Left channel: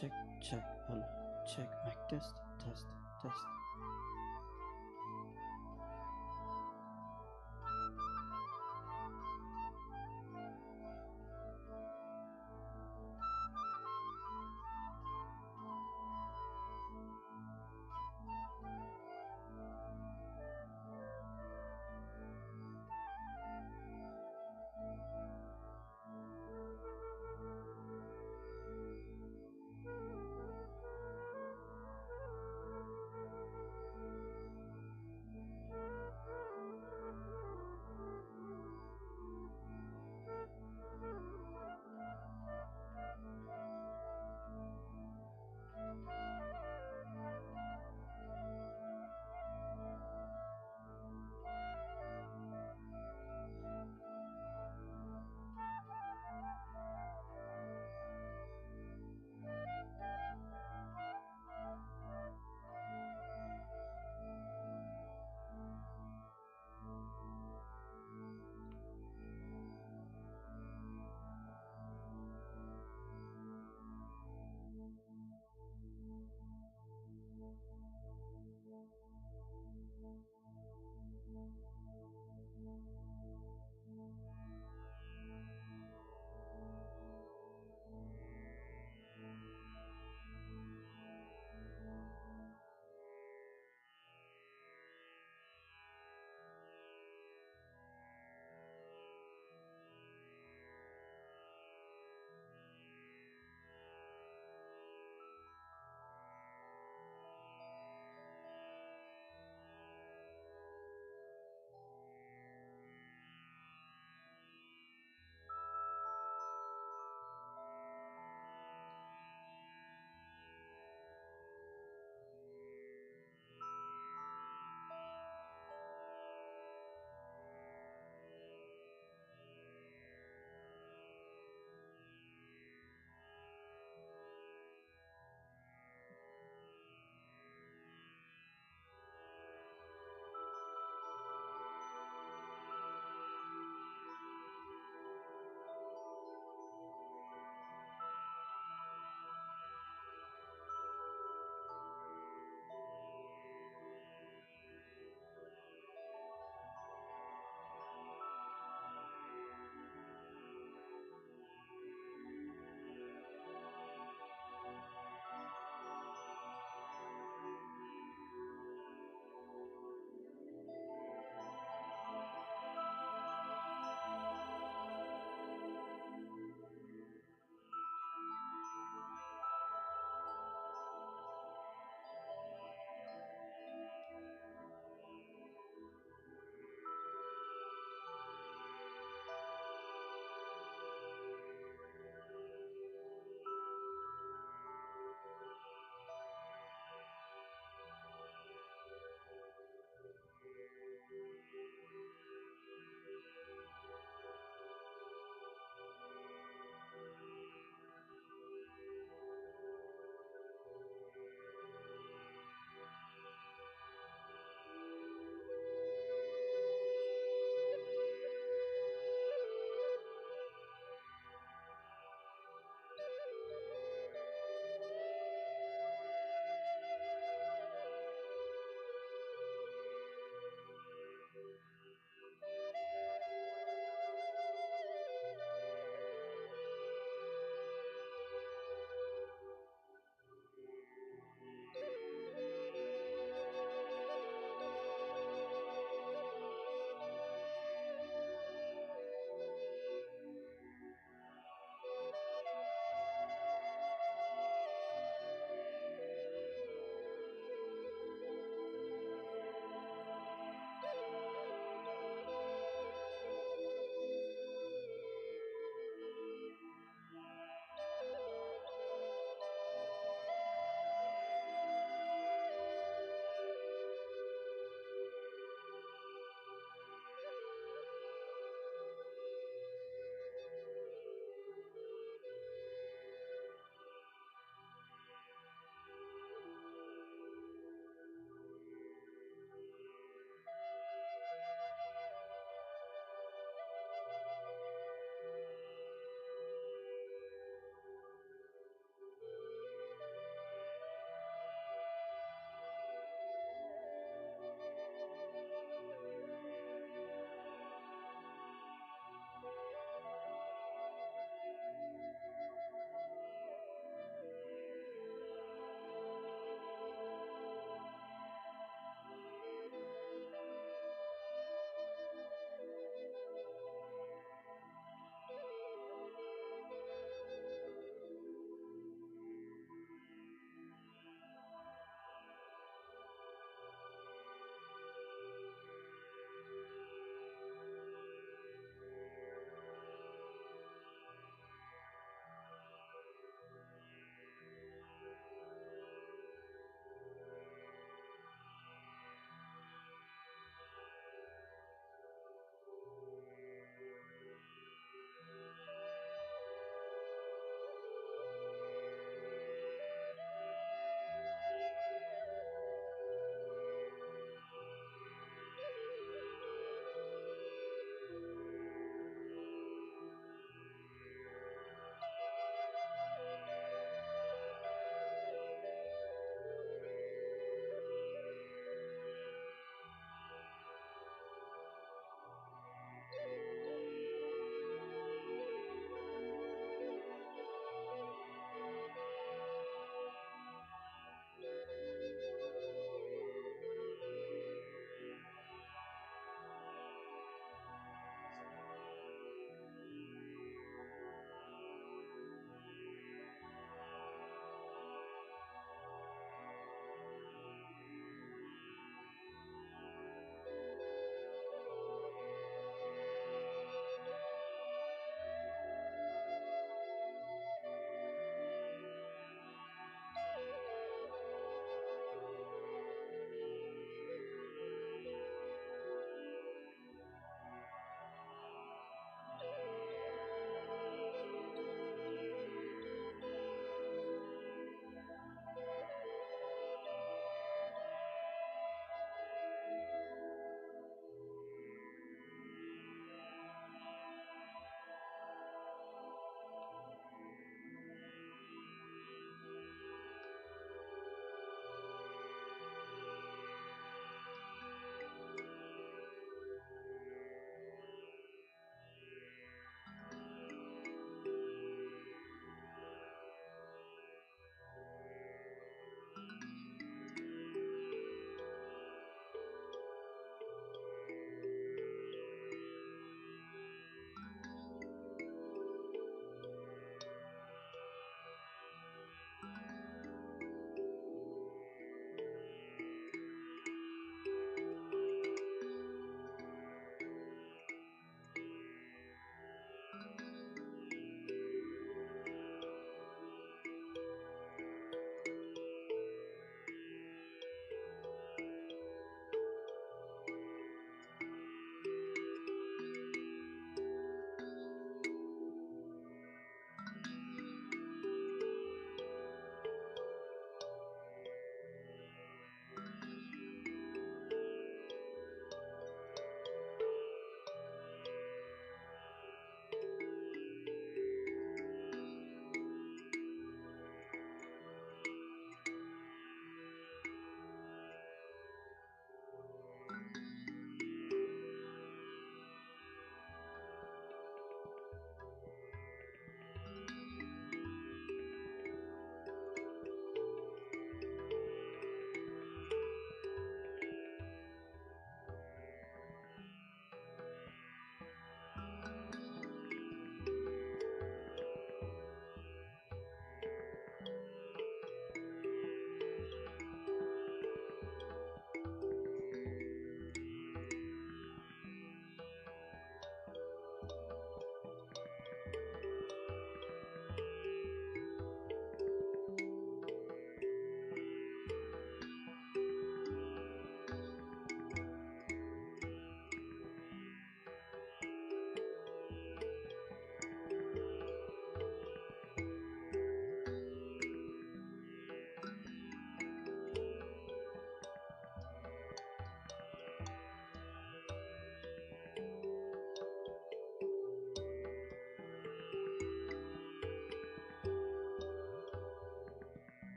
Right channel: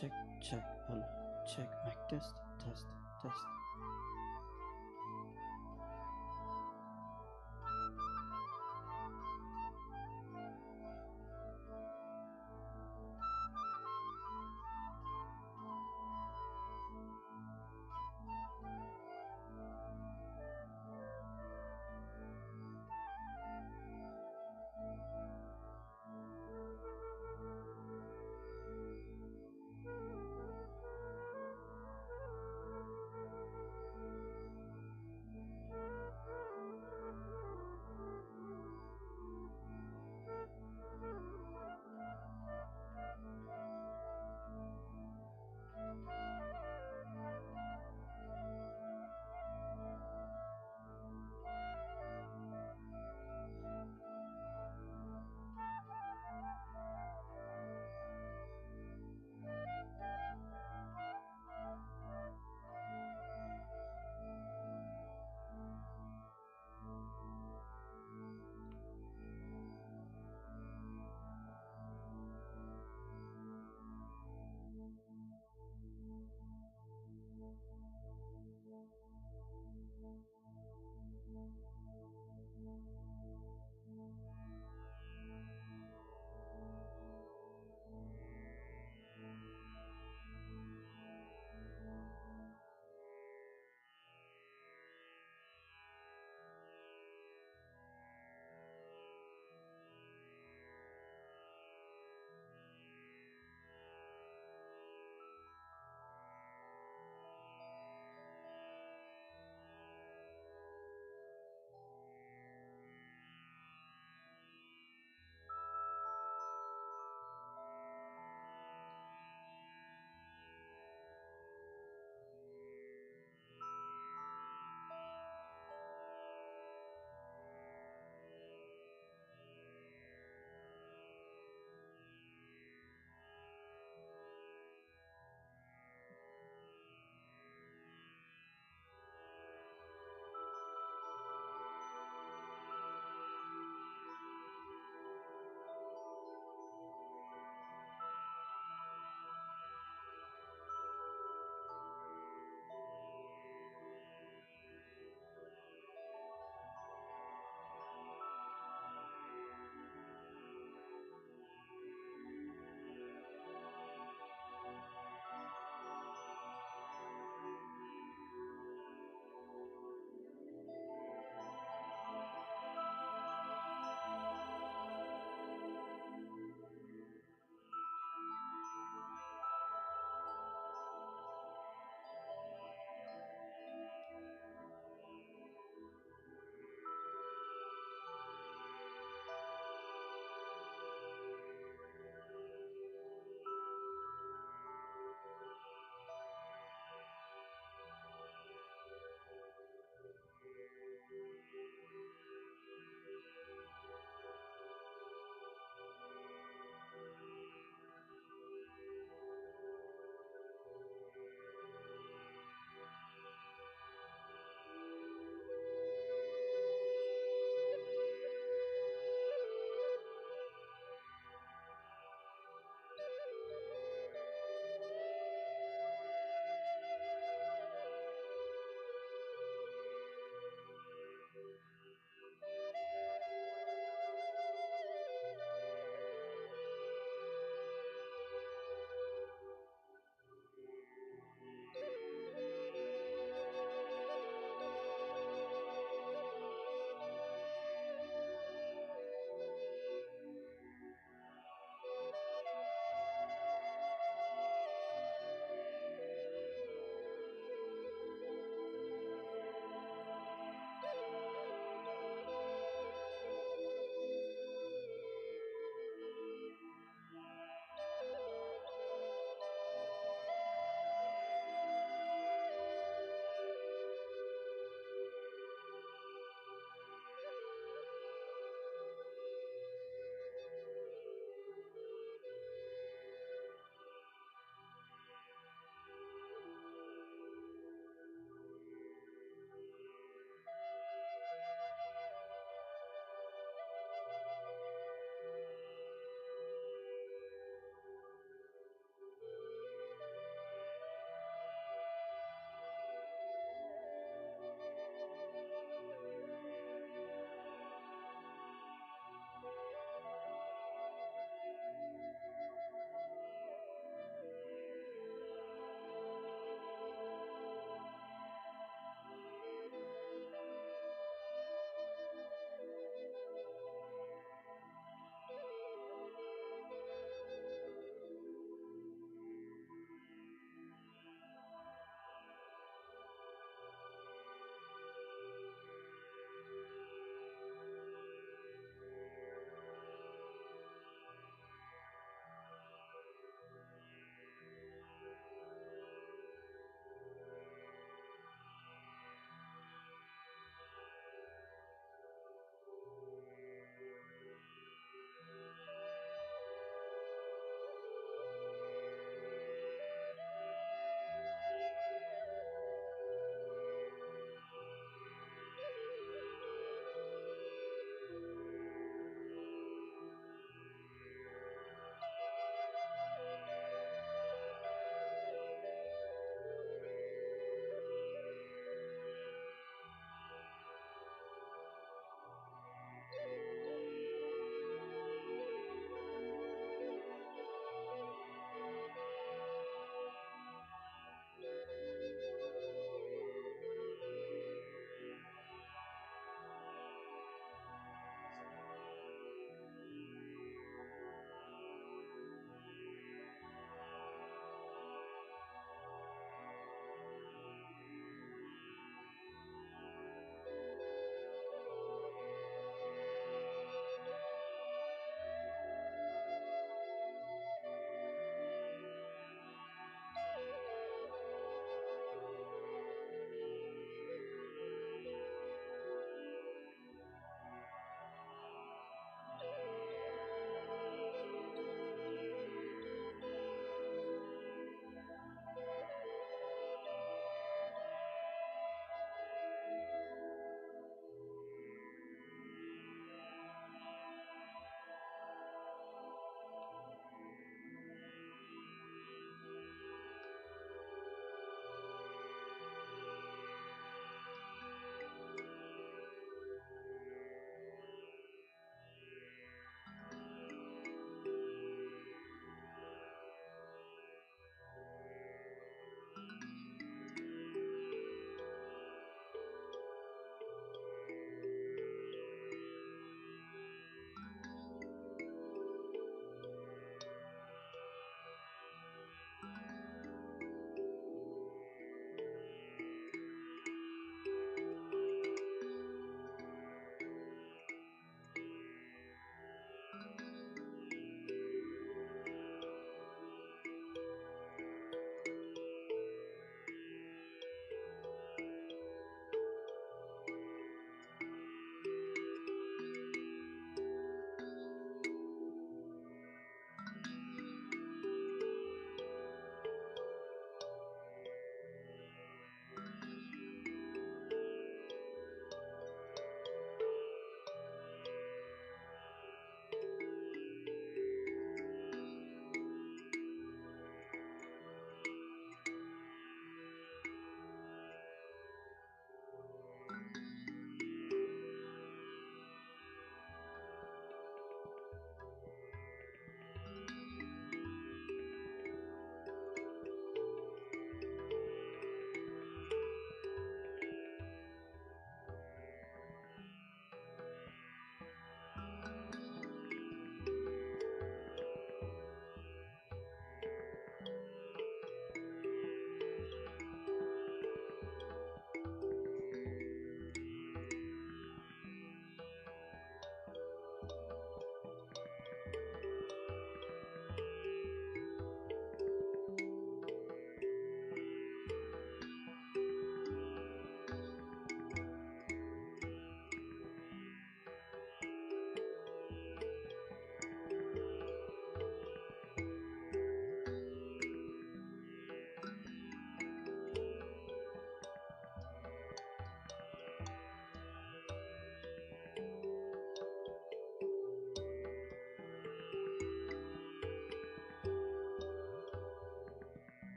Check, check, hello, check, mic test, test, test.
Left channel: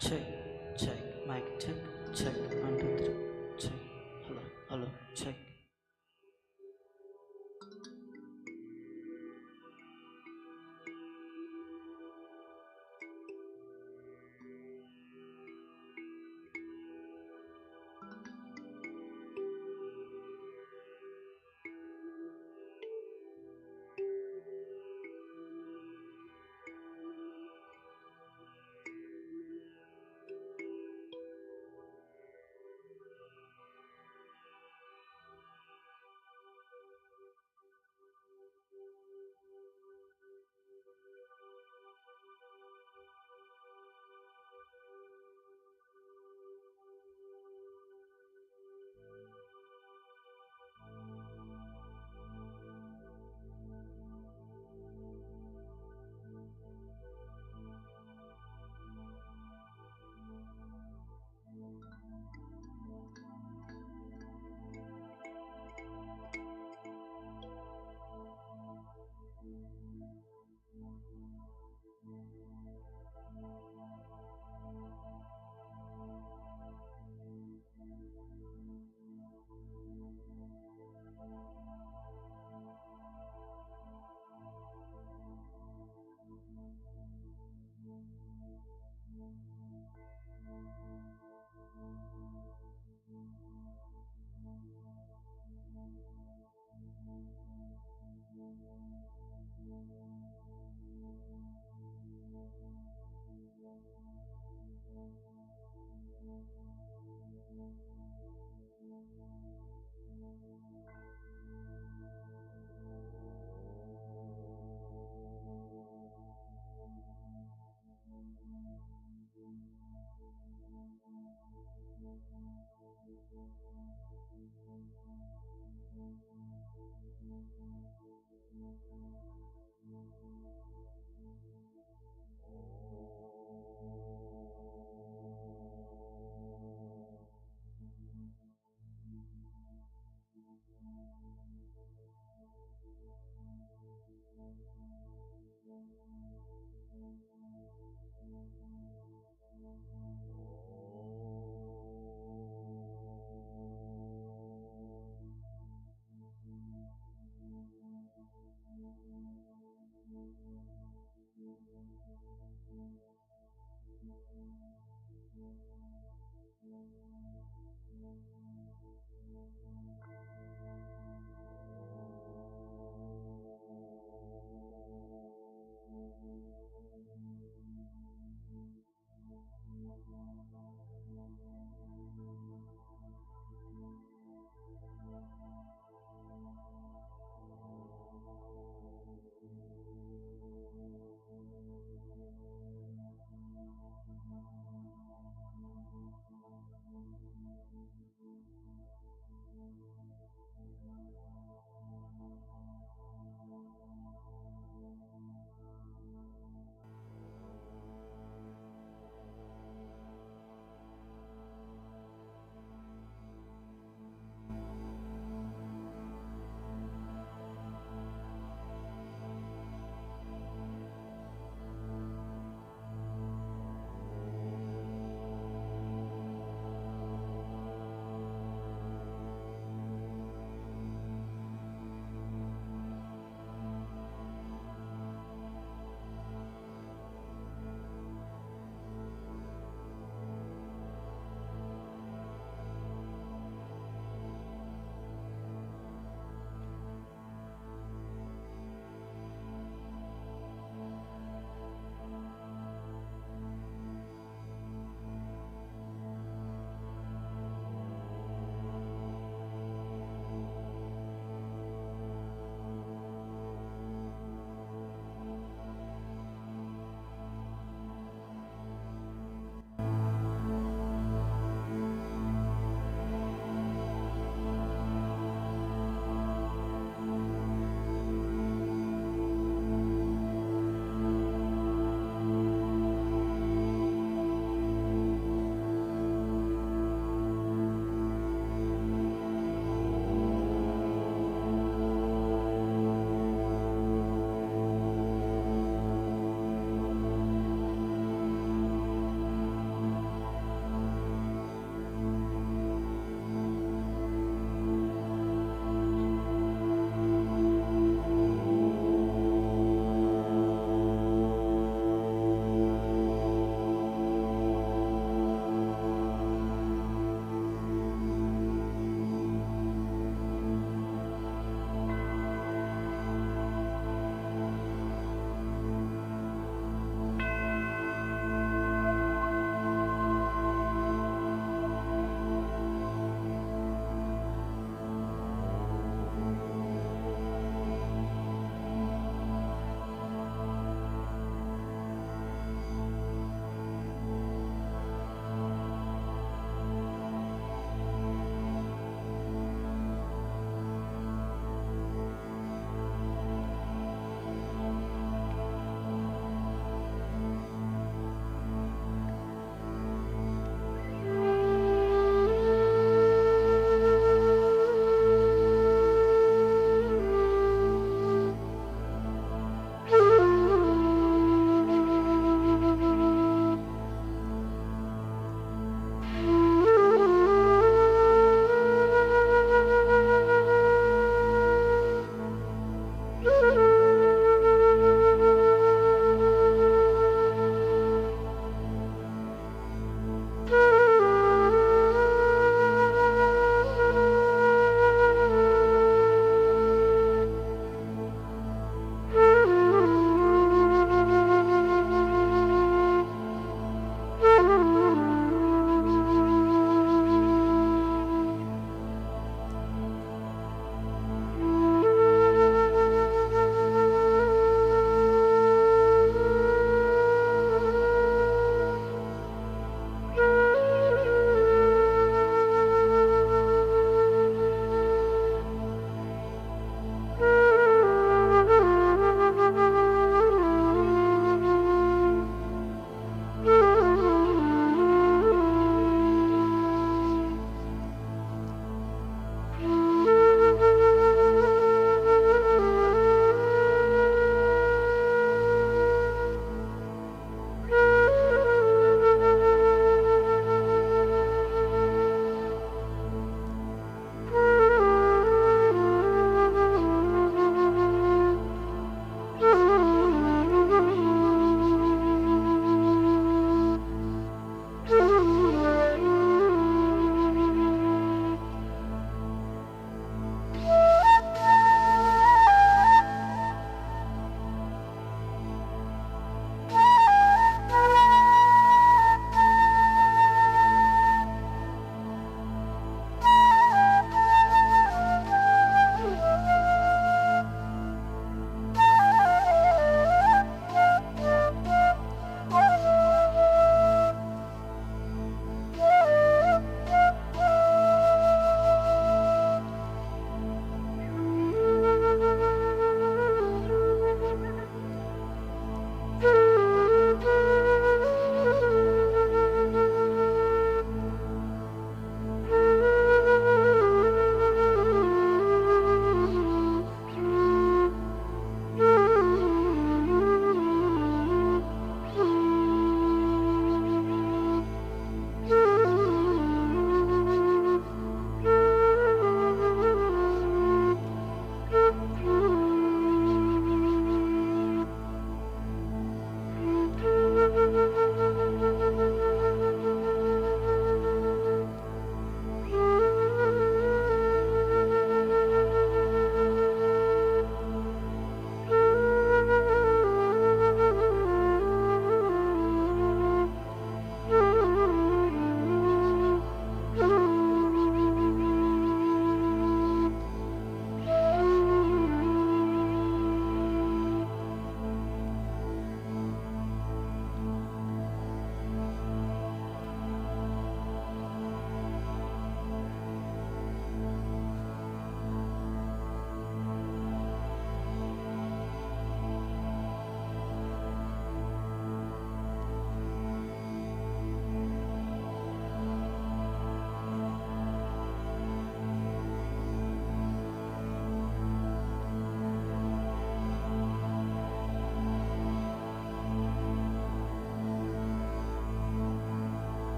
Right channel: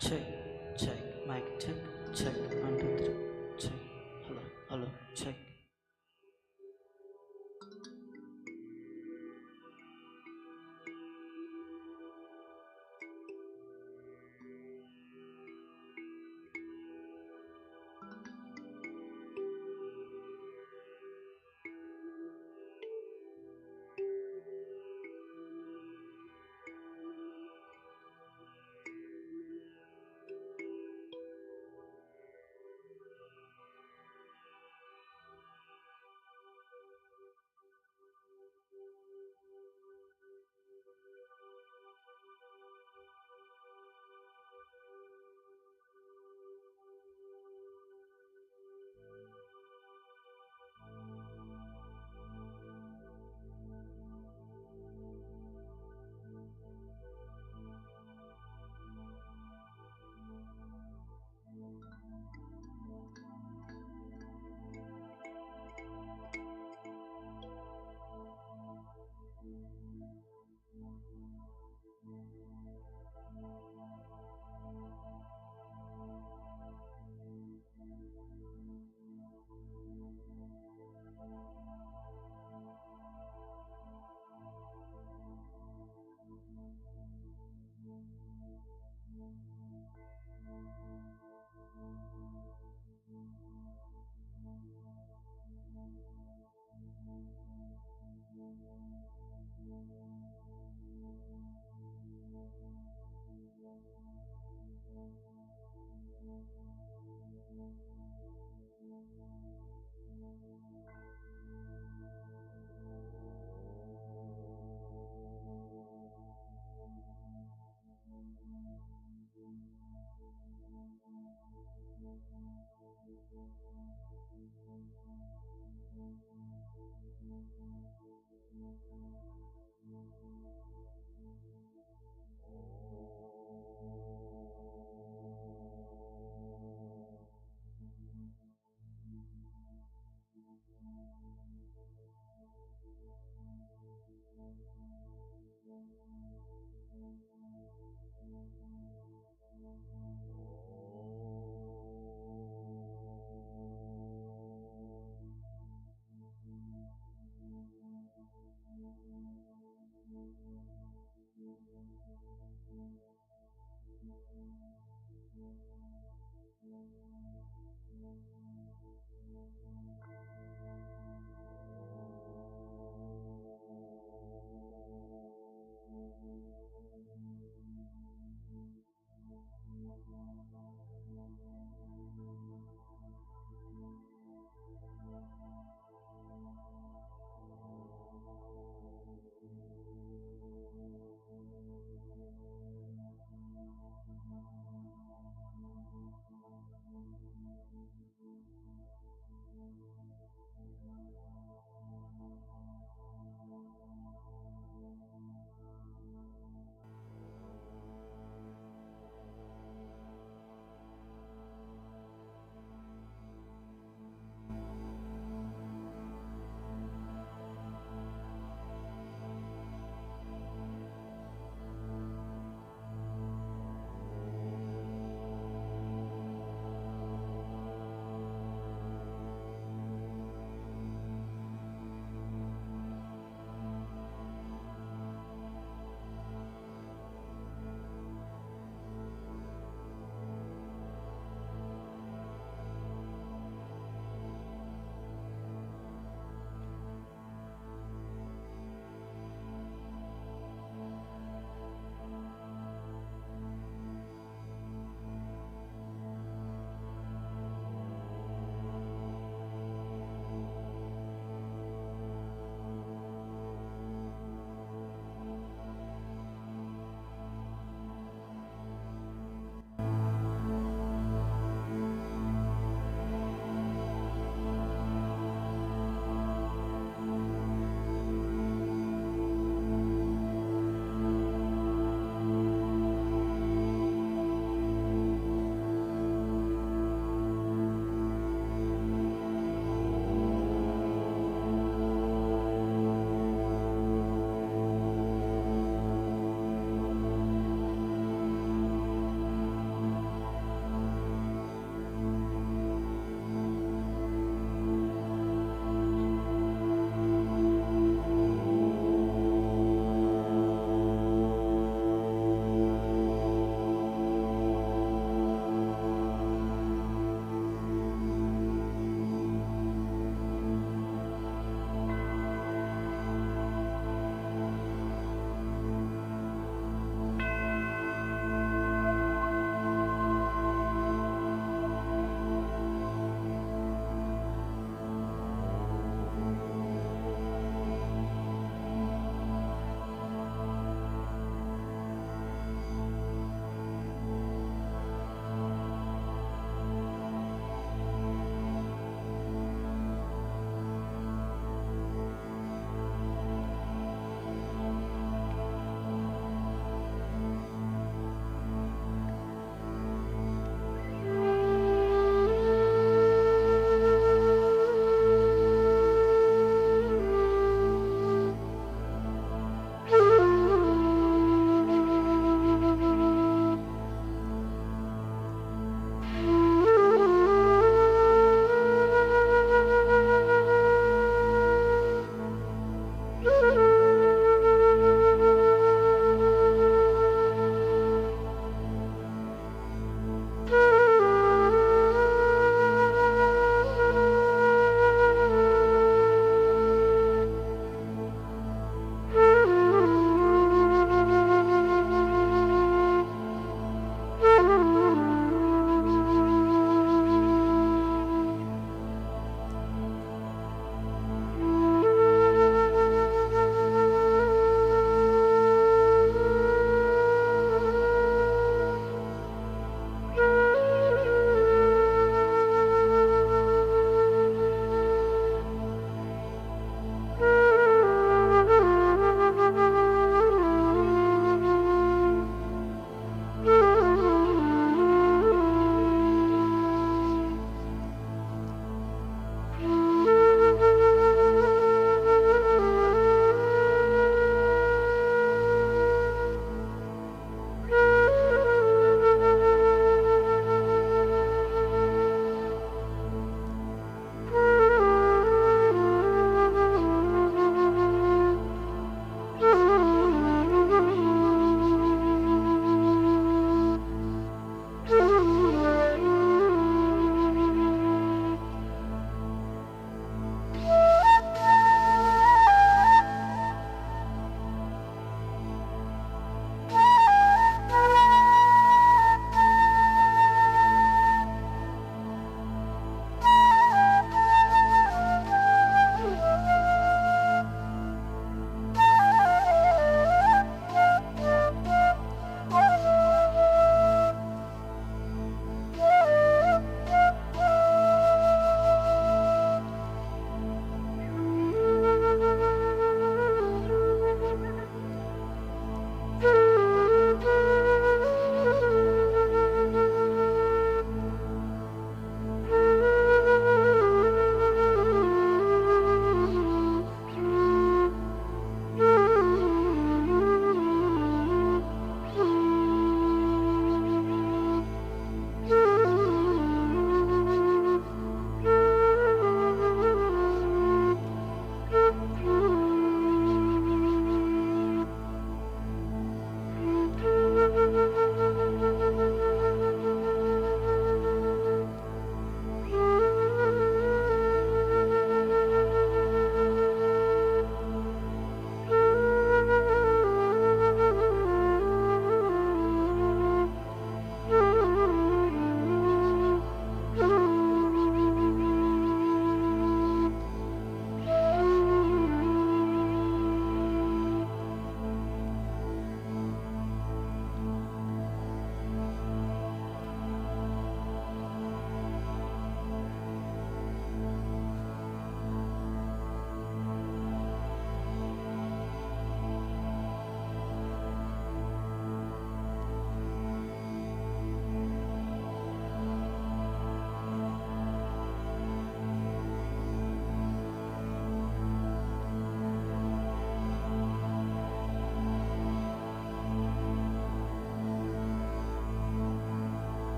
Check, check, mic check, check, 1, 2, 3, check, hello, hello, check.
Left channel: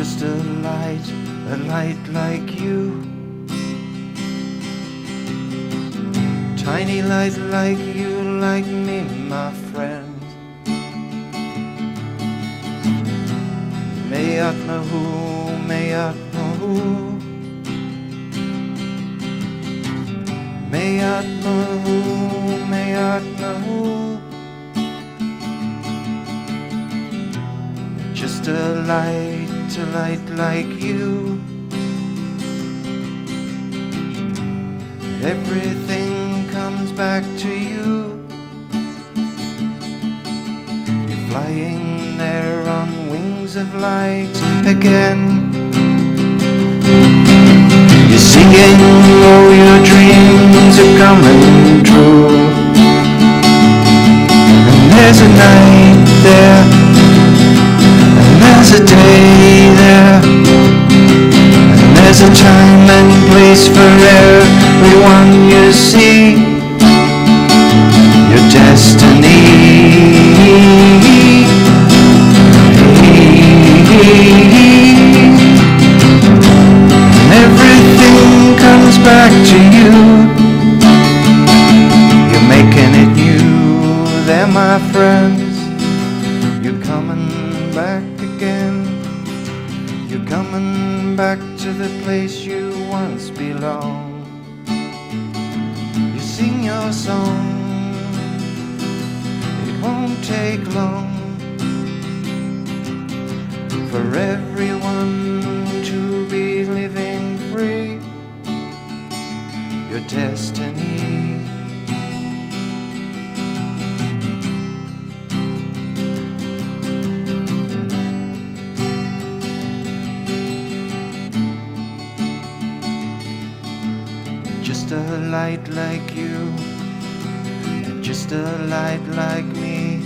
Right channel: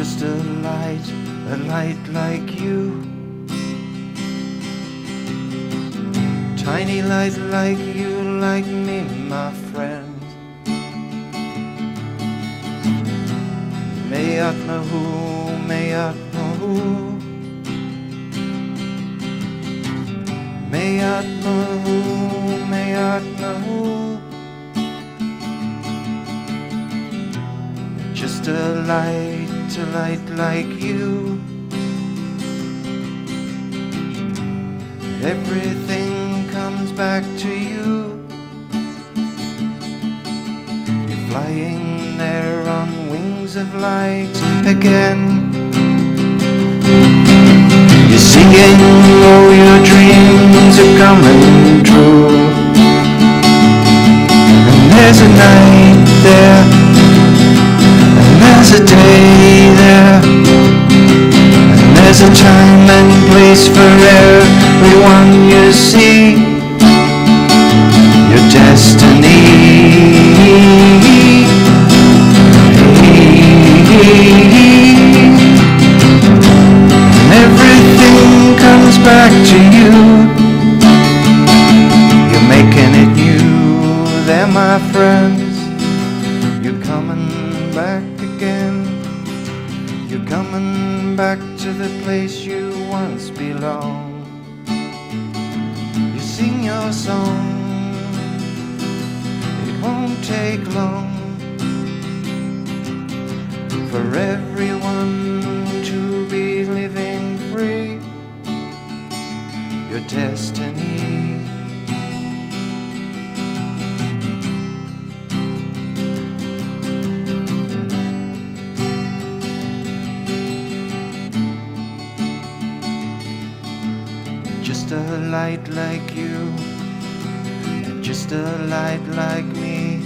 just a light like you. Tiny light like you, like me, my friend. Mayat mahu, mayat mahu, mayat mahu, mayat mahu. Just a light like you. Everything comes back to you. You're flying there on wings of light again. You're singing, oh, your dreams are coming true. And there's a night there, and there's a day there, and there's a time and place for everyone you see. Your destiny. And everything comes back to you. You're making it new. They're my friends. You're coming back again. You're coming back to the place you once belonged. You sing your song. It won't take long for everyone to be living free. Your destiny. Just a light like you, and just a light like me,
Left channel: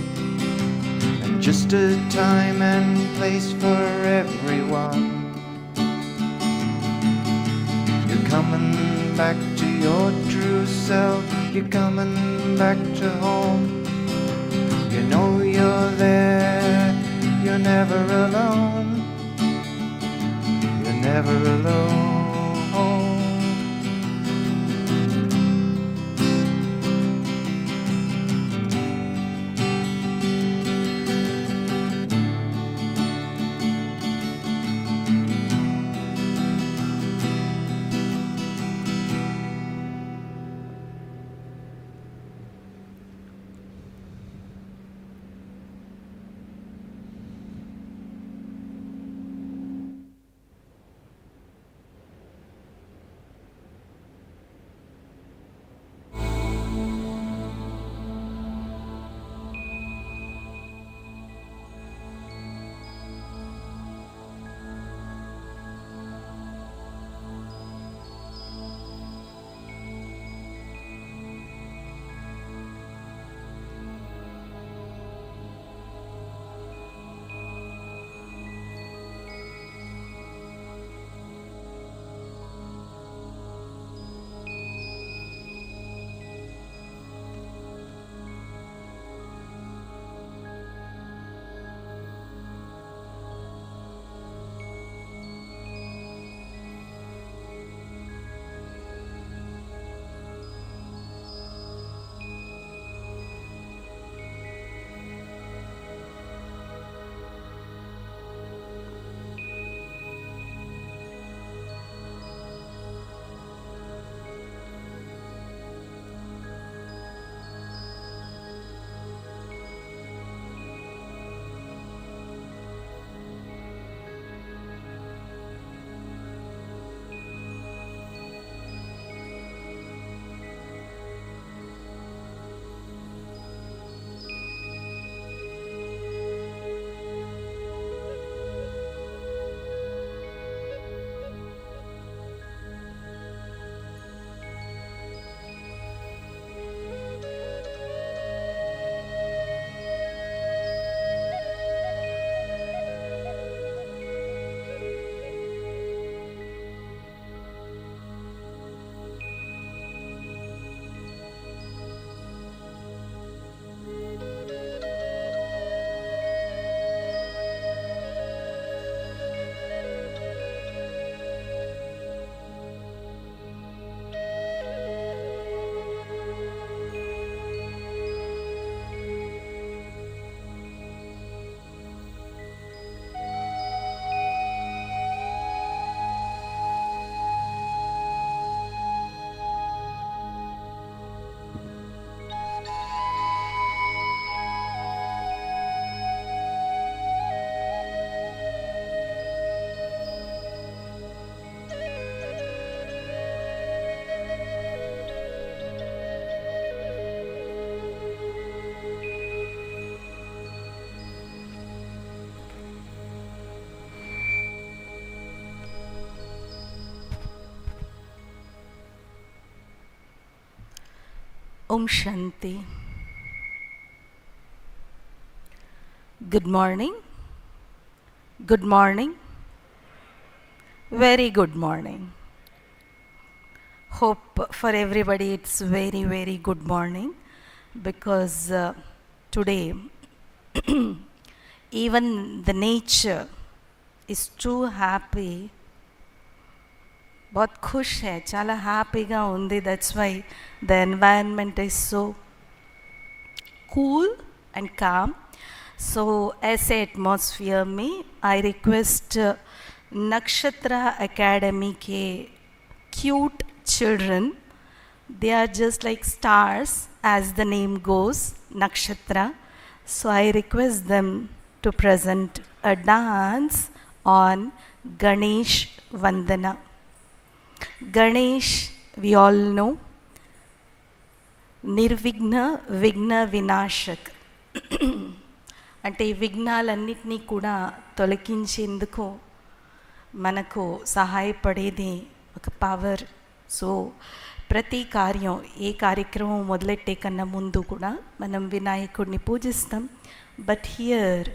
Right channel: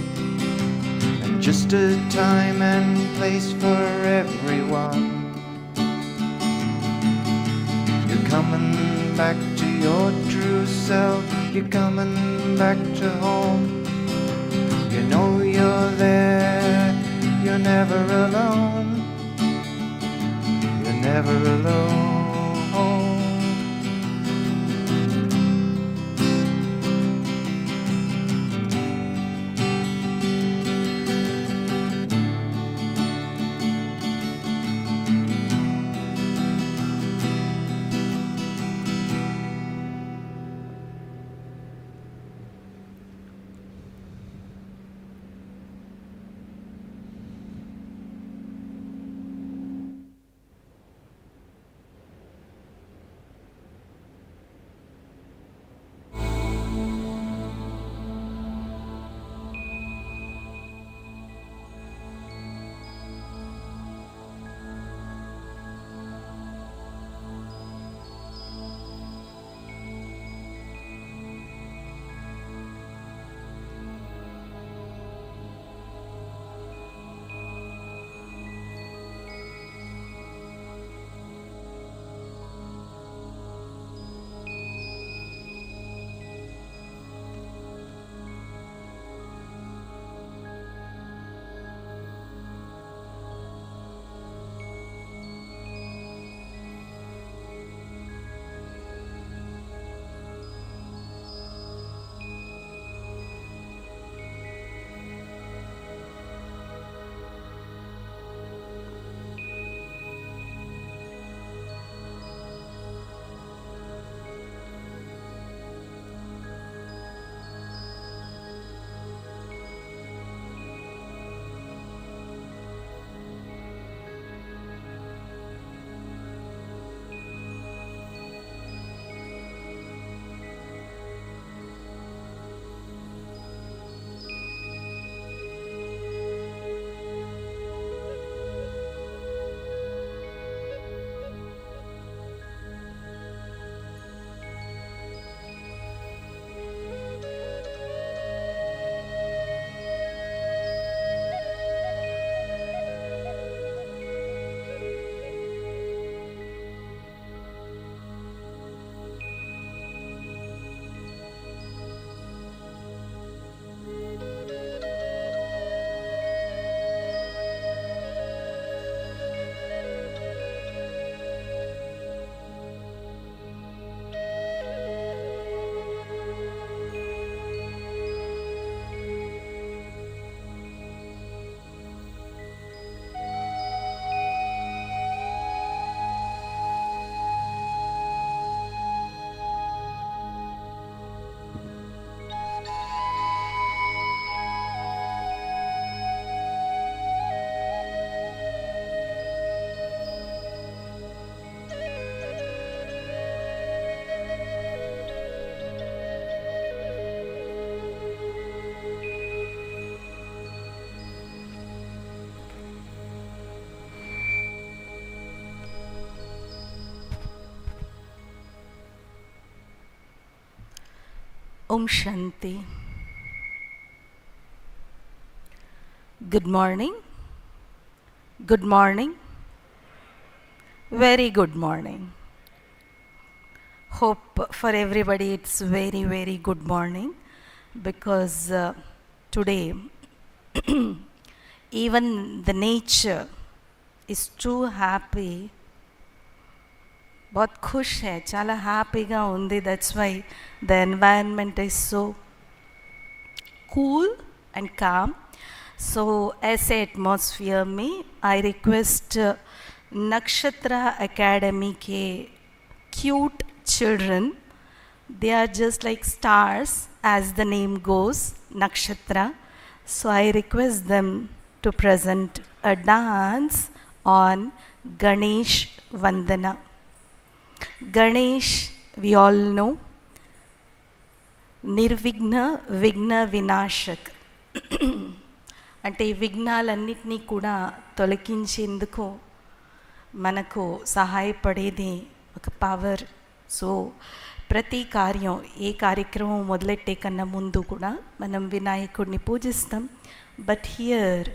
and just a time and place for everyone. You're coming back to your true self. You're coming back to home. You know you're there. You're never alone. You're never alone. Om Shanti. Good morning. Good morning. Very good morning. Hope for everybody it's very, very good morning because today even the nature is too happy. बहुत खुश है, చాలా హ్యాపీగా ఉంది. That's why the environment is so cool and calm. So as a atmosphere में I request Nakshatra Academy के cute children, they are just like stars as the name goes, Nakshatra. So I request them to present a dance on Ganesh Vandana. Ganesh, we all know, నిర్విఘ్న విఘ్న వినాశక్ అంటే ఈ విఘ్నాలన్నిటినీ కూడా తొలగించేందుకు మనకు సహాయపడేది ఒక power. So ప్రతి కార్యం, ఏ కార్యక్రమం మొదలెట్టే కన్నా ముందు కూడా మనం వినాయకుడిని పూజిస్తాం. బట్ హియర్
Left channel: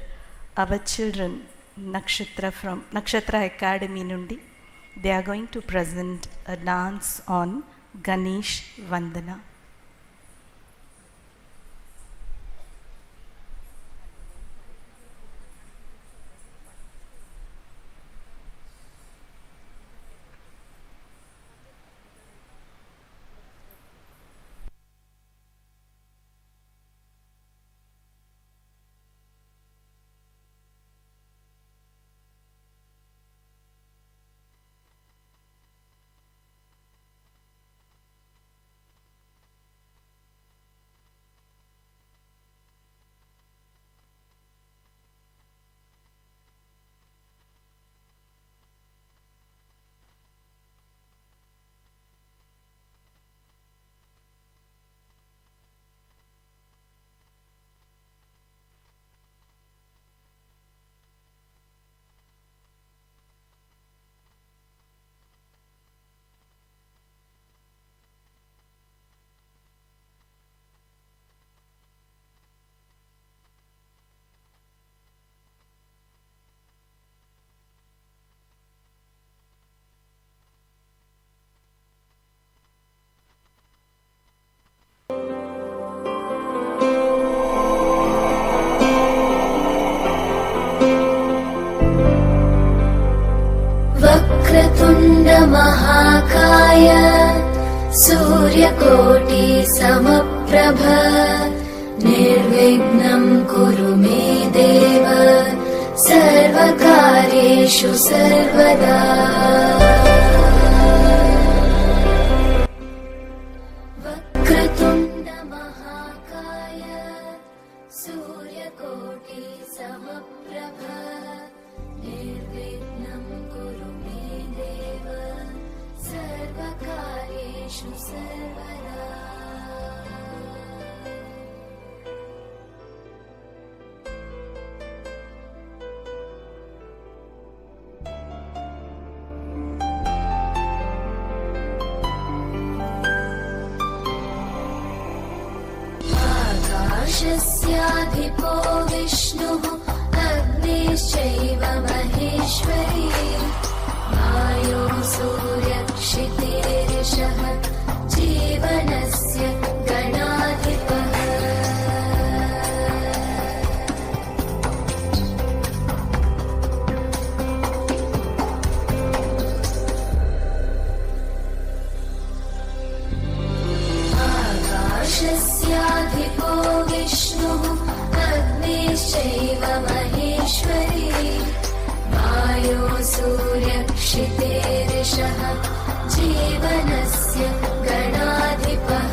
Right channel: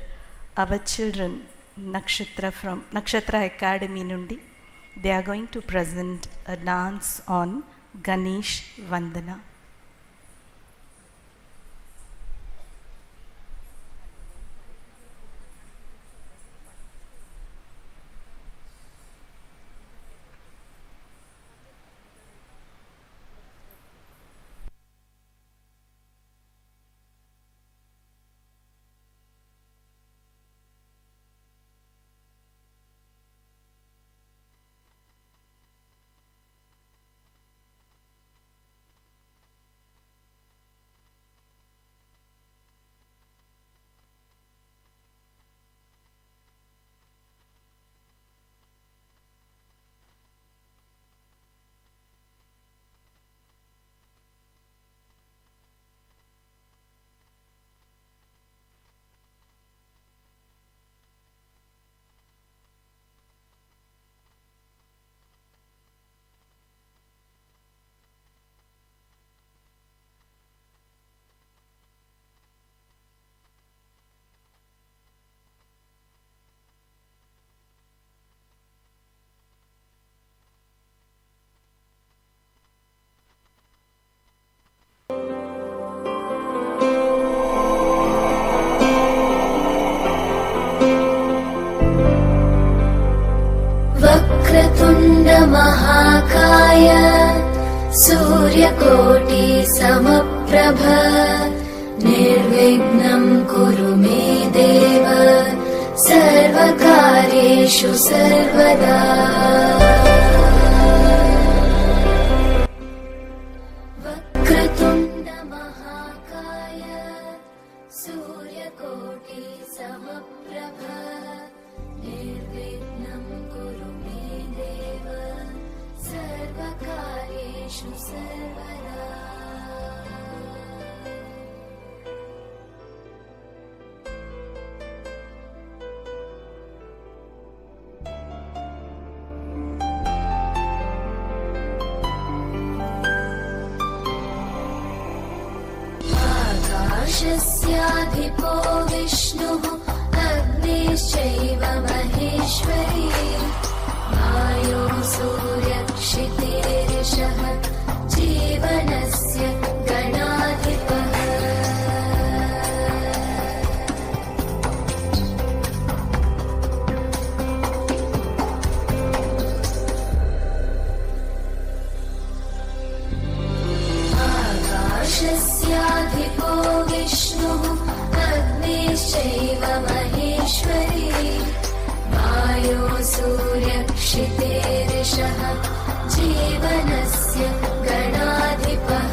అవర్ చిల్డ్రన్ నక్షత్ర అకాడమీ నుండి they are going to present a dance on Ganesh Vandana. महाकाय सूर्यकोटि समप्रभ निर्विघ्नं कुरु मे देव सर्वकार्येषु सर्वदा. वक्रतुण्ड महाकाय सूर्यकोटि समप्रभ निर्विघ्नं कुरु मे देव सर्वकार्येषु सर्वदा. आकाशस्याधिपो विष्णुः अग्निश्चैव महेश्वरी वायो सूर्यक्षितिरिषः जीवनस्य गणाधिपः. आकाशस्याधिपो विष्णुः अग्निश्चैव महेश्वरी वायो सूर्यक्षितिरिषः जीवनस्य गणाधिपः.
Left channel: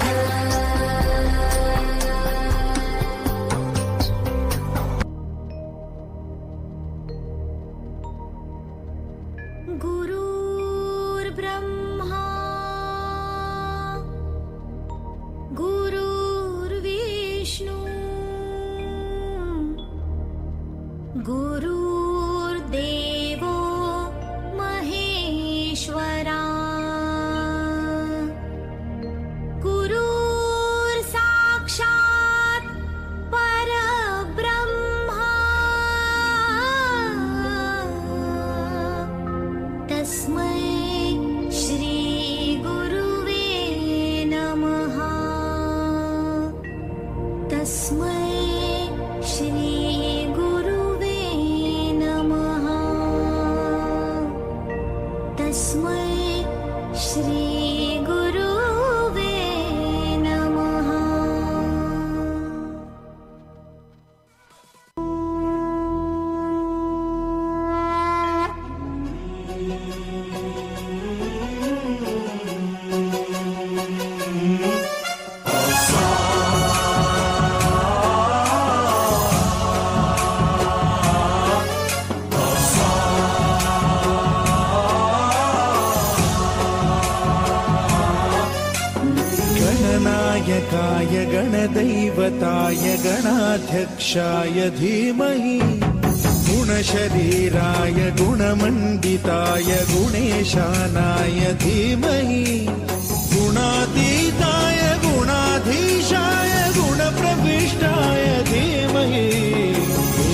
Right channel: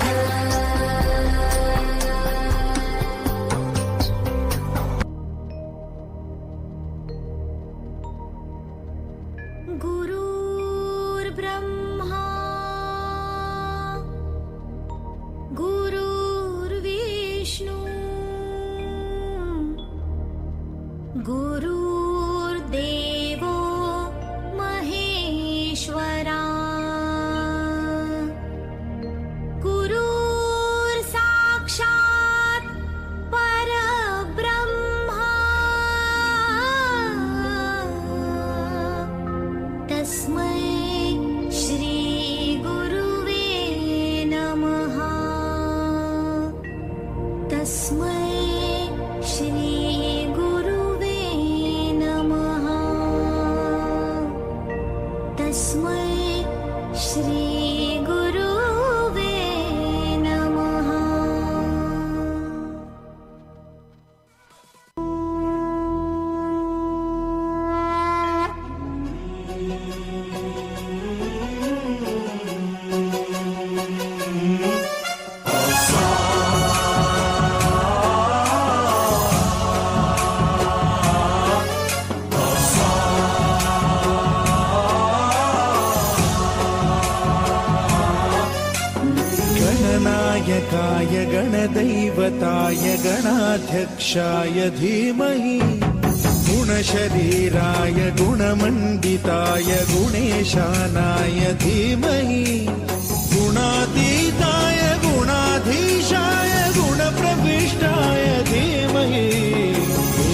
गुरुर्ब्रह्मा गुरुर्विष्णु गुरुर्देवो महेश्वरा गुरुर्सा गणदैवताय गणाध्यक्षाय धीमहि गुणशरीराय गुणमण्डिताय गुणेशानाय धीमहि गुणातीताय गुणाधीशाय गुणप्रविष्टाय धीमहि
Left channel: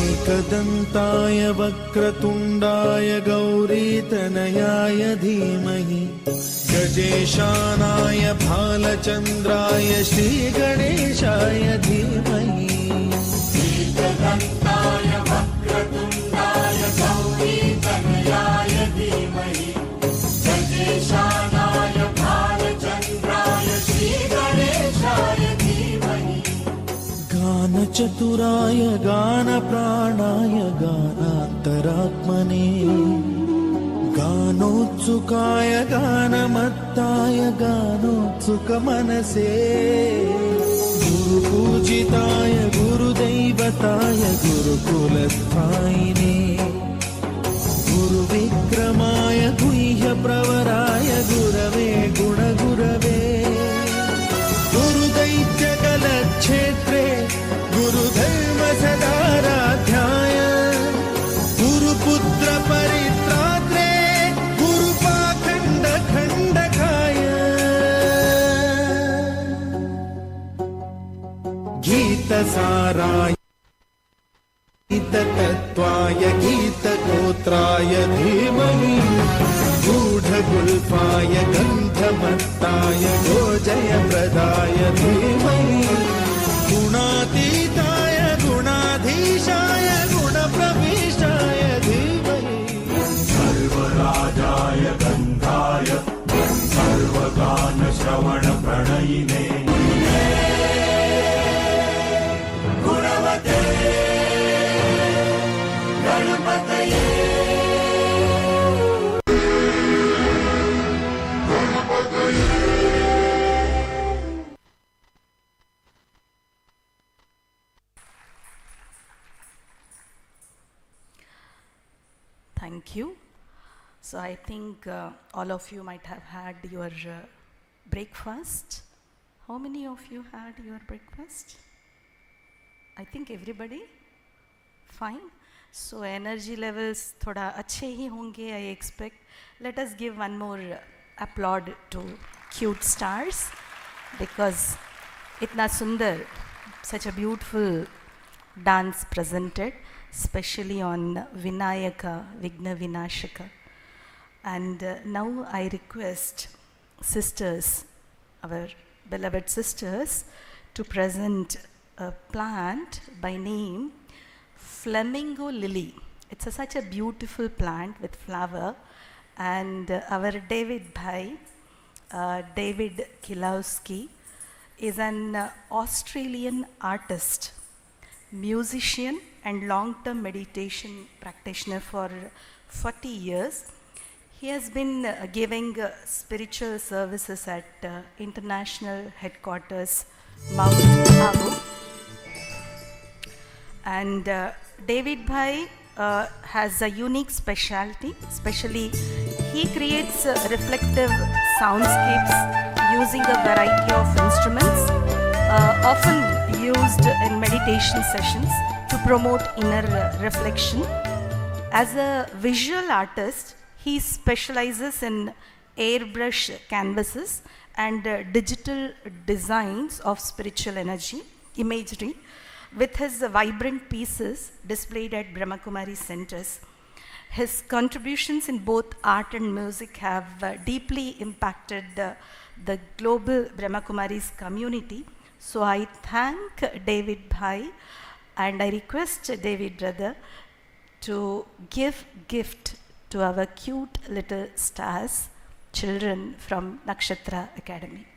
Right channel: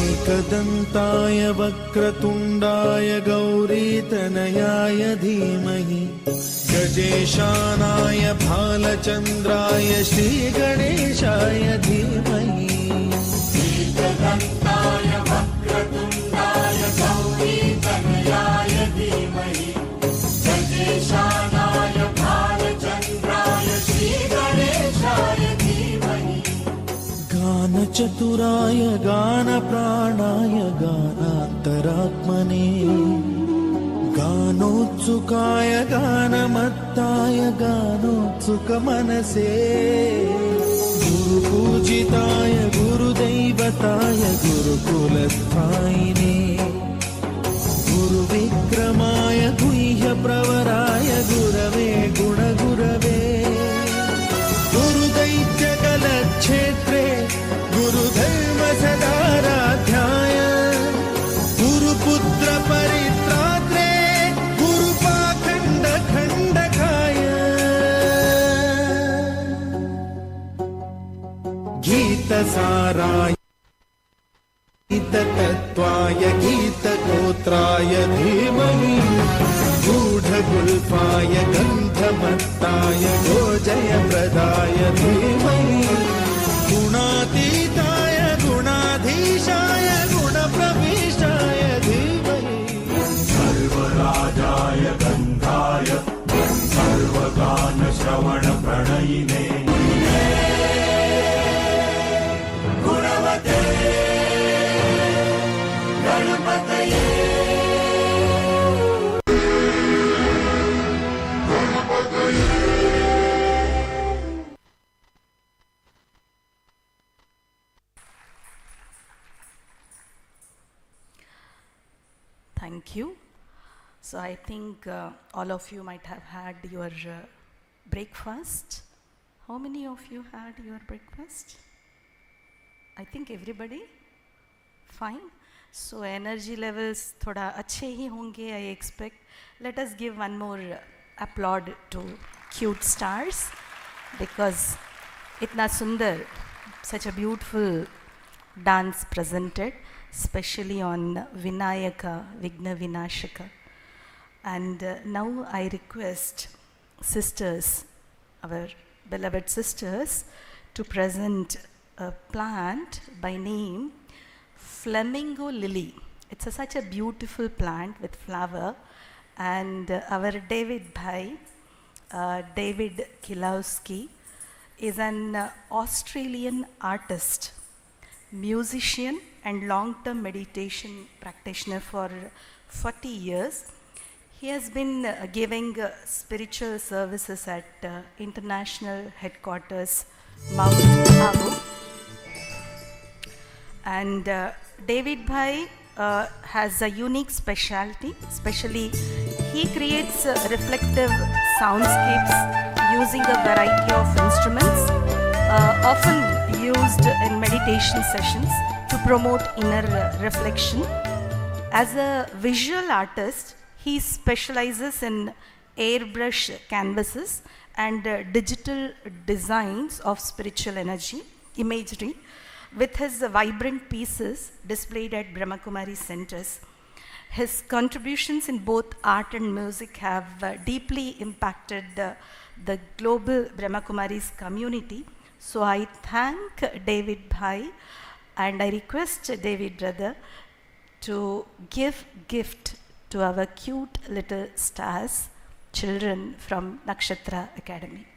एकदन्ताय वक्रतुण्डाय गौरीतनयाय धीमहि गजेशानाय भालचन्द्राय श्रीगणेशाय धीमहि एकदन्ताय वक्रतुण्डाय गौरीतनयाय धीमहि गजेशानाय भालचन्द्राय श्रीगणेशाय धीमहि गानचतुराय गानप्राणाय गानान्तरात्मने गानोत्सुकाय गानमत्ताय गानोत्सुकमनसे गुरुपूजिताय गुरुदैवताय गुरुकुलस्थायिने गुरुविक्रमाय गुह्यप्रवराय गुरवे गुणगुरवे गुरुदैत्यकलक्षेत्रे गुरुधर्मसदाराध्याय गुरुपुत्रपरित्रात्रे गुरुपाखण्डखण्डकाय गीतसाराय गीततत्त्वाय गीतगोत्राय धीमहि गूढगुल्फाय गन्धमत्ताय गोजयप्रदाय धीमहि गुणातीताय गुणाधीशाय गुणप्रविष्टाय धीमहि सर्वराजाय गन्धाय सर्वगानश्रवणप्रणयिने गुणवते गणपतये Thank you. So I think all of you might have had your breakfast. How many of you had your breakfast? I think everybody? Fine. So energy levels thoda अच्छे ही होंगे, I expect. Let us give one more applaud to cute stars because itna sundar, such a beautiful dance presented, especially on Vinayaka, Vigna Vinashaka. And now I request sisters, our beloved sisters, to present a plant by name Flamingo Lily. It's such a beautiful plant with flower, and our David Bhai, David Kilowski, is an Australian artist, musician and long-term meditation practitioner for 40 years. He has been giving spiritual services at international headquarters, Mount Abu. And David Bhai has a unique specialty, especially he creates reflective soundscapes using a variety of instruments, often used in meditation sessions to promote inner reflection. As a visual artist, he specializes in airbrush canvases and digital designs of spiritual imagery, with his vibrant pieces displayed at Brahmakumari centers. His contributions in both art and music have deeply impacted the global Brahmakumaris community. So I thank David Bhai and I request David brother to give gift to our cute little stars, children from Nakshatra Academy.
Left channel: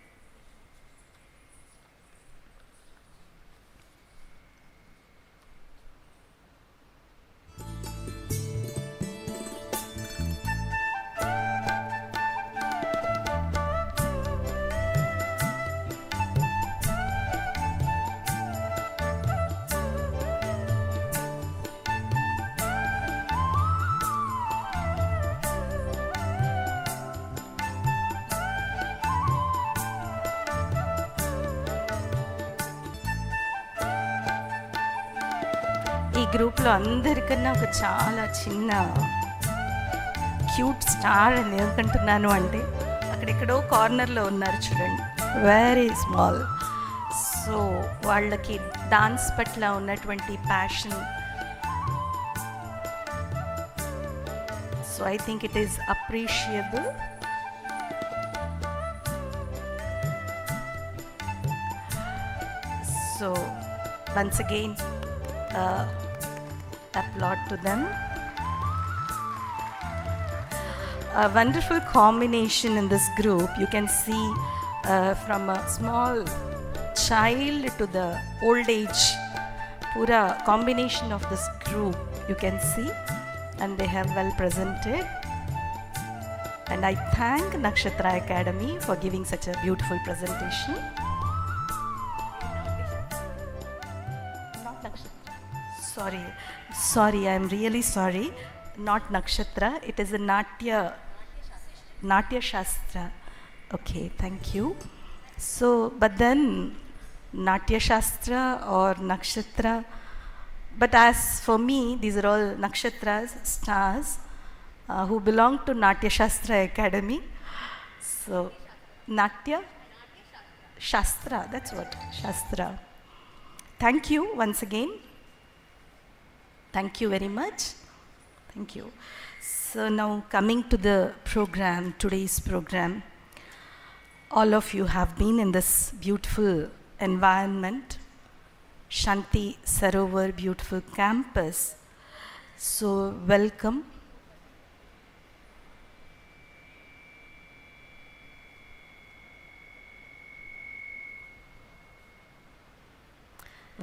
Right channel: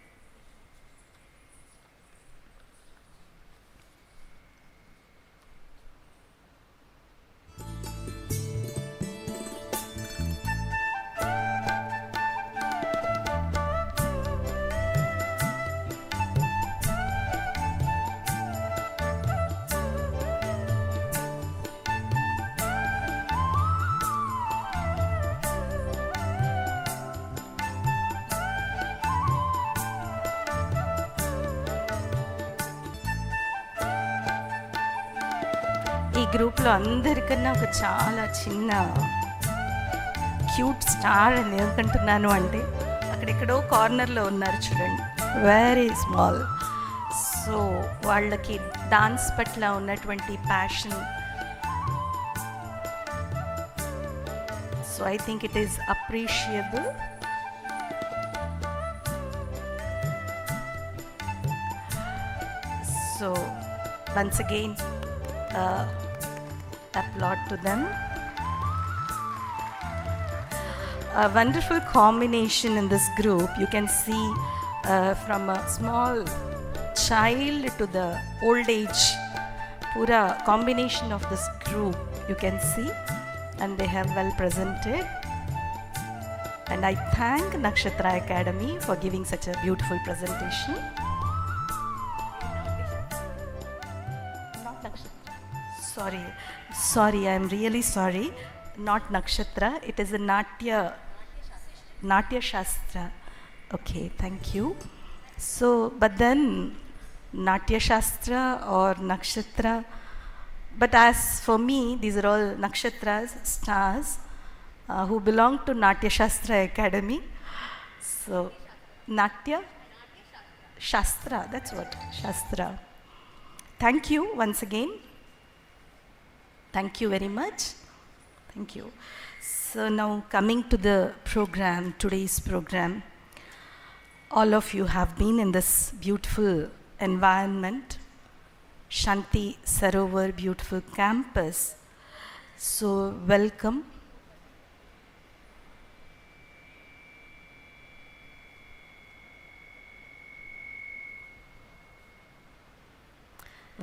గ్రూప్లో అందరికన్నా ఒక చాలా చిన్న cute star అని ఎందుకంటున్నాను అంటే అక్కడెక్కడో కార్నర్లో ఉన్నారు చూడండి, వెరీ స్మాల్. సో వాళ్ళకి డాన్స్ పట్ల ఉన్నటువంటి passion, so I think it is appreciable. So once again applaud to them. A wonderful combination in this group. You can see from a small child to the old age, pura combination of this group you can see, and they have well presented. And I thank Nakshatra Academy for giving such a beautiful presentation. Sorry, I am really sorry. Not Nakshatra, it is a Natya Shastra. Okay, thank you. So, but then Natya Shastra or Nakshatra, but as for me, these are all Nakshatras, stars, who belong to Natya Shastra Academy. So, Natya Shastra, that's what, Shastra. Thank you once again. Thank you very much. Thank you. So now coming to the program, today's program, all of you have been in this beautiful environment, Shanti Sarovar beautiful campus. So welcome.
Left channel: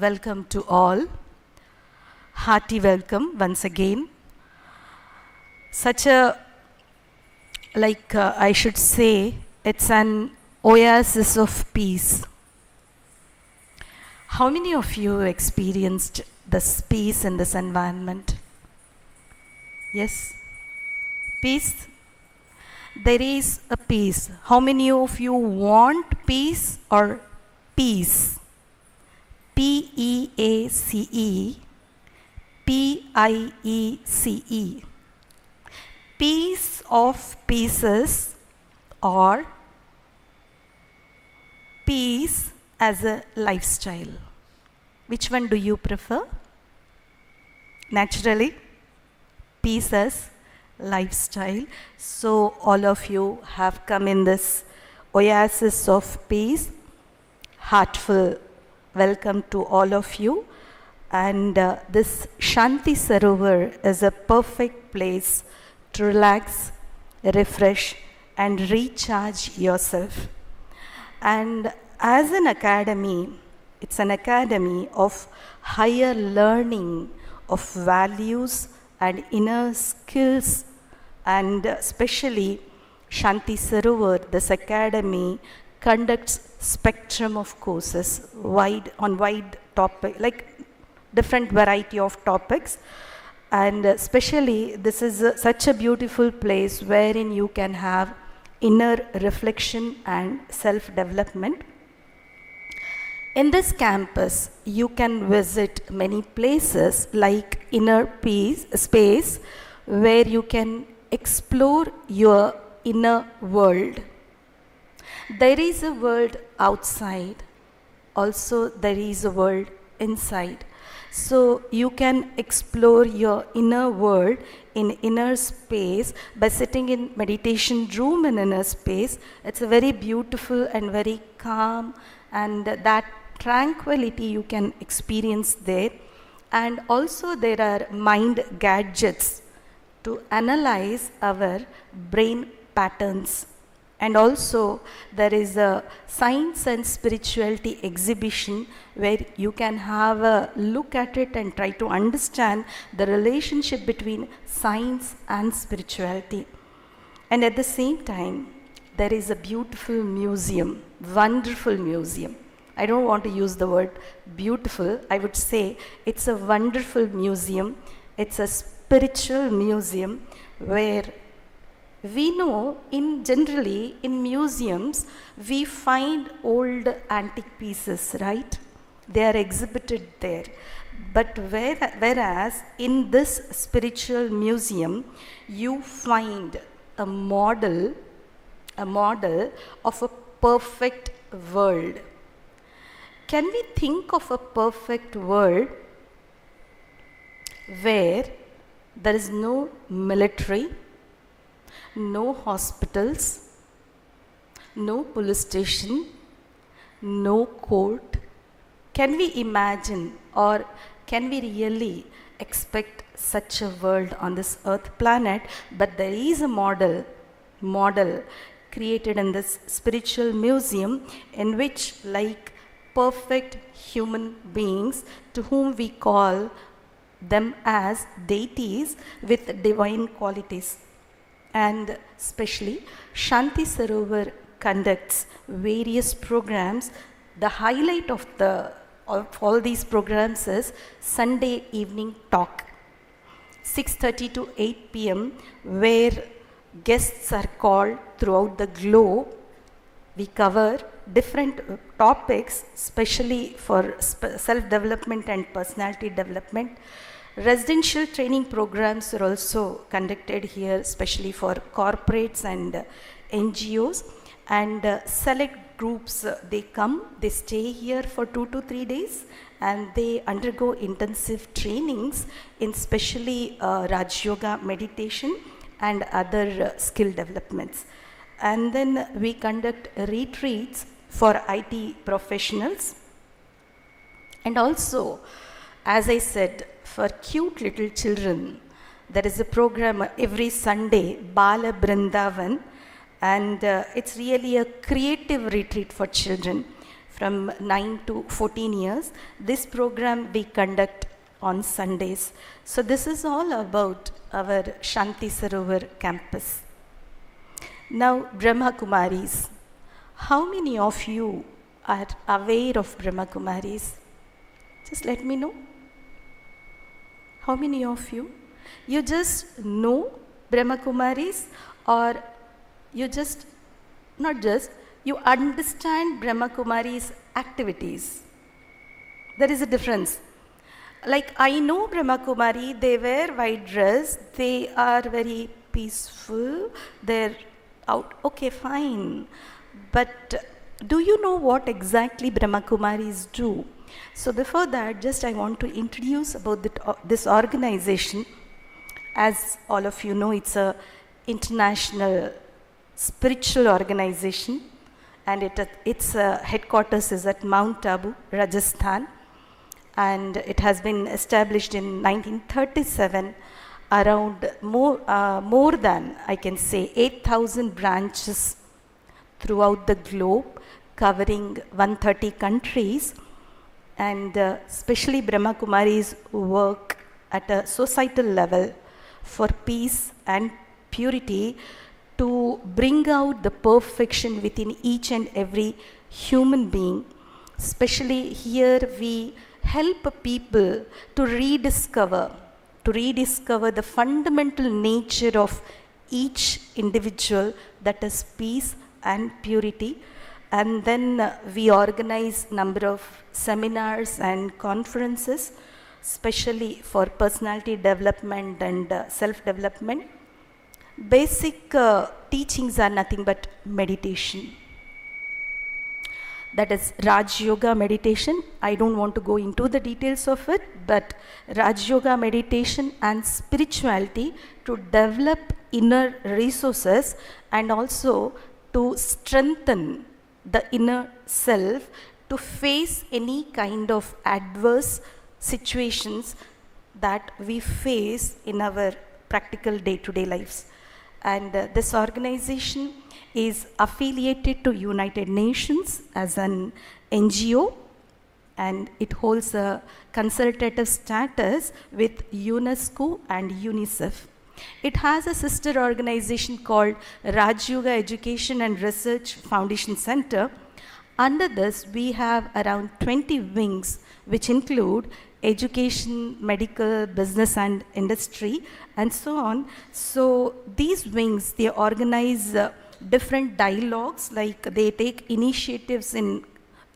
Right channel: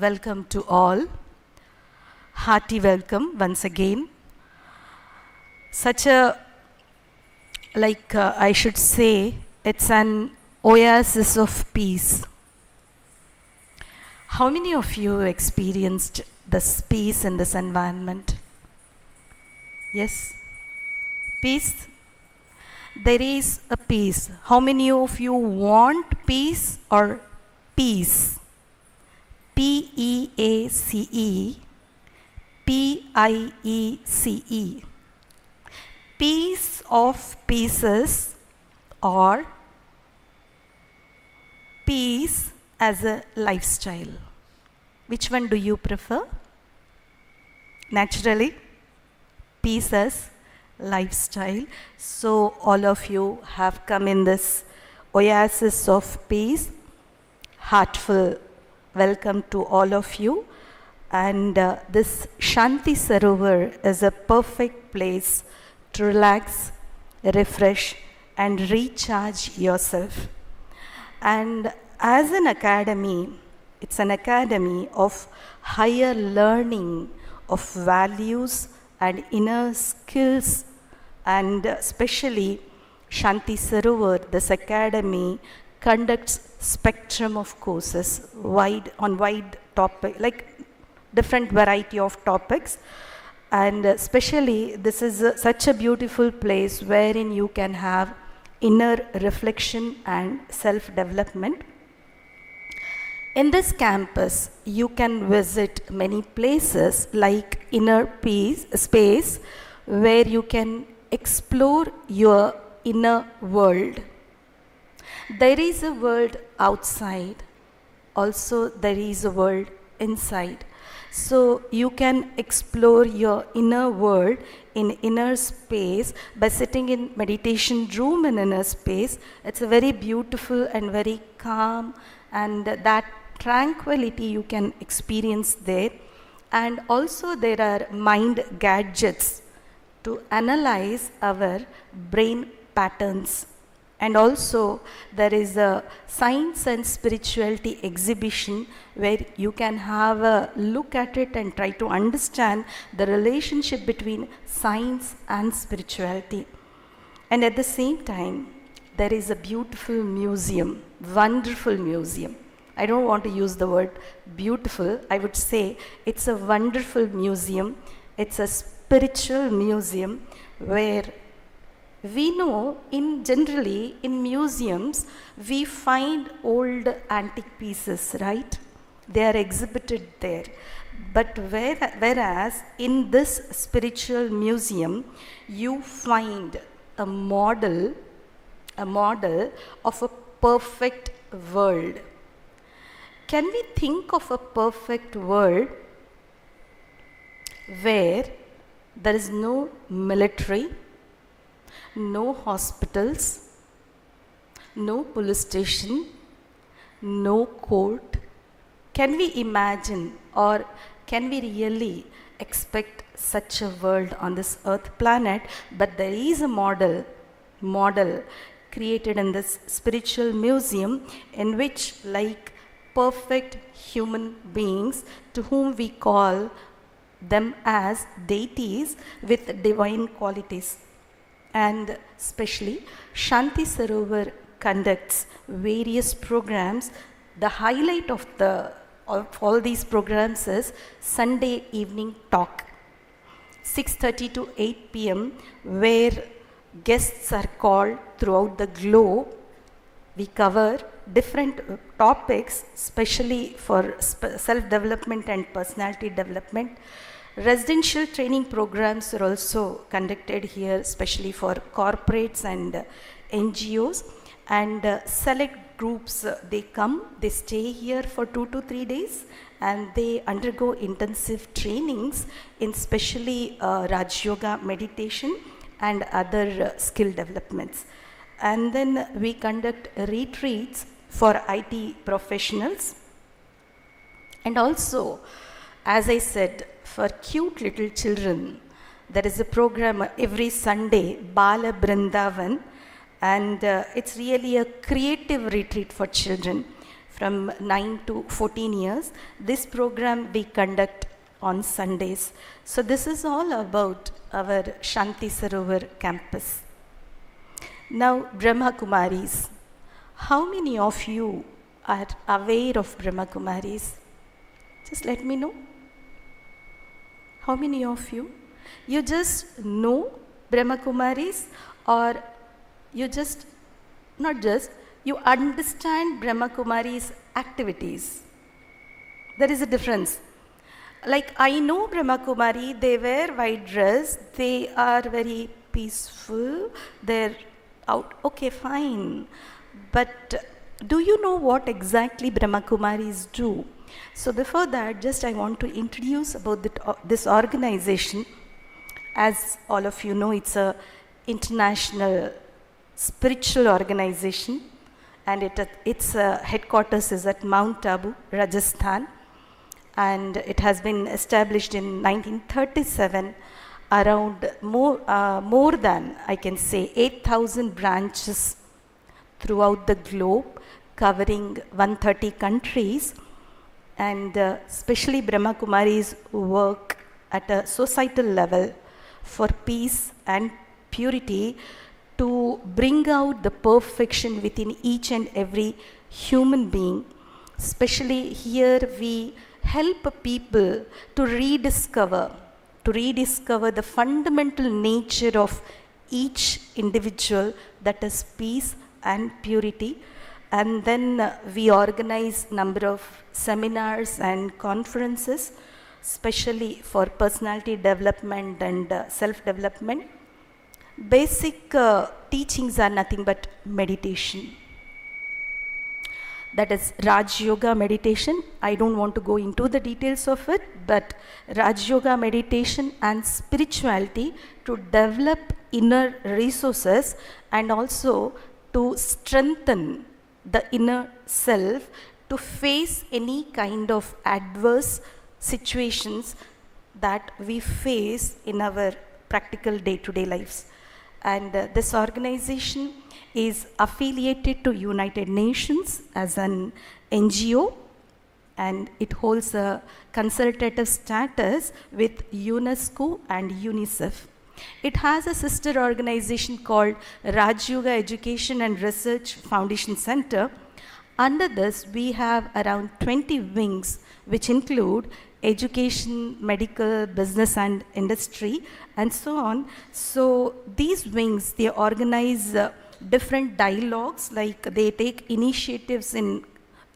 Welcome to all. Hearty welcome once again. Such a, I should say, it's an oasis of peace. How many of you experienced this peace in this environment? Yes? Peace? There is a peace. How many of you want peace or peace? P-E-A-C-E. P-I-E-C-E. Peace of pieces or peace as a lifestyle. Which one do you prefer? Naturally, peace as lifestyle. So all of you have come in this oasis of peace. Heartful welcome to all of you. And this Shanti Sarovar is a perfect place to relax, refresh, and recharge yourself. And as an academy, it's an academy of higher learning of values and inner skills. And especially Shanti Sarovar, this academy conducts spectrum of courses on wide topic, like different variety of topics, and especially this is such a beautiful place wherein you can have inner reflection and self-development. In this campus, you can visit many places like inner peace space where you can explore your inner world. There is a world outside, also there is a world inside. So you can explore your inner world in inner space by sitting in meditation room in inner space. It's a very beautiful and very calm, and that tranquility you can experience there. And also there are mind gadgets to analyze our brain patterns. And also there is a science and spirituality exhibition where you can have a look at it and try to understand the relationship between science and spirituality. And at the same time, there is a beautiful museum, wonderful museum. I don't want to use the word beautiful, I would say it's a wonderful museum. It's a spiritual museum where we know generally in museums we find old antique pieces, right? They are exhibited there. But whereas in this spiritual museum, you find a model of a perfect world. Can we think of a perfect world where there is no military, no hospitals, no police station, no court? Can we imagine, or can we really expect such a world on this earth planet? But there is a model created in this spiritual museum in which, like perfect human beings, to whom we call them as deities with divine qualities. And especially Shanti Sarovar conducts various programs. The highlight of all these programs is Sunday evening talk, 6:30 to 8 p.m., where guests are called throughout the globe. We cover different topics, especially for self-development and personality development. Residential training programs are also conducted here, especially for corporates and NGOs. And select groups, they come, they stay here for 2 to 3 days, and they undergo intensive trainings in especially Raj Yoga meditation and other skill developments. And then we conduct retreats for IT professionals. And also, as I said, for cute little children, there is a program every Sunday, Bala Brindavan, and it's really a creative retreat for children from 9 to 14 years. This program we conduct on Sundays. So this is all about our Shanti Sarovar campus. Now, Brahma Kumaris. How many of you are aware of Brahma Kumaris? Just let me know. How many of you? You just know Brahma Kumaris, or you just, not just, you understand Brahma Kumaris activities? There is a difference. Like, I know Brahma Kumari, they wear white dress, they are very peaceful, they're out, okay, fine. But do you know what exactly Brahma Kumaris do? So before that, just I want to introduce about this organization. As all of you know, it's a international spiritual organization, and its headquarters is at Mount Abu, Rajasthan, and it has been established in 1937. Around more than, I can say, 8,000 branches throughout the globe, covering 130 countries. And especially Brahma Kumaris work at a societal level for peace and purity, to bring out the perfection within each and every human being. Especially here we help people to rediscover the fundamental nature of each individual, that is peace and purity. And then we organize number of seminars and conferences, especially for personality development and self-development. Basic teachings are nothing but meditation. That is Raj Yoga meditation. I don't want to go into the details of it, but Raj Yoga meditation and spirituality to develop inner resources and also to strengthen the inner self to face any kind of adverse situations that we face in our practical day-to-day lives. And this organization is affiliated to United Nations as an NGO, and it holds a consultative status with UNESCO and UNICEF. It has a sister organization called Raj Yoga Education and Research Foundation Center. Under this, we have around 20 wings, which include education, medical, business and industry, and so on. So these wings, they organize different dialogues, like they take initiatives in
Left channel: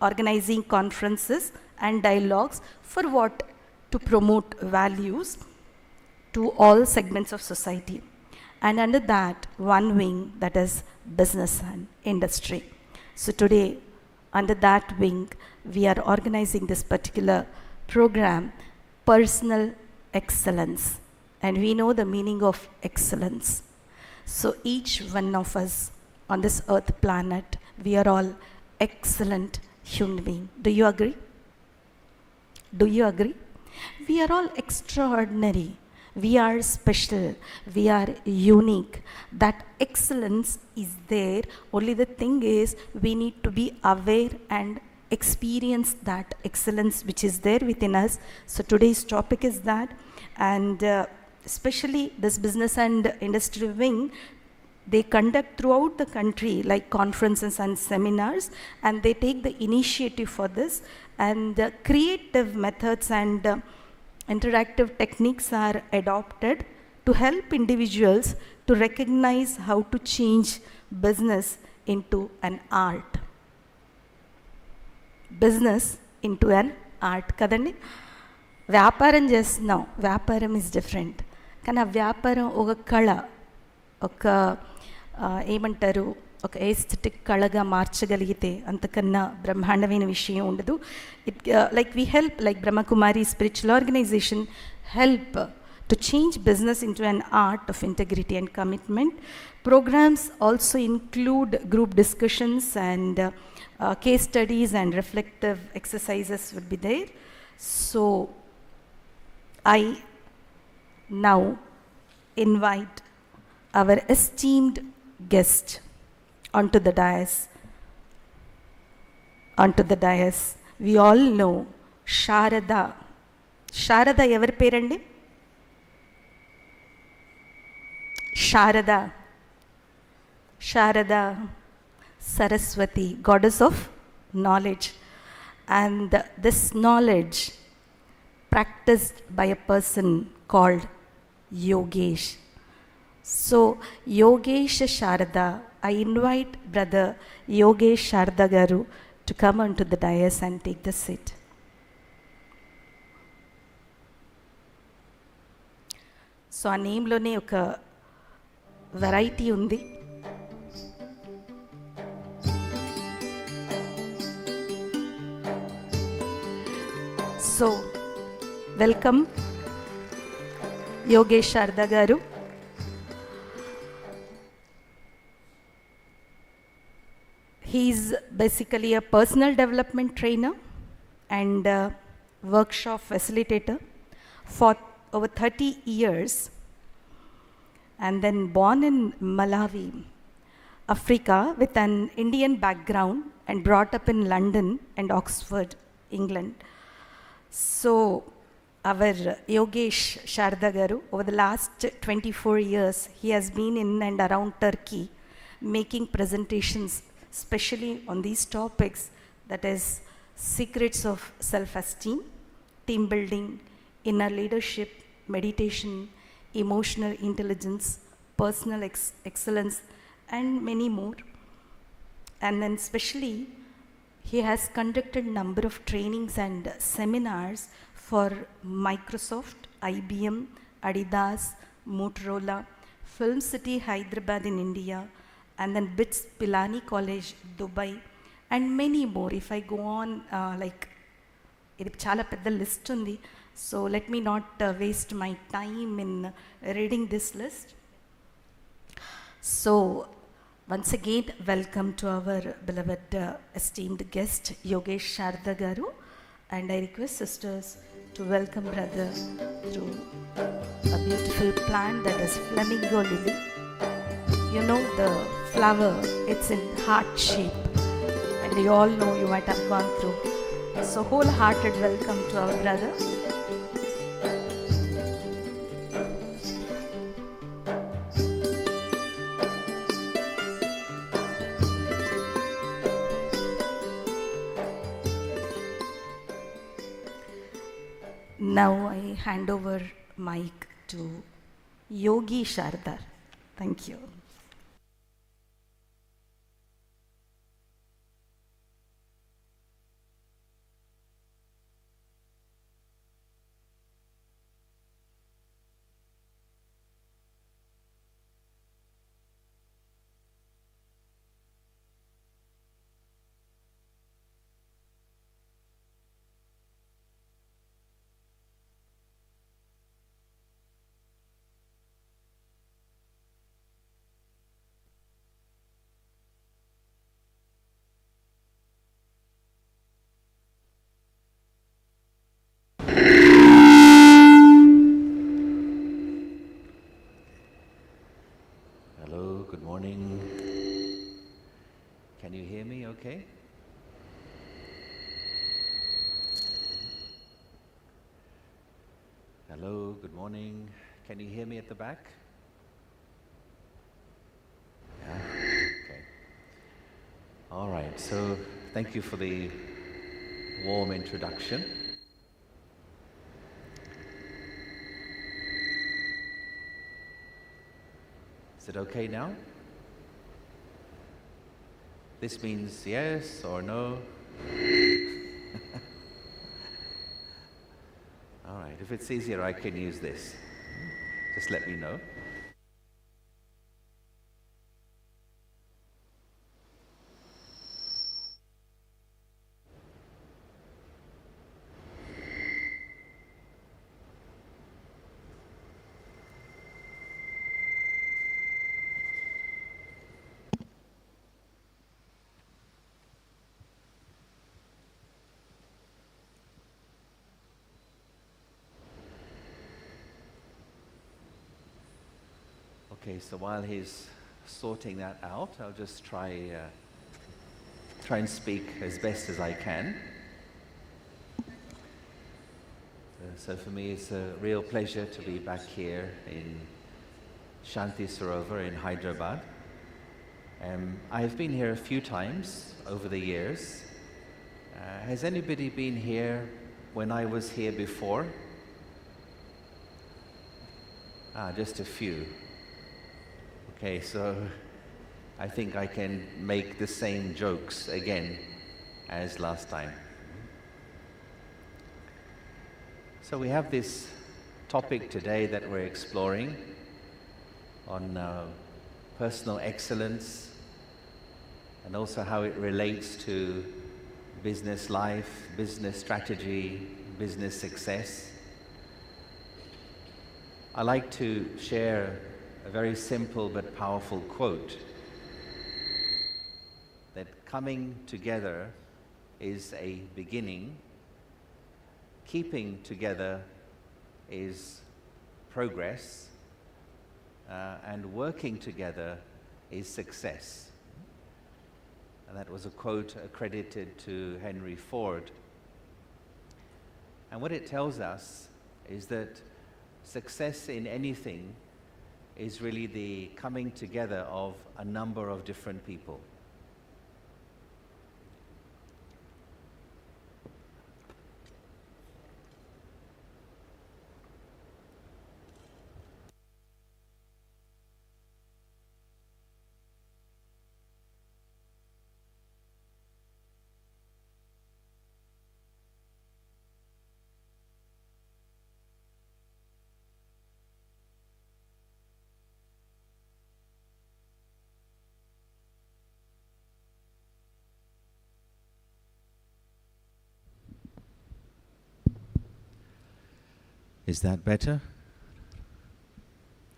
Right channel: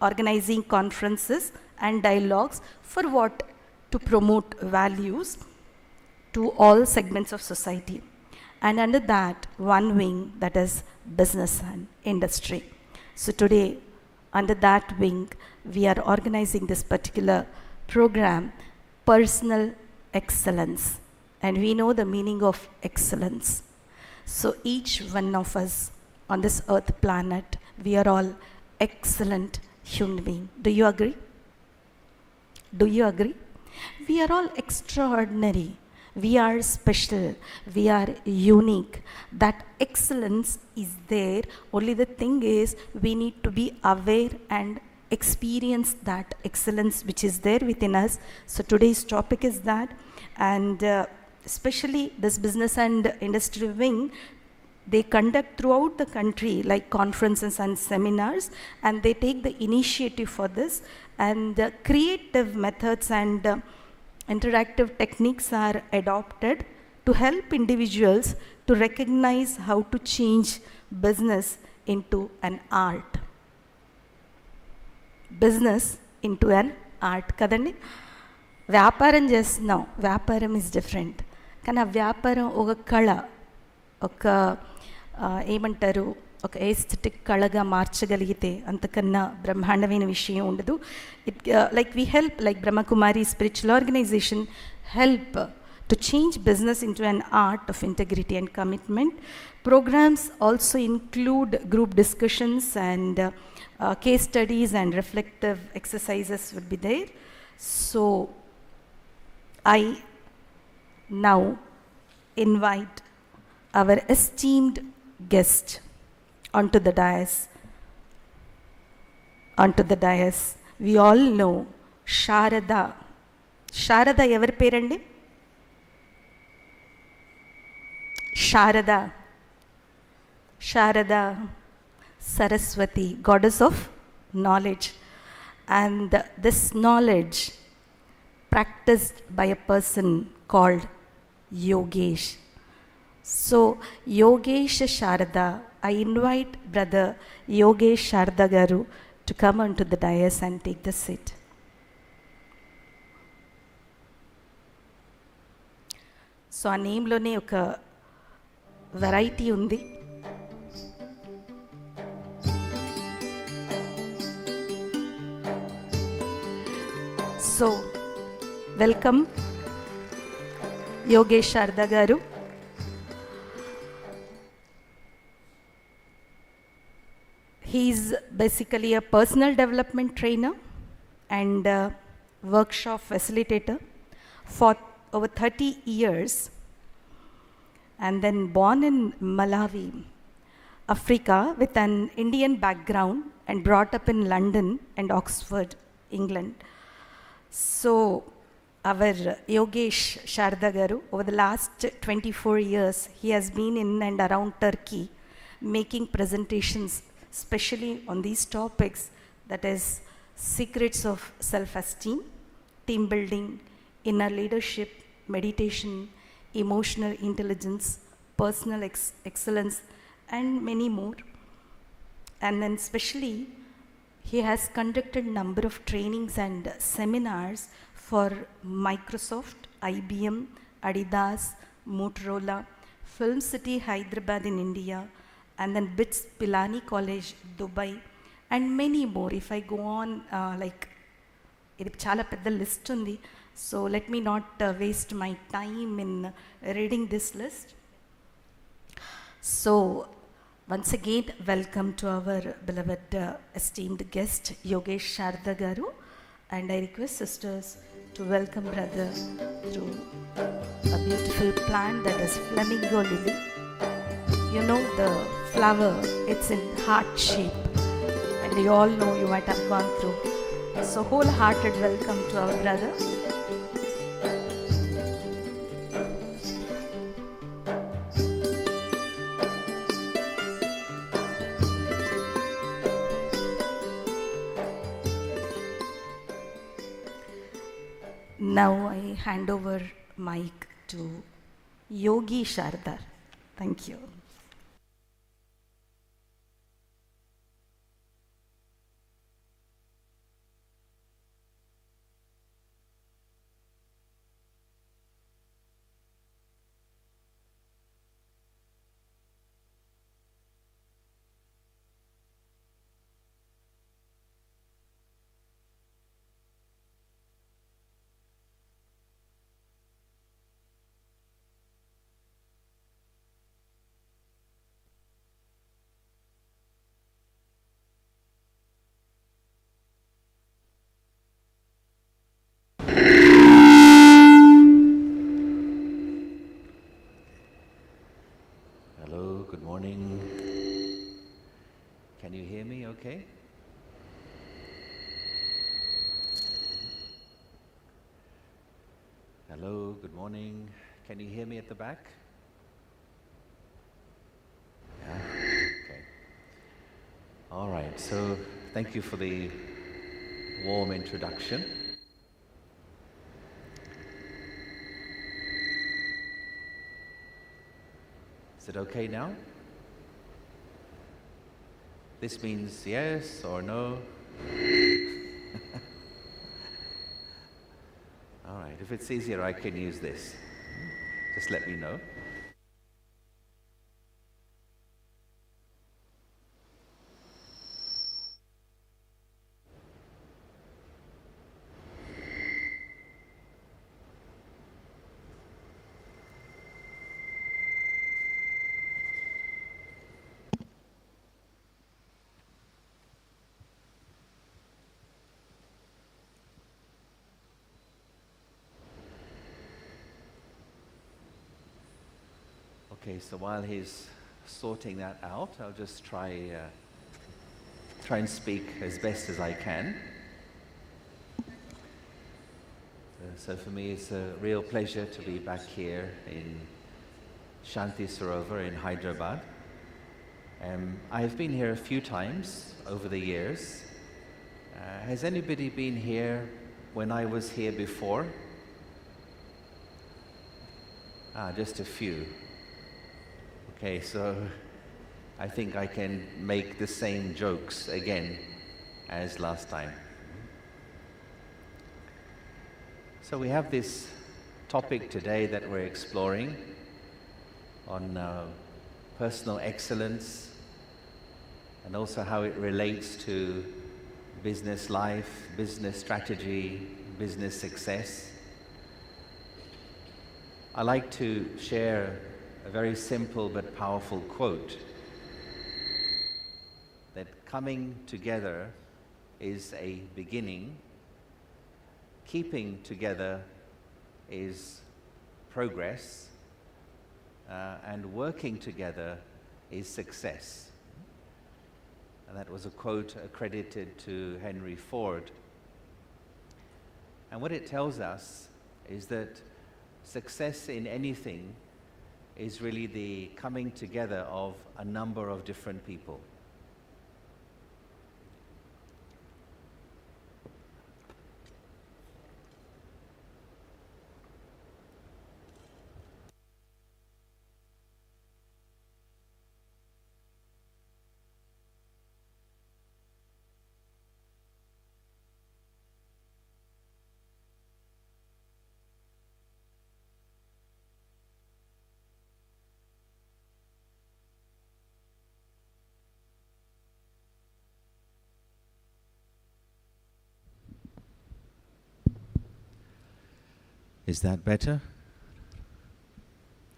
organizing conferences and dialogues for what? to promote values to all segments of society. And under that, one wing that is business and industry. So today, under that wing, we are organizing this particular program, Personal Excellence. And we know the meaning of excellence. So each one of us on this earth planet, we are all excellent human beings. Do you agree? Do you agree? We are all extraordinary. We are special. We are unique. That excellence is there. Only the thing is, we need to be aware and experience that excellence which is there within us. So today's topic is that. And especially this business and industry wing, they conduct throughout the country like conferences and seminars, and they take the initiative for this, and creative methods and interactive techniques are adopted to help individuals to recognize how to change business into an art. Business into an art. Kadandi? వ్యాపారం చేస్తున్నాం, వ్యాపారం is different. కానీ ఆ వ్యాపారం ఒక కళ, ఒక ఏమంటారు, ఒక ఎస్థెటిక్ కళగా మార్చగలిగితే అంతకన్నా బ్రహ్మాండమైన విషయం ఉండదు. It like we help, like Brahmakumari spiritual organisation help to change business into an art of integrity and commitment. Programs also include group discussions and case studies and reflective exercises will be there. So I now invite our esteemed guest onto the dais. Onto the dais. We all know Sharada. Sharada ever perandi? Sharada. Sharada Saraswati, goddess of knowledge. And this knowledge practiced by a person called Yogesh. So Yogesh Sharada, I invite brother Yogesh Sharada Garu to come onto the dais and take the seat. So ఆ నేమ్లోనే ఒక variety ఉంది. So welcome Yogesh Sharada గారు. He's basically a personal development trainer and workshop facilitator for over 30 years, and then born in Malawi, Africa, with an Indian background and brought up in London and Oxford, England. So our Yogesh Sharada Garu, over the last 24 years, he has been in and around Turkey making presentations especially on these topics, that is secrets of self-esteem, team building, inner leadership, meditation, emotional intelligence, personal excellence, and many more. And then especially he has conducted number of trainings and seminars for Microsoft, IBM, Adidas, Motorola, Film City, Hyderabad in India, and then BITS Pilani College, Dubai, and many more. If I go on, like, ఇది చాలా పెద్ద list ఉంది. So let me not waste my time in reading this list. So once again, welcome to our beloved esteemed guest Yogesh Sharada Garu, and I request sisters to welcome brother through a beautiful plant that is flamingo lily. You know the flower, it's in heart shape, and you all know, you might have gone through. So wholehearted welcome to our brother. Now I hand over mic to Yogi Shardar. Thank you. okay? Hello, good morning. Can you hear me at the back? Yeah, okay. All right, so thank you for the warm introduction. Is it okay now? This means yes or no? All right, if it's easier, I can use this. Just let me know. Okay, so while he's sorting that out, I'll just try and speak as best as I can. So for me, it's a real pleasure to be back here in Shanti Sarovar in Hyderabad. I've been here a few times over the years. Has anybody been here when I was here before? Just a few. Okay, so I think I can make the same jokes again as last time. So we have this topic today that we're exploring on personal excellence and also how it relates to business life, business strategy, business success. I like to share a very simple but powerful quote that coming together is a beginning, keeping together is progress, and working together is success. And that was a quote accredited to Henry Ford. And what it tells us is that success in anything is really the coming together of a number of different people. Is that better?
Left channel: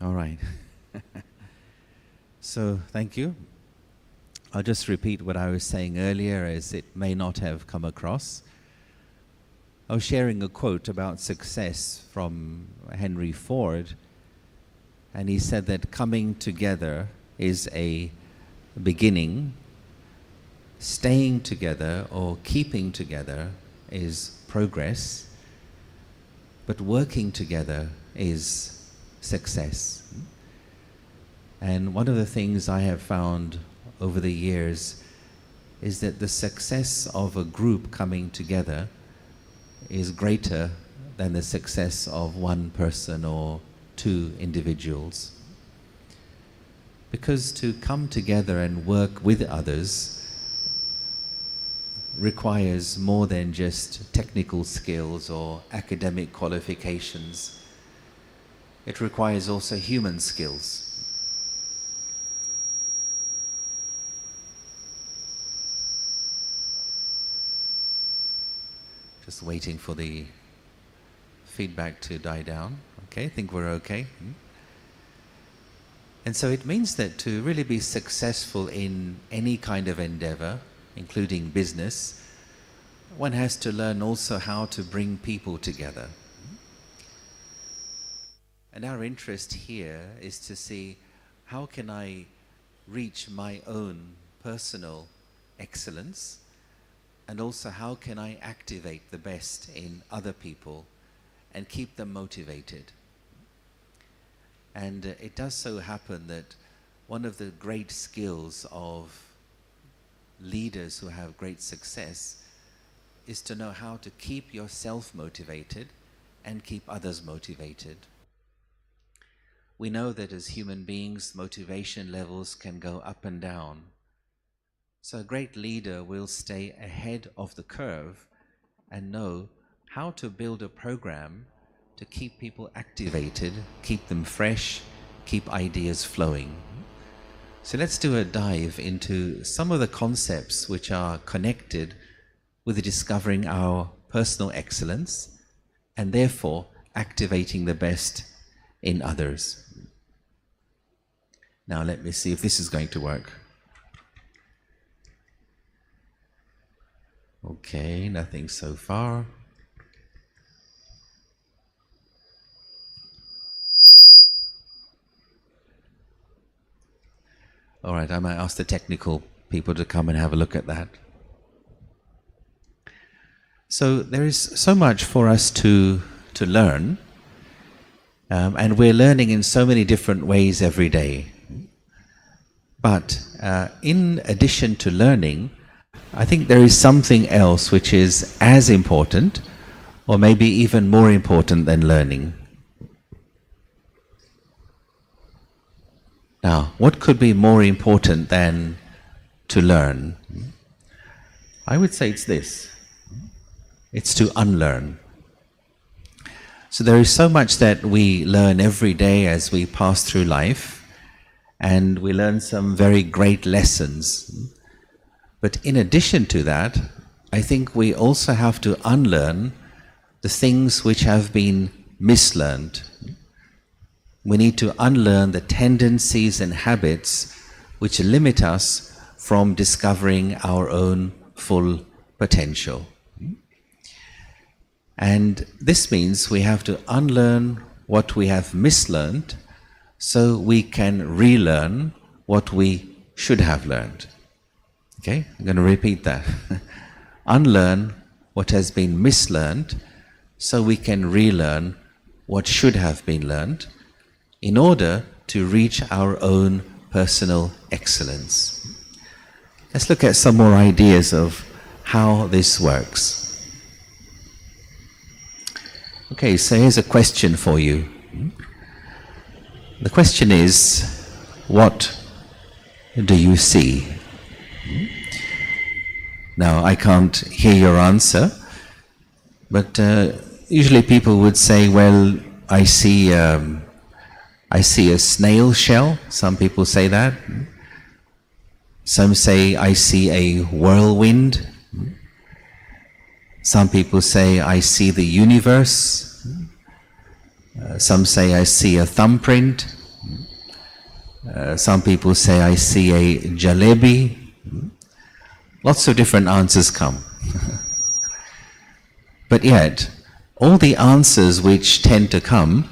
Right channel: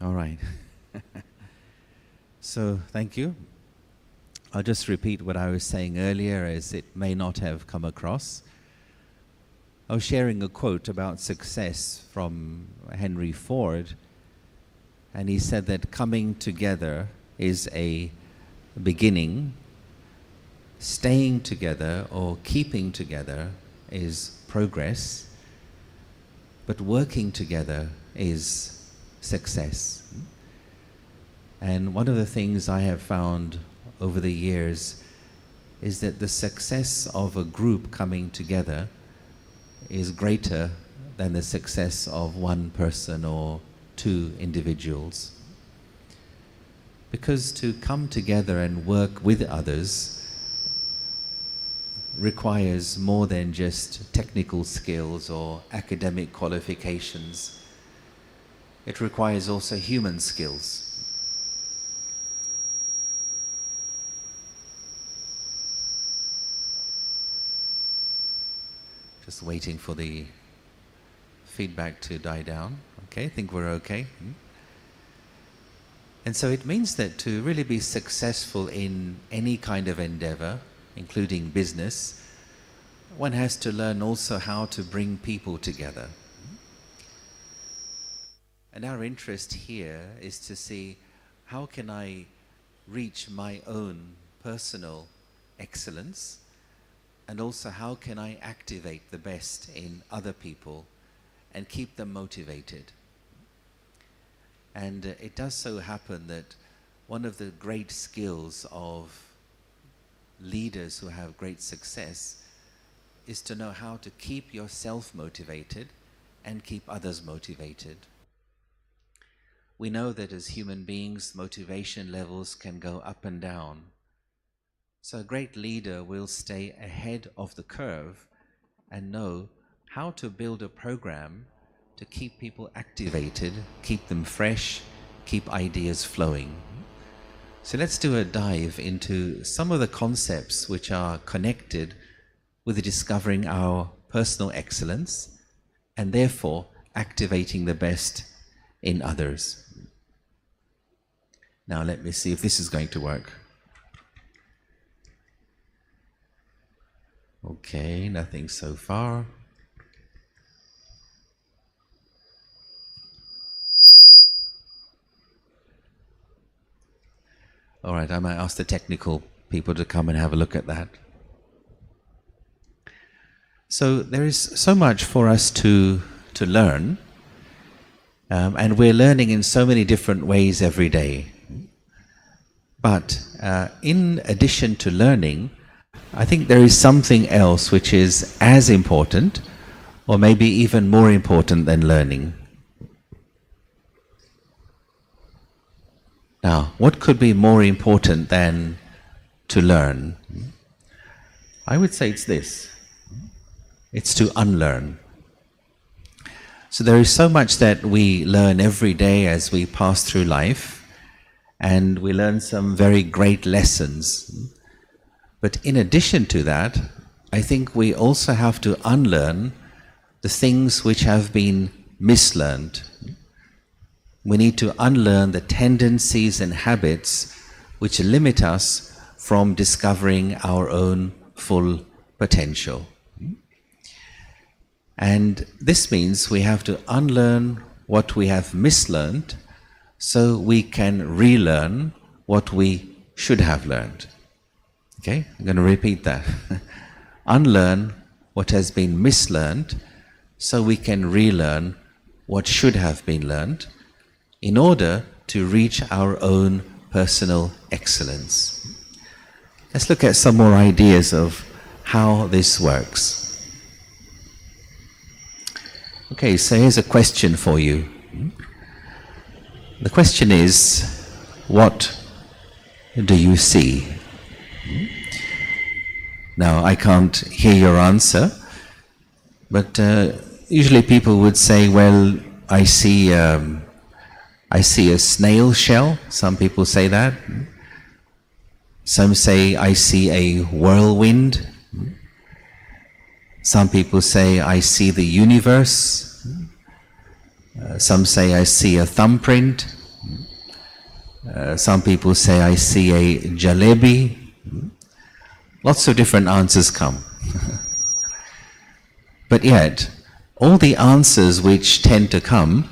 All right. So, thank you. I'll just repeat what I was saying earlier, as it may not have come across. I was sharing a quote about success from Henry Ford, and he said that coming together is a beginning, staying together or keeping together is progress, but working together is success. And one of the things I have found over the years is that the success of a group coming together is greater than the success of one person or two individuals. Because to come together and work with others requires more than just technical skills or academic qualifications. It requires also human skills. Just waiting for the feedback to die down. Okay, I think we're okay. And so it means that to really be successful in any kind of endeavor, including business, one has to learn also how to bring people together. And our interest here is to see how can I reach my own personal excellence, and also how can I activate the best in other people and keep them motivated. And it does so happen that one of the great skills of leaders who have great success is to know how to keep yourself motivated and keep others motivated. We know that as human beings, motivation levels can go up and down. So a great leader will stay ahead of the curve and know how to build a program to keep people activated, keep them fresh, keep ideas flowing. So let's do a dive into some of the concepts which are connected with discovering our personal excellence and therefore activating the best in others. Now let me see if this is going to work. Okay, nothing so far. All right, I might ask the technical people to come and have a look at that. So there is so much for us to learn, and we're learning in so many different ways every day. But in addition to learning, I think there is something else which is as important, or maybe even more important than learning. Now, what could be more important than to learn? I would say it's this. It's to unlearn. So there is so much that we learn every day as we pass through life, and we learn some very great lessons. But in addition to that, I think we also have to unlearn the things which have been mislearned. We need to unlearn the tendencies and habits which limit us from discovering our own full potential. And this means we have to unlearn what we have mislearned so we can relearn what we should have learned. Okay, I'm going to repeat that. Unlearn what has been mislearned so we can relearn what should have been learned in order to reach our own personal excellence. Let's look at some more ideas of how this works. Okay, so here's a question for you. The question is, what do you see? Now, I can't hear your answer, but usually people would say, well, I see a snail shell. Some people say that. Some say, I see a whirlwind. Some people say, I see the universe. Some say, I see a thumbprint. Some people say, I see a jalebi. Lots of different answers come. But yet, all the answers which tend to come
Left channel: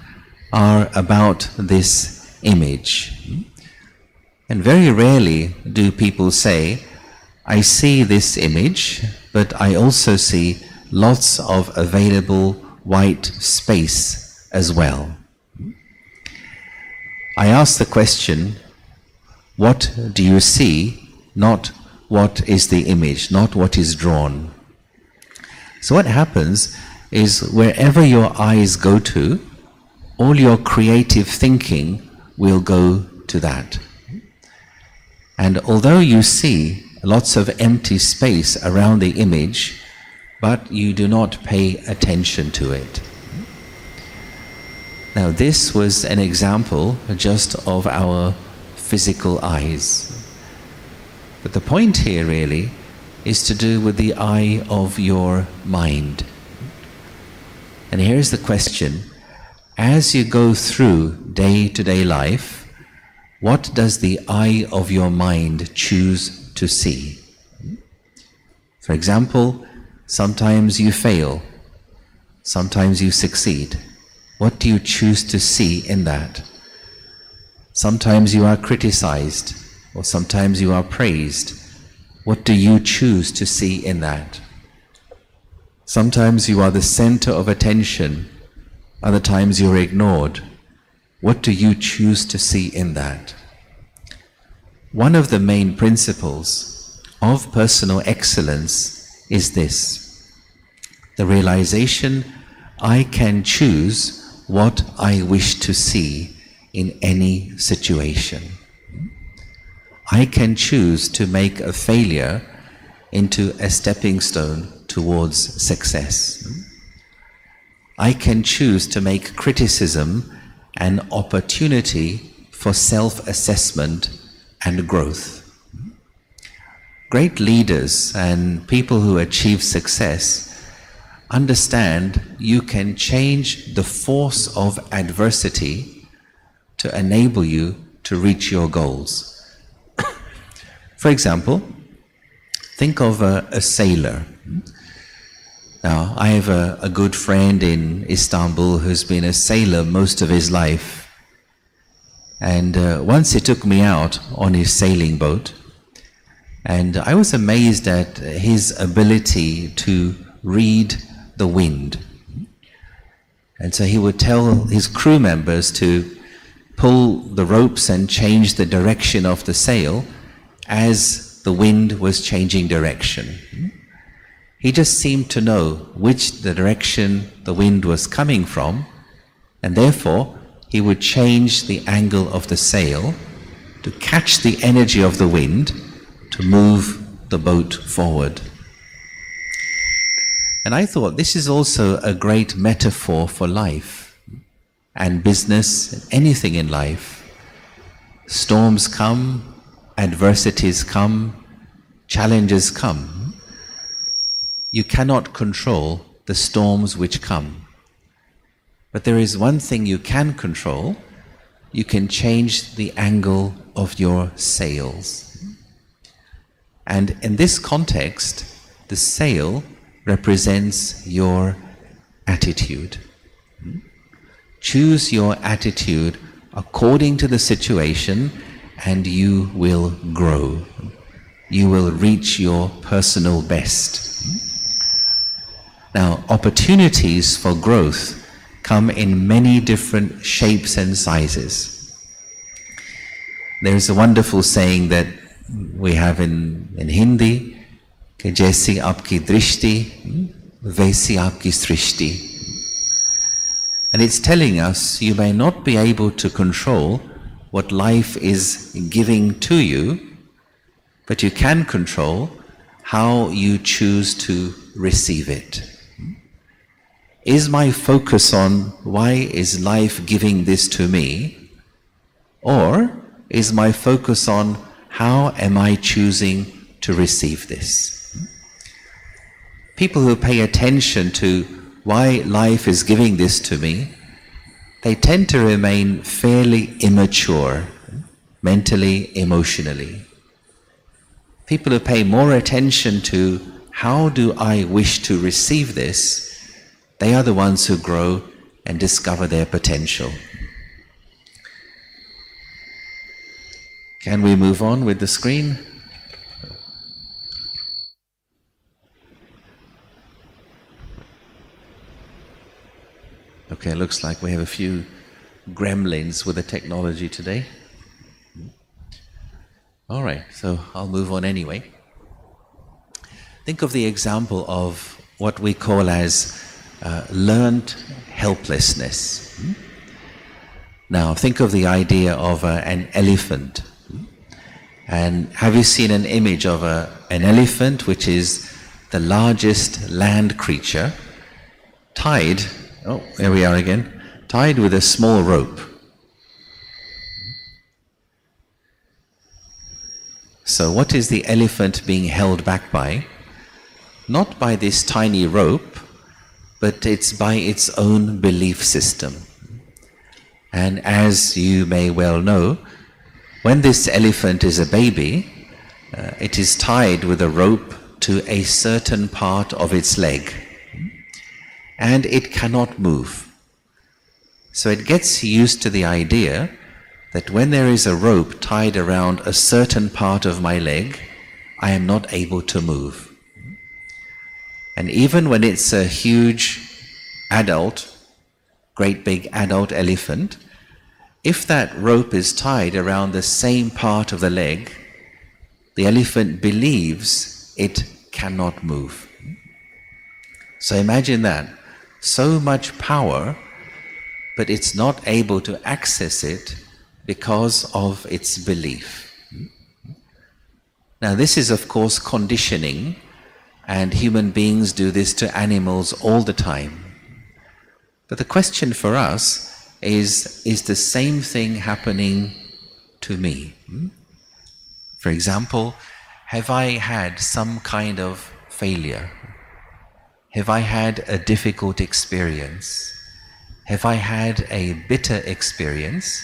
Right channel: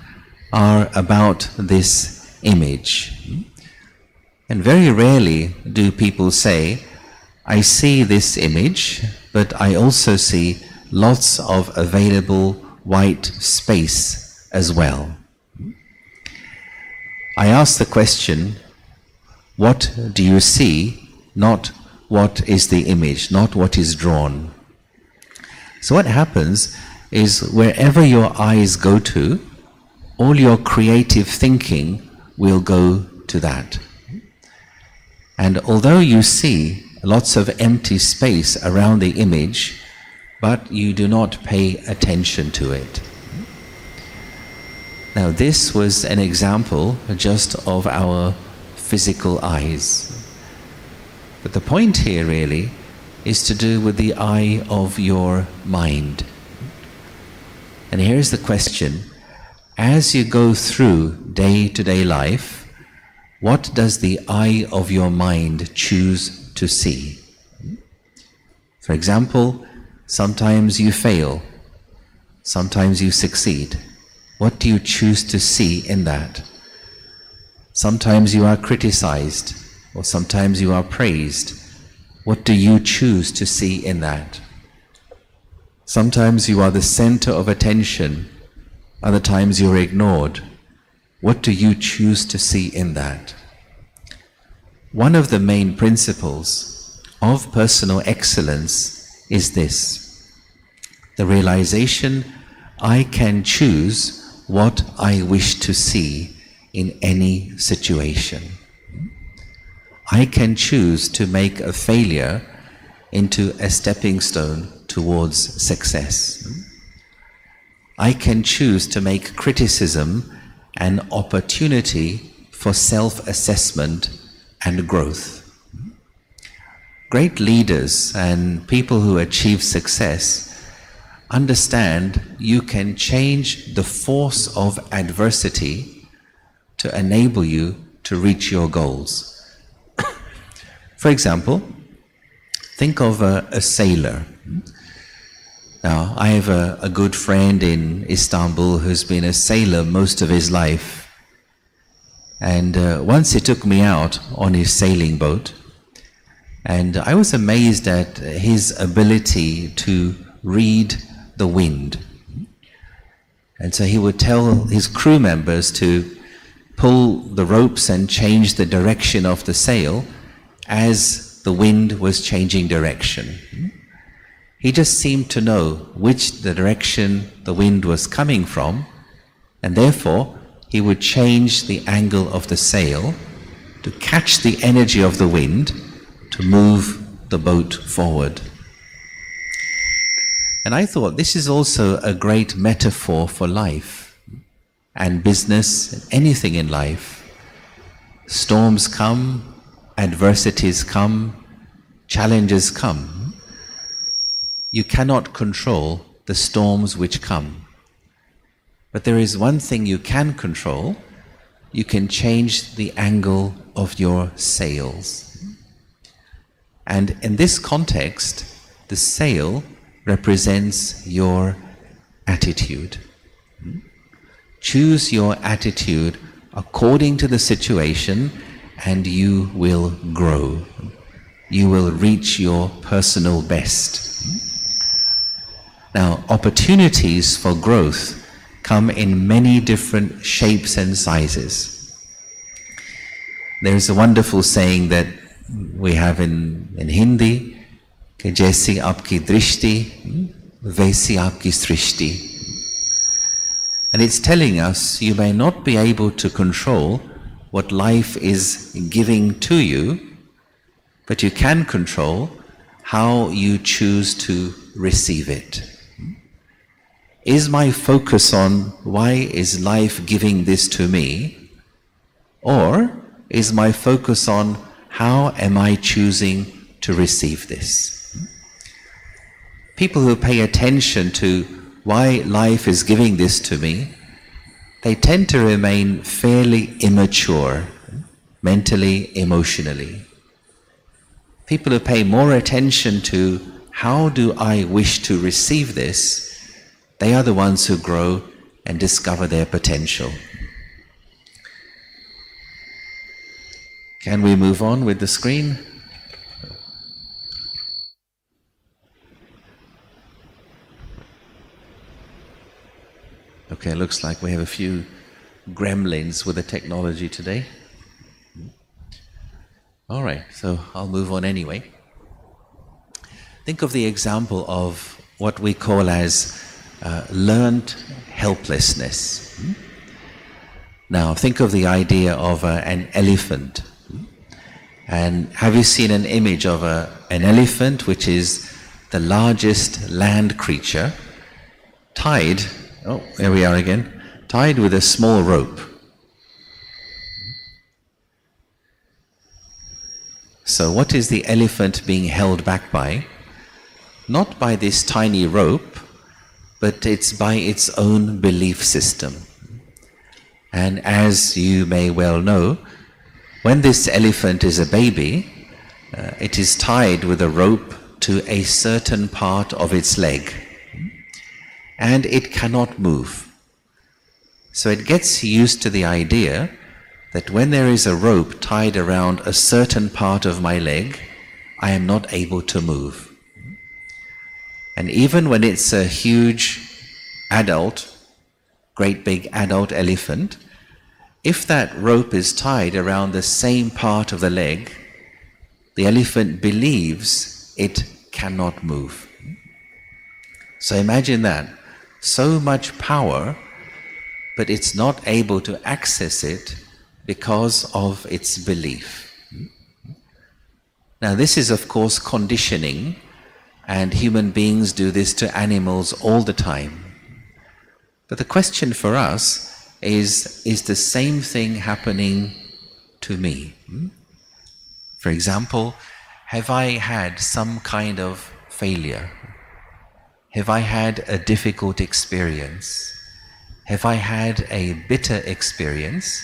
are about this image. And very rarely do people say, I see this image, but I also see lots of available white space as well. I ask the question, what do you see? Not what is the image, not what is drawn. So what happens is wherever your eyes go to, all your creative thinking will go to that. And although you see lots of empty space around the image, but you do not pay attention to it. Now this was an example just of our physical eyes. But the point here really is to do with the eye of your mind. And here's the question. As you go through day-to-day life, what does the eye of your mind choose to see? For example, sometimes you fail, sometimes you succeed. What do you choose to see in that? Sometimes you are criticized, or sometimes you are praised. What do you choose to see in that? Sometimes you are the center of attention, other times you're ignored. What do you choose to see in that? One of the main principles of personal excellence is this: the realization I can choose what I wish to see in any situation. I can choose to make a failure into a stepping stone towards success. I can choose to make criticism an opportunity for self-assessment and growth. Great leaders and people who achieve success understand you can change the force of adversity to enable you to reach your goals. For example, think of a sailor. Now, I have a good friend in Istanbul who's been a sailor most of his life. And once he took me out on his sailing boat, and I was amazed at his ability to read the wind. And so he would tell his crew members to pull the ropes and change the direction of the sail as the wind was changing direction. He just seemed to know which direction the wind was coming from, and therefore he would change the angle of the sail to catch the energy of the wind to move the boat forward. And I thought this is also a great metaphor for life and business and anything in life. Storms come, adversities come, challenges come. You cannot control the storms which come. But there is one thing you can control. You can change the angle of your sails. And in this context, the sail represents your attitude. Choose your attitude according to the situation, and you will grow. You will reach your personal best. Now, opportunities for growth come in many different shapes and sizes. There's a wonderful saying that we have in Hindi, कि जैसी आपकी दृष्टि, वैसी आपकी सृष्टि. And it's telling us you may not be able to control what life is giving to you, but you can control how you choose to receive it. Is my focus on why is life giving this to me, or is my focus on how am I choosing to receive this? People who pay attention to why life is giving this to me, they tend to remain fairly immature, mentally, emotionally. People who pay more attention to how do I wish to receive this, they are the ones who grow and discover their potential. Can we move on with the screen? Okay, looks like we have a few gremlins with the technology today. All right, so I'll move on anyway. Think of the example of what we call as learned helplessness. Now, think of the idea of an elephant. And have you seen an image of an elephant, which is the largest land creature, tied, oh, here we are again, tied with a small rope. So what is the elephant being held back by? Not by this tiny rope, but it's by its own belief system. And as you may well know, when this elephant is a baby, it is tied with a rope to a certain part of its leg, and it cannot move. So it gets used to the idea that when there is a rope tied around a certain part of my leg, I am not able to move. And even when it's a huge adult, great big adult elephant, if that rope is tied around the same part of the leg, the elephant believes it cannot move. So imagine that. So much power, but it's not able to access it because of its belief. Now this is of course conditioning, and human beings do this to animals all the time. But the question for us is the same thing happening to me? For example, have I had some kind of failure? Have I had a difficult experience? Have I had a bitter experience?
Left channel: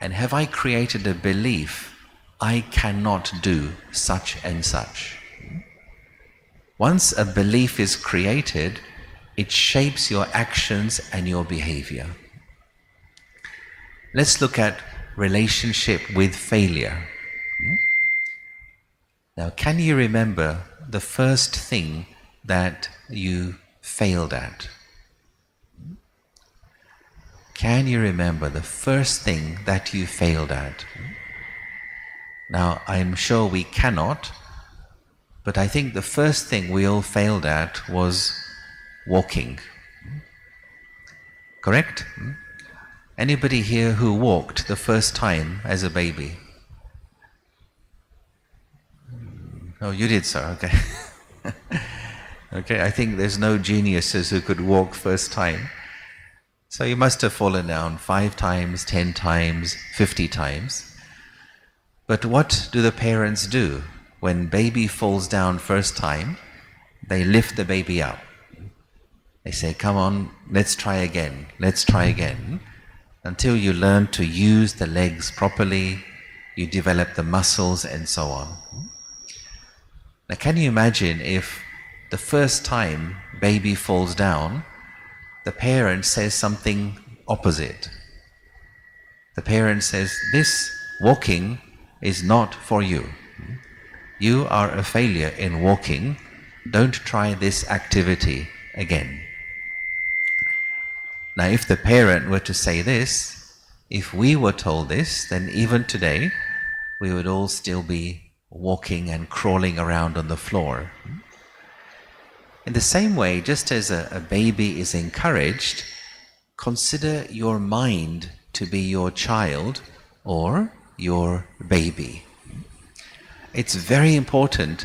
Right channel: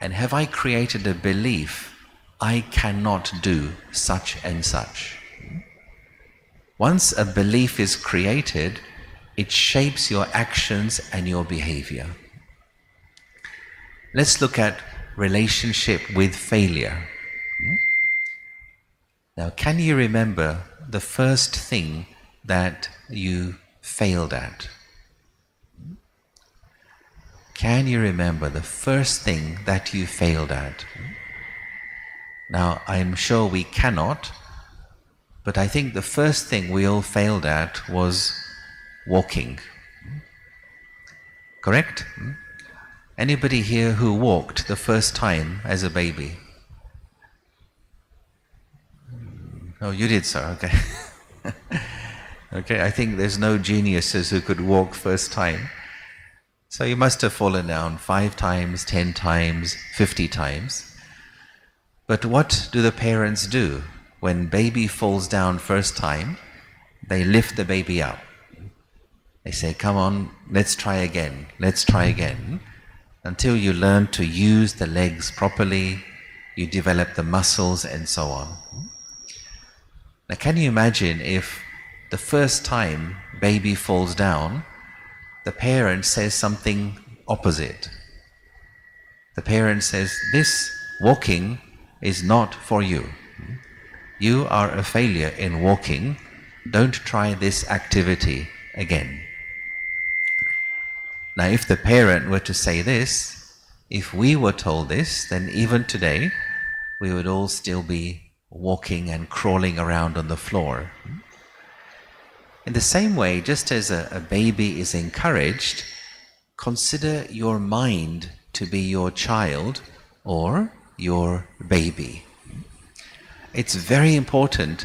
And have I created a belief I cannot do such and such? Once a belief is created, it shapes your actions and your behavior. Let's look at relationship with failure. Now, can you remember the first thing that you failed at? Can you remember the first thing that you failed at? Now, I'm sure we cannot, but I think the first thing we all failed at was walking. Correct? Anybody here who walked the first time as a baby? Oh, you did, sir. Okay. Okay, I think there's no geniuses who could walk first time. So you must have fallen down 5 times, 10 times, 50 times. But what do the parents do? When baby falls down first time, they lift the baby up. They say, come on, let's try again, let's try again. Until you learn to use the legs properly, you develop the muscles and so on. Now can you imagine if the first time baby falls down, the parent says something opposite. The parent says, this walking is not for you. You are a failure in walking. Don't try this activity again. Now if the parent were to say this, if we were told this, then even today we would all still be walking and crawling around on the floor. In the same way, just as a baby is encouraged, consider your mind to be your child or your baby. It's very important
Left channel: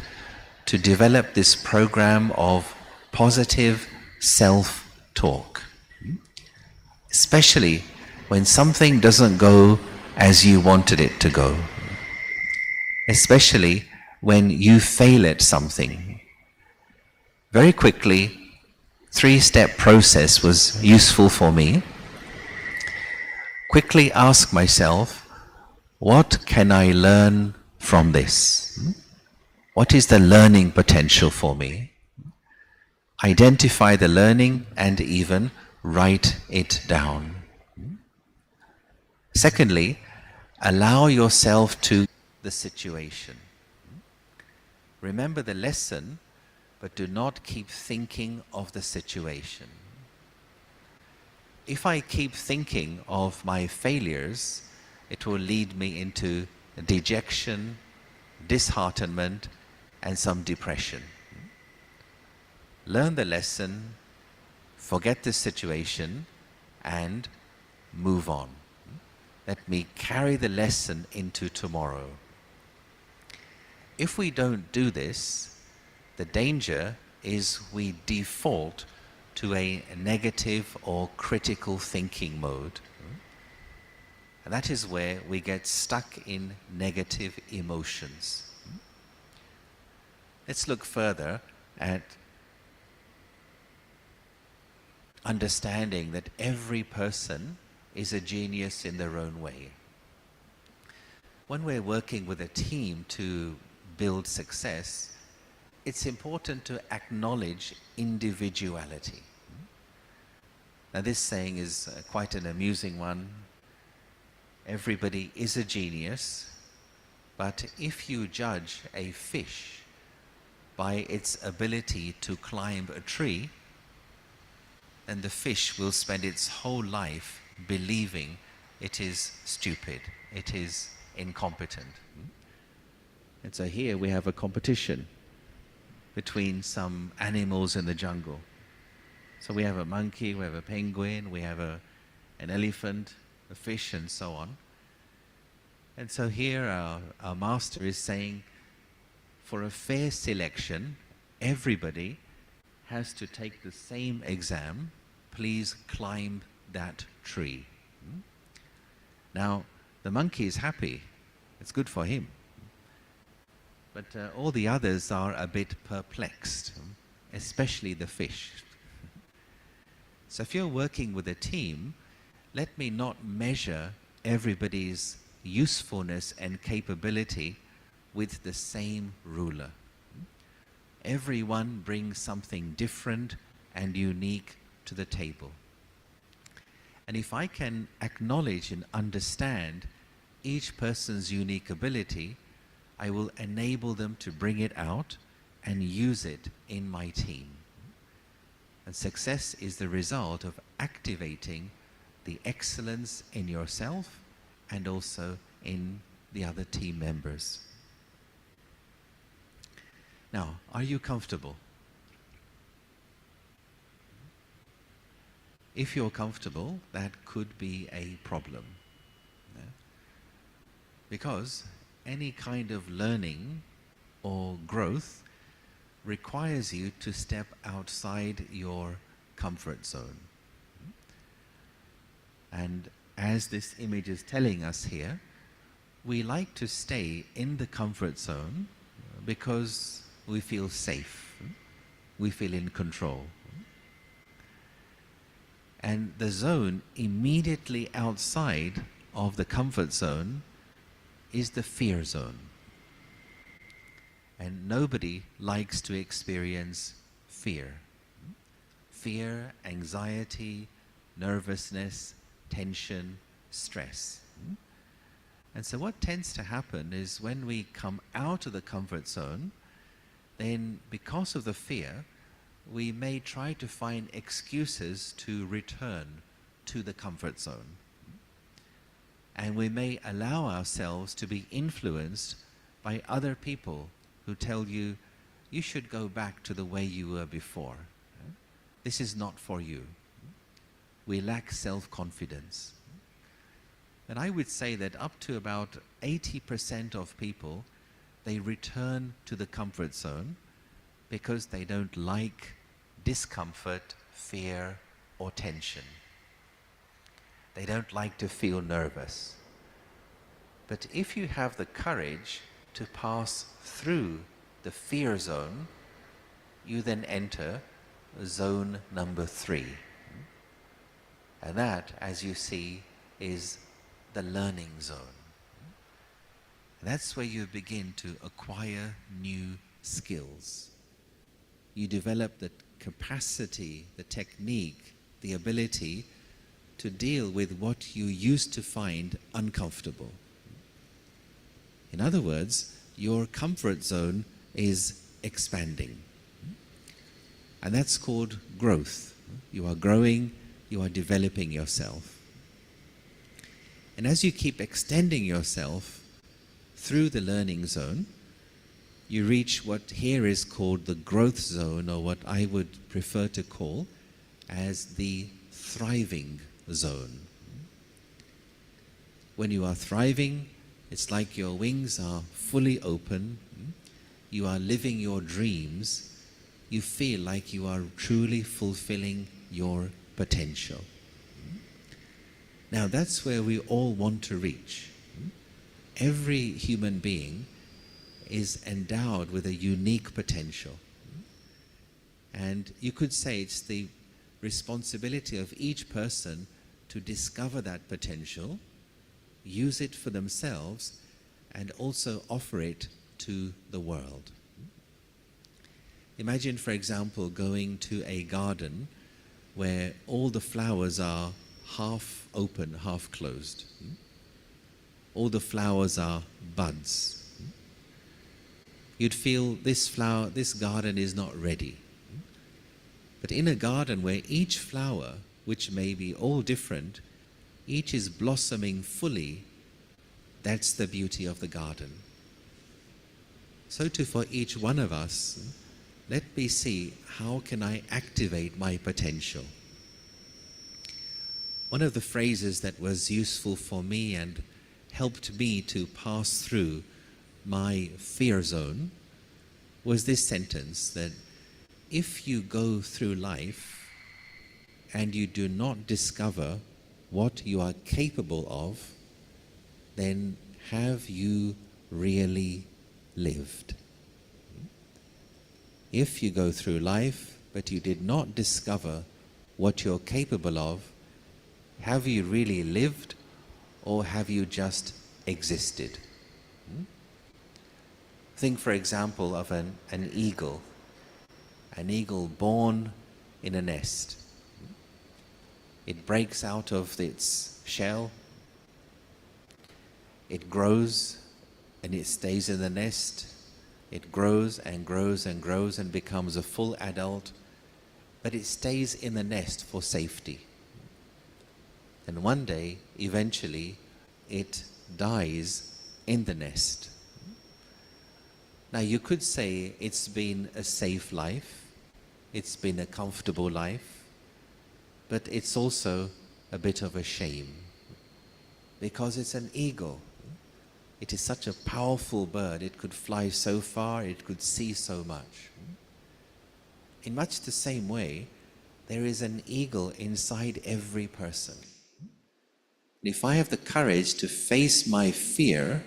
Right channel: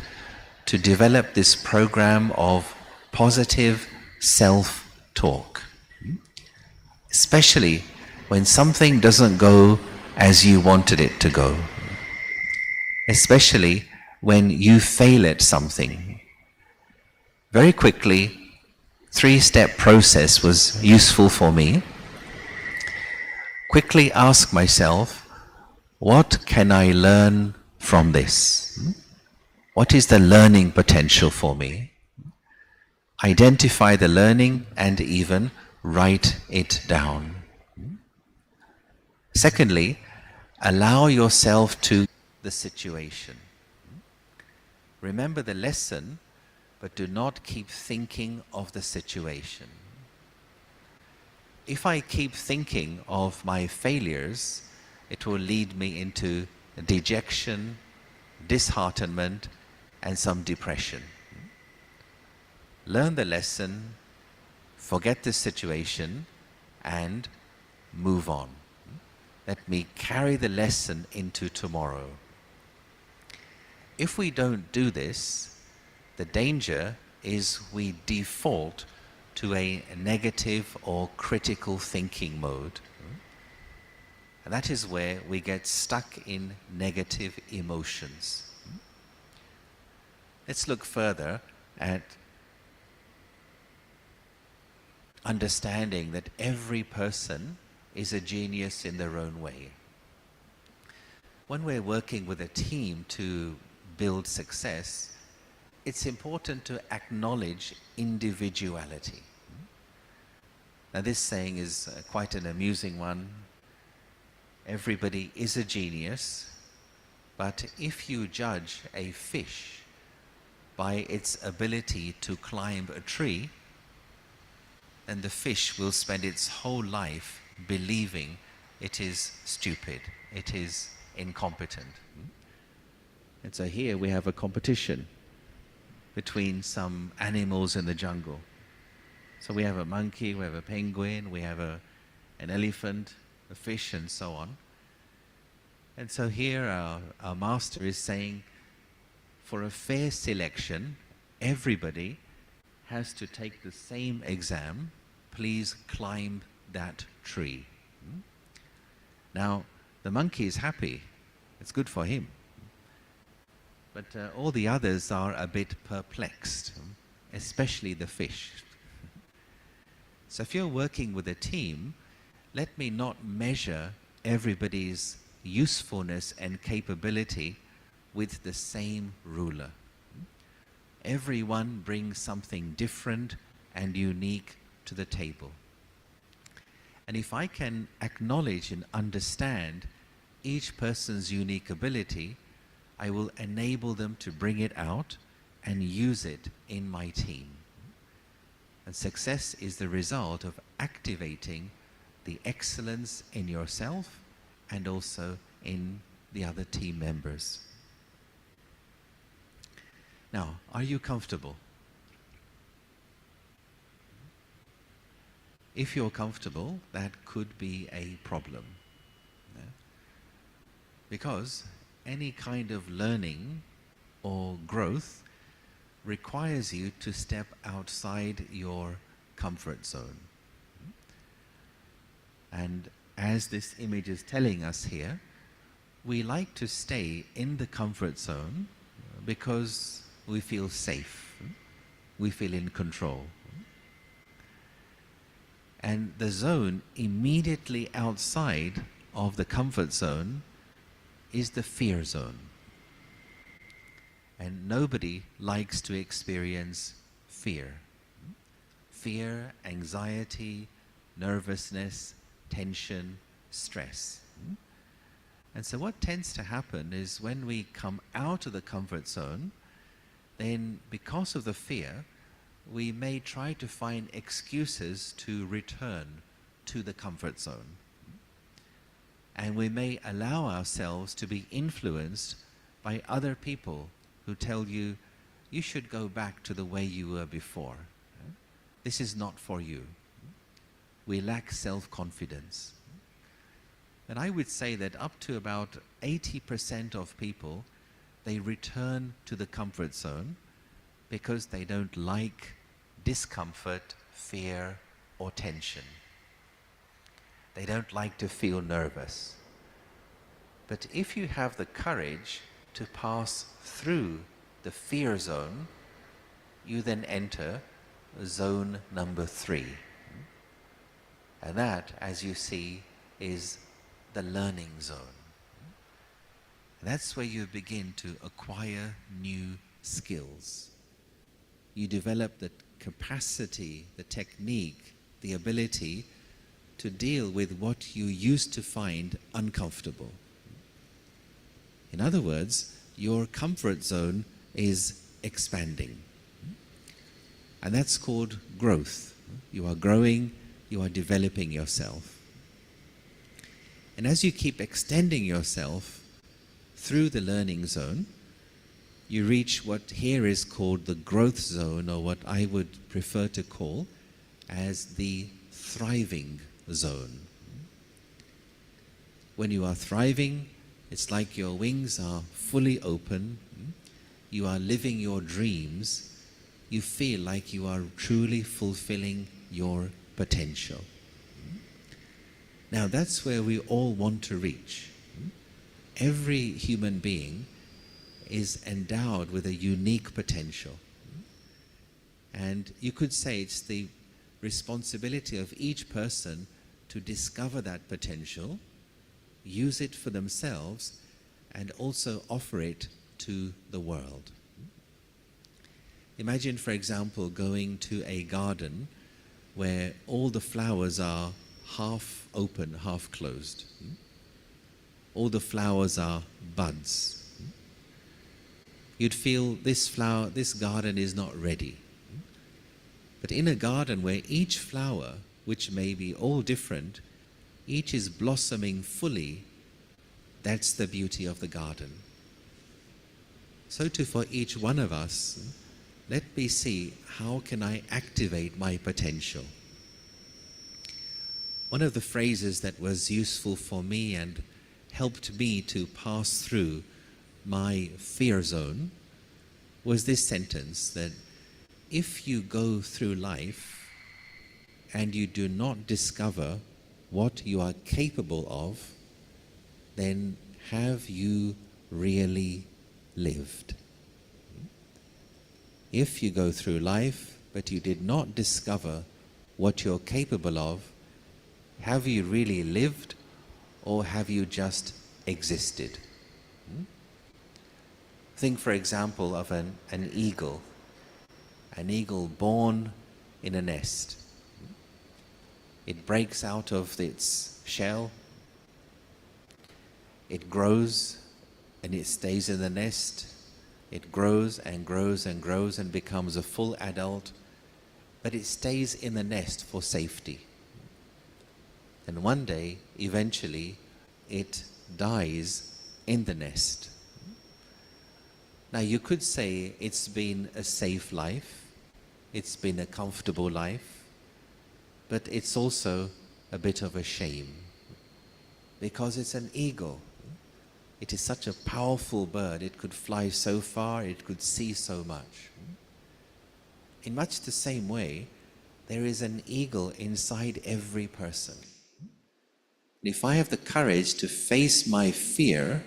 to develop this program of positive self-talk, especially when something doesn't go as you wanted it to go, especially when you fail at something. Very quickly, 3-step process was useful for me. Quickly ask myself, what can I learn from this? What is the learning potential for me? Identify the learning and even write it down. Secondly, allow yourself to the situation. Remember the lesson, but do not keep thinking of the situation. If I keep thinking of my failures, it will lead me into dejection, disheartenment, and some depression. Learn the lesson, forget the situation, and move on. Let me carry the lesson into tomorrow. If we don't do this, the danger is we default to a negative or critical thinking mode. And that is where we get stuck in negative emotions. Let's look further at understanding that every person is a genius in their own way. When we're working with a team to build success, it's important to acknowledge individuality. Now this saying is quite an amusing one. Everybody is a genius, But if you judge a fish by its ability to climb a tree, then the fish will spend its whole life believing it is stupid, it is incompetent. And so here we have a competition between some animals in the jungle. So we have a monkey, we have a penguin, we have an elephant, a fish, and so on. And so here our master is saying, for a fair selection, everybody has to take the same exam. Please climb that tree. Now, the monkey is happy. It's good for him. But all the others are a bit perplexed, especially the fish. So if you're working with a team, let me not measure everybody's usefulness and capability with the same ruler. Everyone brings something different and unique to the table. And if I can acknowledge and understand each person's unique ability, I will enable them to bring it out and use it in my team. And success is the result of activating the excellence in yourself and also in the other team members. Now, are you comfortable? If you're comfortable, that could be a problem. Yeah? Because any kind of learning or growth requires you to step outside your comfort zone. And as this image is telling us here, we like to stay in the comfort zone because we feel safe, we feel in control. And the zone immediately outside of the comfort zone is the fear zone. And nobody likes to experience fear. Fear, anxiety, nervousness, tension, stress. And so what tends to happen is when we come out of the comfort zone, then because of the fear, we may try to find excuses to return to the comfort zone. And we may allow ourselves to be influenced by other people who tell you, you should go back to the way you were before. This is not for you. We lack self-confidence. And I would say that up to about 80% of people, they return to the comfort zone because they don't like discomfort, fear, or tension. They don't like to feel nervous. But if you have the courage to pass through the fear zone, you then enter zone number 3. And that, as you see, is the learning zone. That's where you begin to acquire new skills. You develop the capacity, the technique, the ability to deal with what you used to find uncomfortable. In other words, your comfort zone is expanding. And that's called growth. You are growing, you are developing yourself. And as you keep extending yourself through the learning zone, you reach what here is called the growth zone, or what I would prefer to call as the thriving zone. When you are thriving, it's like your wings are fully open, you are living your dreams, you feel like you are truly fulfilling your potential. Now that's where we all want to reach. Every human being is endowed with a unique potential. And you could say it's the responsibility of each person to discover that potential, use it for themselves, and also offer it to the world. Imagine, for example, going to a garden where all the flowers are half open, half closed. All the flowers are buds. you'd feel this flower, this garden is not ready. But in a garden where each flower, which may be all different, each is blossoming fully, that's the beauty of the garden. So too for each one of us, let me see, how can I activate my potential? One of the phrases that was useful for me and helped me to pass through my fear zone was this sentence, that if you go through life and you do not discover what you are capable of, then have you really lived? If you go through life but you did not discover what you're capable of, have you really lived, or have you just existed? Think, for example, of an eagle. An eagle born in a nest. It breaks out of its shell, it grows, and it stays in the nest. It grows and grows and grows and becomes a full adult, but it stays in the nest for safety. And one day, eventually, it dies in the nest. Now you could say it's been a safe life, it's been a comfortable life, but it's also a bit of a shame, because it's an eagle. It is such a powerful bird. It could fly so far, it could see so much. In much the same way, there is an eagle inside every person. If I have the courage to face my fear,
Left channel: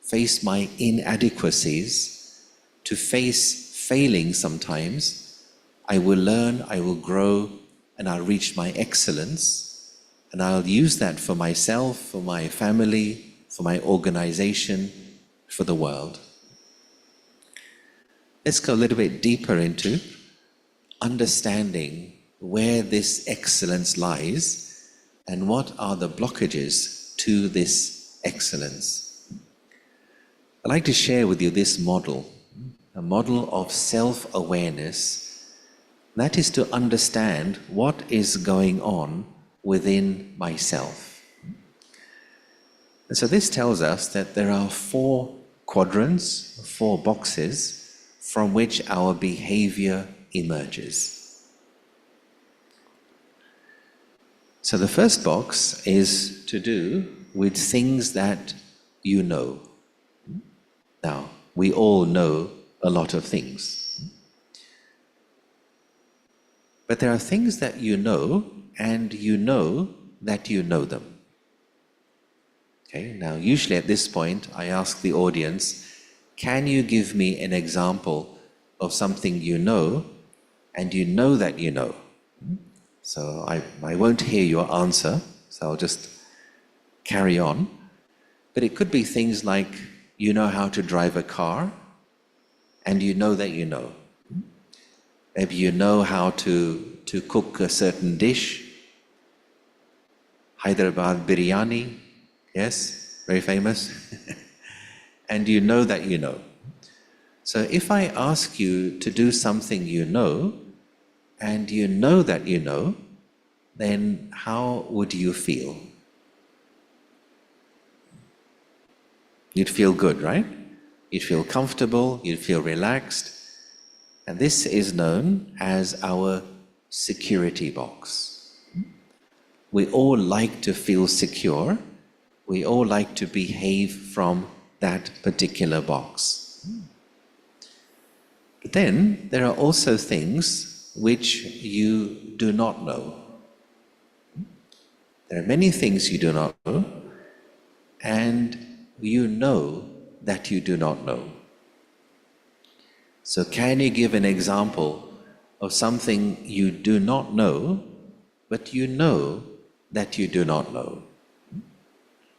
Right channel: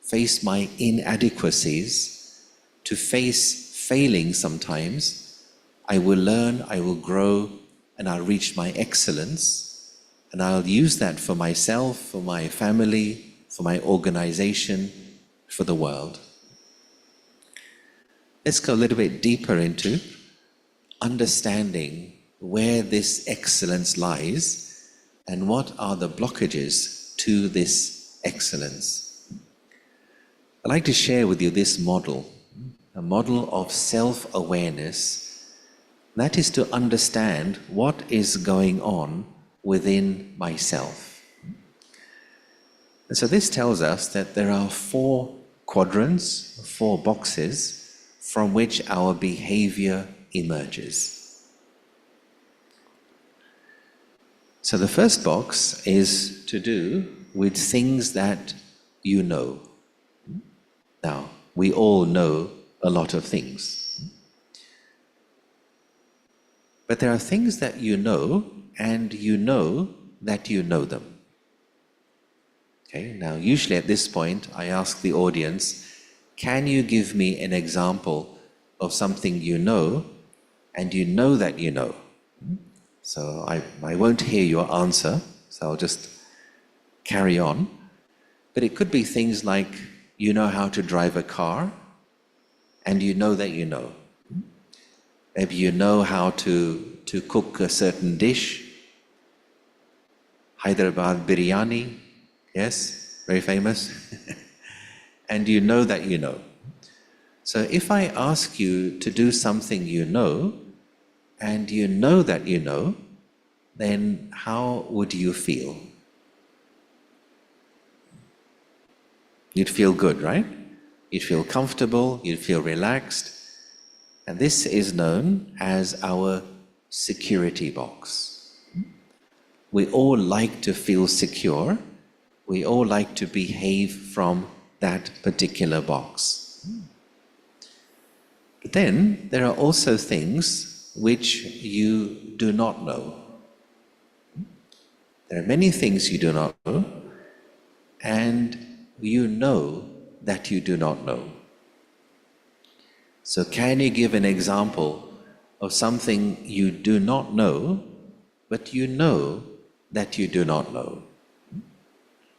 face my inadequacies, to face failing sometimes, I will learn, I will grow, and I'll reach my excellence, and I'll use that for myself, for my family, for my organization, for the world. Let's go a little bit deeper into understanding where this excellence lies and what are the blockages to this excellence. I'd like to share with you this model, a model of self-awareness. That is to understand what is going on within myself. And so this tells us that there are 4 quadrants, 4 boxes from which our behavior emerges. So the first box is to do with things that you know. Now, we all know a lot of things. But there are things that you know, and you know that you know them. Okay, now usually at this point I ask the audience, can you give me an example of something you know and you know that you know? So I won't hear your answer, so I'll just carry on. But it could be things like, you know how to drive a car and you know that you know. Maybe you know how to cook a certain dish. Hyderabad biryani, yes, very famous. And you know that you know. So if I ask you to do something you know, and you know that you know, then how would you feel? You'd feel good, right? You'd feel comfortable, you'd feel relaxed. And this is known as our security box. We all like to feel secure. We all like to behave from that particular box. But then there are also things which you do not know. There are many things you do not know, and you know that you do not know. So can you give an example of something you do not know, but you know that you do not know?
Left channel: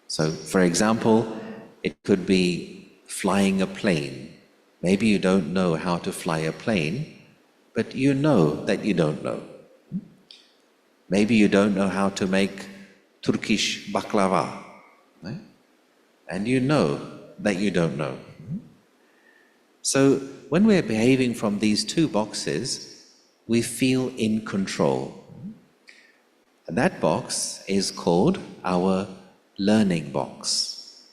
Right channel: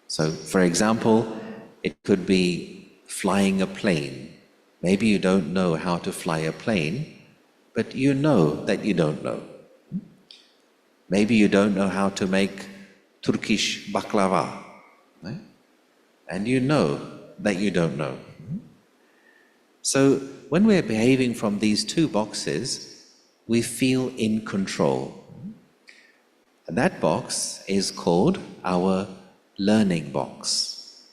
So, for example, it could be flying a plane. Maybe you don't know how to fly a plane, but you know that you don't know. Maybe you don't know how to make Turkish baklava, right? And you know that you don't know. So when we're behaving from these two boxes, we feel in control. And that box is called our learning box.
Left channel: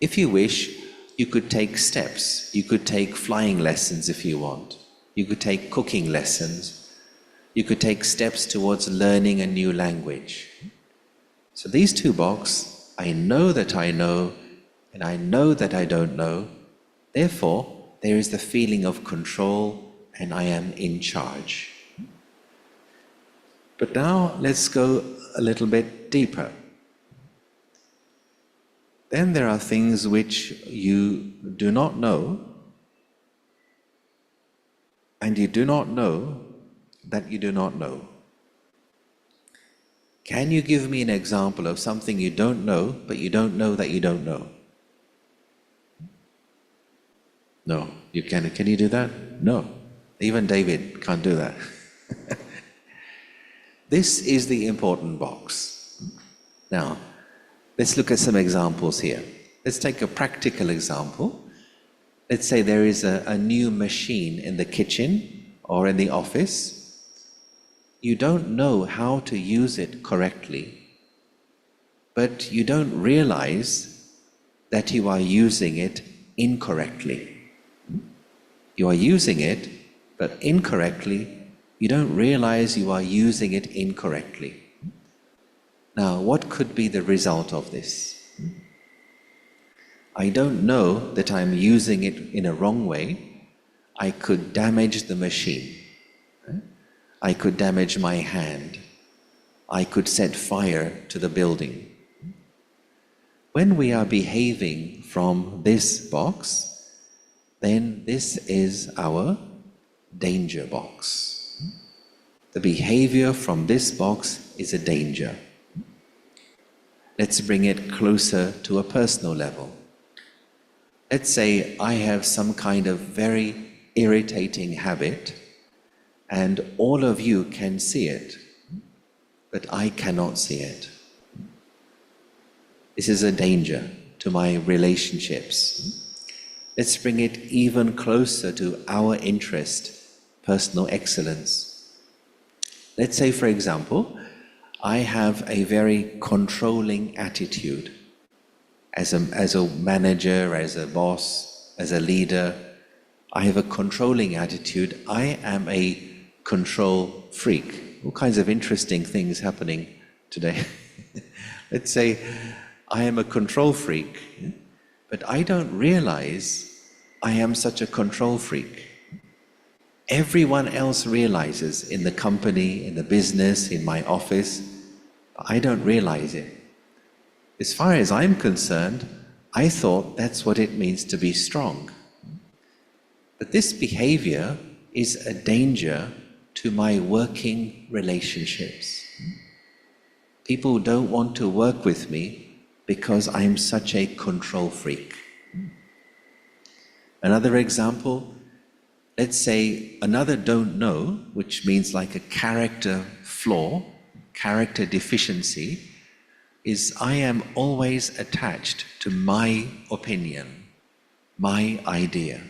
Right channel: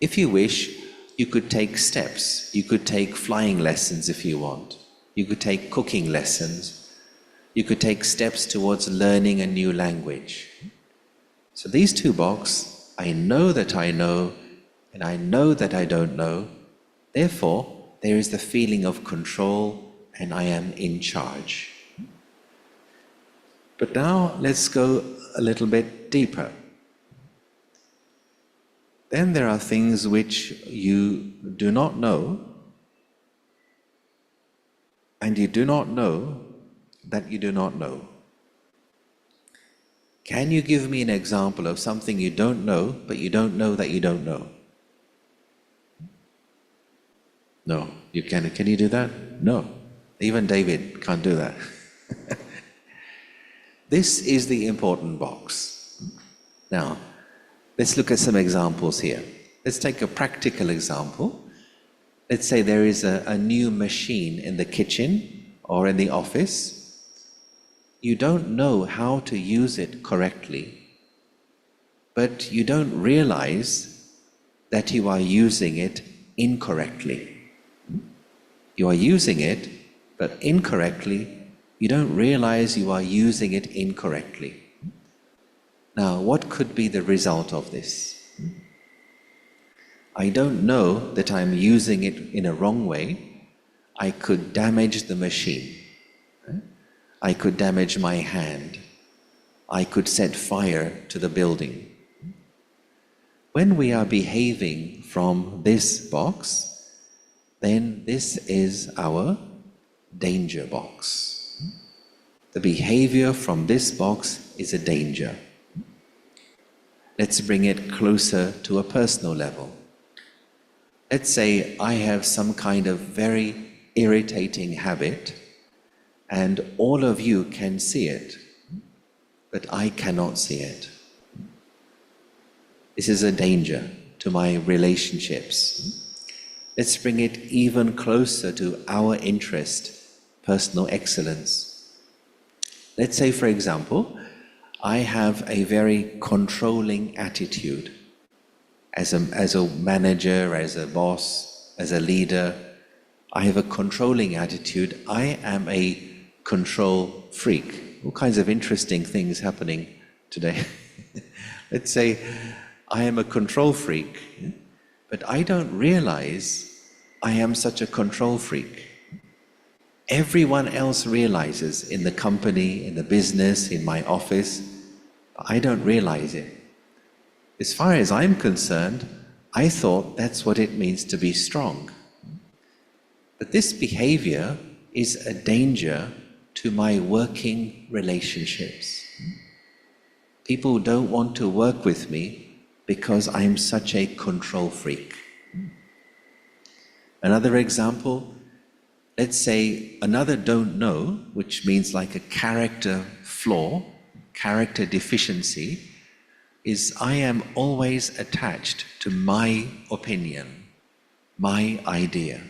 If you wish, you could take steps. You could take flying lessons if you want. You could take cooking lessons. You could take steps towards learning a new language. So these two boxes, I know that I know, and I know that I don't know. Therefore, there is the feeling of control, and I am in charge. But now let's go a little bit deeper. Then there are things which you do not know, and you do not know that you do not know. Can you give me an example of something you don't know, but you don't know that you don't know? No, you can. Can you do that? No. Even David can't do that. This is the important box. Now, let's look at some examples here. Let's take a practical example. Let's say there is a new machine in the kitchen or in the office. You don't know how to use it correctly, but you don't realize that you are using it incorrectly. You are using it, but incorrectly. You don't realize you are using it incorrectly. Now, what could be the result of this? I don't know that I'm using it in a wrong way. I could damage the machine. I could damage my hand. I could set fire to the building. When we are behaving from this box, then this is our danger box. The behavior from this box is a danger. Let's bring it closer to a personal level. Let's say I have some kind of very irritating habit, and all of you can see it, but I cannot see it. This is a danger to my relationships. Let's bring it even closer to our interest, personal excellence. Let's say, for example, I have a very controlling attitude. As a manager, as a boss, as a leader, I have a controlling attitude. I am a control freak. All kinds of interesting things happening today. Let's say I am a control freak, but I don't realize I am such a control freak. Everyone else realizes in the company, in the business, in my office, but I don't realize it. As far as I'm concerned, I thought that's what it means to be strong. But this behavior is a danger to my working relationships. People don't want to work with me because I'm such a control freak. Another example, let's say another don't know, which means like a character flaw, character deficiency, is I am always attached to my opinion, my idea.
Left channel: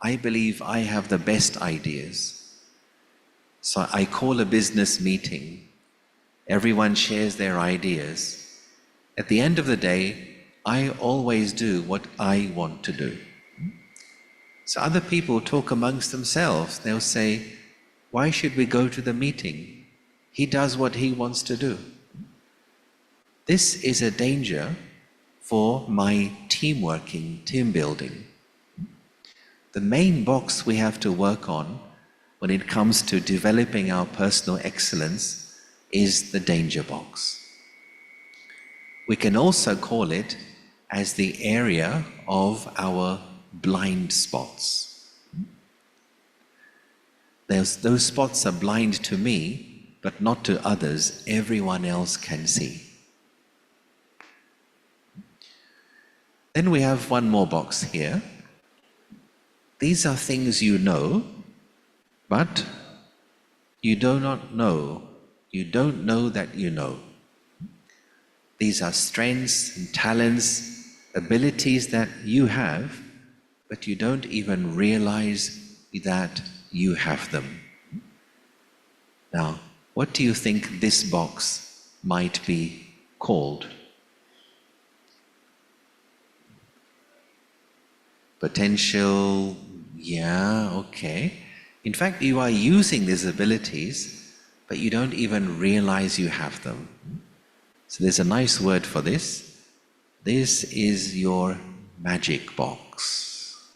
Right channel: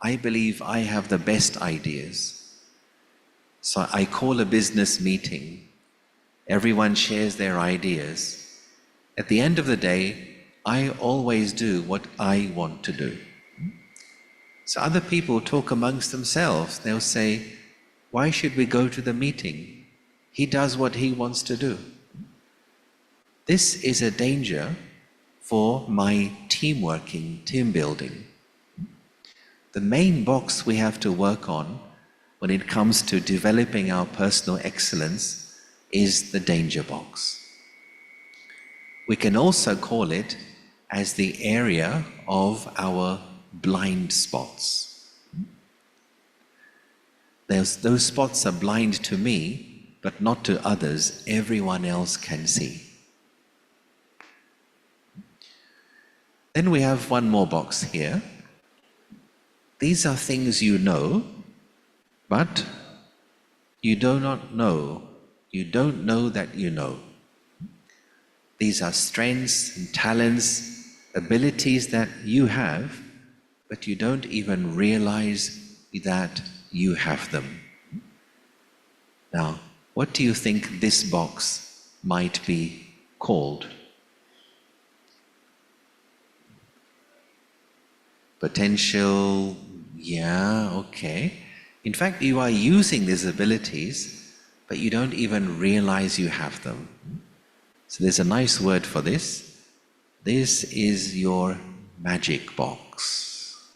I believe I have the best ideas. So I call a business meeting. Everyone shares their ideas. At the end of the day, I always do what I want to do. So other people talk amongst themselves. They'll say, why should we go to the meeting? He does what he wants to do. This is a danger for my team working, team building. The main box we have to work on when it comes to developing our personal excellence is the danger box. We can also call it as the area of our blind spots. Those spots are blind to me, but not to others. Everyone else can see. Then we have one more box here. These are things you know, but you do not know. You don't know that you know. These are strengths and talents, abilities that you have, but you don't even realize that you have them. Now, what do you think this box might be called? Potential, yeah, okay. In fact, you are using these abilities, but you don't even realize you have them. So there's a nice word for this. This is your magic box.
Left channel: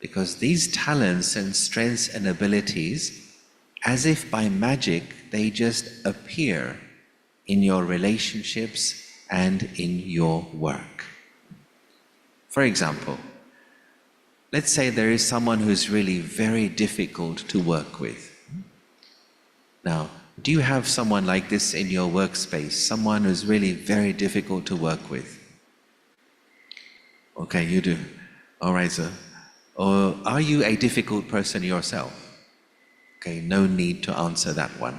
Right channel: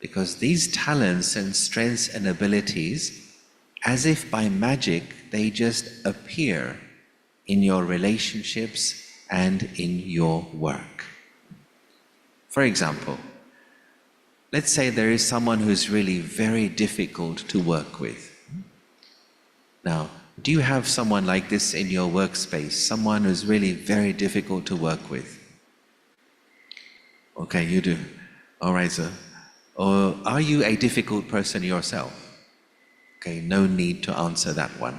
Because these talents and strengths and abilities, as if by magic, they just appear in your relationships and in your work. For example, let's say there is someone who's really very difficult to work with. Now, do you have someone like this in your workspace? Someone who's really very difficult to work with? Okay, you do. All right, sir. Or are you a difficult person yourself? Okay, no need to answer that one.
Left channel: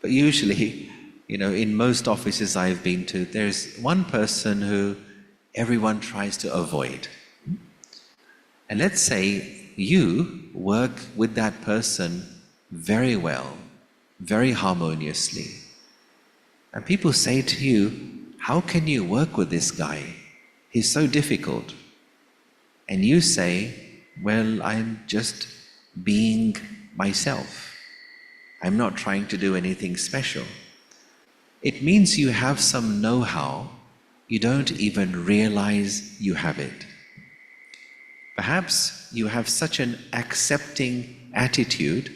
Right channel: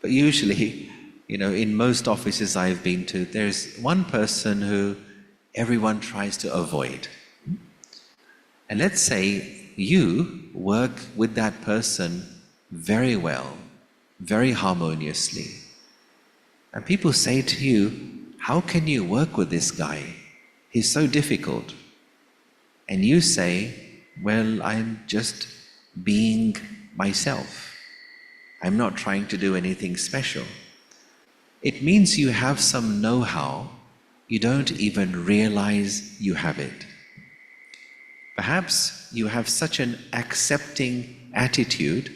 But usually, in most offices I've been to, there's one person who everyone tries to avoid. And let's say you work with that person very well, very harmoniously. And people say to you, how can you work with this guy? He's so difficult. And you say, well, I'm just being myself. I'm not trying to do anything special. It means you have some know-how. You don't even realize you have it. Perhaps you have such an accepting attitude.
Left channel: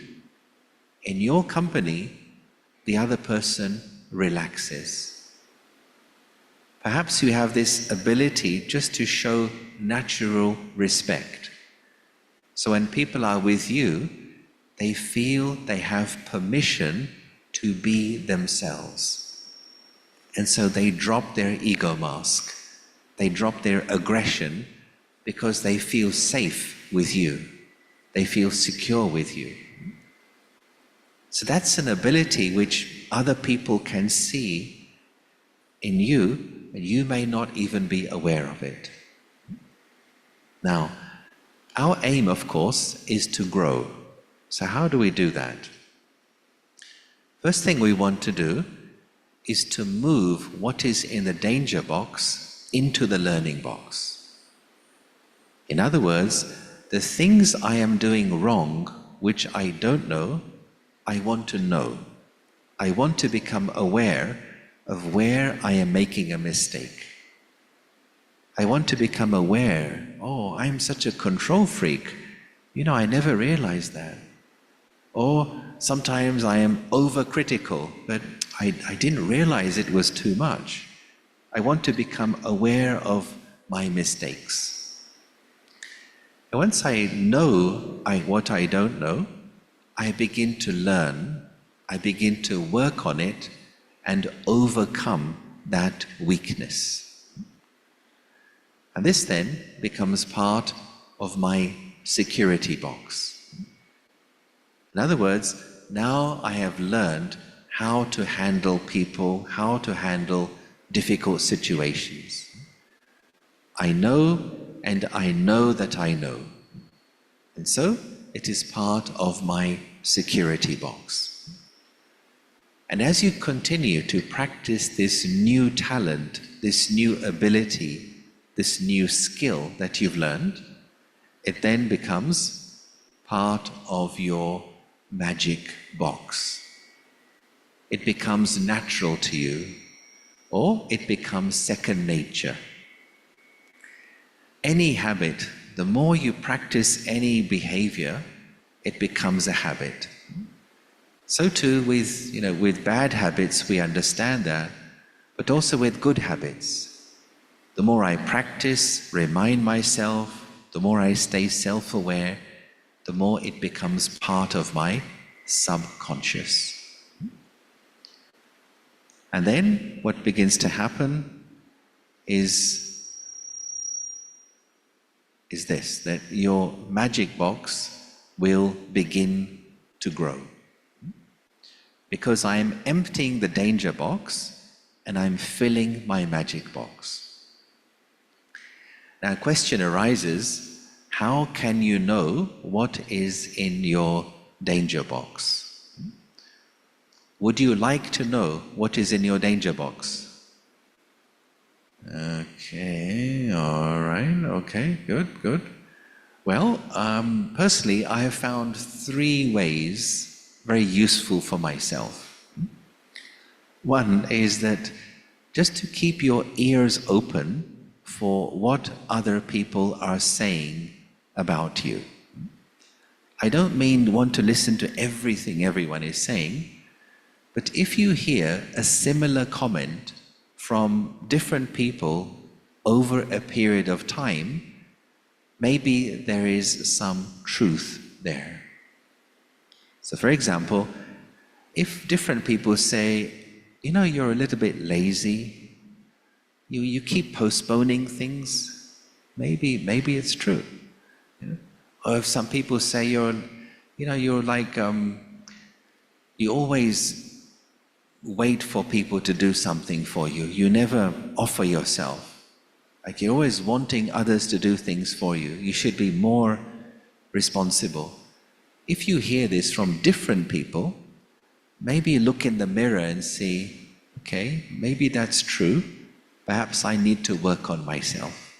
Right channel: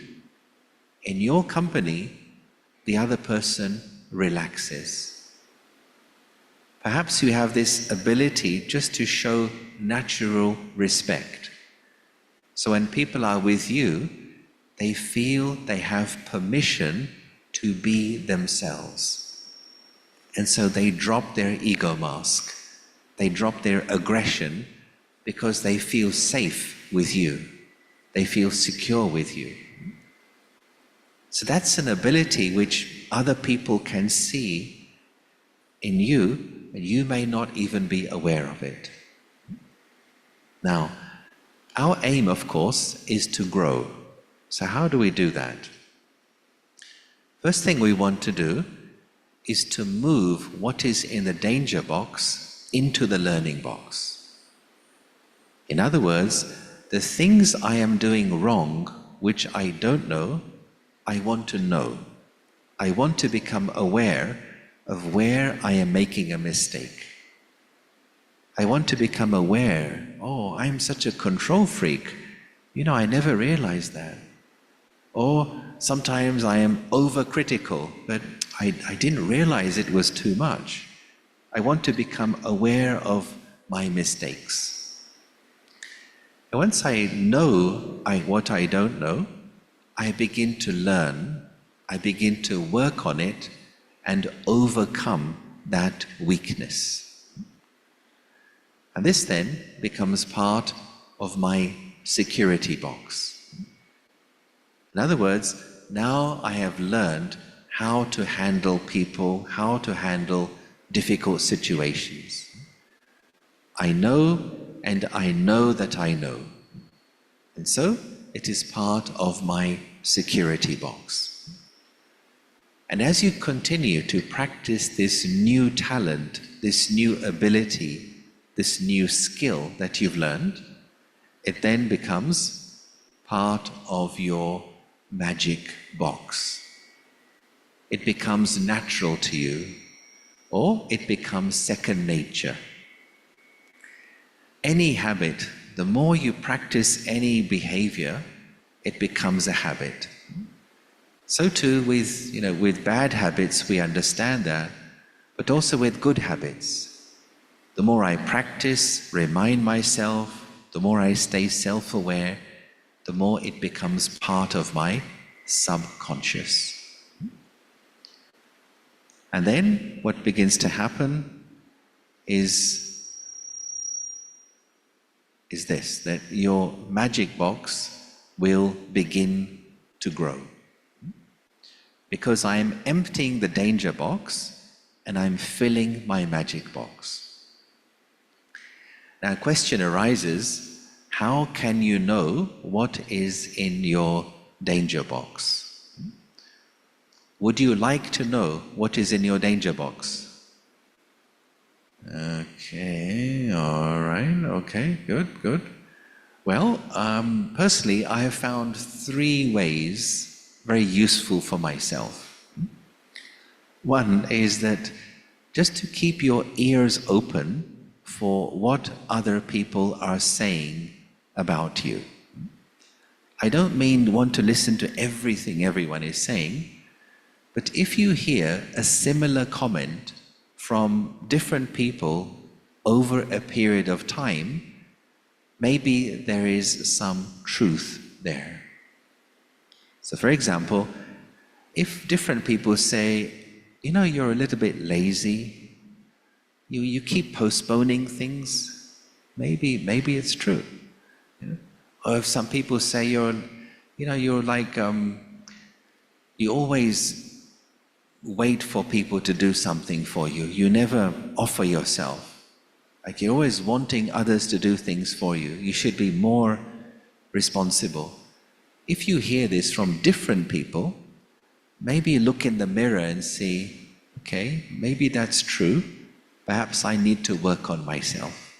In your company, the other person relaxes. Perhaps you have this ability just to show natural respect. So when people are with you, they feel they have permission to be themselves. And so they drop their ego mask. They drop their aggression because they feel safe with you. They feel secure with you. So that's an ability which other people can see in you, and you may not even be aware of it. Now, our aim, of course, is to grow. So how do we do that? First thing we want to do is to move what is in the danger box into the learning box. In other words, the things I am doing wrong, which I don't know, I want to know. I want to become aware of where I am making a mistake. I want to become aware, oh, I'm such a control freak. I never realized that. Or sometimes I am overcritical, but I didn't realize it was too much. I want to become aware of my mistakes. And once I know what I don't know, I begin to learn, I begin to work on it and overcome that weakness. And this then becomes part of my security box. In other words, now I have learned how to handle people, how to handle difficult situations. I know, and I know that I know. And so it is part of my security box. And as you continue to practice this new talent, this new ability, this new skill that you've learned, it then becomes part of your magic box. It becomes natural to you, or it becomes second nature. Any habit, the more you practice any behavior, it becomes a habit. So too with bad habits, we understand that, but also with good habits. The more I practice, remind myself, the more I stay self-aware, the more it becomes part of my subconscious. And then what begins to happen is this, that your magic box will begin to grow. Because I am emptying the danger box and I'm filling my magic box. Now, a question arises, how can you know what is in your danger box? Would you like to know what is in your danger box? Okay, all right, okay, good. Well, personally, I have found 3 ways very useful for myself. One is that just to keep your ears open for what other people are saying about you. I don't mean want to listen to everything everyone is saying, but if you hear a similar comment from different people over a period of time, maybe there is some truth there. So for example, if different people say, you know, you're a little bit lazy, you keep postponing things, maybe it's true. You know? Or if some people say you're like, you always wait for people to do something for you. You never offer yourself. Like you're always wanting others to do things for you. You should be more responsible. If you hear this from different people, maybe look in the mirror and see, okay, maybe that's true. Perhaps I need to work on myself.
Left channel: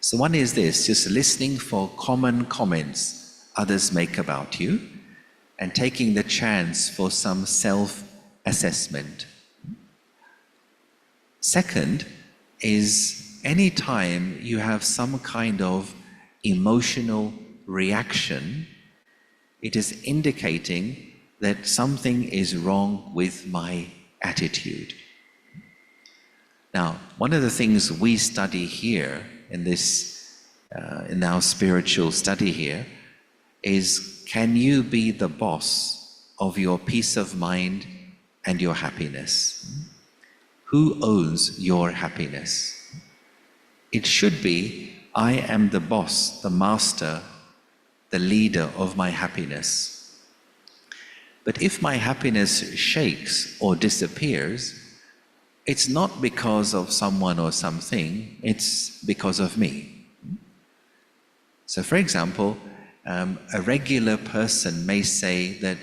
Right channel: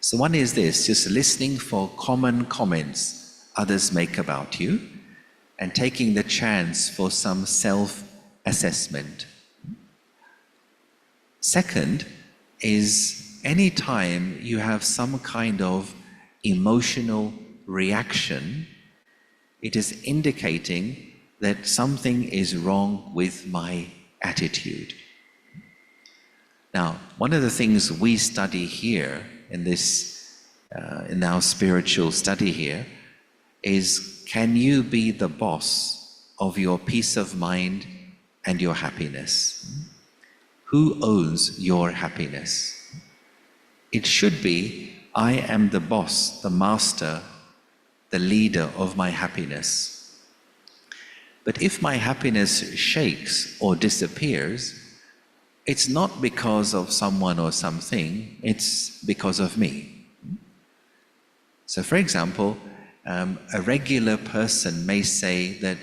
So one is this, just listening for common comments others make about you and taking the chance for some self-assessment. Second is anytime you have some kind of emotional reaction, it is indicating that something is wrong with my attitude. Now, one of the things we study here in this, in our spiritual study here, is can you be the boss of your peace of mind and your happiness? Who owns your happiness? It should be, I am the boss, the master, the leader of my happiness. But if my happiness shakes or disappears, it's not because of someone or something, it's because of me. So for example, a regular person may say that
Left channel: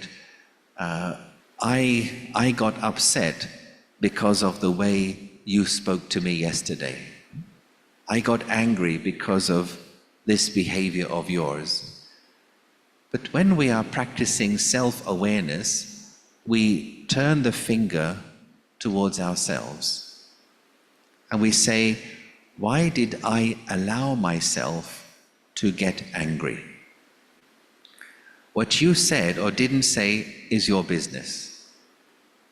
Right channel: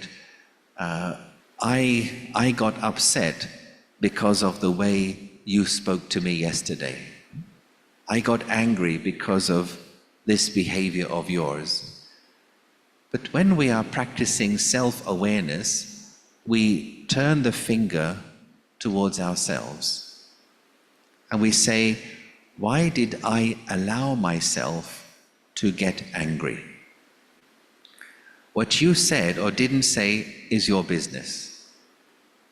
I got upset because of the way you spoke to me yesterday. I got angry because of this behavior of yours. But when we are practicing self-awareness, we turn the finger towards ourselves. And we say, why did I allow myself to get angry? What you said or didn't say is your business.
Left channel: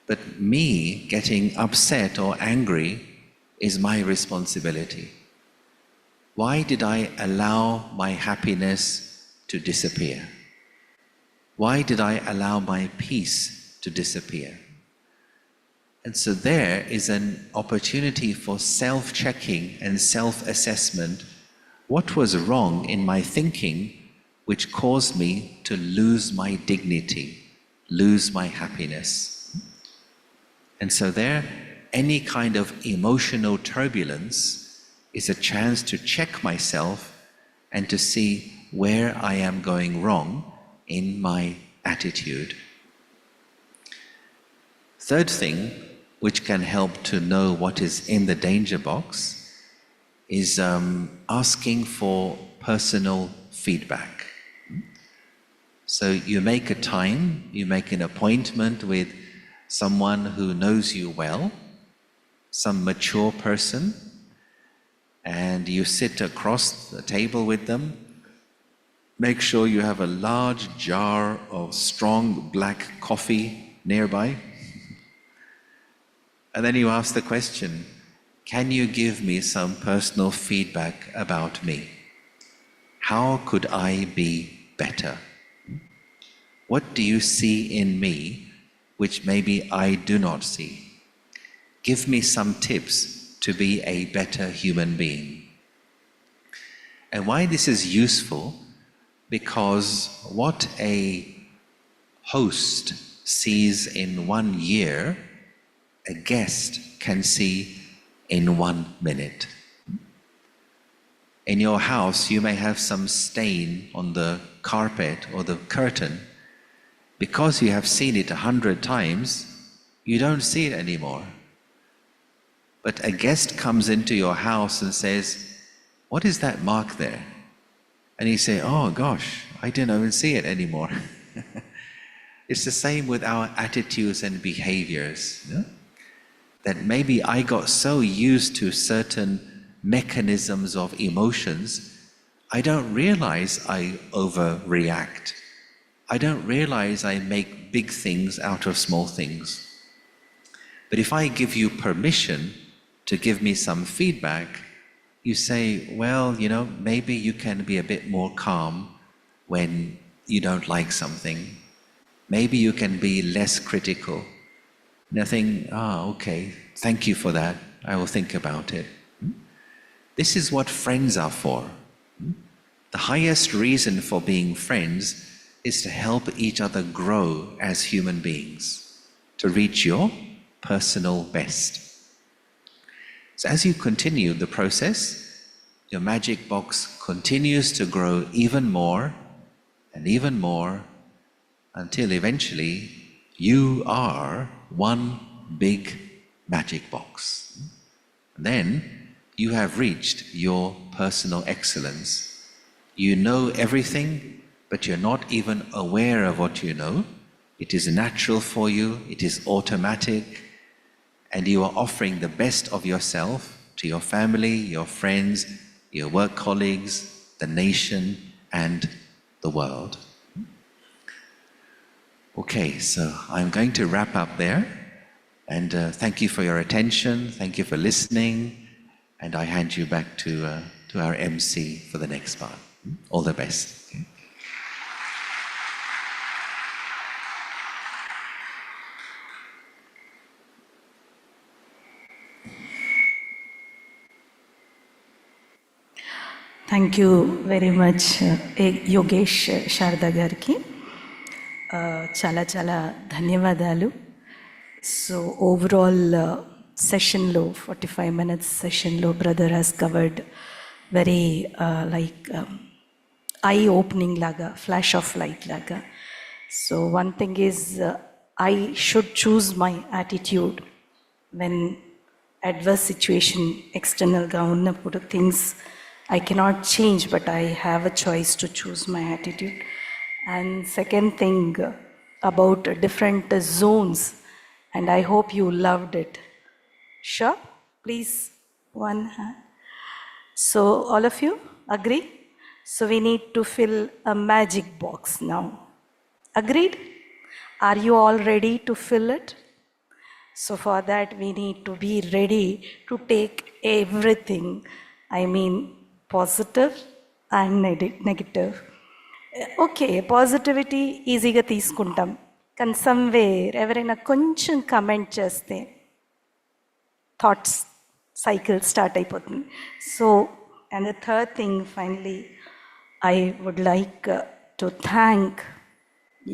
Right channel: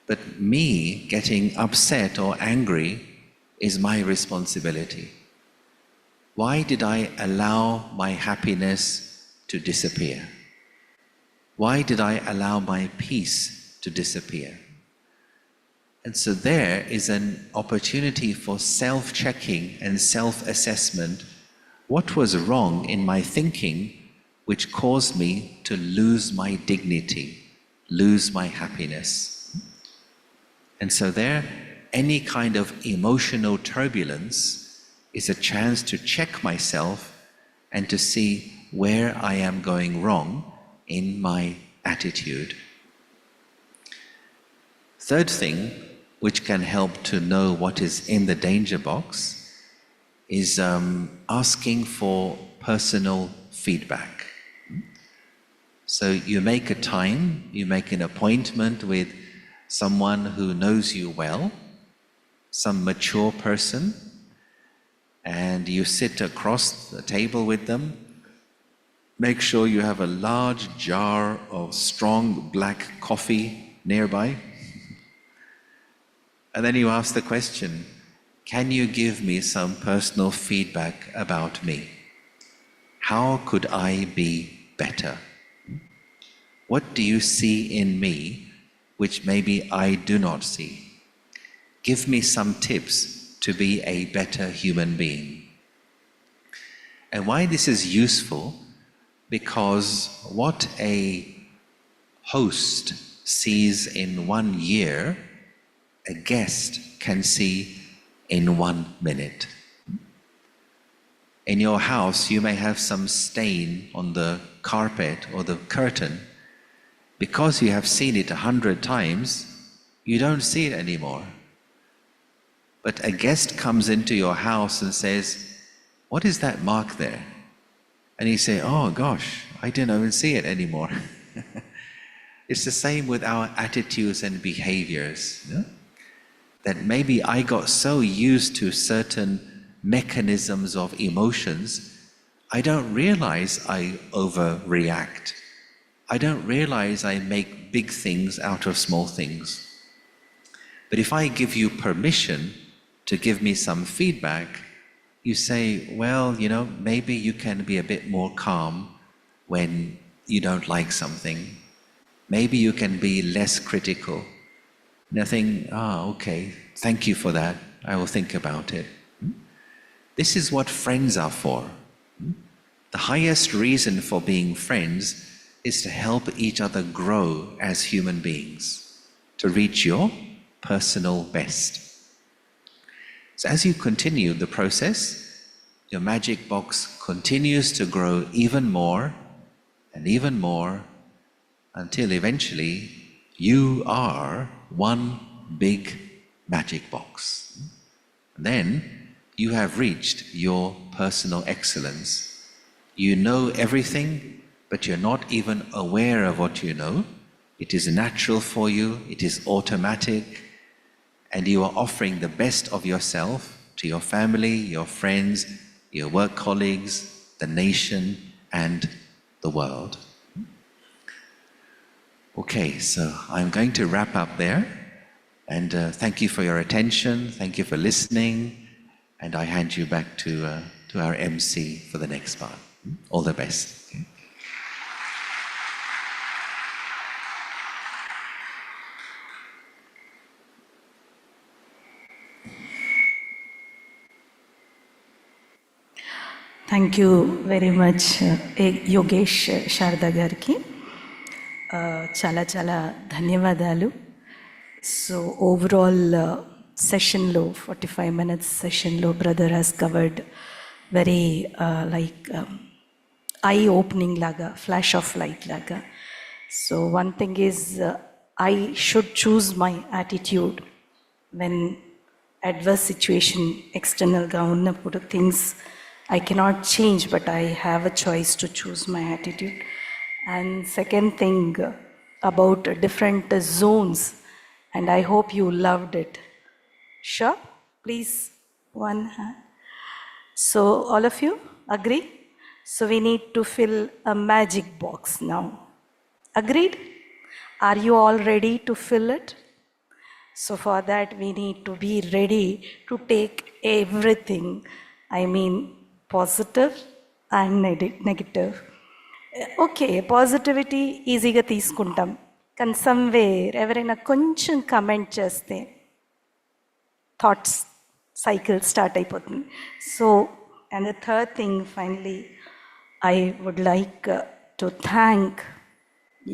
But me getting upset or angry is my responsibility. Why did I allow my happiness to disappear? Why did I allow my peace to disappear? And so there is an opportunity for self-checking and self-assessment. What was wrong in my thinking which caused me to lose my dignity, lose my happiness? And so there, any kind of emotional turbulence is a chance to check myself and to see where I am going wrong in my attitude. Third thing, which can help to know what is in the danger box, is asking for personal feedback. So you make a time, you make an appointment with someone who knows you well, some mature person, and you sit across the table with them. Make sure you have a large jar of strong black coffee nearby. And then you ask the question, can you give me some personal feedback about me? How could I be better? What do you see in me which maybe I do not see? Give me some tips to be a better human being. And why this is useful? Because what a host sees in 1 year, a guest can see in 1 minute. In your house, you may have some stain on the carpet or the curtain. Because you have seen it 100 times, you don't see it anymore. But a guest comes into your house and says, "What is that mark there?" And you say, "Oh gosh, I didn't even see it anymore." It's the same with our attitudes and behaviors. Yeah? That maybe I got so used to certain mechanisms of emotions, I don't realize I overreact. I don't realize I make big things out of small things. But if I give you permission to give me some feedback, you say, well, maybe you can be a bit more calm when you don't like something. Maybe you can be less critical. And I think, okay, thank you for that. I will think about it. This is what friends are for. The highest reason for being friends is to help each other grow as human beings, to reach your personal best. So as you continue the process, your magic box continues to grow even more and even more until eventually you are one big magic box. Then you have reached your personal excellence. You know everything, but you're not even aware of what you know. It is natural for you, it is automatic, and you are offering the best of yourself to your family, your friends, your work colleagues, the nation, and the world. Okay, so I'm going to wrap up there, and thank you for your attention, thank you for listening, and I hand you back to our MC for the next part. All the best. Okay. Thank you very much Yogesh Sharada గారికి చాలా చాలా ధన్యవాదాలు. So overall సెషన్లో 45 minutes సెషన్లో brother has covered very like I opening లాగా, flash of light లాగా. So one thing is I should choose my attitude when adverse situation ఎక్స్టర్నల్గా ఉన్నప్పుడు. Things I cannot change, but I have a choice to choose my attitude. And second thing about different zones, and I hope you loved it. Sure? Please, one hand. So all of you agree? So we need to fill a magic box now. Agreed? Are you all ready to fill it? So for that we need to be ready to take everything. I mean, positive and negative. Okay, positivity ఈజీగా తీసుకుంటాం, కానీ somewhere ఎవరైనా కొంచెం comment చేస్తే thoughts cycle start అయిపోతుంది. So and the third thing, finally I would like to thank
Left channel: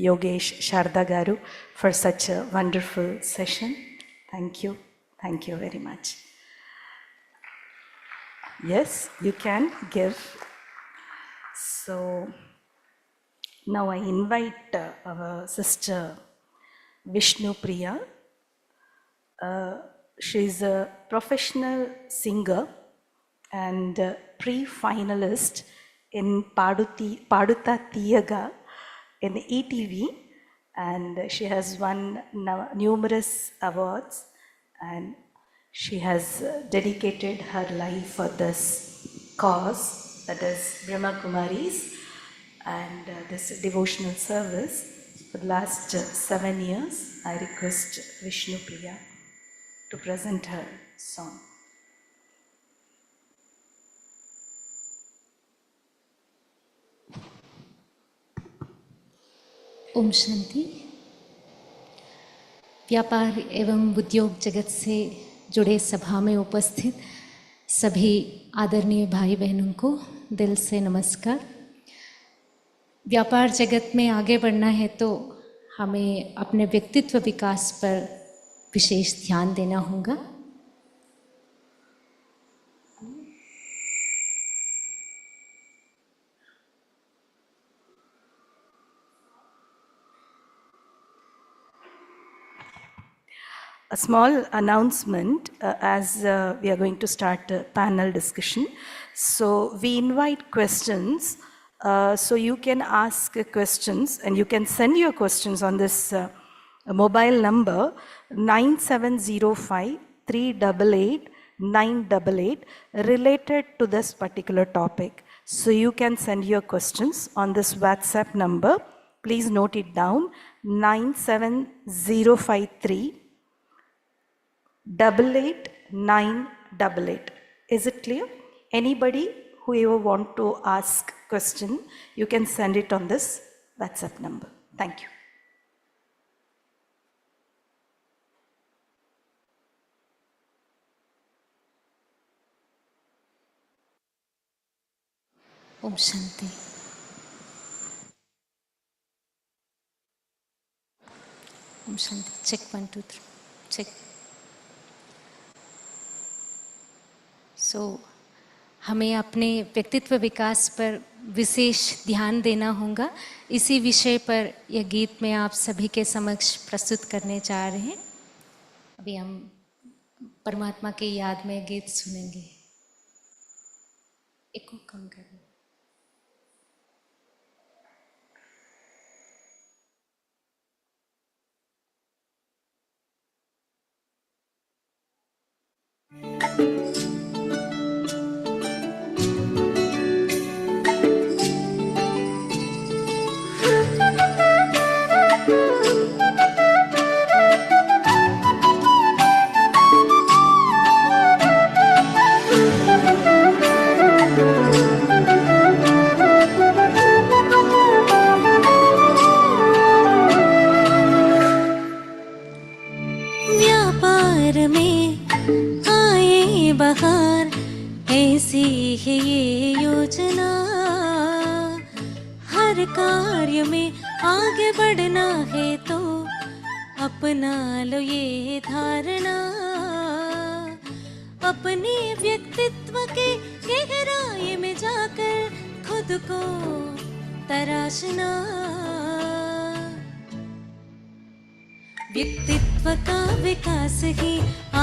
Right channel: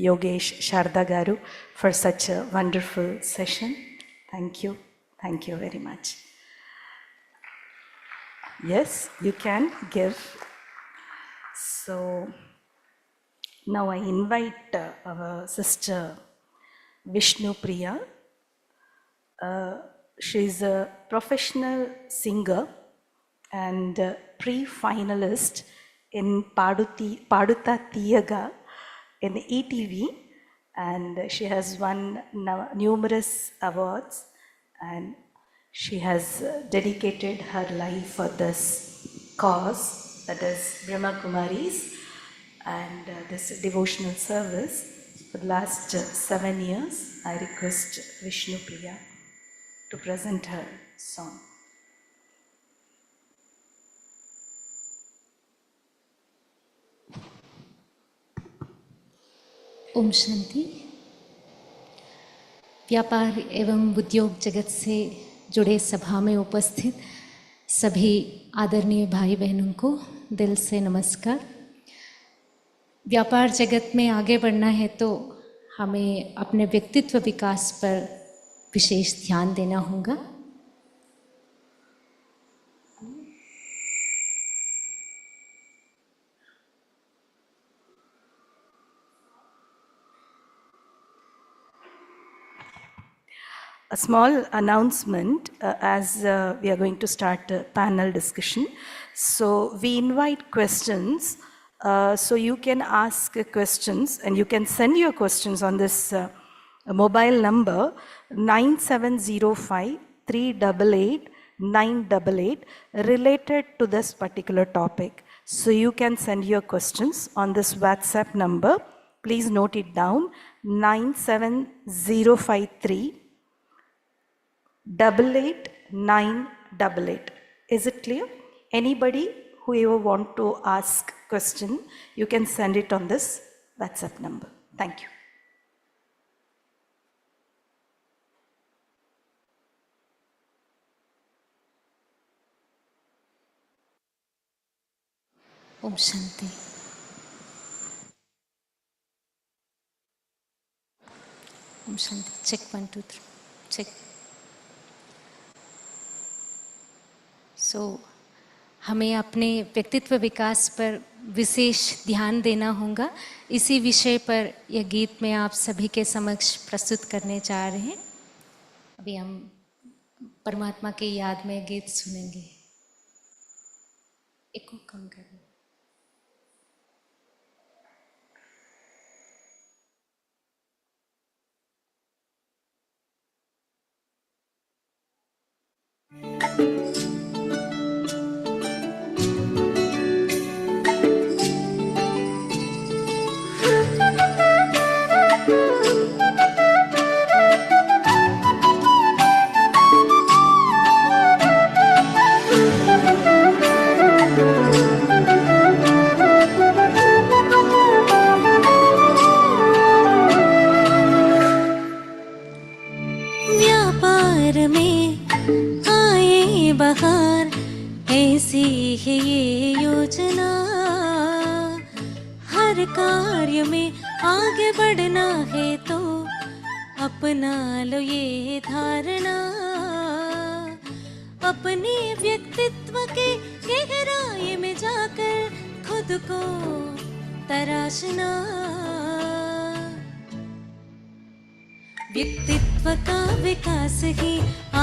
Yogesh Sharada గారు for such a wonderful session. Thank you very much. Yes, you can give. So now I invite our sister Vishnu Priya. She is a professional singer and pre-finalist in Paduta Tiyaga in ETV, and she has won numerous awards, and she has dedicated her life for this cause, that is Brahma Kumaris, and this devotional service for the last 7 years. I request Vishnu Priya to present her song. Om Shanti. व्यापार एवं उद्योग जगत से जुड़े सभा में उपस्थित सभी आदरणीय भाई बहनों को दिल से नमस्कार। व्यापार जगत में आगे बढ़ना है तो हमें अपने व्यक्तित्व विकास पर विशेष ध्यान देना होगा। A small announcement as we are going to start a panel discussion. So we invite questions. So you can ask questions and you can send your questions on this mobile number 9705 388 988 related to this particular topic. So you can send your questions on this WhatsApp number. Please note it down, 97053 88988. Is it clear? Anybody who ever want to ask question, you can send it on this WhatsApp number. Thank you. ओम शांति। ओम शांति। Check 1 2 3 check. हमें अपने व्यक्तित्व विकास पर विशेष ध्यान देना होगा। इसी विषय पर यह गीत मैं आप सभी के समक्ष प्रस्तुत करने जा रहे हैं। अभी हम परमात्मा की याद में गीत सुनेंगे। इको कम करें। कार्य में आगे बढ़ना है तो अपना लो ये धारणा, अपने व्यक्तित्व के गहराई में जाकर खुद को तराशना। व्यक्तित्व का विकास ही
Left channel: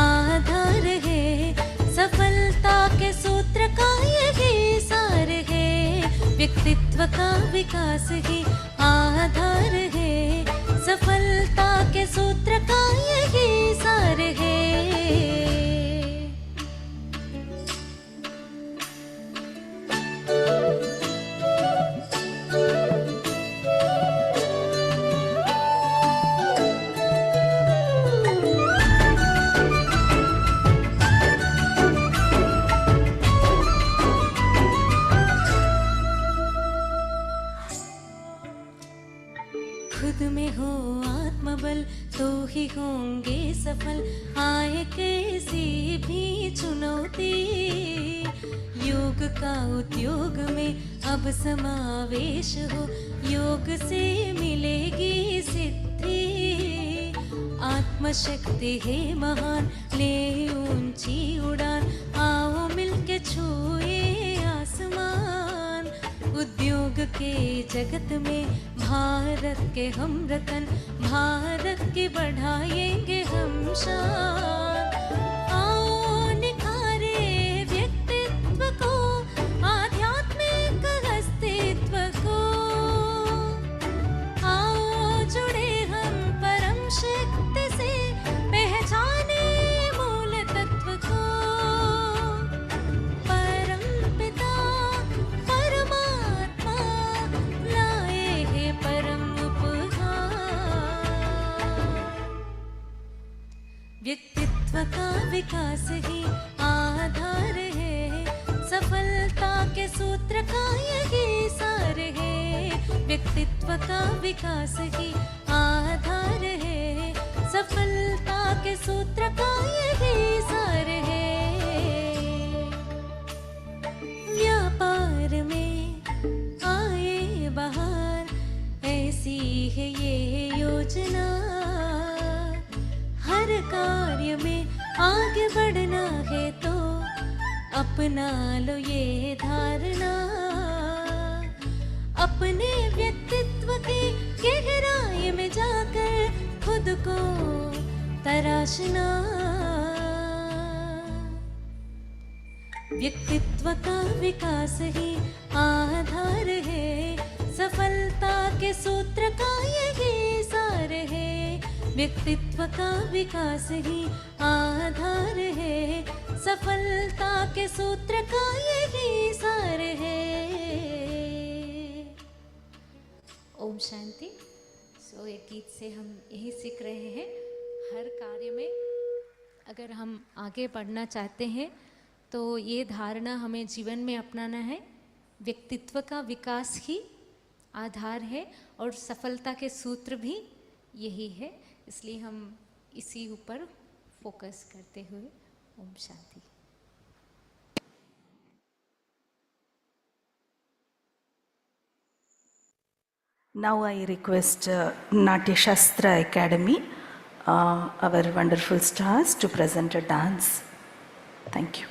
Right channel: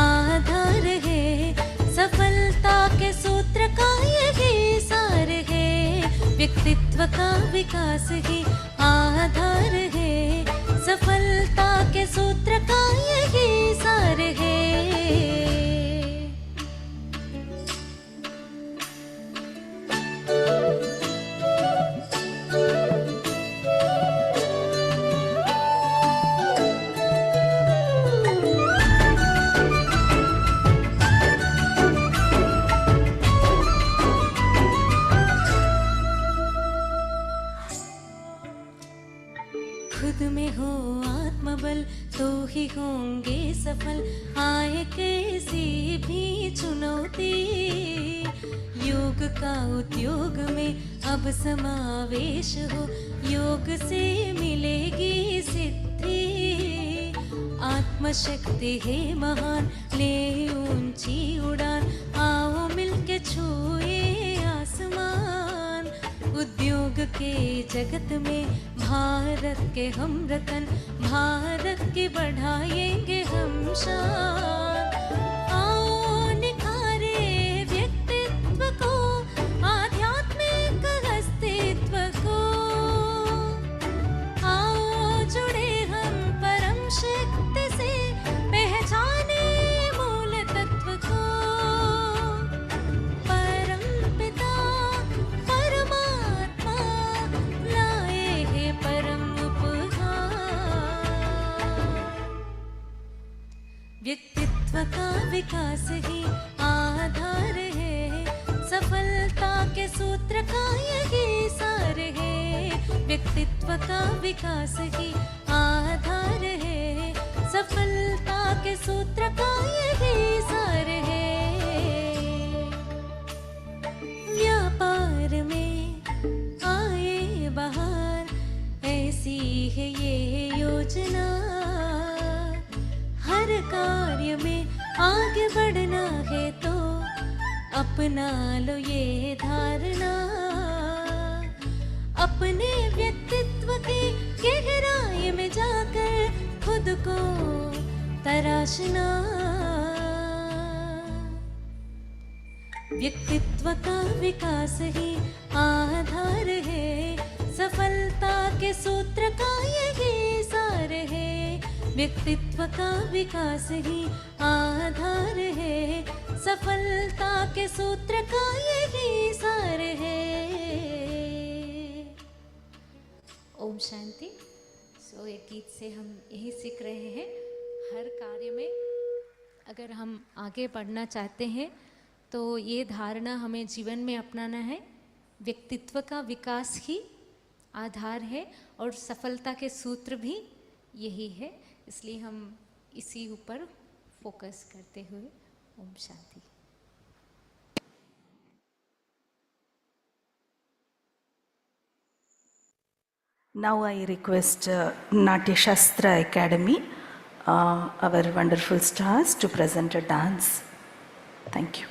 आधार है, सफलता के सूत्र का यही सार है। व्यक्तित्व का विकास ही आधार है, सफलता के सूत्र का यही सार है। खुद में हो आत्मबल तो ही होंगे सफल, आए कैसी भी चुनौती। योग का उद्योग में अब समावेश हो, योग से मिलेगी सिद्धि। आत्मशक्ति है महान, ले ऊंची उड़ान, आओ मिलके छुए आसमान। उद्योग के जगत में भारत के हम रतन, भारत की बढ़ाएंगे हम शान। आओ निखारे व्यक्तित्व को, आध्यात्मिक अस्तित्व को। आओ जुड़े हम परम शक्ति से, पहचाने मूल तत्व को। व्यक्तित्व का विकास ही आधार है, सफलता के सूत्र का यही सार है। व्यक्तित्व का विकास ही आधार है, सफलता के सूत्र का यही सार है। व्यापार में आए बाहर, ऐसी है ये योजना। हर कार्य में आगे बढ़ना है तो अपना लो ये धारणा। अपने व्यक्तित्व की गहराई में जाकर खुद को तराशना। व्यक्तित्व का विकास ही आधार है, सफलता के सूत्र का यही सार है। व्यक्तित्व का विकास ही आधार है, सफलता के सूत्र का यही सार है। ओम शांति। सो एक गीत से हम यही सीख रहे हैं, हर कार्य में अगर हम आगे बढ़ना चाहते हैं तो ये धारणा हमें जीवन में अपनाना है। व्यक्तित्व का विकास ही आधार है और सफलता के सूत्र भी यही है, इसलिए हम इसी ऊपर फोकस करते हुए Om Shanti. Now I request Natya Shastra Academy, our wonderful stars, to present a dance. Thank you.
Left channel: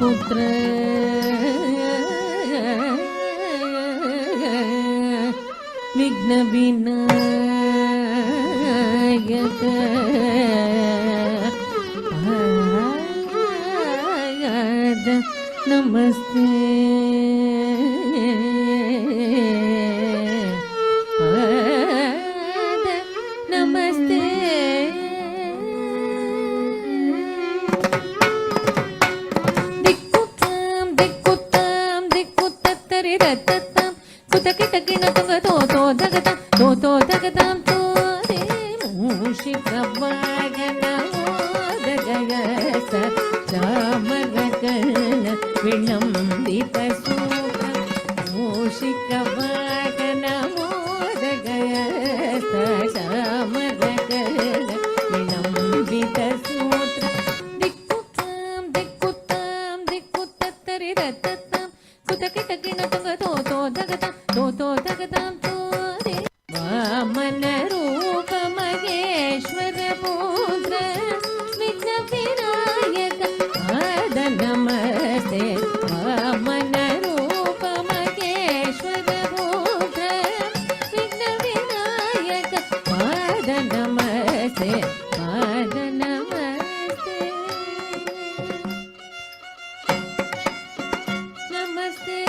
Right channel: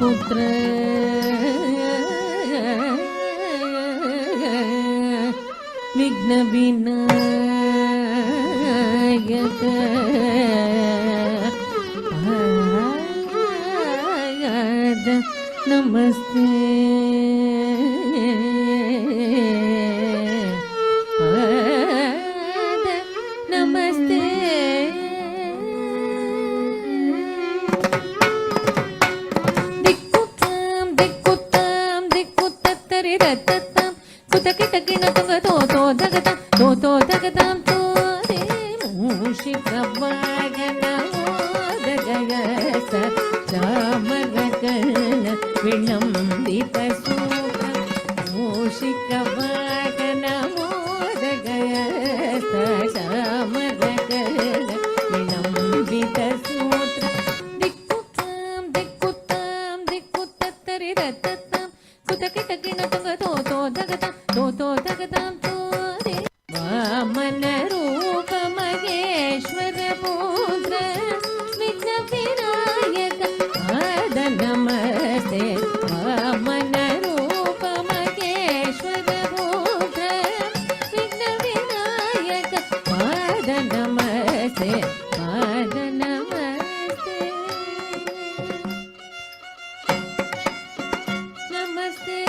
पुत्र विघ्न विनायक पाद नमस्ते पाद नमस्ते दगदं तोरे मूषिकवाहनमोदगयस चामरकर्ण विलम्बितसूत्रं मूषिकवाहनमोदगयस चामरकर्ण विलम्बितसूत्रं दिक्कुत्तां दिक्कुत्तत्तरिरत्तत्तां कुतकिटकिणतुगतो दगदां तोरे वामन रूप महेश्वर पुत्र विघ्न विनायक पाद नमस्ते वामन रूप महेश्वर पुत्र विघ्न विनायक पाद नमस्ते पाद नमस्ते नमस्ते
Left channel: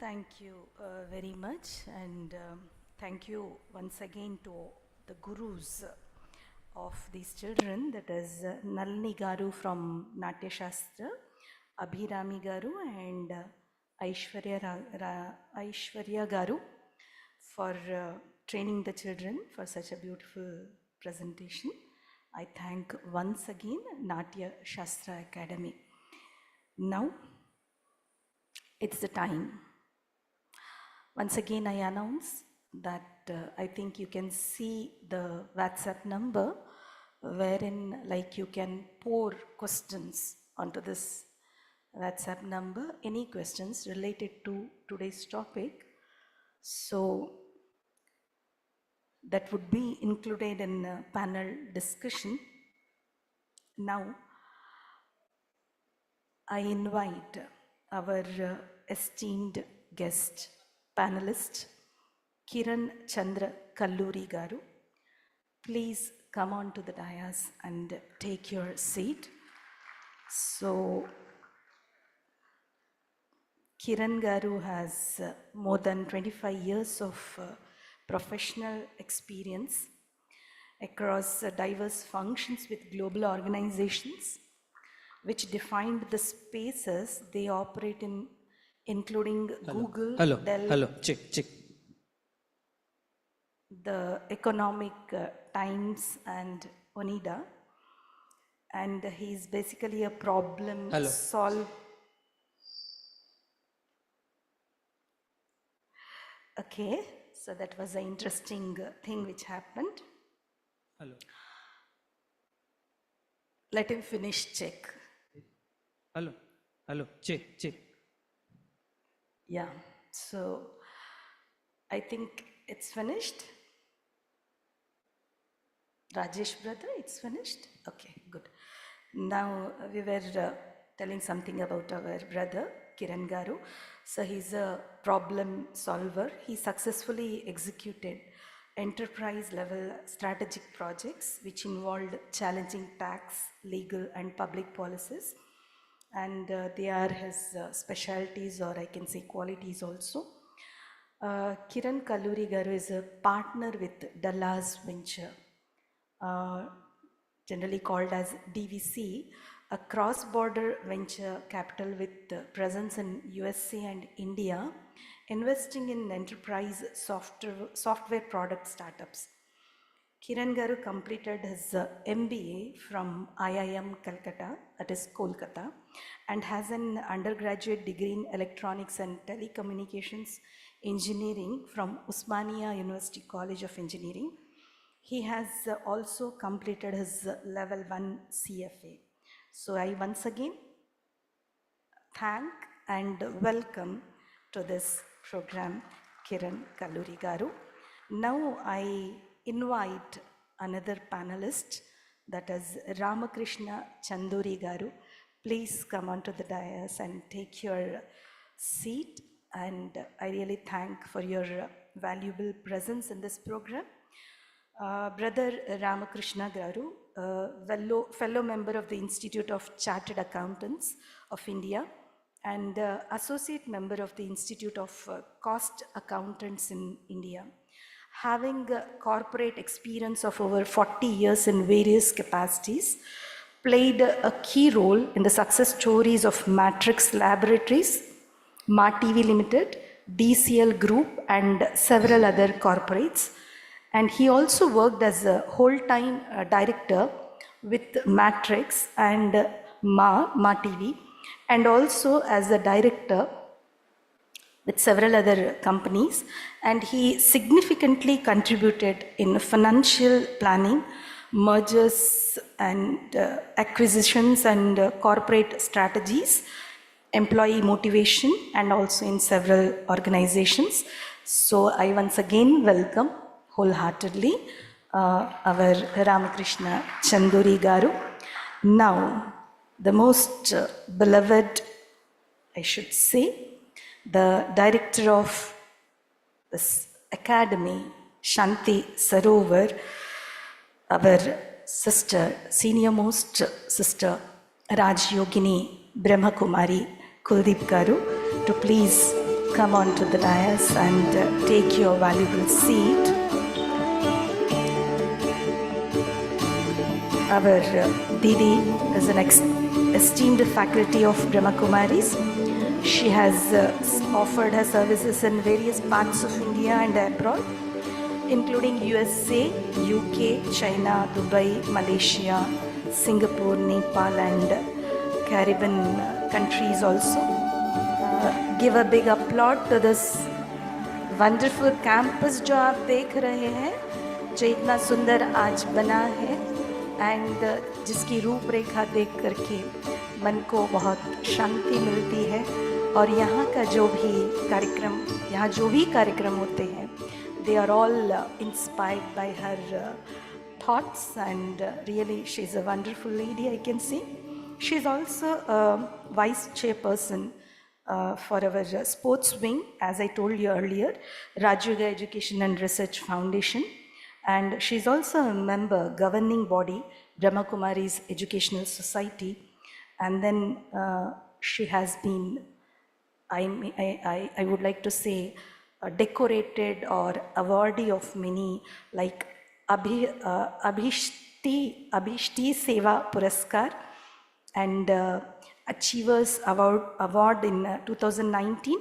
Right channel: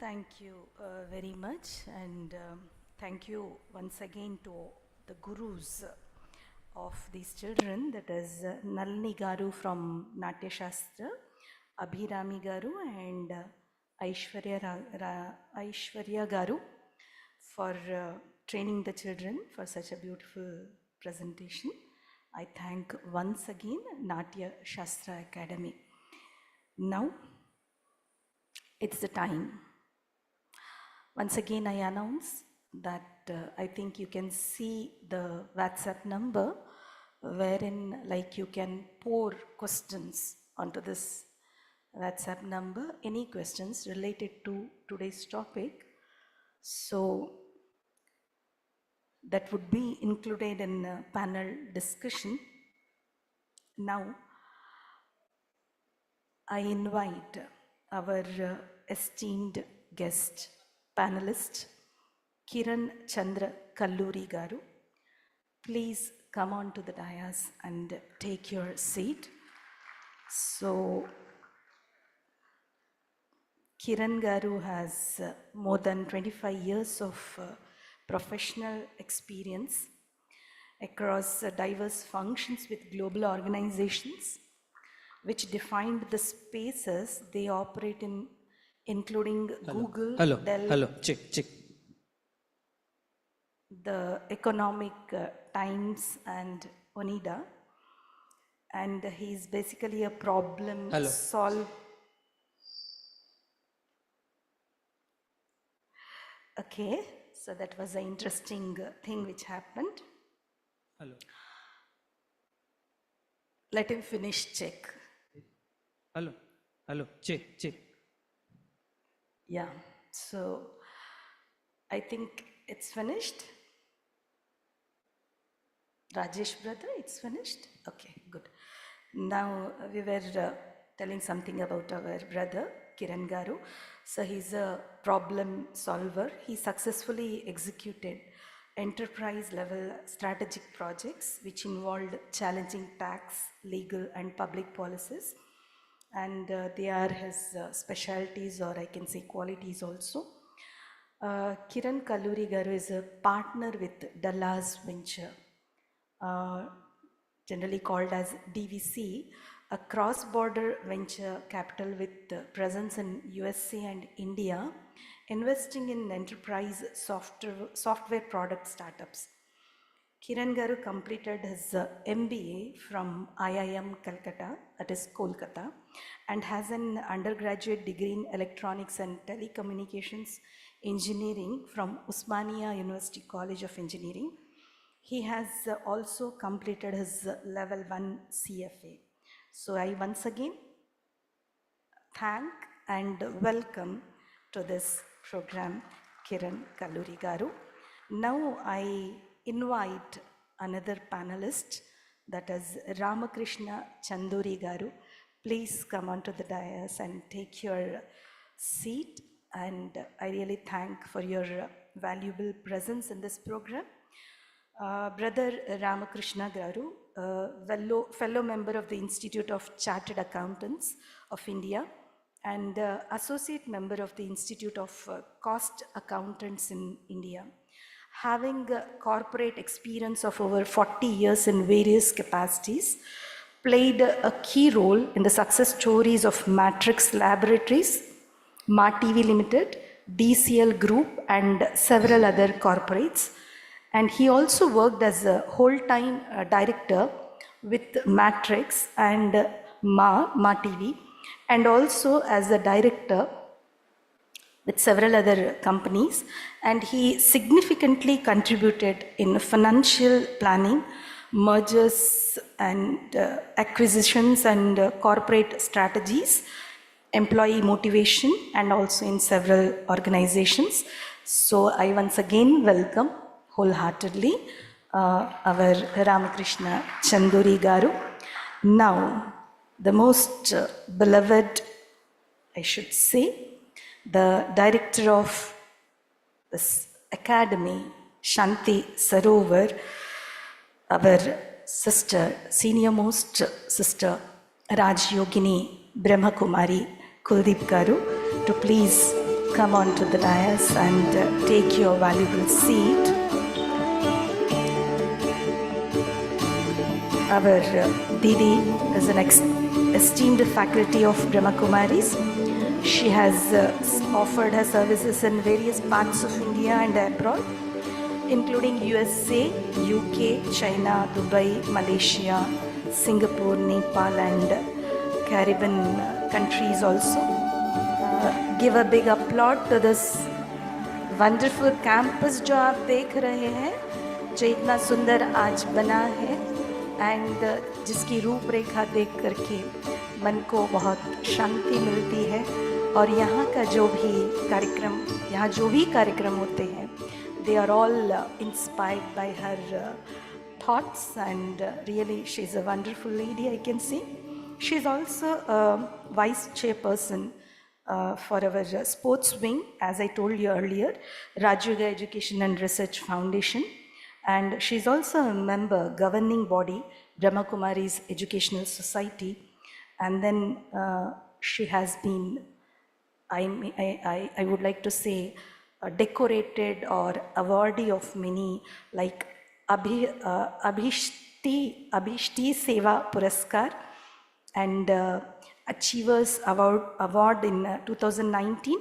Thank you very much, and thank you once again to the gurus of these children, that is Nalini Garu from Natya Shastra, Abhirami Garu and Aishwarya Garu for training the children for such a beautiful presentation. I thank once again Natya Shastra Academy. Now it's the time. Once again, I announce that I think you can see the WhatsApp number wherein like you can pour questions onto this WhatsApp number, any questions related to today's topic. So that would be included in a panel discussion. Now, I invite our esteemed guest, panelist, Kiran Chandra Kalluri Garu. Please come on to the dais and take your seat. So, Kiran Garu has more than 25 years of professional experience across diverse functions with global organizations, which defined the spaces they operate in, including Google, Dell, check. the Economic Times and Onida. And he's basically a problem solver. Okay, so that was an interesting thing which happened. Hello. Let him finish check. Hello, hello, check, check. Yeah, so I think it's finished. Rajesh brother, it's finished? Okay, good. Now we were telling something about our brother Kiran Garu. So he's a problem solver. He successfully executed enterprise level strategic projects which involved challenging tax, legal and public policies. And they are his specialties, or I can say qualities also. Kiran Kalluri Garu is a partner with Dallas Venture, generally called as DVC, a cross-border venture capital with presence in USA and India, investing in enterprise software product startups. Kiran Garu completed his MBA from IIM Calcutta, that is Kolkata, and has an undergraduate degree in electronics and telecommunications engineering from Usmania University College of Engineering. He has also completed his level 1 CFA. So I once again thank and welcome to this program Kiran Kalluri Garu. Now I invite another panelist, that is Ramakrishna Chanduri Garu. Please come onto the dais and take your seat, and I really thank for your valuable presence in this program. Brother Ramakrishna Garu, fellow member of the Institute of Chartered Accountants of India and associate member of the Institute of Cost Accountants in India. Having corporate experience of over 40 years in various capacities, played a key role in the success stories of Matrix Laboratories, MaTV Limited, DCL Group and several other corporates. And he also worked as a whole-time director with Matrix and MaTV, and also as a director with several other companies. And he significantly contributed in financial planning, mergers and acquisitions and corporate strategies, employee motivation, and also in several organizations. So I once again welcome wholeheartedly our Ramakrishna Chanduri Garu. Now, the most beloved, I should say, the director of this academy, Shanti Sarovar, our sister, senior most sister, Raj Yogini Brahma Kumari Kuldeep Garu, to please come on to the dais and take your valuable seat. Our Didi is an esteemed faculty of Brahma Kumaris. She has offered her services in various parts of India and abroad, including USA, UK, China, Dubai, Malaysia, Singapore, Nepal and Caribbean countries also. Give a big applaud to this wonderful campus जो आप देख रहे हैं, जो इतना सुंदर आज बना है, एंड जिसकी रूपरेखा देख करके मन को बहुत शांति मिलती है. और यहाँ का जो भी कार्यक्रम, यहाँ जो भी कार्यक्रम होते हैं, they are all inspired by her thoughts, and really she is a wonderful lady, I can see. She is also a vice chairperson for our sports wing, as I told you earlier, Rajuga Education and Research Foundation. And she is also a member, governing body, Brahma Kumari's Educational Society. And then she has been, I would like to say, decorated or awardee of many, like Abhishti Seva Puraskar and Achievers Award in 2019,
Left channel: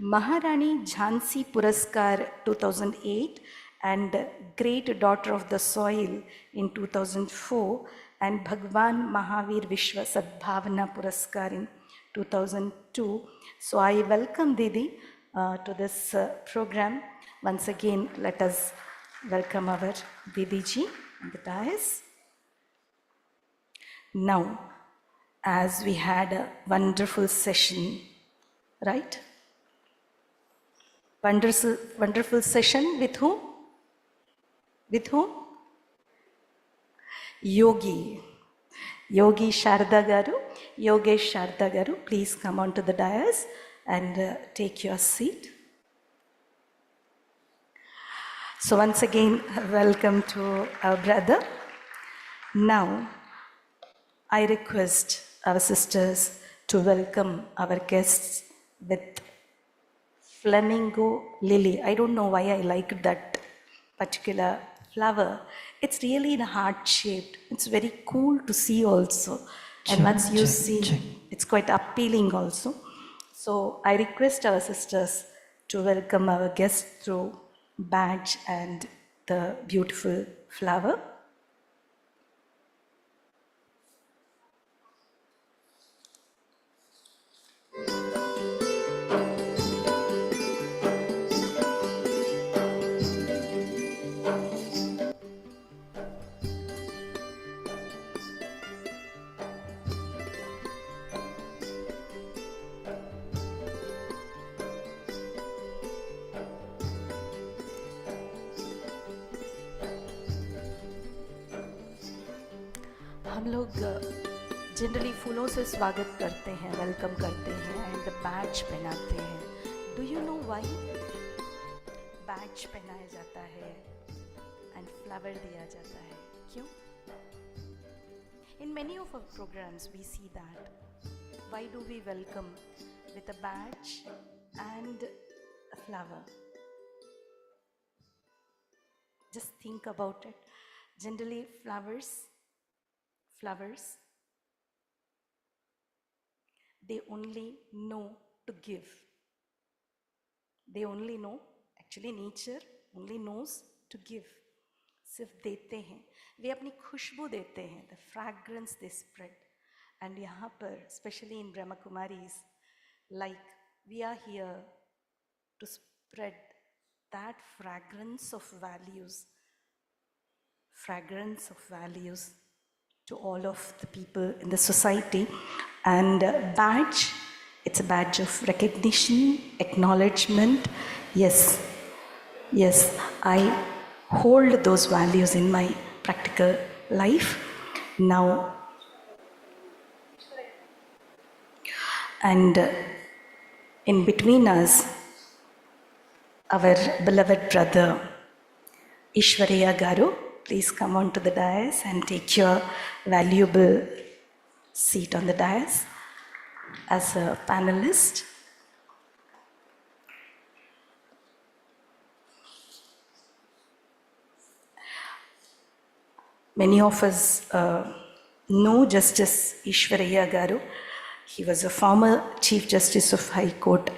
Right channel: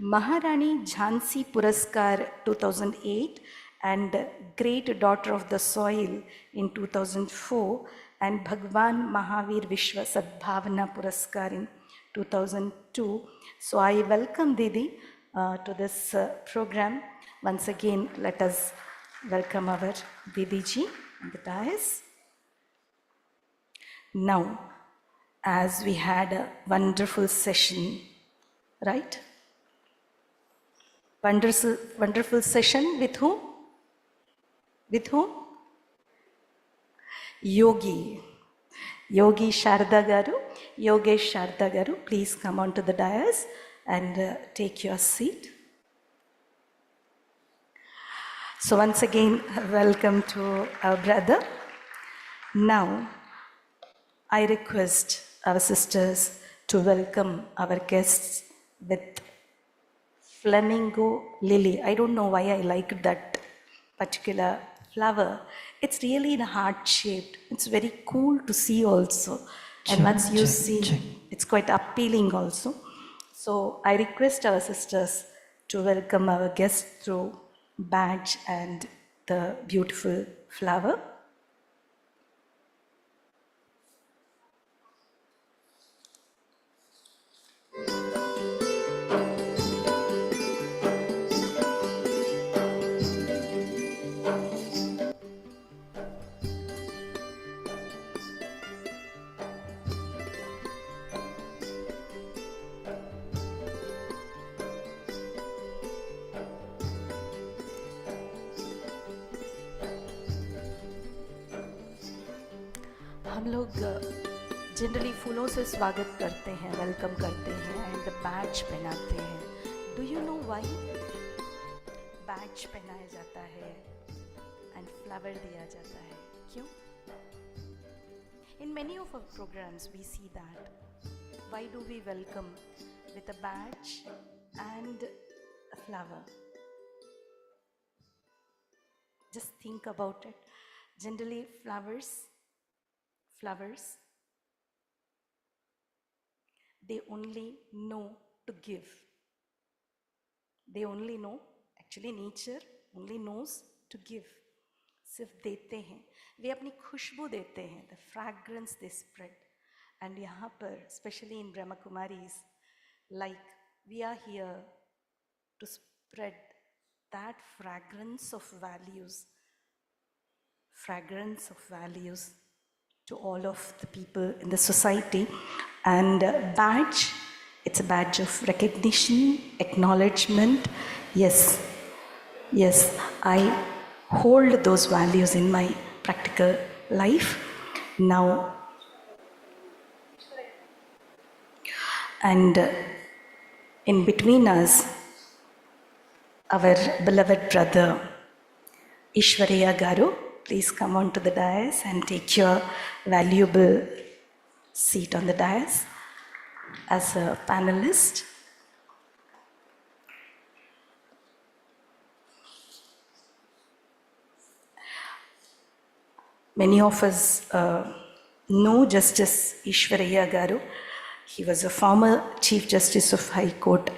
Maharani Jhansi Puraskar 2008, and Great Daughter of the Soil in 2004, and Bhagwan Mahavir Vishwa Sadbhavana Puraskar in 2002. So I welcome Didi to this program. Once again, let us welcome our Didi ji on the dais. Now, as we had a wonderful session, right? Wonderful session with whom? With whom? Yogi Sharda Garu, Yogesh Sharda Garu, please come on to the dais and take your seat. So once again, welcome to our brother. Now, I request our sisters to welcome our guests with flamingo lily. I don't know why I like that particular flower. It's really in heart shaped. It's very cool to see also. And once you see, it's quite appealing also. So I request our sisters to welcome our guests through badge and the beautiful flower. हम लोग generally फूलों से स्वागत करते हैं, welcome करते हैं and badge पहनाते हैं. Do you know why badge पहनाया जाता है एंड फ्लावर दिया जाता है? क्यों? In many of our programmes we see that. Why do we welcome with a badge and a flower? Just think about it. Generally flowers, they only know to give. They only know, actually nature only knows to give. सिर्फ देते हैं, वे अपनी खुशबू देते हैं, the fragrance they spread. And यहाँ पर, especially in Brahma Kumaris, like we are here to spread that fragrance of values to all of the people in the society. And badge, it's a badge of recognition, acknowledgement. Yes, I hold those values in my practical life now. And in between us, our beloved brother Ishwariya Garu, please come on to the dais and take your valuable seat on the dais as a panelist. Many of us know Justice Ishwariya Garu. He was a former Chief Justice of High Court,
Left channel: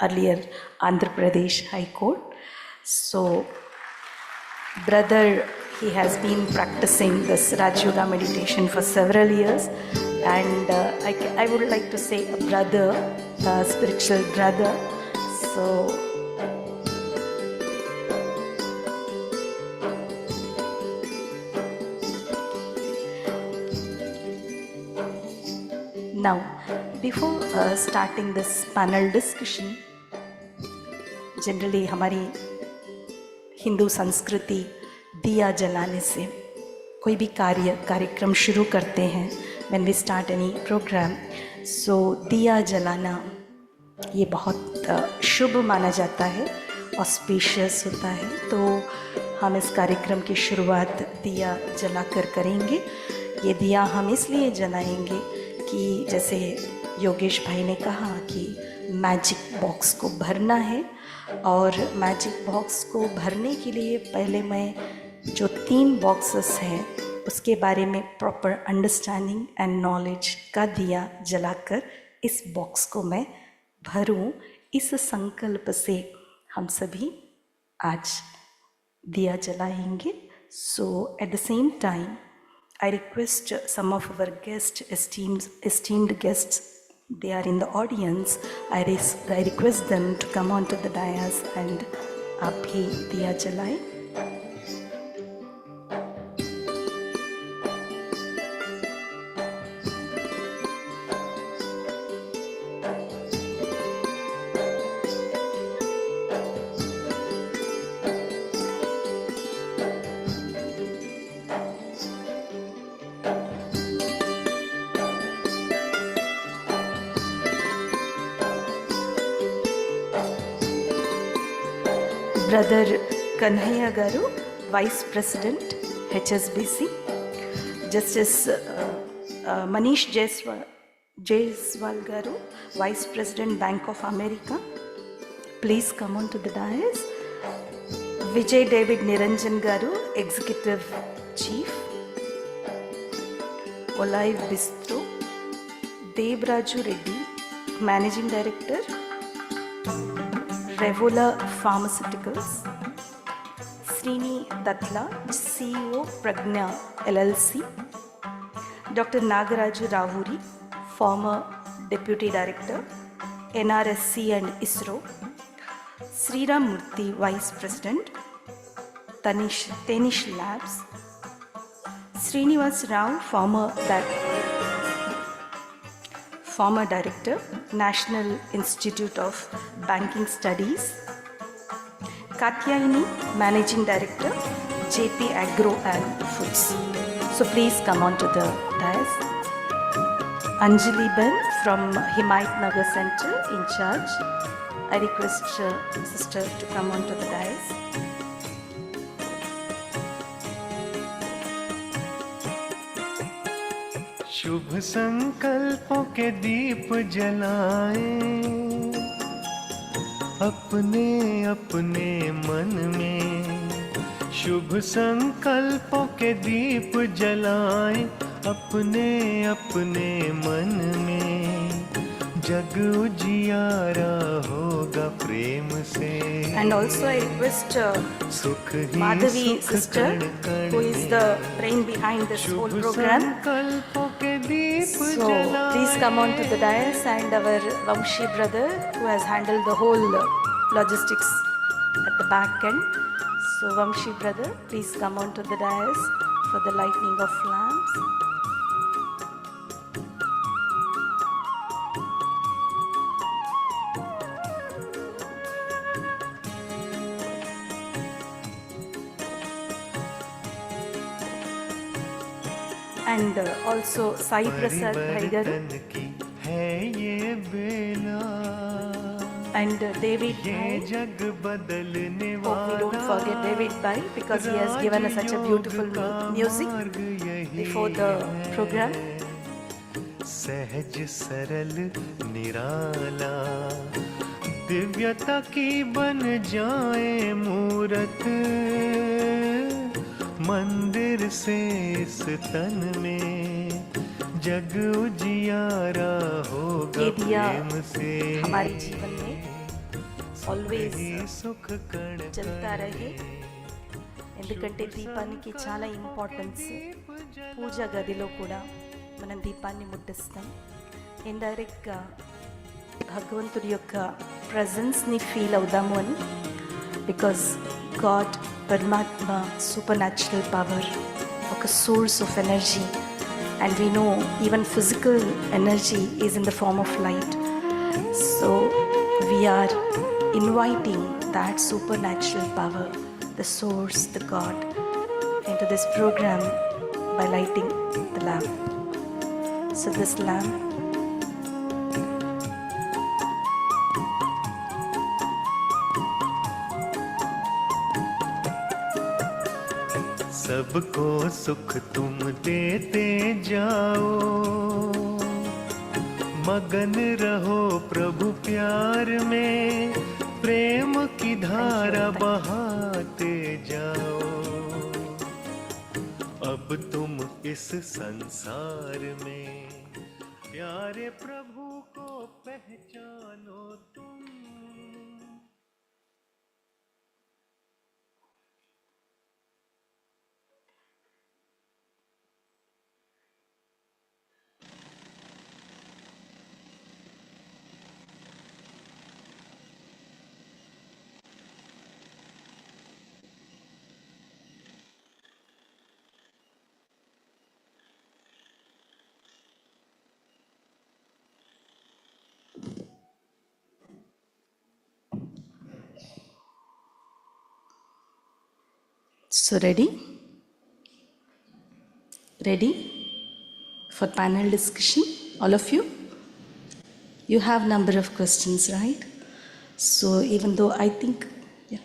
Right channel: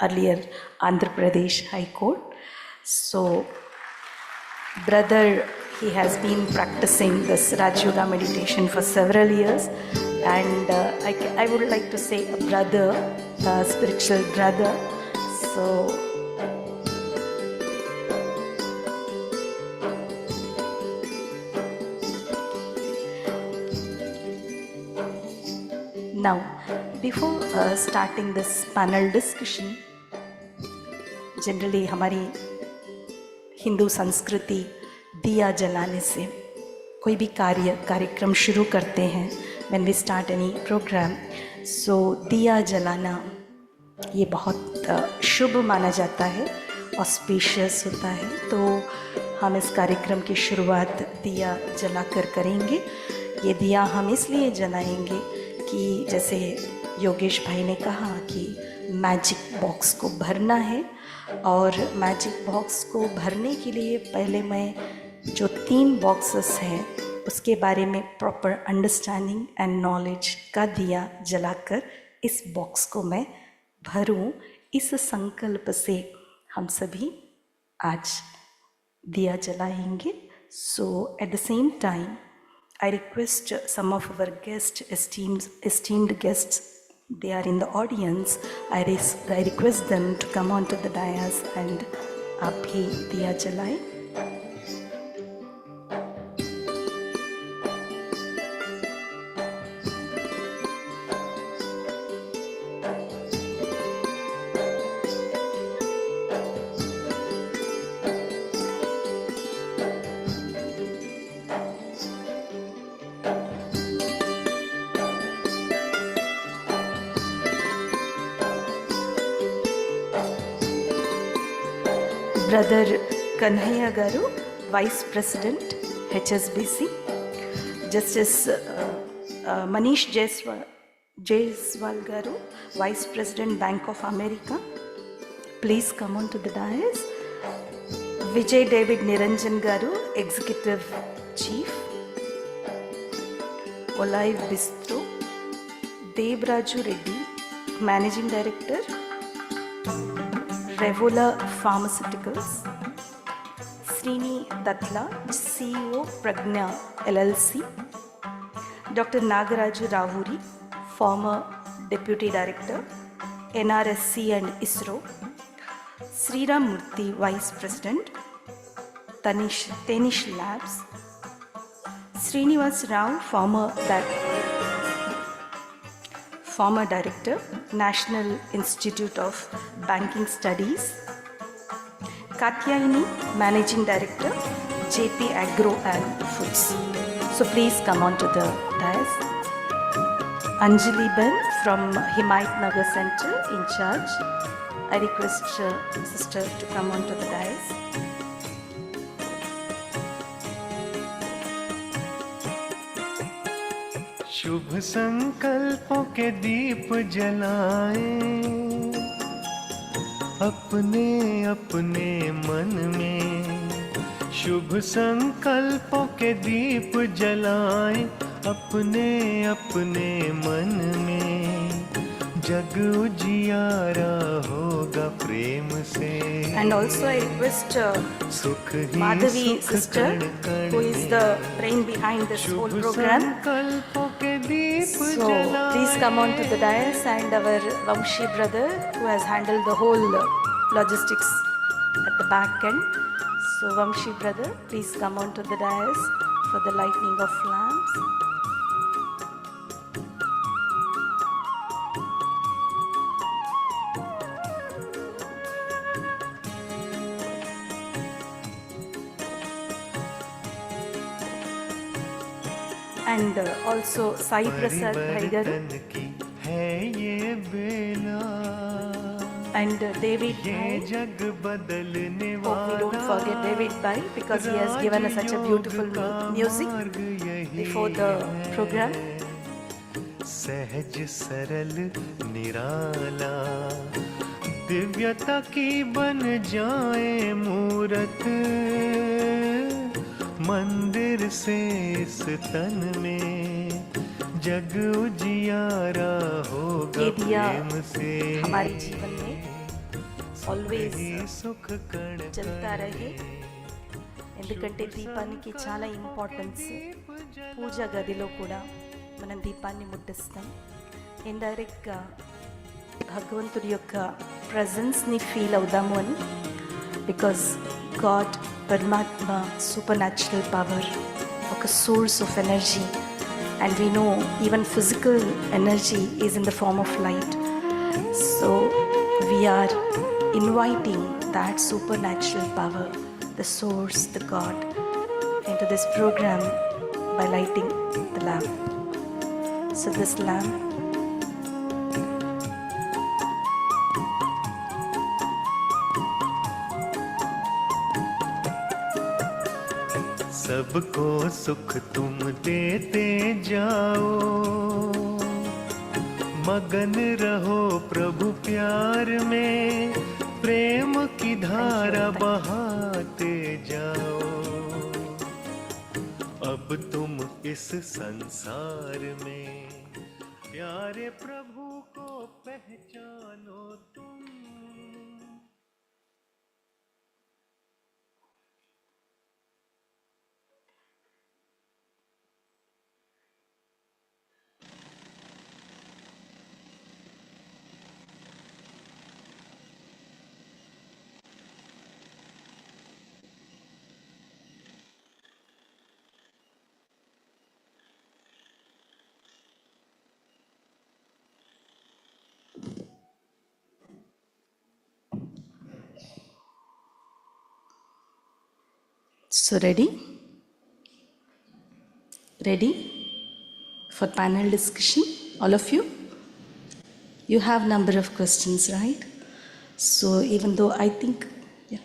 earlier Andhra Pradesh High Court. So, brother, he has been practicing this Raj Yoga meditation for several years, and I would like to say a brother, a spiritual brother. So, now, before starting this panel discussion, generally हमारी हिंदू संस्कृति दिया जलाने से कोई भी कार्यक्रम शुरू करते हैं. When we start any program, so दिया जलाना ये बहुत शुभ माना जाता है, auspicious होता है. तो हम इस कार्यक्रम की शुरुआत दिया जलाकर करेंगे. ये दिया हम इसलिए जलाएंगे कि जैसे योगेश भाई ने कहा कि मैजिक बॉक्स को भरना है, और मैजिक बॉक्स को भरने के लिए पहले मैं जो 3 बॉक्सेस हैं उसके बारे में प्रॉपर अंडरस्टैंडिंग एंड नॉलेज का दिया जलाकर इस बॉक्स को मैं भरूं, इस संकल्प से हम सभी आज दिया जलाएंगे. So at the same time I request some of our guests, esteemed guests, they are in the audience. I request them to come onto the dais and आप भी दिया जलाएं. Brother Kanhaiya Garu, Vice President, HSBC. Justice Manish Jaiswal Garu, Vice President, Bank of America. Please come on to the dais. Vijay David Niranjan Garu, Executive Chief. Olive Bistro. Debraju Reddy, Managing Director, Revola Pharmaceuticals. Srini Datla, CEO, Pragna LLC. Dr. Nagaraju Ravuri, former Deputy Director, NRSC and ISRO. Sriram Murthy, Vice President, Tenish Labs. Srinivas Rao, former Director, National Institute of Banking Studies. Katyayani, Managing Director, JP Agro and Foods. So please come on to the dais. Anjali Ben from Himayat Nagar Center, in charge. I request sister to come on to the dais. शुभ संकल्पों के दीप जलाएं अपने अपने मन में। शुभ संकल्पों के दीप जलाएं अपने अपने मन में। जग उजियारा होगा प्रेम से। And also I request सुख ही Madhavi सुख sister, कण कण who is the brain behind this whole program. संकल्पों के दीप So please come on to the dais, and our Vamshi brother who has handled the whole logistics at the back end. So Vamshi brother, please come on to the dais for the lighting of lamps. And also Sai Prasad Bhaigaru है ये बेला and David ये Bhai. जग बदलने Hope we don't forget David Bhai, because he has given us such a beautiful music before the program. सहज सरल निराला दिव्यता की बन जाए मूरत मंदिर से इस तन में। जग उजियारा होगा ये दिया प्रेम से। हमारे जीवन में always सुख कण चलता रहे, ఎందుకంటే దీపానికి చాలా ఇంపార్టెన్స్. పూజ గదిలో కూడా మనం దీపాన్ని ముట్టిస్తాం. ఇండైరెక్ట్గా భగవంతుడి యొక్క ప్రజెన్స్ని ఫీల్ అవుదాము అని. బికాజ్ గాడ్, పరమాత్మ, సూపర్ న్యాచురల్ పవర్, ఒక source of energy. And we know even physical energy is in the form of light. So we are inviting that supernatural power, the source, the God, into this program by lighting the lamp. So this lamp सबको सुख तुम देते जाओ, मगन रहो प्रभु प्यार में, प्रेम की धारा बहाते जाओ। अब तुम इस संसार में प्यारे प्रभु को पहचानो तुम। So ready? Ready for panel discussion, all of you? You have number of questions, right? So even though I think, yeah.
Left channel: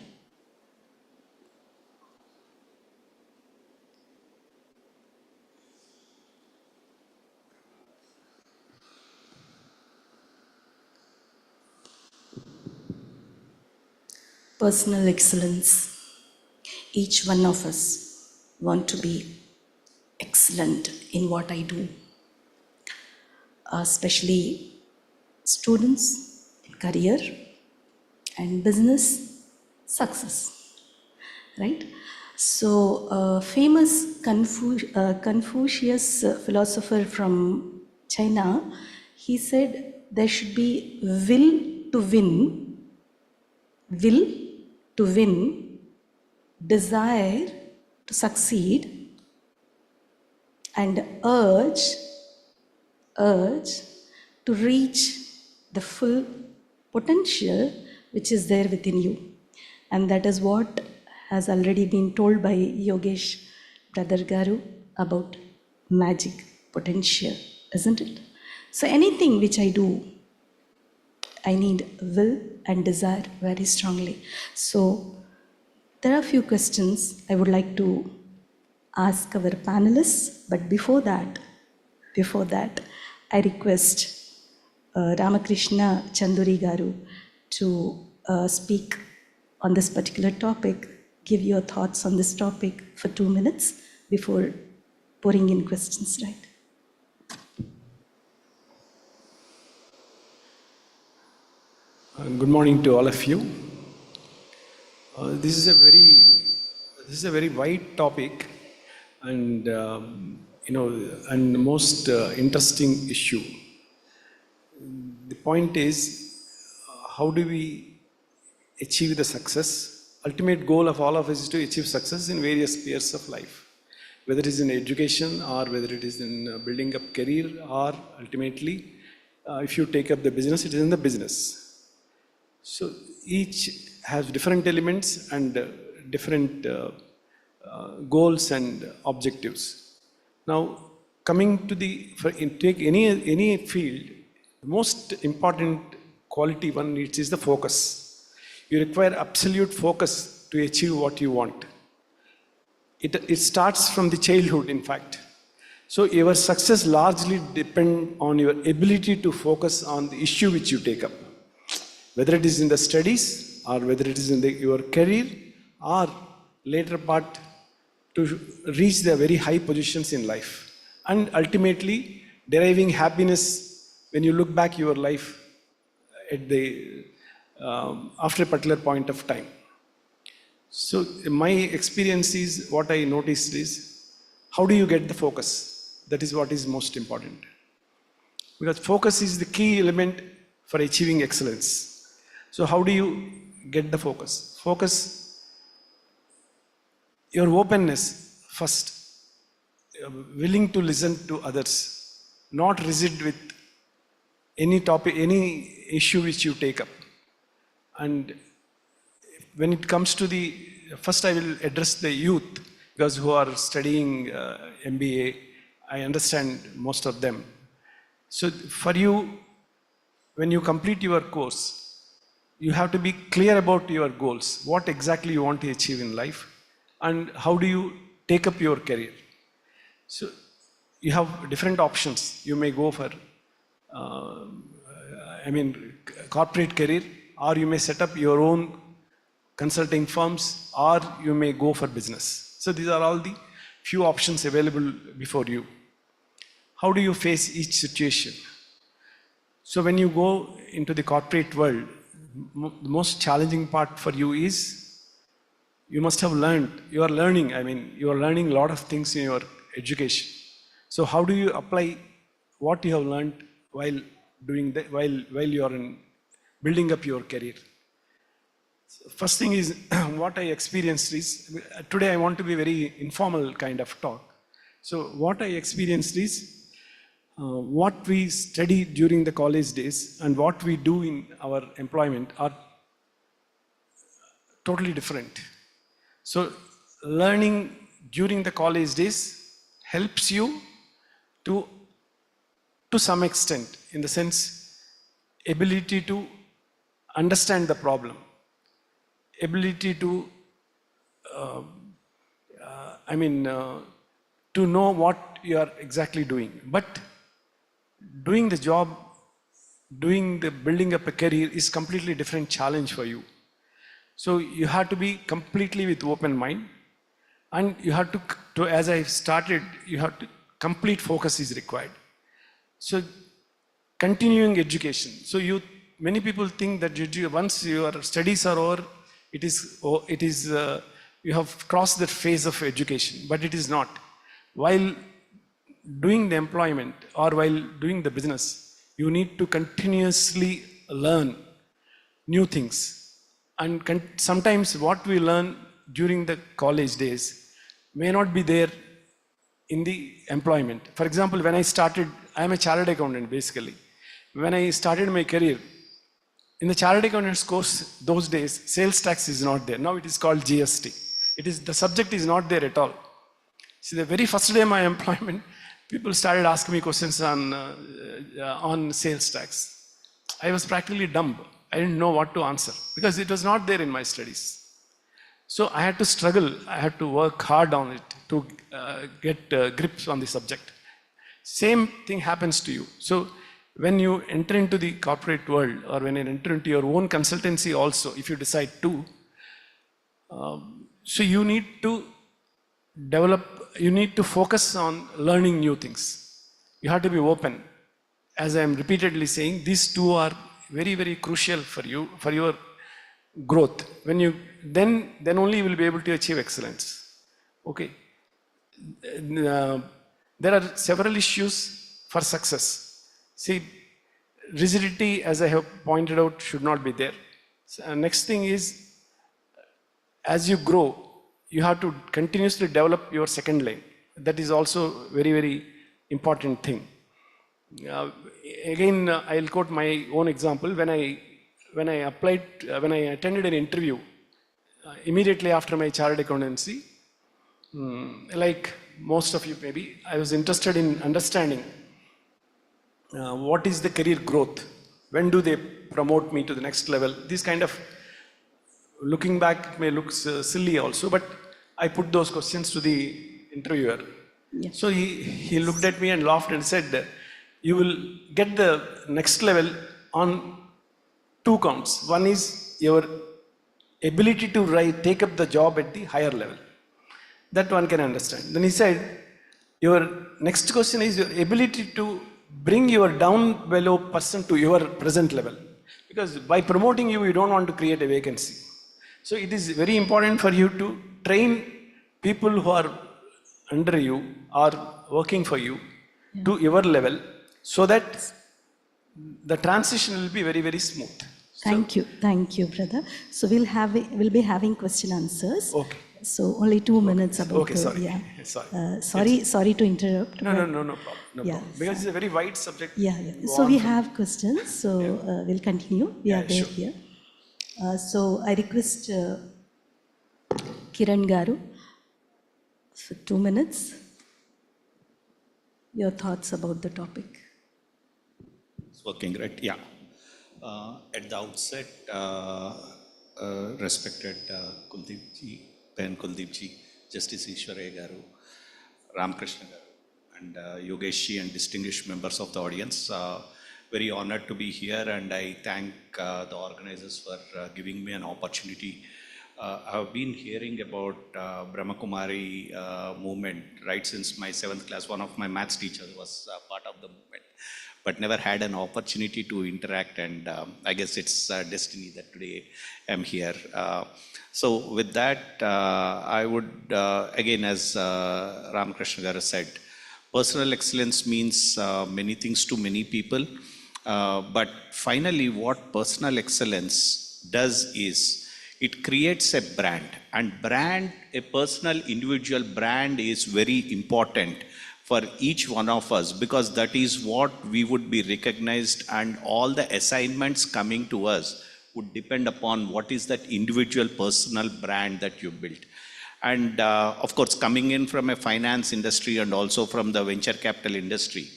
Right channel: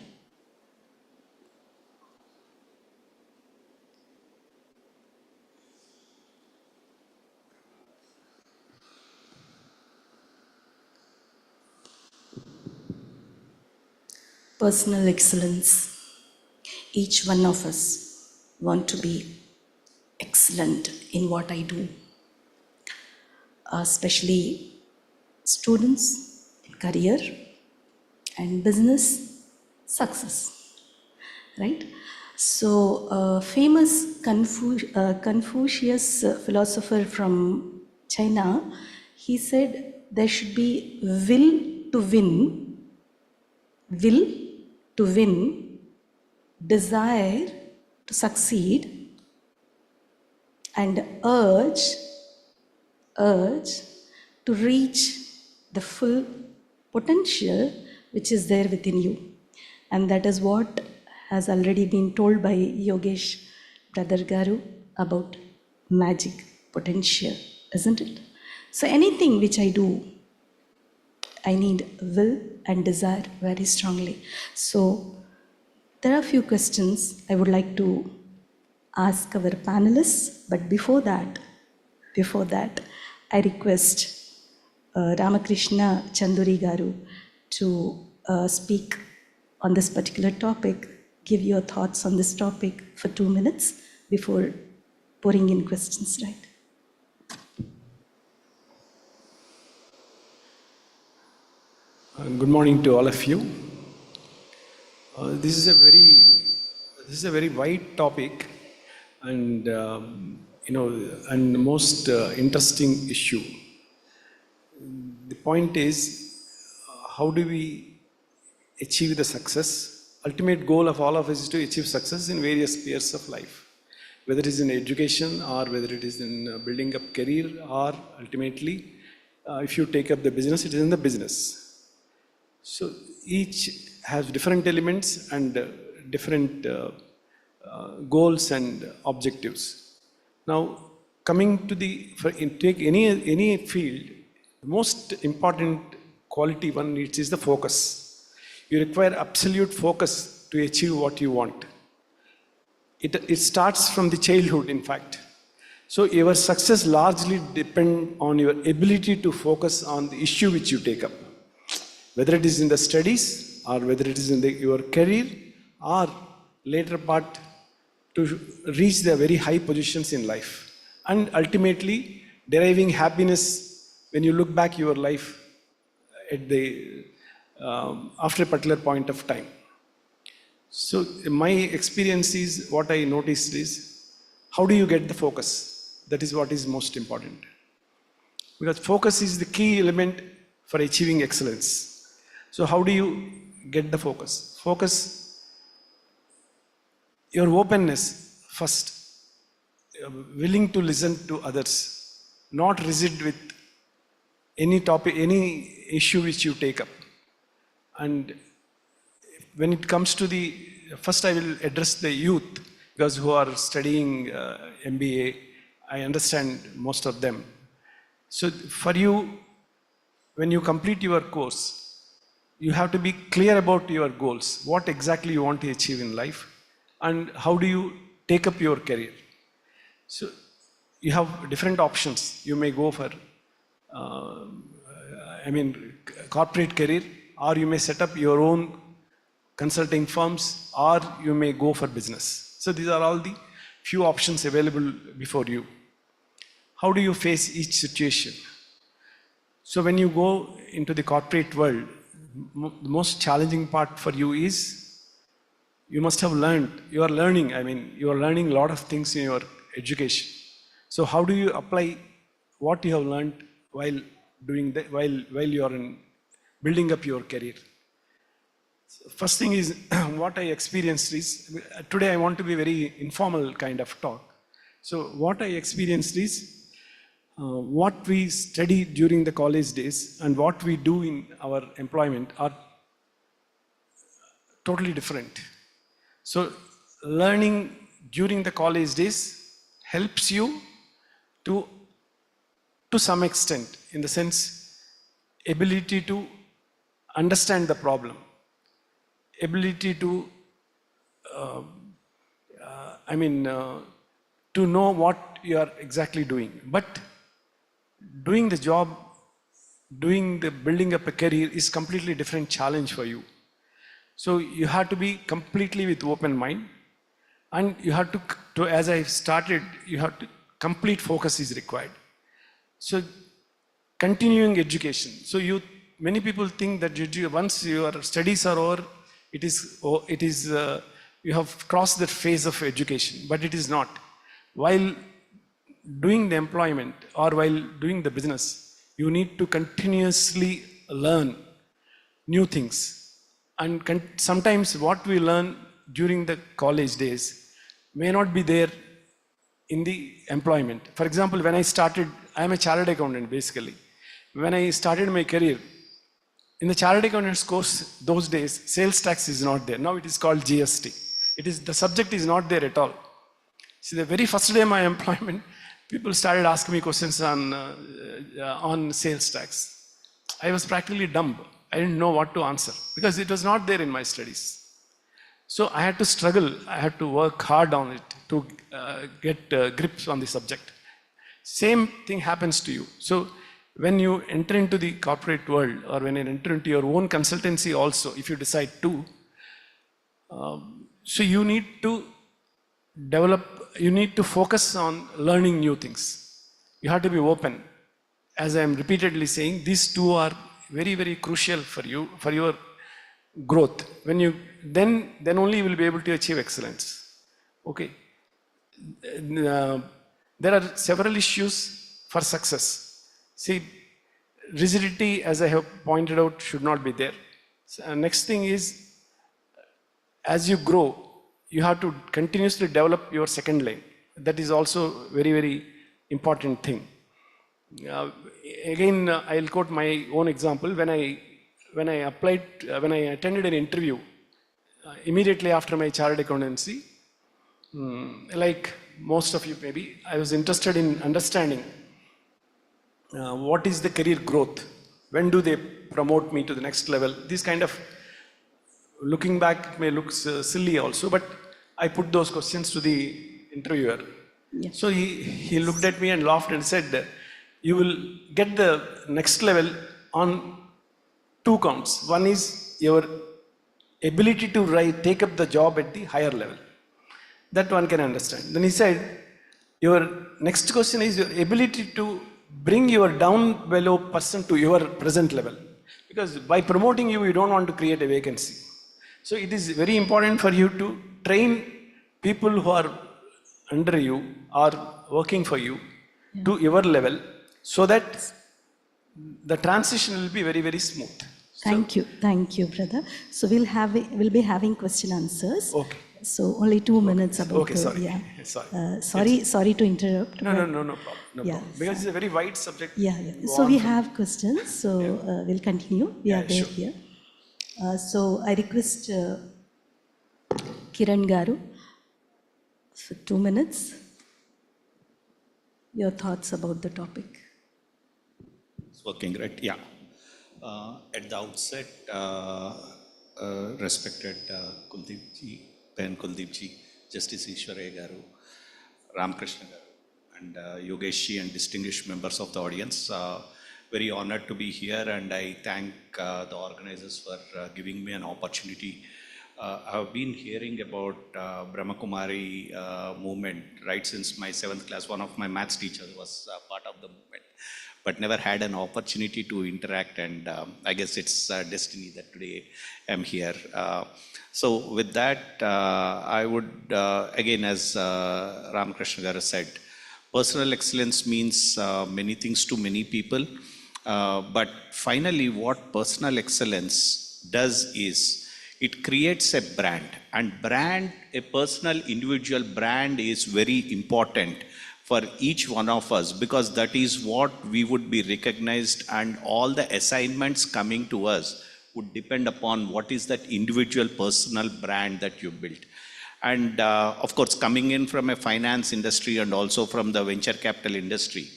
personal excellence. Each one of us want to be excellent in what I do, especially students in career and business success, right? So, famous Confucius philosopher from China, he said there should be will to win, desire to succeed, and urge to reach the full potential which is there within you. And that is what has already been told by Yogesh Brother Garu about magic potential, isn't it? So anything which I do, I need will and desire very strongly. So there are a few questions I would like to ask our panelists, but before that, I request Ramakrishna Chanduri Garu to speak on this particular topic, give your thoughts on this topic for 2 minutes before pouring in questions, right? Good morning to all of you. This is a very wide topic, and and most interesting issue. The point is, how do we achieve the success? Ultimate goal of all of us is to achieve success in various spheres of life, whether it is in education or whether it is in building up career, or ultimately, if you take up the business, it is in the business. So each has different elements and different goals and objectives. Now, coming to take any field, the most important quality one needs is the focus. You require absolute focus to achieve what you want. It starts from the childhood, in fact. So your success largely depends on your ability to focus on the issue which you take up, whether it is in the studies or whether it is in your career or later part to reach the very high positions in life, and ultimately deriving happiness when you look back your life at after a particular point of time. So my experience is, what I noticed is, how do you get the focus? That is what is most important, because focus is the key element for achieving excellence. So how do you get the focus? Focus, your openness first, willing to listen to others, not rigid with any topic, any issue which you take up. And when it comes to first I will address the youth, because who are studying MBA, I understand most of them. So for you, when you complete your course, you have to be clear about your goals, what exactly you want to achieve in life, and how do you take up your career. So you have different options. You may go for, corporate career, or you may set up your own consulting firms, or you may go for business. So these are all the few options available before you. How do you face each situation? So when you go into the corporate world, the most challenging part for you is, you must have learned, you are learning a lot of things in your education. So how do you apply what you have learned while doing that, while you are building up your career? So first thing is, what I experienced is, today I want to be very informal kind of talk. So what I experienced is, what we study during the college days and what we do in our employment are totally different. So learning during the college days helps you to some extent, in the sense, ability to understand the problem, ability to to know what you are exactly doing. But doing the job, doing the building up a career is completely different challenge for you. So you have to be completely with open mind, and you have to as I started, you have to complete focus is required. So continuing education. So many people think that once your studies are over, it is you have crossed that phase of education, but it is not. While doing the employment or while doing the business, you need to continuously learn new things. And sometimes what we learn during the college days may not be there in the employment. For example, when I started, I am a chartered accountant basically. When I started my career, in the chartered accountants course, those days, sales tax is not there. Now it is called GST. The subject is not there at all. See, the very first day of my employment, people started asking me questions on sales tax. I was practically dumb. I didn't know what to answer because it was not there in my studies. So I had to struggle. I had to work hard on it to get grips on the subject. Same thing happens to you. So when you enter into the corporate world or when you enter into your own consultancy also, if you decide to, so you need to you need to focus on learning new things. You have to be open. As I am repeatedly saying, these two are very, very crucial for you, for your growth. When you, then only you will be able to achieve excellence. Okay. There are several issues for success. See, rigidity, as I have pointed out, should not be there. So, next thing is, as you grow, you have to continuously develop your second lane. That is also very, very important thing. Again, I'll quote my own example. When I attended an interview immediately after my chartered accountancy, like most of you maybe, I was interested in understanding what is the career growth? When do they promote me to the next level? This kind of, looking back, may look silly also, but I put those questions to the interviewer. Yeah. So he looked at me and laughed and said, you will get the next level on two counts. One is your ability to take up the job at the higher level. That one can understand. Then he said, your next question is your ability to bring your down below person to your present level. Because by promoting you, you don't want to create a vacancy. So it is very important for you to train people who are under you or working for you to your level, so that the transition will be very, very smooth. Thank you, brother. So we'll be having question answers. Okay. So only 2 minutes about. Okay, sorry. Yeah. Sorry to interrupt. No problem. No Yeah, problem. Because it's a very wide subject. Yeah. So we have questions. So we'll continue. We are there sure. here. So I request Kiran Garu for 2 minutes. Your thoughts about the topic. It's working, right? Yeah. At the outset, respected Kuldeep ji, Ben Kuldeep ji, Justice Ishwaraya Garu, Ramakrishna Garu, and Yogesh ji, and distinguished members of the audience. Very honored to be here, and I thank the organizers for giving me an opportunity. I've been hearing about Brahma Kumari movement right since my 7th class. One of my maths teachers was part of the movement, but never had an opportunity to interact, and I guess it's destiny that today I'm here. So with that, I would, again, as Ramakrishna Garu said, personal excellence means many things to many people, but finally what personal excellence does is, it creates a brand, and a personal individual brand is very important for each one of us, because that is what we would be recognized, and all the assignments coming to us would depend upon what is that individual personal brand that you built. And of course, coming in from a finance industry and also from the venture capital industry,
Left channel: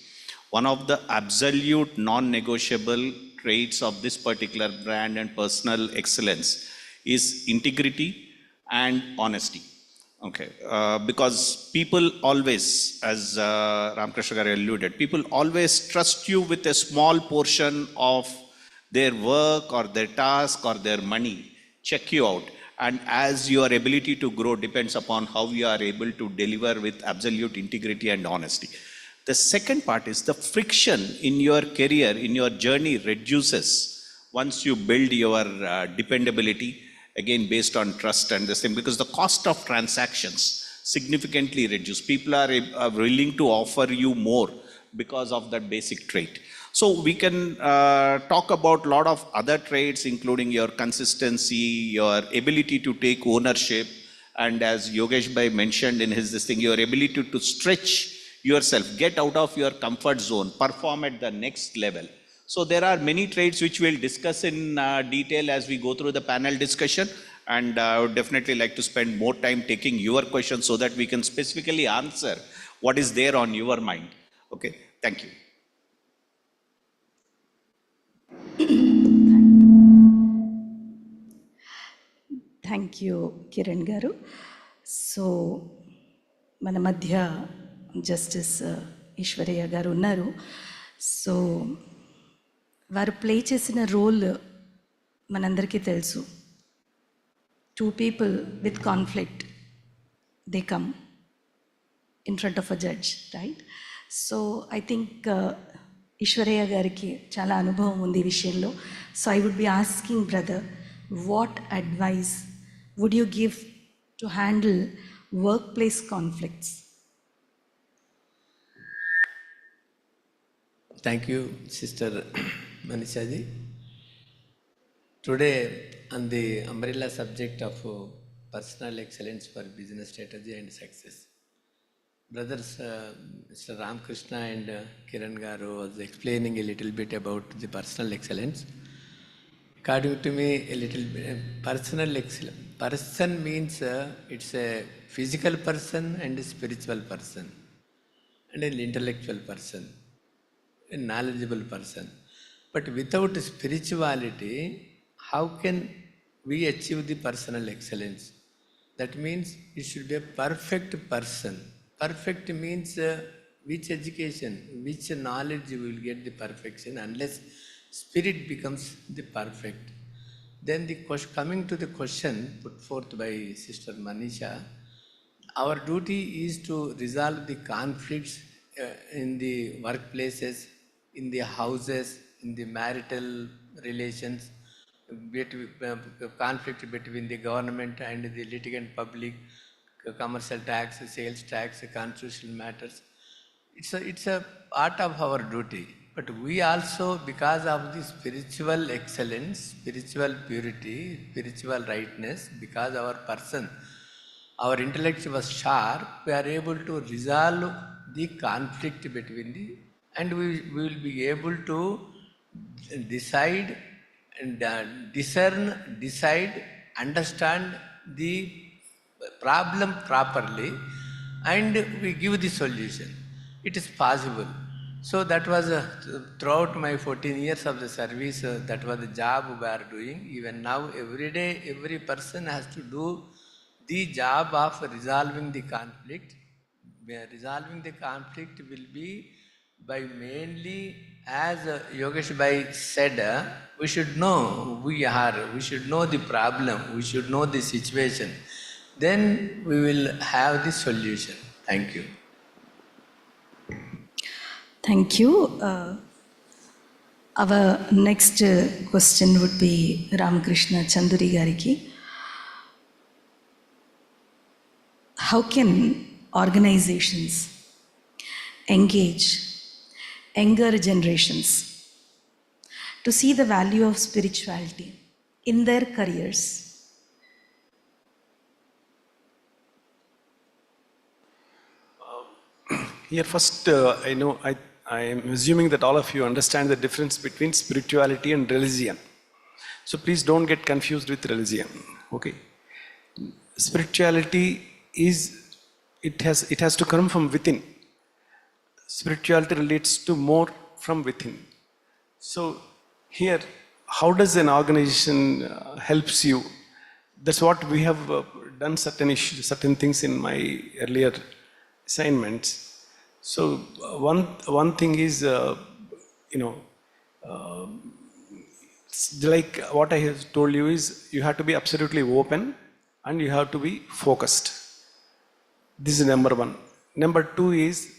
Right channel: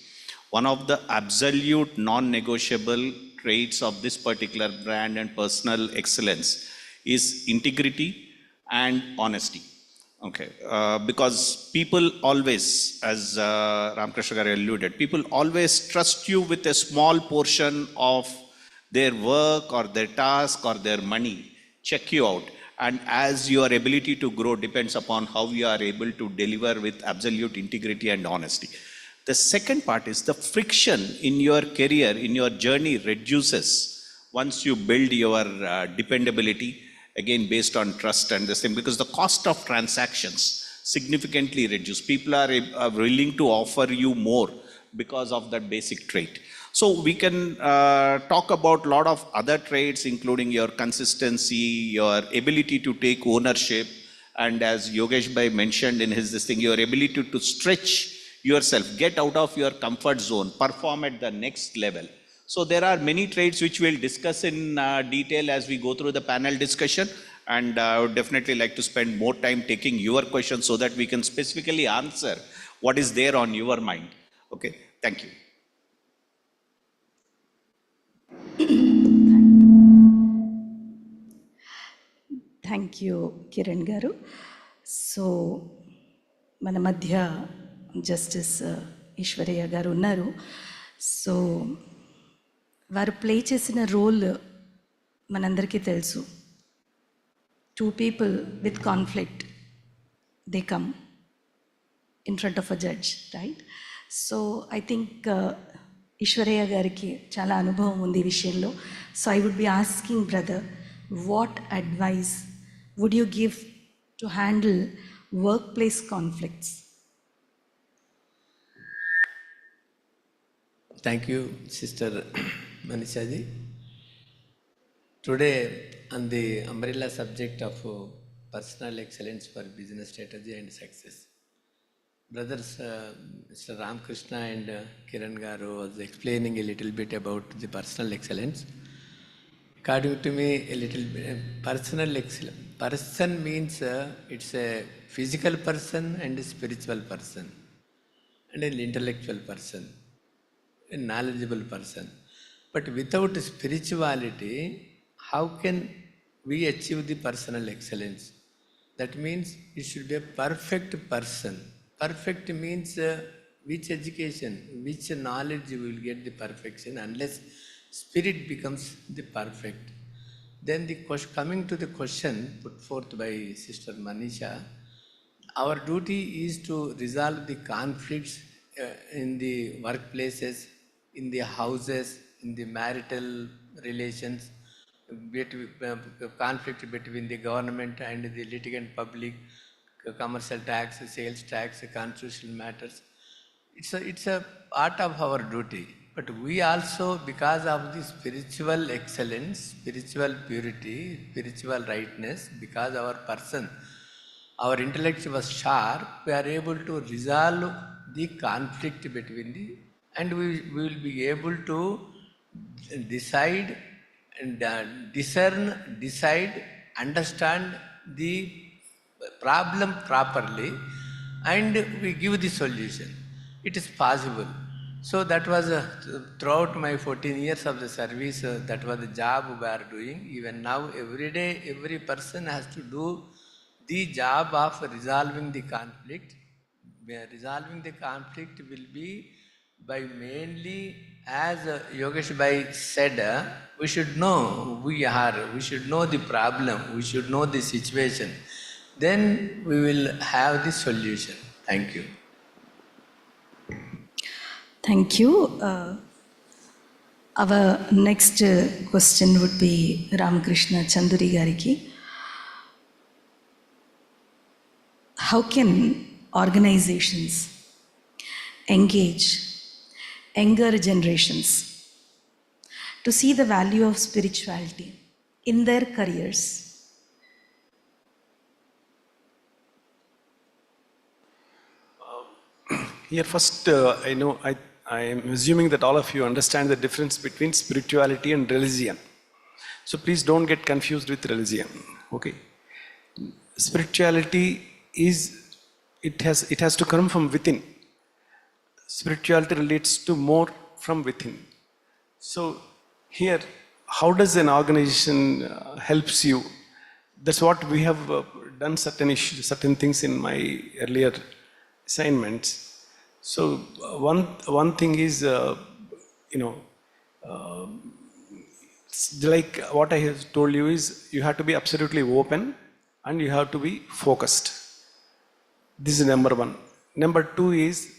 one of the absolute non-negotiable traits of this particular brand and personal excellence is integrity and honesty. Okay, because people always, as Ramakrishna Garu alluded, people always trust you with a small portion of their work or their task or their money. check you out. And as your ability to grow depends upon how you are able to deliver with absolute integrity and honesty. The second part is the friction in your career, in your journey reduces once you build your dependability, again based on trust and the same, because the cost of transactions significantly reduce. People are willing to offer you more because of that basic trait. So we can talk about a lot of other traits, including your consistency, your ability to take ownership, and as Yogesh Bhai mentioned in his this thing, your ability to stretch yourself, get out of your comfort zone, perform at the next level. So there are many traits which we'll discuss in detail as we go through the panel discussion. And I would definitely like to spend more time taking your questions so that we can specifically answer what is there on your mind. Okay, thank you. Thank you Kiran గారు. So మన మధ్య justice Eshwaraiah గారు ఉన్నారు. So వారు play చేసిన role మనందరికీ తెలుసు. 2 people with conflict, they come in front of a judge, right? So I think Eshwaraiah గారికి చాలా అనుభవం ఉంది ఈ విషయంలో. So I would be asking brother, what advice would you give to handle workplace conflicts? Thank you, Sister Manishaji. Today, on the umbrella subject of personal excellence for business strategy and success, brothers Mr. Ramkrishna and Kiran Garu was explaining a little bit about the personal excellence. According to me, a little bit, personal excellence. Person means it's a physical person and a spiritual person and an intellectual person, a knowledgeable person. But without spirituality, how can we achieve the personal excellence? That means it should be a perfect person. Perfect means which education, which knowledge you will get the perfection unless spirit becomes the perfect. Then coming to the question put forth by Sister Manisha, our duty is to resolve the conflicts in the workplaces, in the houses, in the marital relations, conflict between the government and the litigant public, commercial tax, sales tax, constitutional matters. It's a part of our duty. But we also, because of the spiritual excellence, spiritual purity, spiritual rightness, because our person, our intellect was sharp, we are able to resolve the conflict between the, and we will be able to decide and discern, decide, understand the problem properly, and we give the solution. It is possible. So that was throughout my 14 years of the service, that was the job we are doing. Even now, every day, every person has to do the job of resolving the conflict. Resolving the conflict will be by mainly, as Yogesh Bhai said, we should know who we are, we should know the problem, we should know the situation. Then we will have the solution. Thank you. Thank you. Our next question would be Ramakrishna Chanduri Gariki. How can organizations engage younger generations to see the value of spirituality in their careers? Here first, I am assuming that all of you understand the difference between spirituality and religion. So please don't get confused with religion. Okay. Spirituality is, it has to come from within. Spirituality relates to more from within. So here, how does an organization helps you? That's what we have done certain things in my earlier assignments. So one thing is, like what I have told you is you have to be absolutely open and you have to be focused. This is number one. Number two is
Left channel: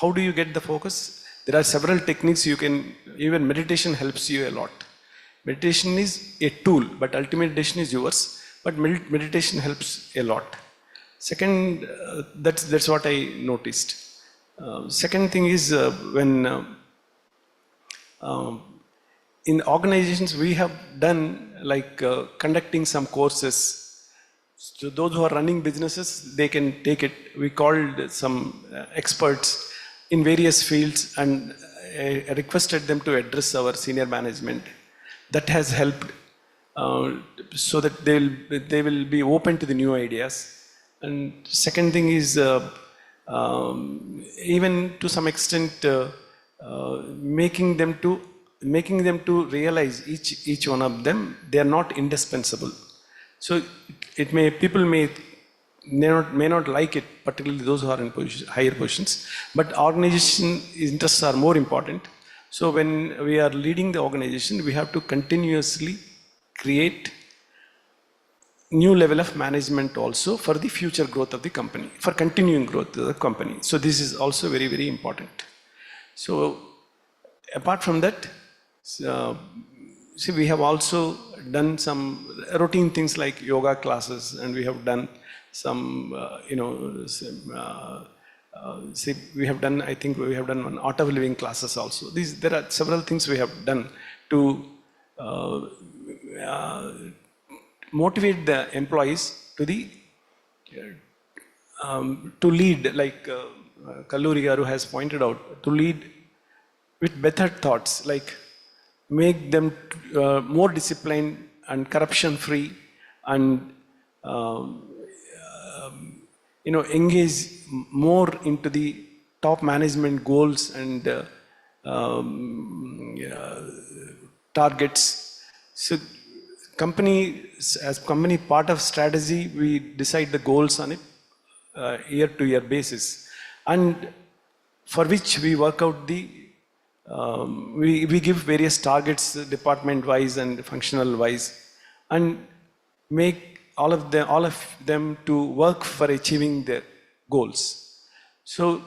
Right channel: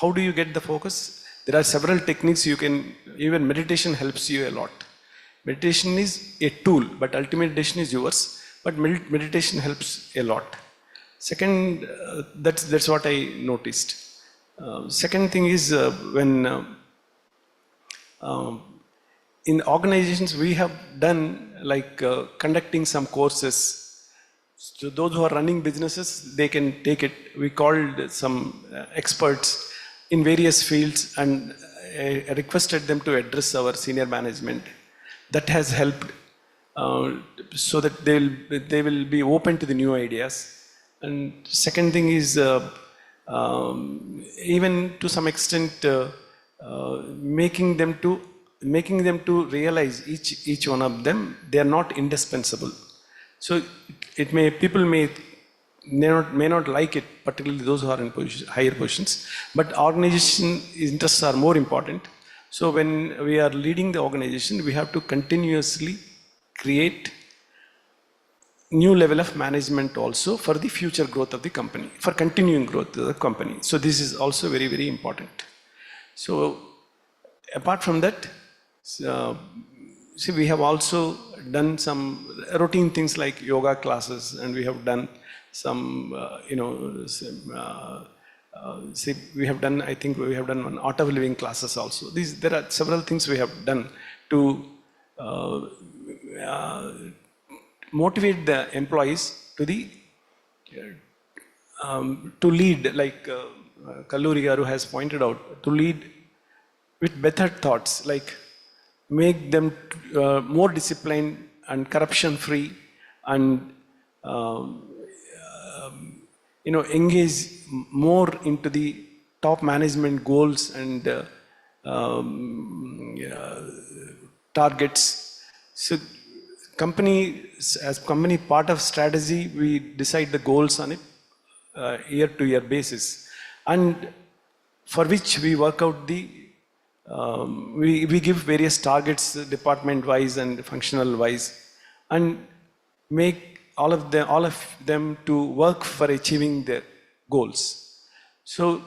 how do you get the focus? There are several techniques you can, even meditation helps you a lot. Meditation is a tool, but ultimate decision is yours. But meditation helps a lot. Second, that's what I noticed. Second thing is when in organizations we have done like conducting some courses. So those who are running businesses, they can take it. We called some experts in various fields and requested them to address our senior management. That has helped so that they will be open to the new ideas. And second thing is even to some extent making them to realize each one of them, they are not indispensable. So people may not like it, particularly those who are in higher positions, but organization interests are more important. So when we are leading the organization, we have to continuously create new level of management also for the future growth of the company, for continuing growth of the company. So this is also very, very important. So apart from that, see, we have also done some routine things like yoga classes, and we have done some, see, we have done, I think we have done one art of living classes also. There are several things we have done to motivate the employees to lead, like Kalluri Garu has pointed out, to lead with better thoughts, like make them more disciplined and corruption free, and engage more into the top management goals and targets. So as company part of strategy, we decide the goals on it year to year basis, and for which we work out we give various targets department wise and functional wise, and make all of them to work for achieving their goals. So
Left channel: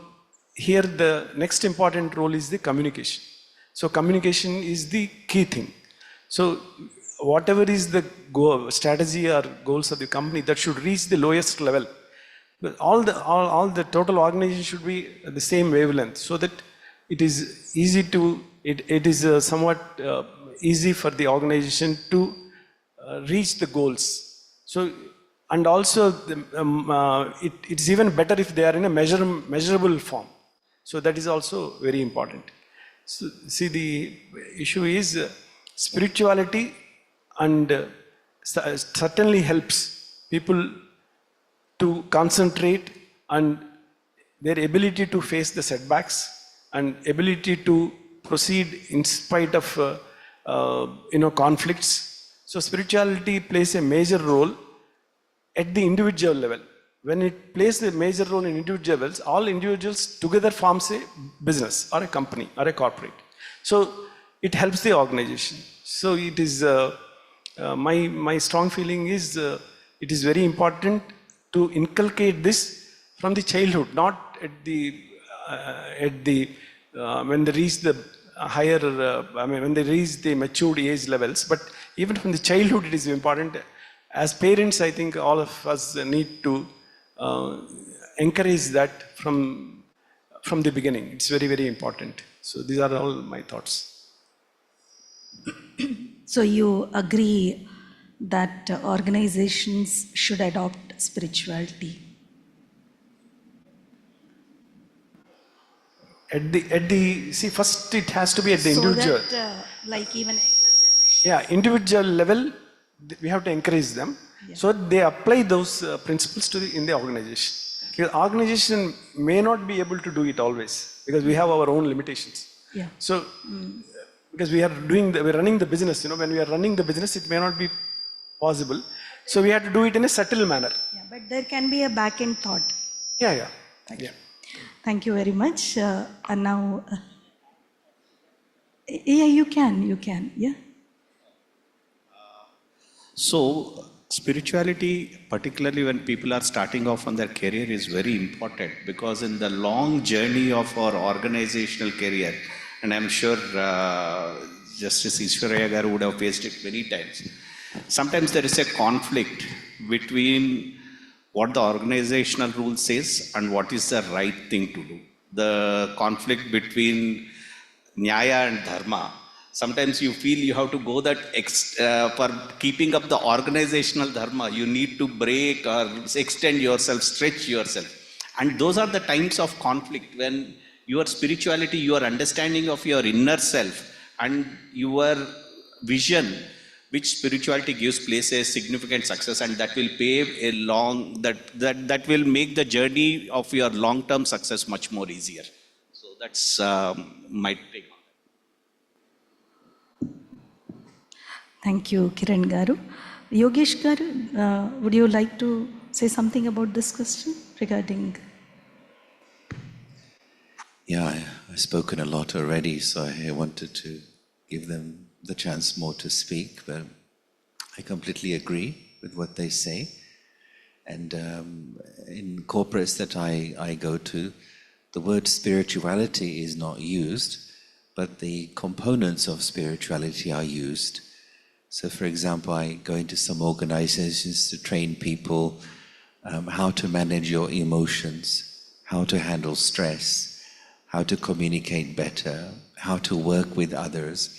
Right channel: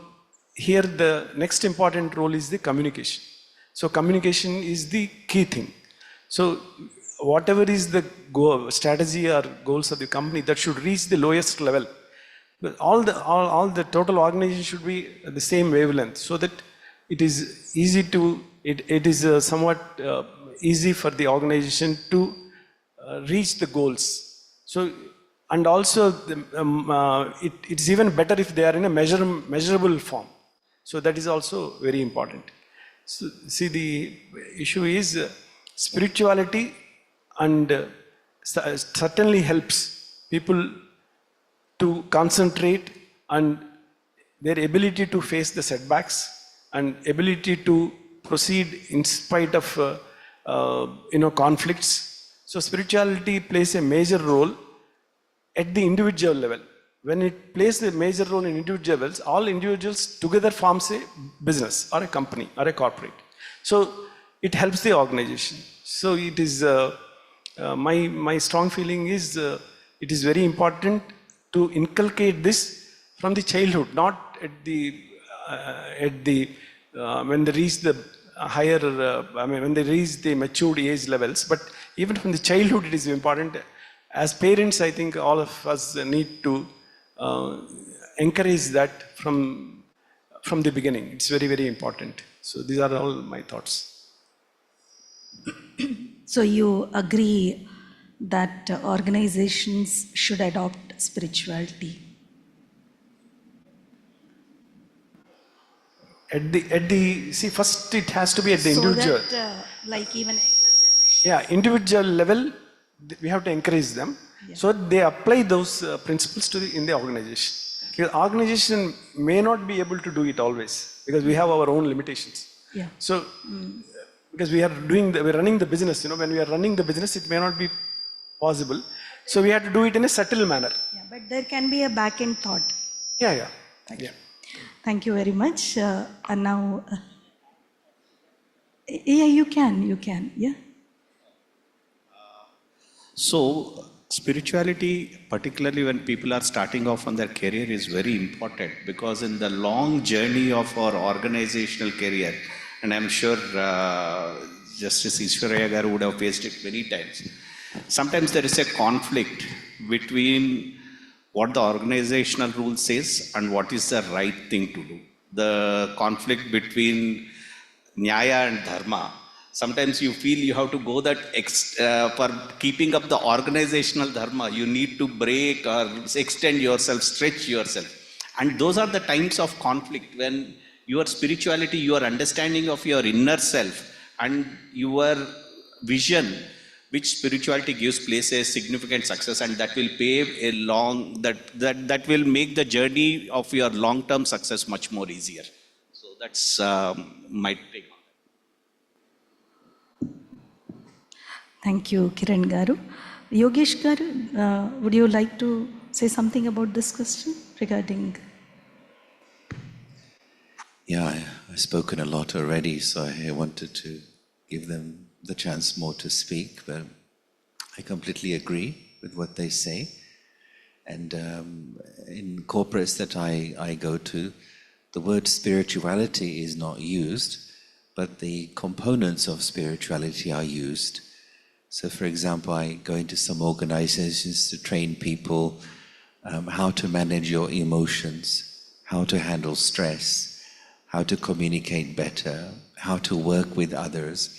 here the next important role is the communication. So communication is the key thing. So whatever is the strategy or goals of the company, that should reach the lowest level. But all the total organization should be at the same wavelength, so that it is easy to, it is somewhat easy for the organization to reach the goals. So, and also it's even better if they are in a measurable form. So that is also very important. So see, the issue is spirituality, and certainly helps people to concentrate, and their ability to face the setbacks and ability to proceed in spite of conflicts. So spirituality plays a major role at the individual level. When it plays a major role in individuals, all individuals together forms a business or a company or a corporate. So it helps the organization. So it is my strong feeling is it is very important to inculcate this from the childhood, not at the when they reach the higher, when they reach the matured age levels, but even from the childhood it is important. As parents, I think all of us need to encourage that from the beginning. It's very, very important. So these are all my thoughts. So you agree that organizations should adopt spirituality? See, first it has to be at the individual. So that, like even individual level, we have to encourage them, so that they apply those principles in the organization. Because organization may not be able to do it always, because we have our own limitations. Yeah. So because we're running the business, when we are running the business, it may not be possible. So we have to do it in a subtle manner. Yeah, but there can be a back-end thought. Yeah. Thank you very much. And now, yeah, you can, yeah. So, spirituality, particularly when people are starting off on their career, is very important because in the long journey of our organizational career, and I'm sure Justice Ishwaraya Garu would have faced it many times, sometimes there is a conflict between what the organizational rule says and what is the right thing to do. The conflict between Nyaya and Dharma. Sometimes you feel you have to go that for keeping up the organizational dharma, you need to break or extend yourself, stretch yourself. And those are the times of conflict when your spirituality, your understanding of your inner self and your vision, which spirituality gives place a significant success, and that will pave a that will make the journey of your long-term success much more easier. So that's my take. Thank you, Kiran Garu. Yogesh Garu, would you like to say something about this question regarding? Yeah, I've spoken a lot already, so I wanted to give them the chance more to speak, but I completely agree with what they say. And in corporates that I go to, the word spirituality is not used, but the components of spirituality are used. So for example, I go into some organizations to train people how to manage your emotions, how to handle stress, how to communicate better, how to work with others.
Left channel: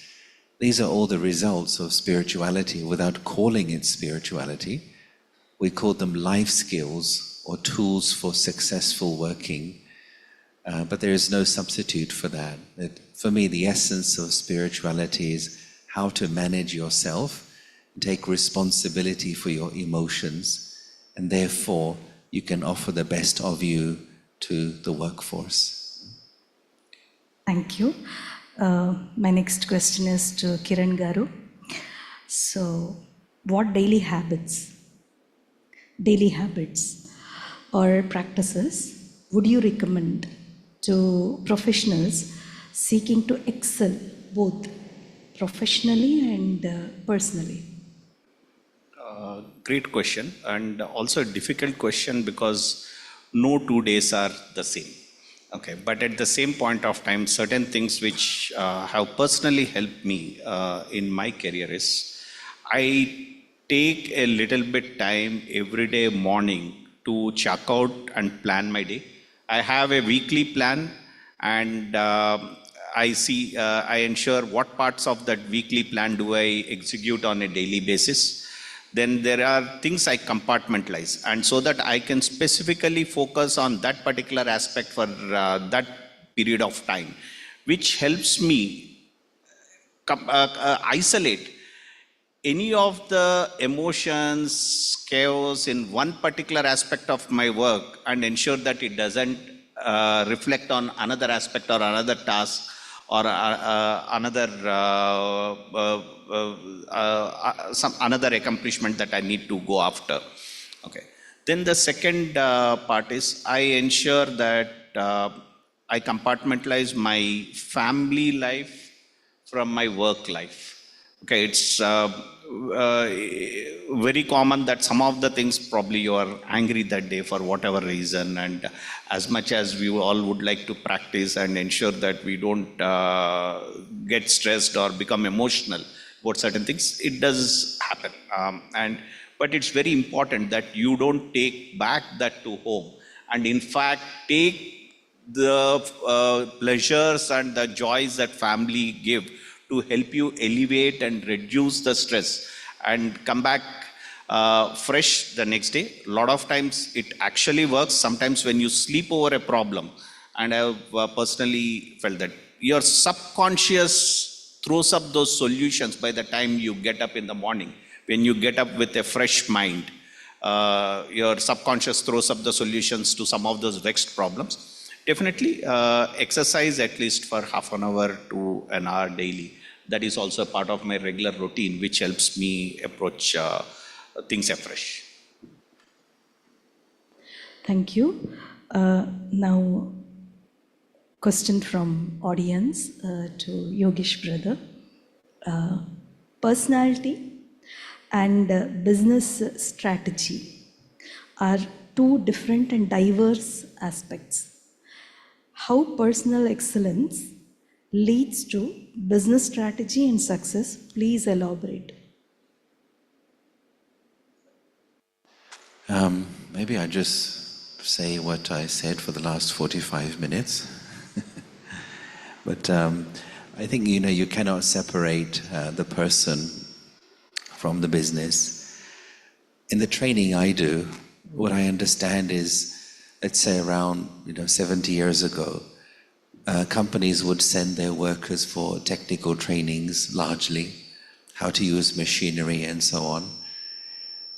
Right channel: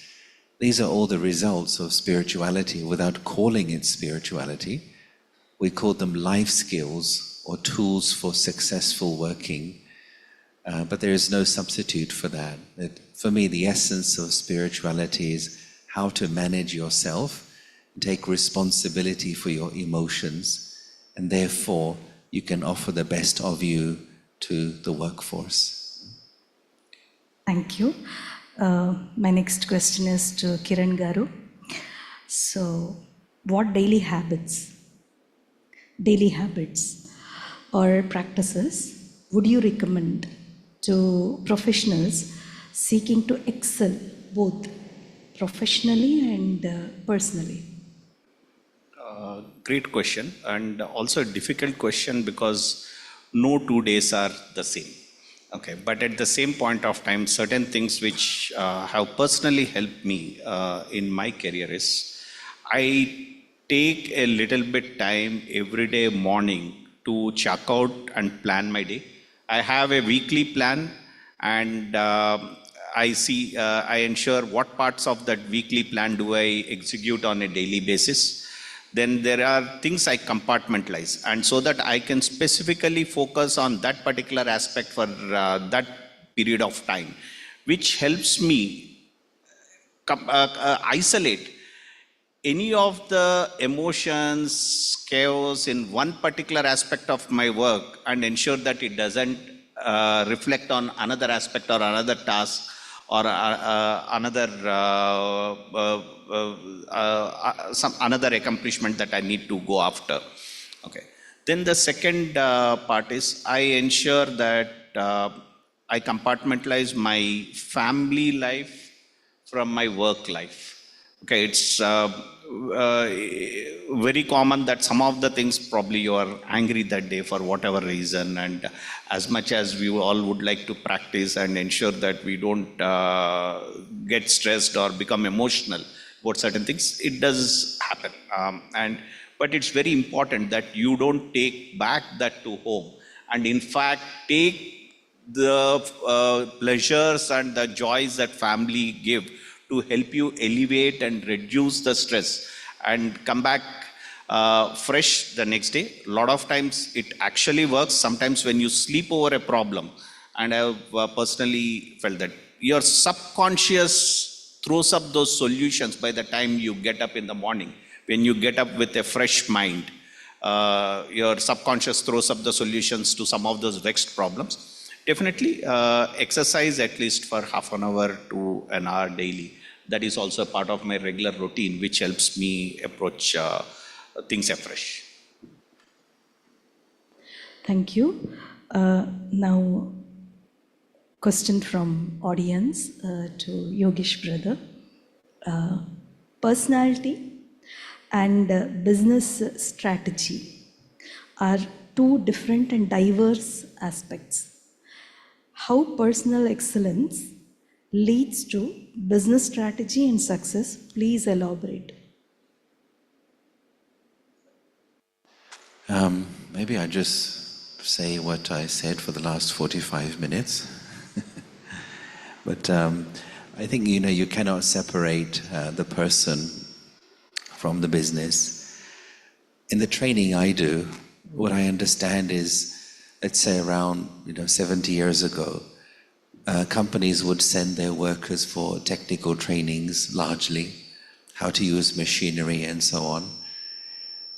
These are all the results of spirituality without calling it spirituality. We call them life skills or tools for successful working, but there is no substitute for that. For me, the essence of spirituality is how to manage yourself, take responsibility for your emotions, and therefore you can offer the best of you to the workforce. Thank you. My next question is to Kiran Garu. So, what daily habits or practices would you recommend to professionals seeking to excel both professionally and personally? Great question, and also a difficult question because no 2 days are the same. Okay, but at the same point of time, certain things which have personally helped me in my career is I take a little bit time every day morning to check out and plan my day. I have a weekly plan, and I ensure what parts of that weekly plan do I execute on a daily basis. Then there are things I compartmentalize, and so that I can specifically focus on that particular aspect for that period of time, which helps me isolate any of the emotions, chaos in one particular aspect of my work and ensure that it doesn't reflect on another aspect or another task or some another accomplishment that I need to go after. Okay. Then the second part is I ensure that I compartmentalize my family life from my work life. Okay, it's very common that some of the things probably you are angry that day for whatever reason, and as much as we all would like to practice and ensure that we don't get stressed or become emotional about certain things, it does happen. But it's very important that you don't take back that to home, and in fact take the pleasures and the joys that family give to help you elevate and reduce the stress and come back fresh the next day. A lot of times it actually works. Sometimes when you sleep over a problem, and I have personally felt that your subconscious throws up those solutions by the time you get up in the morning. When you get up with a fresh mind, your subconscious throws up the solutions to some of those vexed problems. Definitely exercise at least for half an hour to an hour daily. That is also a part of my regular routine, which helps me approach things afresh. Thank you. Now, question from audience to Yogesh brother. Personality and business strategy are two different and diverse aspects. How personal excellence leads to business strategy and success, please elaborate. Maybe I just say what I said for the last 45 minutes. But I think, you cannot separate the person from the business. In the training I do, what I understand is, let's say around 70 years ago, companies would send their workers for technical trainings, largely, how to use machinery and so on.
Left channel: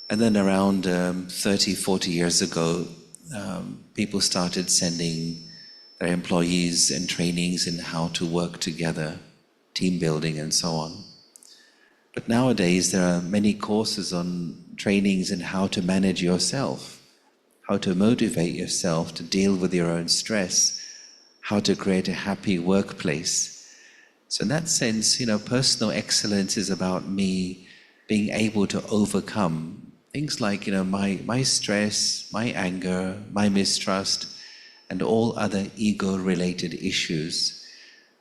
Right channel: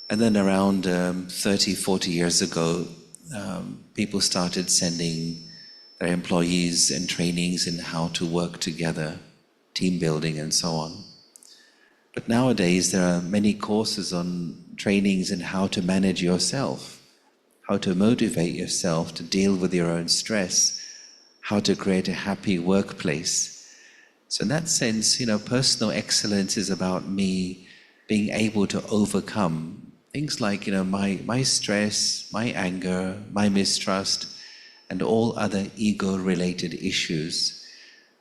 And then around 30, 40 years ago, people started sending their employees in trainings in how to work together, team building and so on. But nowadays there are many courses on trainings in how to manage yourself, how to motivate yourself to deal with your own stress, how to create a happy workplace. So in that sense, personal excellence is about me being able to overcome things like, my stress, my anger, my mistrust, and all other ego-related issues,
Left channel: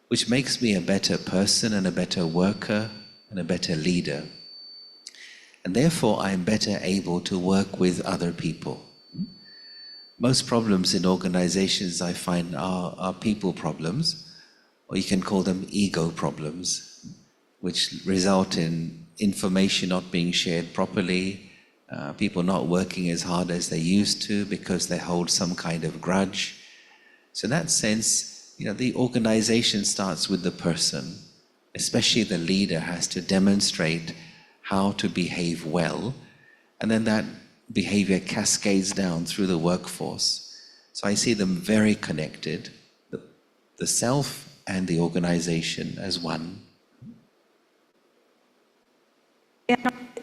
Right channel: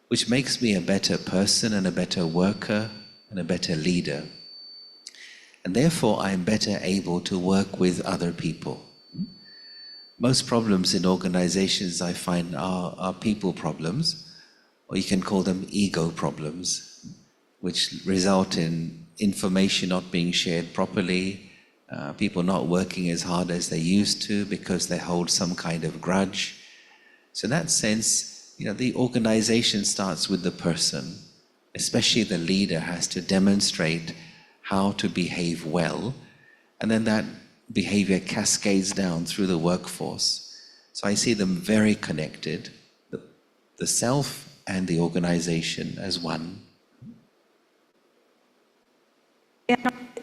which makes me a better person and a better worker and a better leader. And therefore, I'm better able to work with other people. Most problems in organizations, I find, are people problems, or you can call them ego problems, which result in information not being shared properly, people not working as hard as they used to because they hold some kind of grudge. So in that sense, the organization starts with the person. Especially the leader has to demonstrate how to behave well, and then that behavior cascades down through the workforce. So I see them very connected, the self and the organization as one.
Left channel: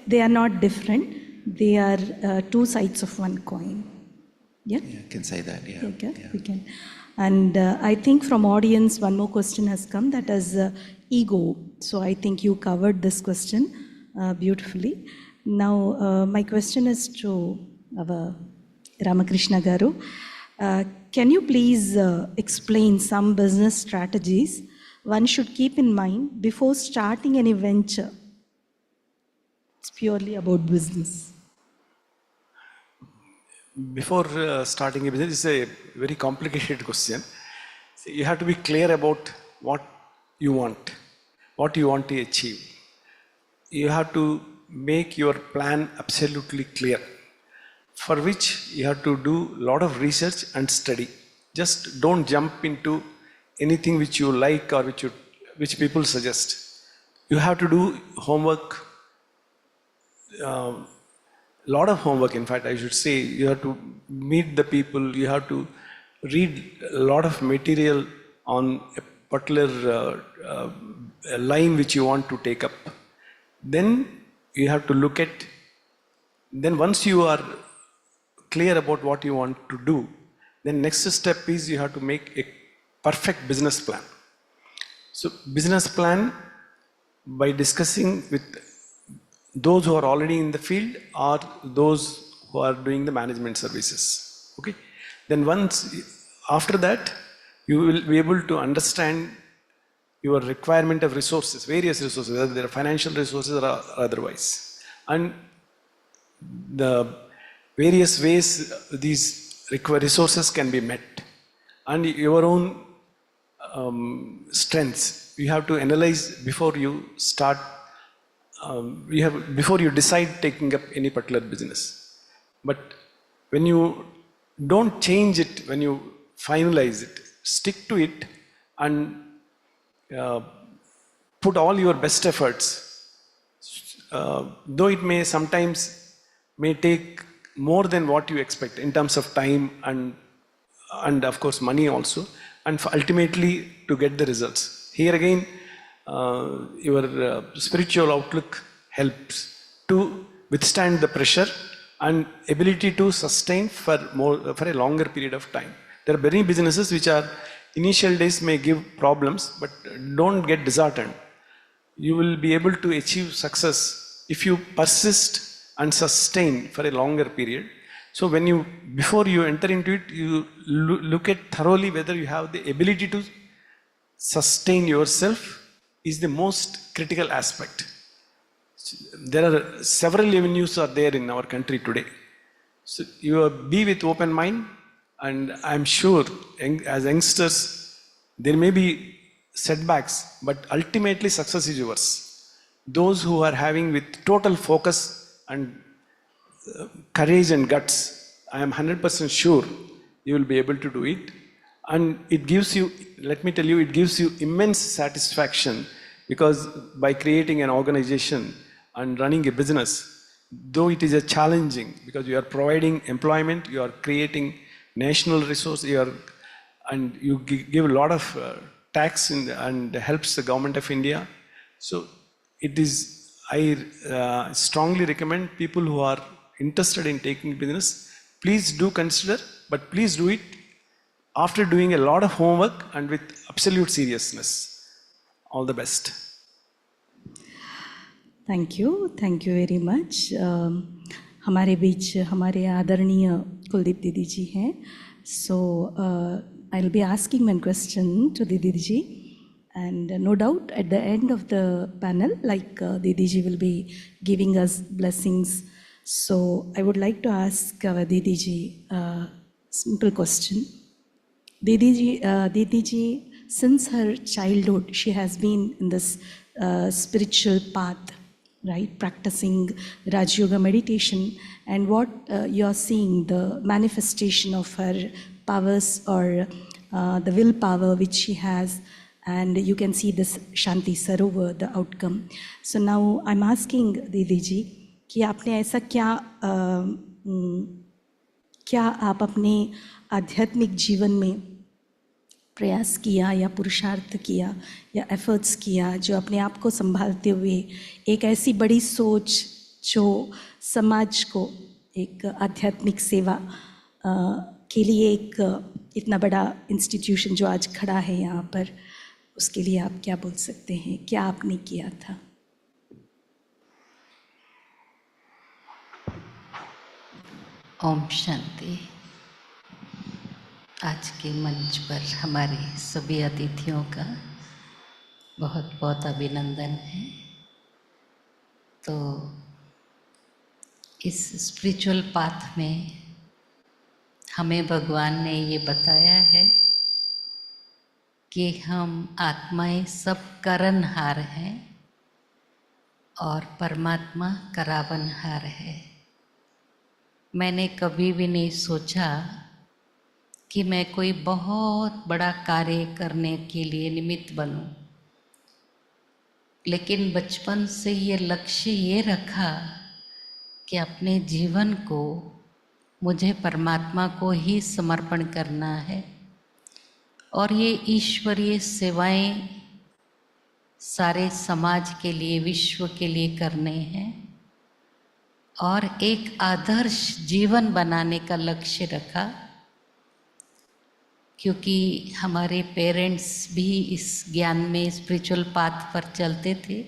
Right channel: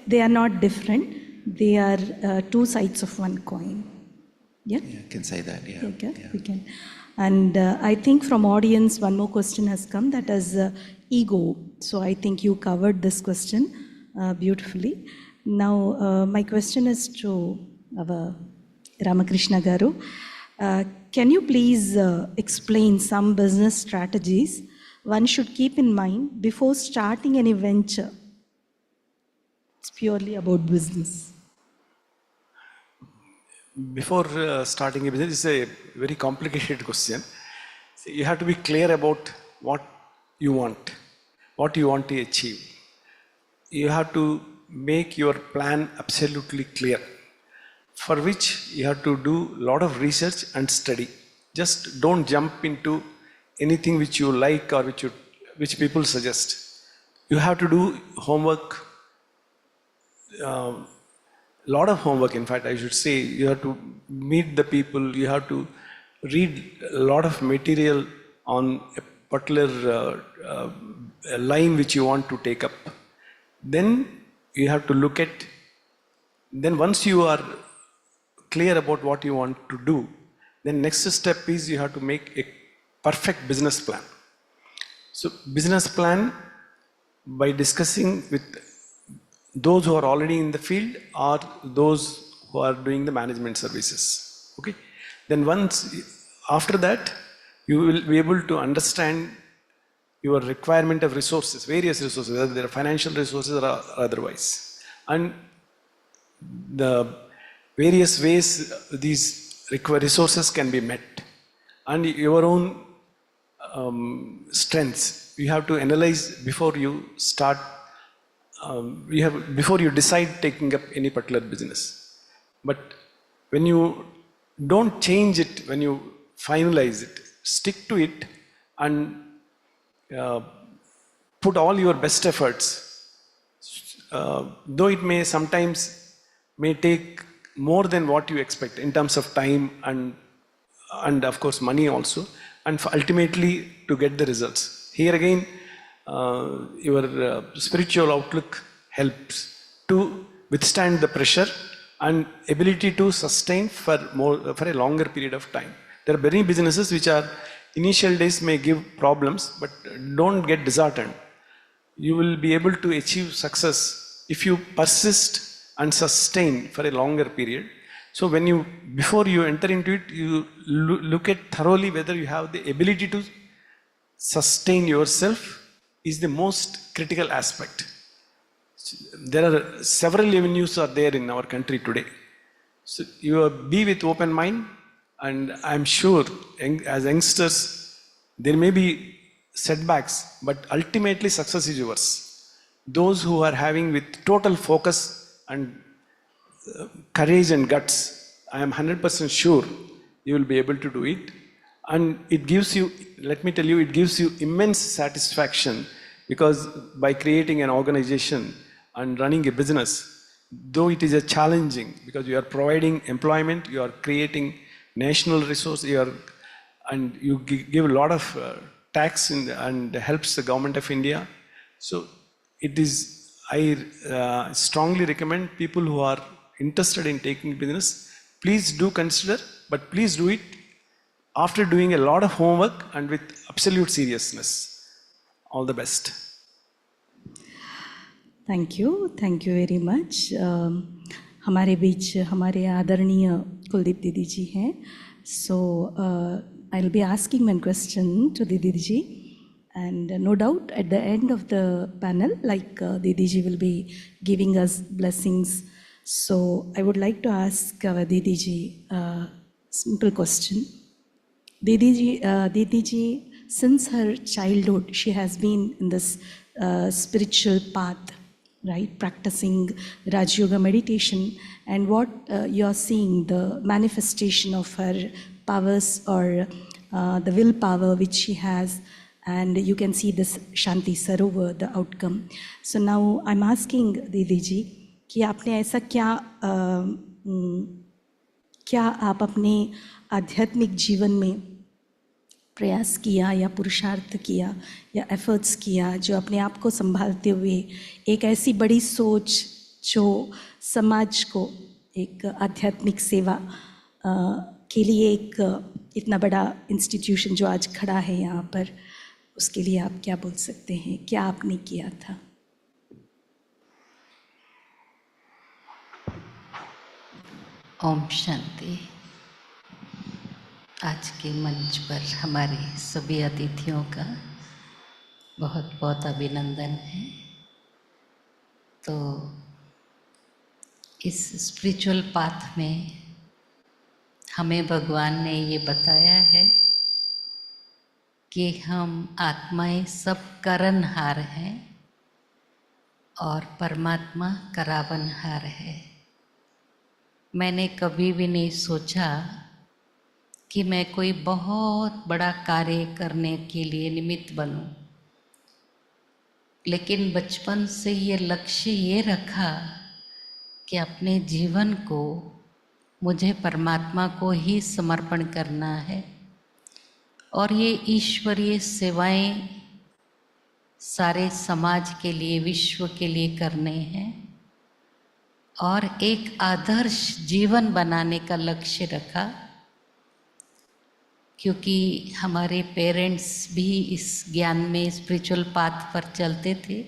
They are not different. They are two sides of one coin. Yeah? Yeah, I can say that, yeah. Okay, Yeah. we can. And I think from audience, one more question has come, that is ego. So I think you covered this question beautifully. Now, my question is to our Ramakrishna Garu. Can you please explain some business strategies one should keep in mind before starting any venture? It's purely about business. Before starting a business, it's a very complicated question. So you have to be clear about what you want to achieve. You have to make your plan absolutely clear, for which you have to do a lot of research and study. Just don't jump into anything which you like or which people suggest. You have to do homework, lot of homework, in fact, I should say. You have to meet the people, you have to read a lot of material on a particular line which you want to take up. Then you have to look at, then once you are clear about what you want to do, then next step is you have to make a perfect business plan. So business plan, by discussing with those who are already in the field or those who are doing the management services. Okay. Then after that, you will be able to understand your requirement of resources, various resources, whether they are financial resources or otherwise, and the various ways these resources can be met, and your own strengths. You have to analyze before you start. Before you decide taking up any particular business. But when you don't change it, when you finalize it, stick to it and put all your best efforts. Though it may sometimes take more than what you expect in terms of time and of course money also, and ultimately to get the results. Here again, your spiritual outlook helps to withstand the pressure and ability to sustain for a longer period of time. There are many businesses which are initial days may give problems, but don't get disheartened. You will be able to achieve success if you persist and sustain for a longer period. So when you, before you enter into it, you look at thoroughly whether you have the ability to sustain yourself is the most critical aspect. There are several avenues are there in our country today. So you be with open mind, and I'm sure as youngsters, there may be setbacks, but ultimately success is yours. Those who are having with total focus and courage and guts, I am 100% sure you will be able to do it. And it gives you, let me tell you, it gives you immense satisfaction, because by creating an organization and running a business, though it is a challenging, because you are providing employment, you are creating national resource, and you give a lot of tax and helps the government of India. So it is, I strongly recommend people who are interested in taking business, please do consider, but please do it after doing a lot of homework and with absolute seriousness. All the best. Thank you very much. हमारे बीच हमारे आदरणीय कुलदीप दीदी जी हैं. So I will be asking one question to दीदी ji, and no doubt at the end of the panel, like Didi ji will be giving us blessings. So I would like to ask Didi ji a simple question. Didi ji, since her childhood, she has been in this spiritual path, right? Practicing Raj Yoga meditation, and what you are seeing, the manifestation of her powers, or the willpower which she has, and you can see this Shanti Sarovar, the outcome. So now I'm asking Didi ji कि आपने ऐसा क्या आप अपने आध्यात्मिक जीवन में प्रयास किया या पुरुषार्थ किया या एफर्ट्स किया, जो अपने आप को संभालते हुए एक ऐसी बड़ी सोच जो समाज को एक आध्यात्मिक सेवा के लिए एक इतना बड़ा इंस्टीट्यूशन जो आज खड़ा है यहाँ पर, उसके लिए आप क्या बोल सकते हैं, क्या आपने किया था? ओम शांति. आज के मंच पर हमारे सभी अतिथियों का बहुत बहुत अभिनंदन है. तो इस स्पिरिचुअल पाथ में हमें भगवान ने ये बताया है कि हम आत्माएं सब करनहार हैं और परमात्मा करावनहार है. मैंने कभी भी नहीं सोचा कि मैं कोई बहुत बड़ा कार्य करने के लिए निमित्त बनूं, लेकिन बचपन से ये लक्ष्य ये रखा कि अपने जीवन को मुझे परमात्मा को ही समर्पण करना है, और ये ईश्वरीय सेवाएं सारे समाज के लिए, विश्व के लिए करने हैं, और एक आदर्श जीवन बनाने का लक्ष्य रखा. क्योंकि हमारे पेरेंट्स भी इस ज्ञान में स्पिरिचुअल पाथ पर चलते थे.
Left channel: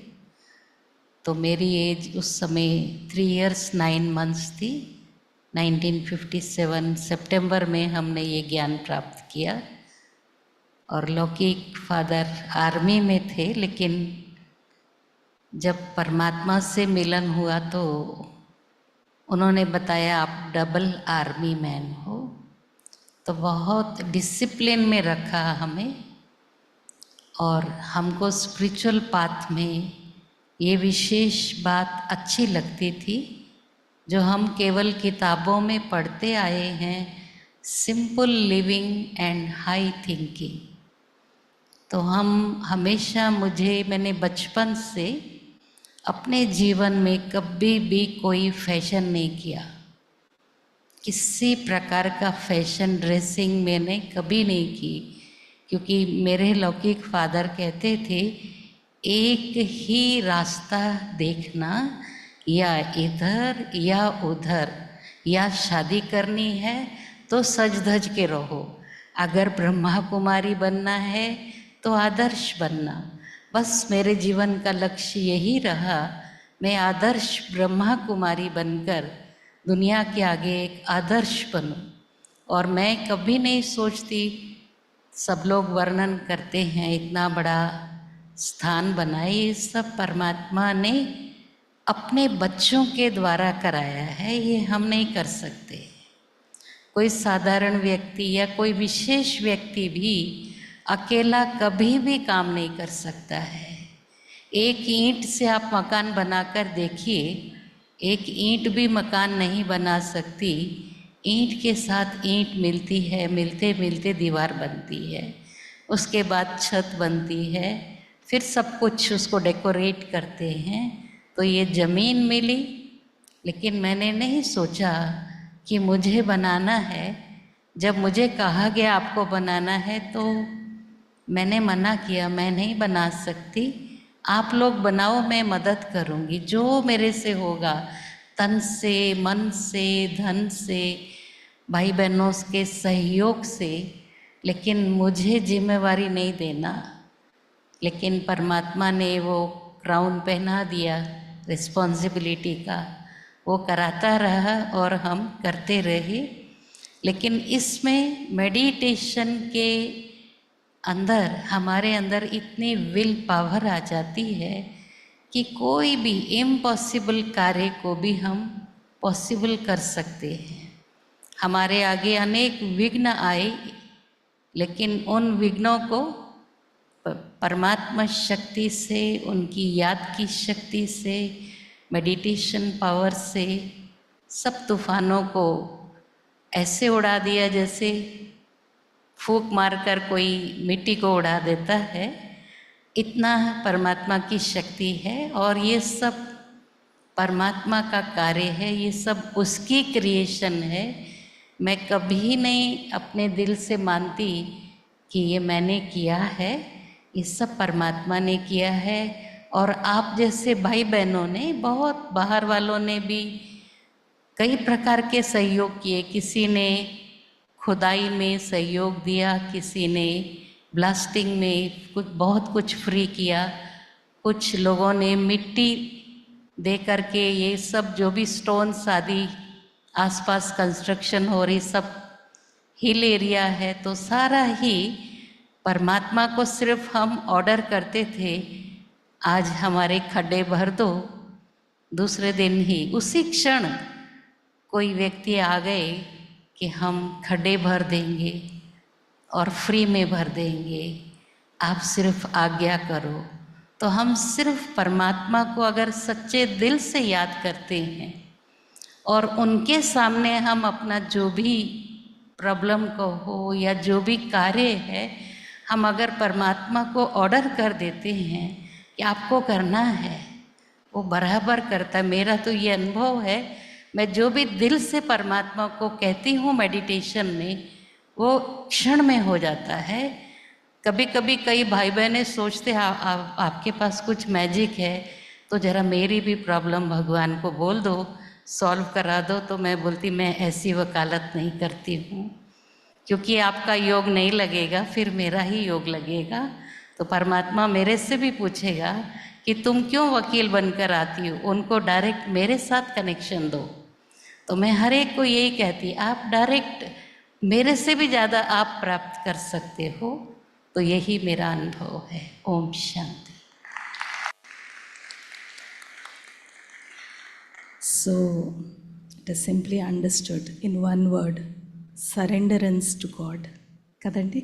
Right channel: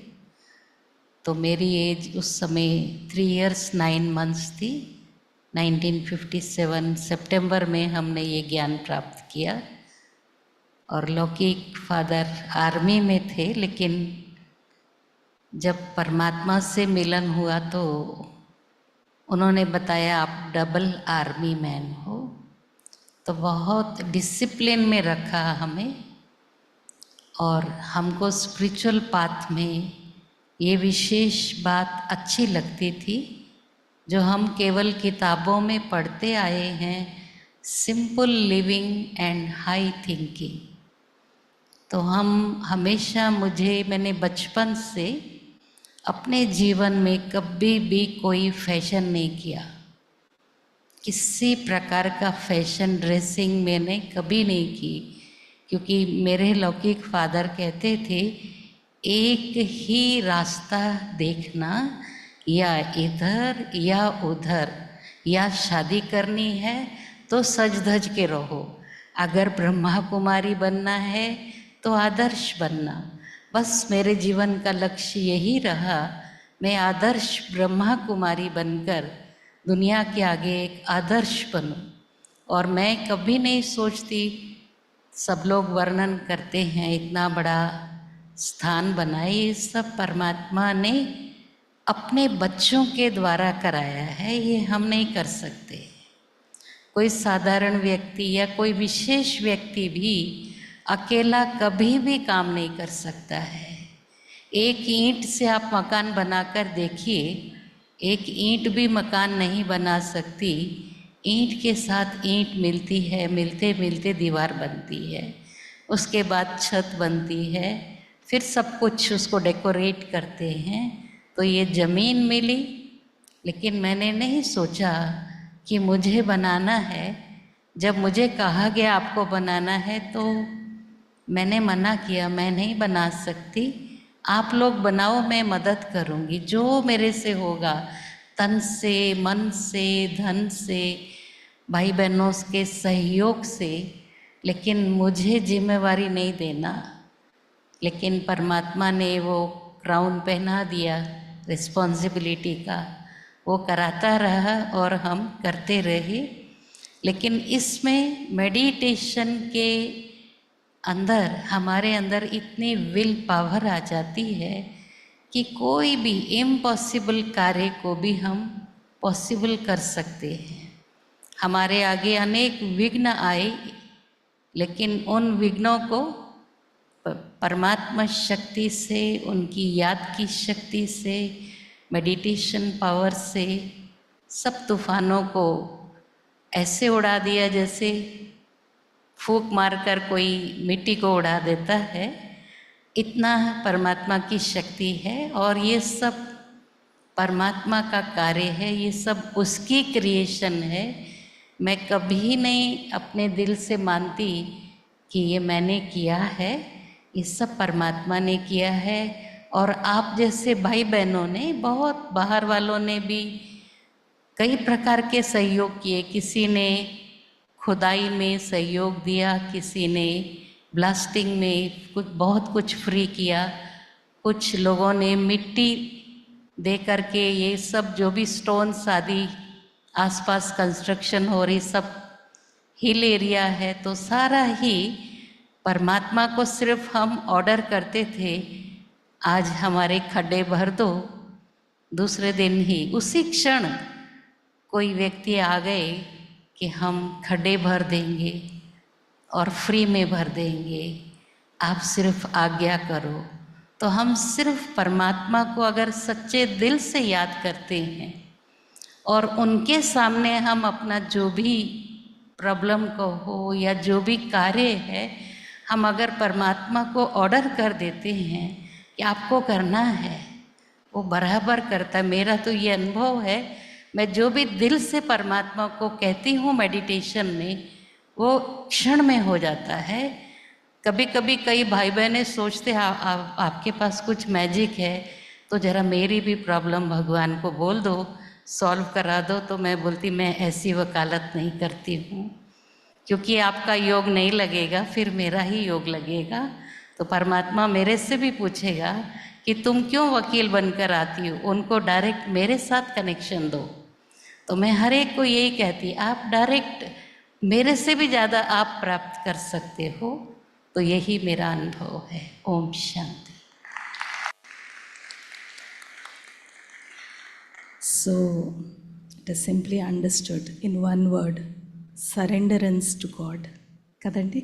तो मेरी एज उस समय 3 years 9 months थी. 1957 सितंबर में हमने ये ज्ञान प्राप्त किया, और लौकिक फादर आर्मी में थे, लेकिन जब परमात्मा से मिलन हुआ तो उन्होंने बताया आप डबल आर्मी मैन हो. तो बहुत डिसिप्लिन में रखा हमें, और हमको स्पिरिचुअल पाथ में ये विशेष बात अच्छी लगती थी जो हम केवल किताबों में पढ़ते आए हैं, simple living and high thinking. तो हम हमेशा मैंने बचपन से अपने जीवन में कभी भी कोई फैशन नहीं किया. किसी प्रकार का फैशन ड्रेसिंग मैंने कभी नहीं की, क्योंकि मेरे लौकिक फादर कहते थे एक ही रास्ता देखना, या इधर या उधर, या शादी करनी है तो सज धज के रहो, अगर ब्रह्मा कुमारी बनना है तो आदर्श बनना. बस मेरे जीवन का लक्ष्य यही रहा मैं आदर्श ब्रह्मा कुमारी बनकर दुनिया के आगे एक आदर्श बनूं। और मैं कभी नहीं सोचती, सब लोग वर्णन करते हैं इतना बड़ा स्थान बनाए, ये सब परमात्मा ने अपने बच्चों के द्वारा कराया है, ये हम नहीं कर सकते। कोई साधारण व्यक्ति या कोई विशेष व्यक्ति भी अकेला कभी भी काम नहीं कर सकता है। एक ईंट से आप मकान बनाकर देखिए, एक ईंट भी मकान नहीं बना सकती। ईंट के साथ ईंट मिलती है, मिलते मिलते दीवार बनती है, उसके बाद छत बनती है, फिर सब कुछ उसको डेकोरेट करते हैं। तो ये ज़मीन मिली, लेकिन मैंने नहीं सोचा कि मुझे बनाना है। जब मुझे कहा गया आपको बनाना है तो मैंने मना किया, मैं नहीं बना सकती, आप लोग बनाओ, मैं मदद करूँगी जो मेरे से होगा, तन से, मन से, धन से, भाई बहनों के सहयोग से, लेकिन मुझे जिम्मेवारी नहीं देना। लेकिन परमात्मा ने वो क्राउन पहना दिया रिस्पॉन्सिबिलिटी का, वो कराता रहा और हम करते रहे। लेकिन इसमें मेडिटेशन के अंदर, हमारे अंदर इतनी विल पावर आ जाती है कि कोई भी इम्पॉसिबल कार्य को भी हम पॉसिबल कर सकते हैं। हमारे आगे अनेक विघ्न आए, लेकिन उन विघ्नों को परमात्मा शक्ति से, उनकी याद की शक्ति से, मेडिटेशन पावर से सब तूफानों को ऐसे उड़ा दिया जैसे फूंक मारकर कोई मिट्टी को उड़ा देता है। इतना परमात्मा की शक्ति है और ये सब परमात्मा का कार्य है, ये सब उसकी क्रिएशन है। मैं कभी नहीं अपने दिल से मानती कि ये मैंने किया है, ये सब परमात्मा ने किया है। और आप जैसे भाई बहनों ने, बहुत बाहर वालों ने भी कई प्रकार के सहयोग किए। किसी ने खुदाई में सहयोग दिया, किसी ने ब्लास्टिंग में बहुत कुछ फ्री किया, कुछ लोगों ने मिट्टी दे करके ये सब जो भी स्टोन्स आदि आसपास कंस्ट्रक्शन हो रही, सब हिल एरिया है, तो सारा ही परमात्मा को सिर्फ हम ऑर्डर करते थे, आज हमारे खड्डे भर दो। दूसरे दिन ही, उसी क्षण कोई व्यक्ति आ गए कि हम खड्डे भर देंगे और फ्री में भर देंगे, आप सिर्फ आज्ञा करो। तो हम सिर्फ परमात्मा को अगर सच्चे दिल से याद करते हैं और उनके सामने हम अपना जो भी प्रॉब्लम को हो या जो भी कार्य है, हम अगर परमात्मा को ऑर्डर कर देते हैं कि आपको करना है, वो बराबर करता है। मेरा तो ये अनुभव है, मैं जो भी दिल से परमात्मा को कहती हूँ मेडिटेशन में, वो क्षण में हो जाता है। कभी कभी कई भाई बहनें सोचते हैं आपके पास कुछ मैजिक है, तो ज़रा मेरी भी प्रॉब्लम भगवान को बोल दो, सॉल्व करा दो। तो मैं बोलती, मैं ऐसी वकालत नहीं करती हूँ, क्योंकि आपका योग नहीं लगेगा, फिर मेरा ही योग लगेगा। तो परमात्मा मेरे से भी पूछेगा कि तुम क्यों वकील बनकर आती हो, उनको डायरेक्ट मेरे साथ कनेक्शन दो। तो मैं हर एक को यही कहती, आप डायरेक्ट मेरे से भी ज़्यादा आप प्राप्त कर सकते हो। तो यही मेरा अनुभव है। Om Shanti. So, it is simply understood in one word, surrenderance to God. कदंडी,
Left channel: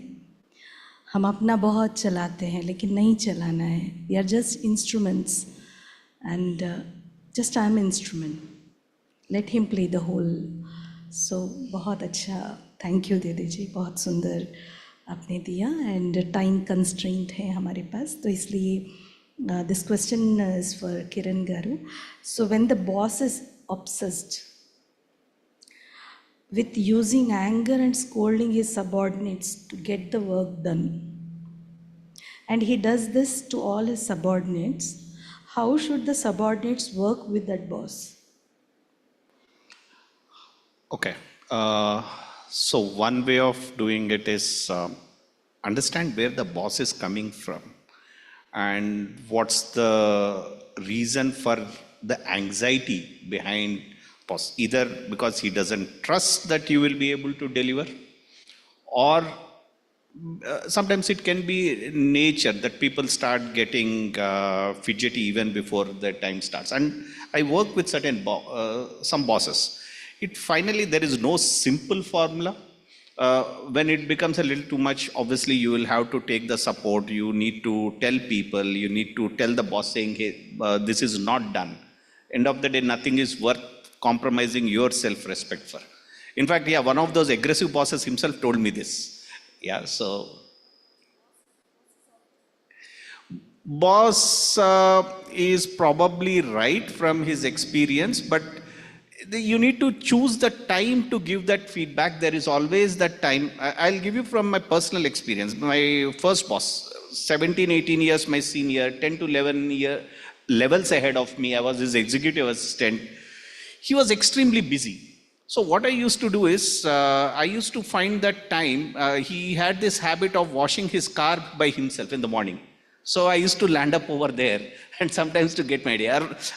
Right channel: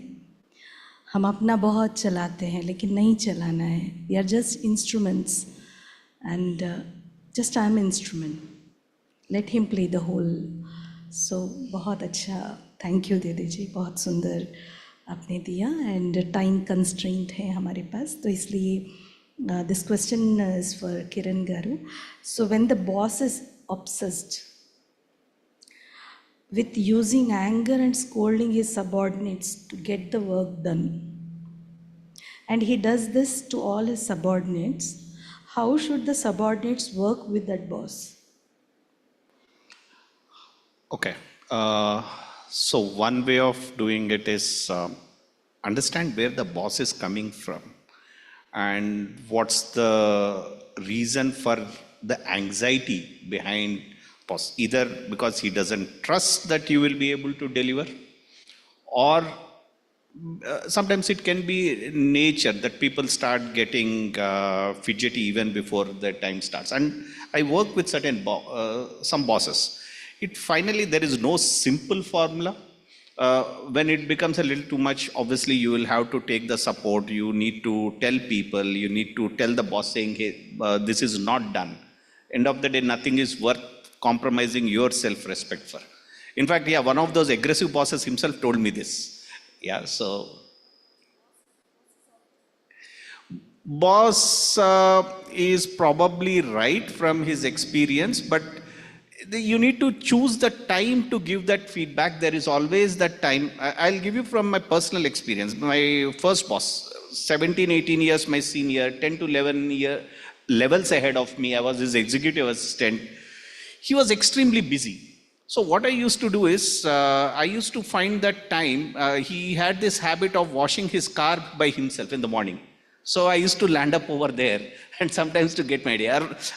हम अपना बहुत चलाते हैं, लेकिन नहीं चलाना है। We are just instruments, and just I am instrument. Let him play the whole. So, बहुत अच्छा, थैंक यू दीदी जी, बहुत सुंदर आपने दिया। एंड टाइम कंस्ट्रेंट है हमारे पास, तो इसलिए this question is for Kiran garu. So when the boss is obsessed with using anger and scolding his subordinates to get the work done, and he does this to all his subordinates, how should the subordinates work with that boss? Okay. So one way of doing it is understand where the boss is coming from and what's the reason for the anxiety behind boss, either because he doesn't trust that you will be able to deliver, or sometimes it can be nature that people start getting fidgety even before the time starts. And I work with some bosses. It finally, there is no simple formula. When it becomes a little too much, obviously you will have to take the support. You need to tell people, you need to tell the boss saying, hey, this is not done. End of the day, nothing is worth compromising your self-respect for. In fact, yeah, one of those aggressive bosses himself told me this. Yeah, so boss is probably right from his experience, but you need to choose the time to give that feedback. There is always that time. I'll give you from my personal experience. My first boss, 17, 18 years my senior, 10 to 11 levels ahead of me. I was his executive assistant. He was extremely busy. So what I used to do is, I used to find that time, he had this habit of washing his car by himself in the morning. So I used to land up over there and sometimes to get my day.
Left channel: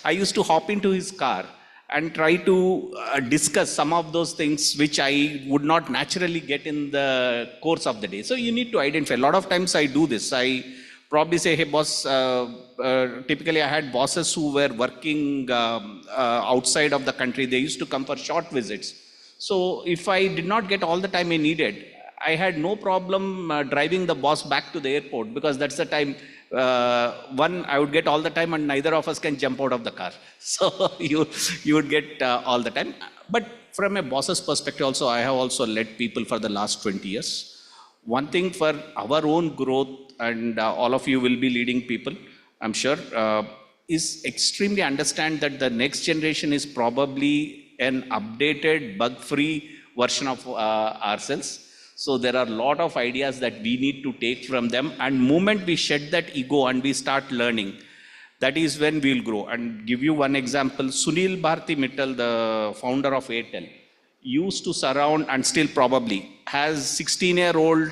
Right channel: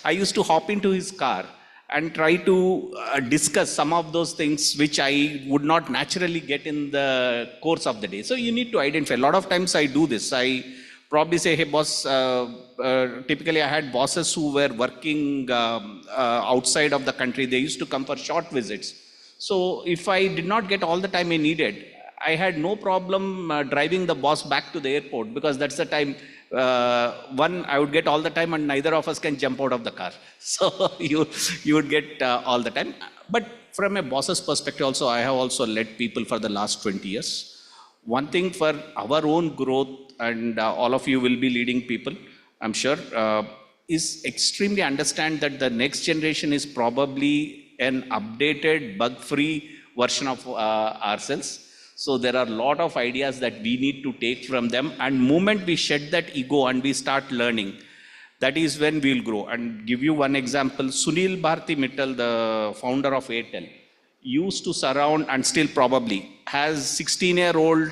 I used to hop into his car and try to discuss some of those things which I would not naturally get in the course of the day. So you need to identify. A lot of times I do this. I probably say, hey boss, typically I had bosses who were working outside of the country. They used to come for short visits. So if I did not get all the time I needed, I had no problem driving the boss back to the airport, because that's the time, I would get all the time and neither of us can jump out of the car. So you would get all the time. But from a boss's perspective also, I have also led people for the last 20 years. One thing for our own growth, and all of you will be leading people, I'm sure, is extremely understand that the next generation is probably an updated, bug-free version of ourselves. So there are a lot of ideas that we need to take from them, and moment we shed that ego and we start learning, that is when we'll grow. And give you one example, Sunil Bharti Mittal, the founder of Airtel, used to surround, and still probably has 16-year-old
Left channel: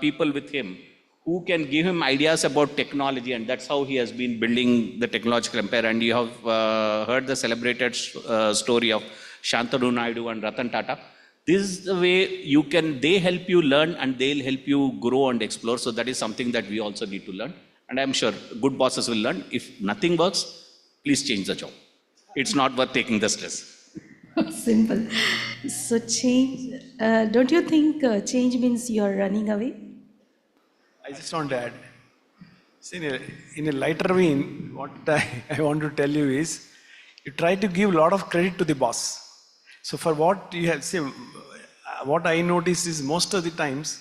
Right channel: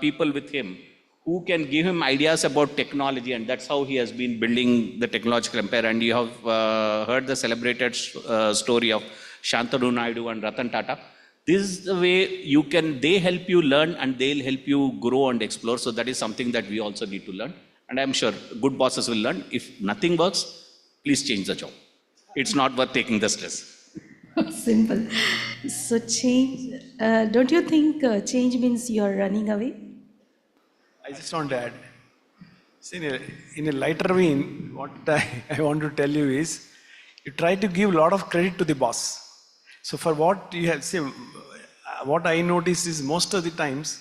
people with him who can give him ideas about technology, and that's how he has been building the technological empire. And you have heard the celebrated story of Shantanu Naidu and Ratan Tata. This is the way they help you learn and they'll help you grow and explore. So that is something that we also need to learn. And I'm sure good bosses will learn. If nothing works, please change the job. It's not worth taking the stress. Simple. So change, don't you think change means you're running away? I just want to add, see, in a lighter vein, what I want to tell you is, you try to give a lot of credit to the boss. So for what you have, see, what I noticed is most of the times,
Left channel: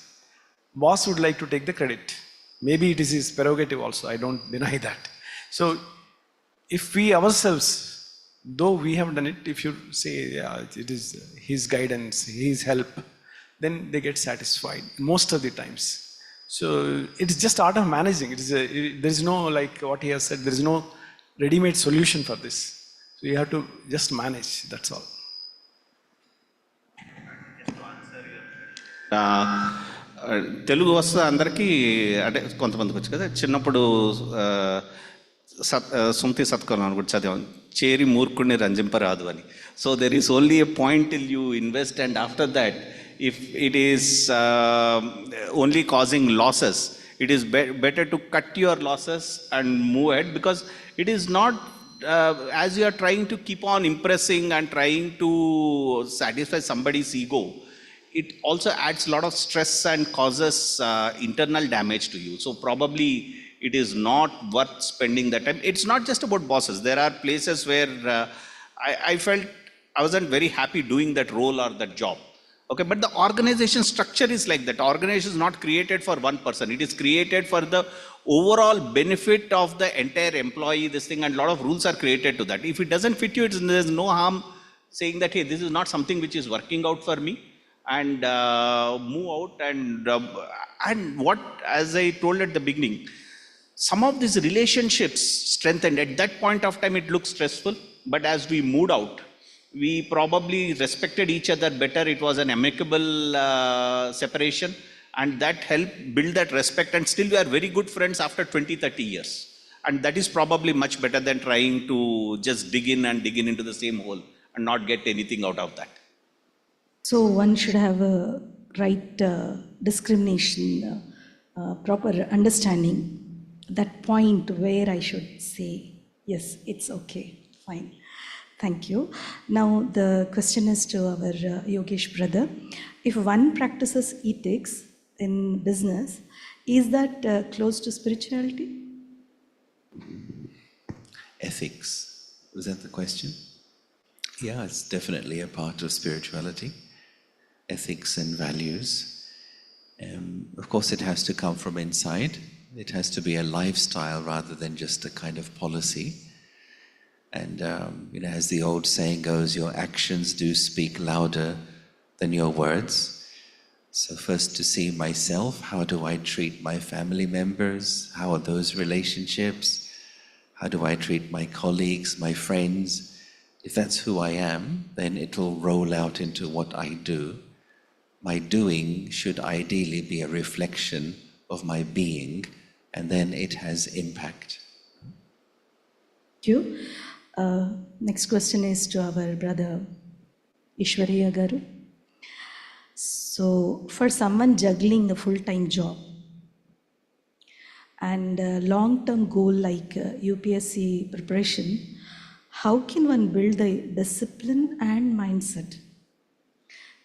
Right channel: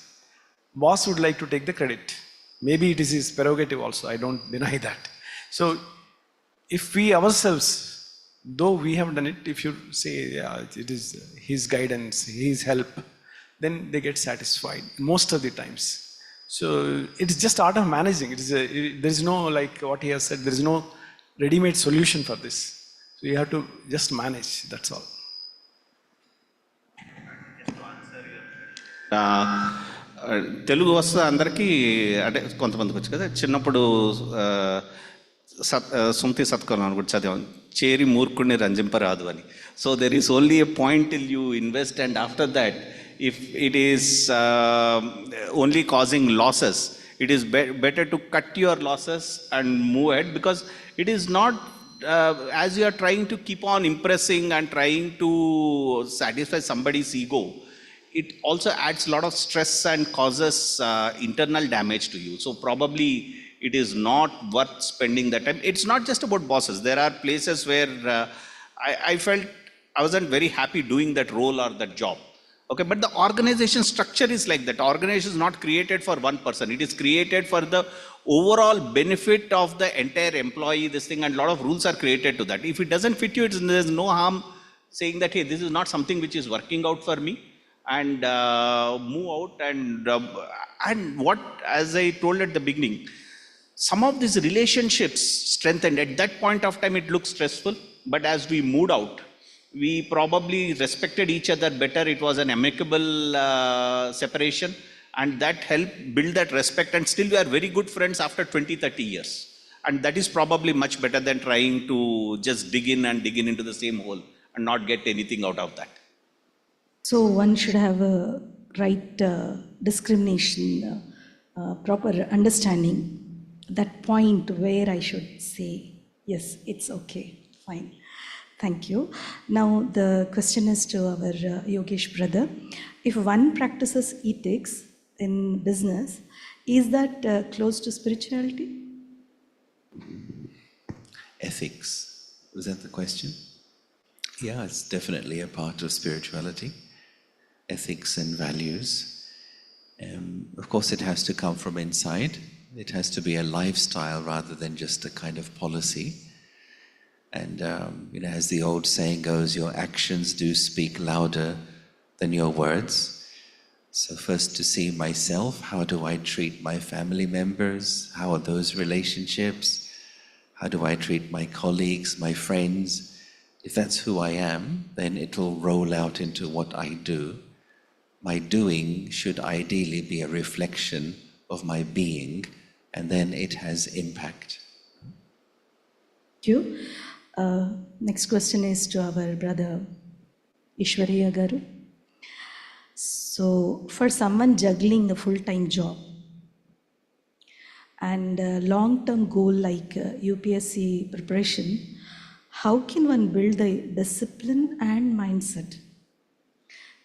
boss would like to take the credit. Maybe it is his prerogative also, I don't deny that. So if we ourselves, though we have done it, if you say, yeah, it is his guidance, his help, then they get satisfied most of the times. So it's just art of managing. There is no, like what he has said, there is no ready-made solution for this. So you have to just manage, that's all. Telugu వస్తుంది అందరికీ, అంటే కొంతమందికి వచ్చు కదా. చిన్నప్పుడు సుమతి సత్కరం అనుకుంటు చదివాను, చేరి మూర్ఖుడిని రంజింపరాదు అని. So there is only a point till you invest, and after that if it is only causing losses, it is better to cut your losses and move ahead, because it is not as you are trying to keep on impressing and trying to satisfy somebody's ego, it also adds a lot of stress and causes internal damage to you. So probably it is not worth spending that time. It's not just about bosses. There are places where I felt I wasn't very happy doing that role or that job. Okay, but the organization structure is like that. Organization is not created for one person. It is created for the overall benefit of the entire employee, this thing, and a lot of rules are created to that. If it doesn't fit you, there's no harm saying that, hey, this is not something which is working out for me, and move out. And what, as I told at the beginning, some of these relationships strengthened. At that point of time, it looked stressful, but as we moved out, we probably respected each other better. It was an amicable separation, and that helped build that respect, and still we are very good friends after 20-30 years. And that is probably much better than trying to just dig in into the same hole and not get anything out of that. So one should have a right discrimination, proper understanding, that point where I should say, yes, it's okay, fine. Thank you. Now the question is to our Yogesh brother. If one practices ethics in business, is that close to spirituality? Ethics, was that the question? Yeah, it's definitely a part of spirituality. Ethics and values. Of course, it has to come from inside. It has to be a lifestyle rather than just a kind of policy. And as the old saying goes, your actions do speak louder than your words. So first to see myself, how do I treat my family members? How are those relationships? How do I treat my colleagues, my friends? If that's who I am, then it'll roll out into what I do. My doing should ideally be a reflection of my being, and then it has impact. Thank you. Next question is to our brother Ishwariya Garu. So, for someone juggling a full-time job and a long-term goal like UPSC preparation, how can one build the discipline and mindset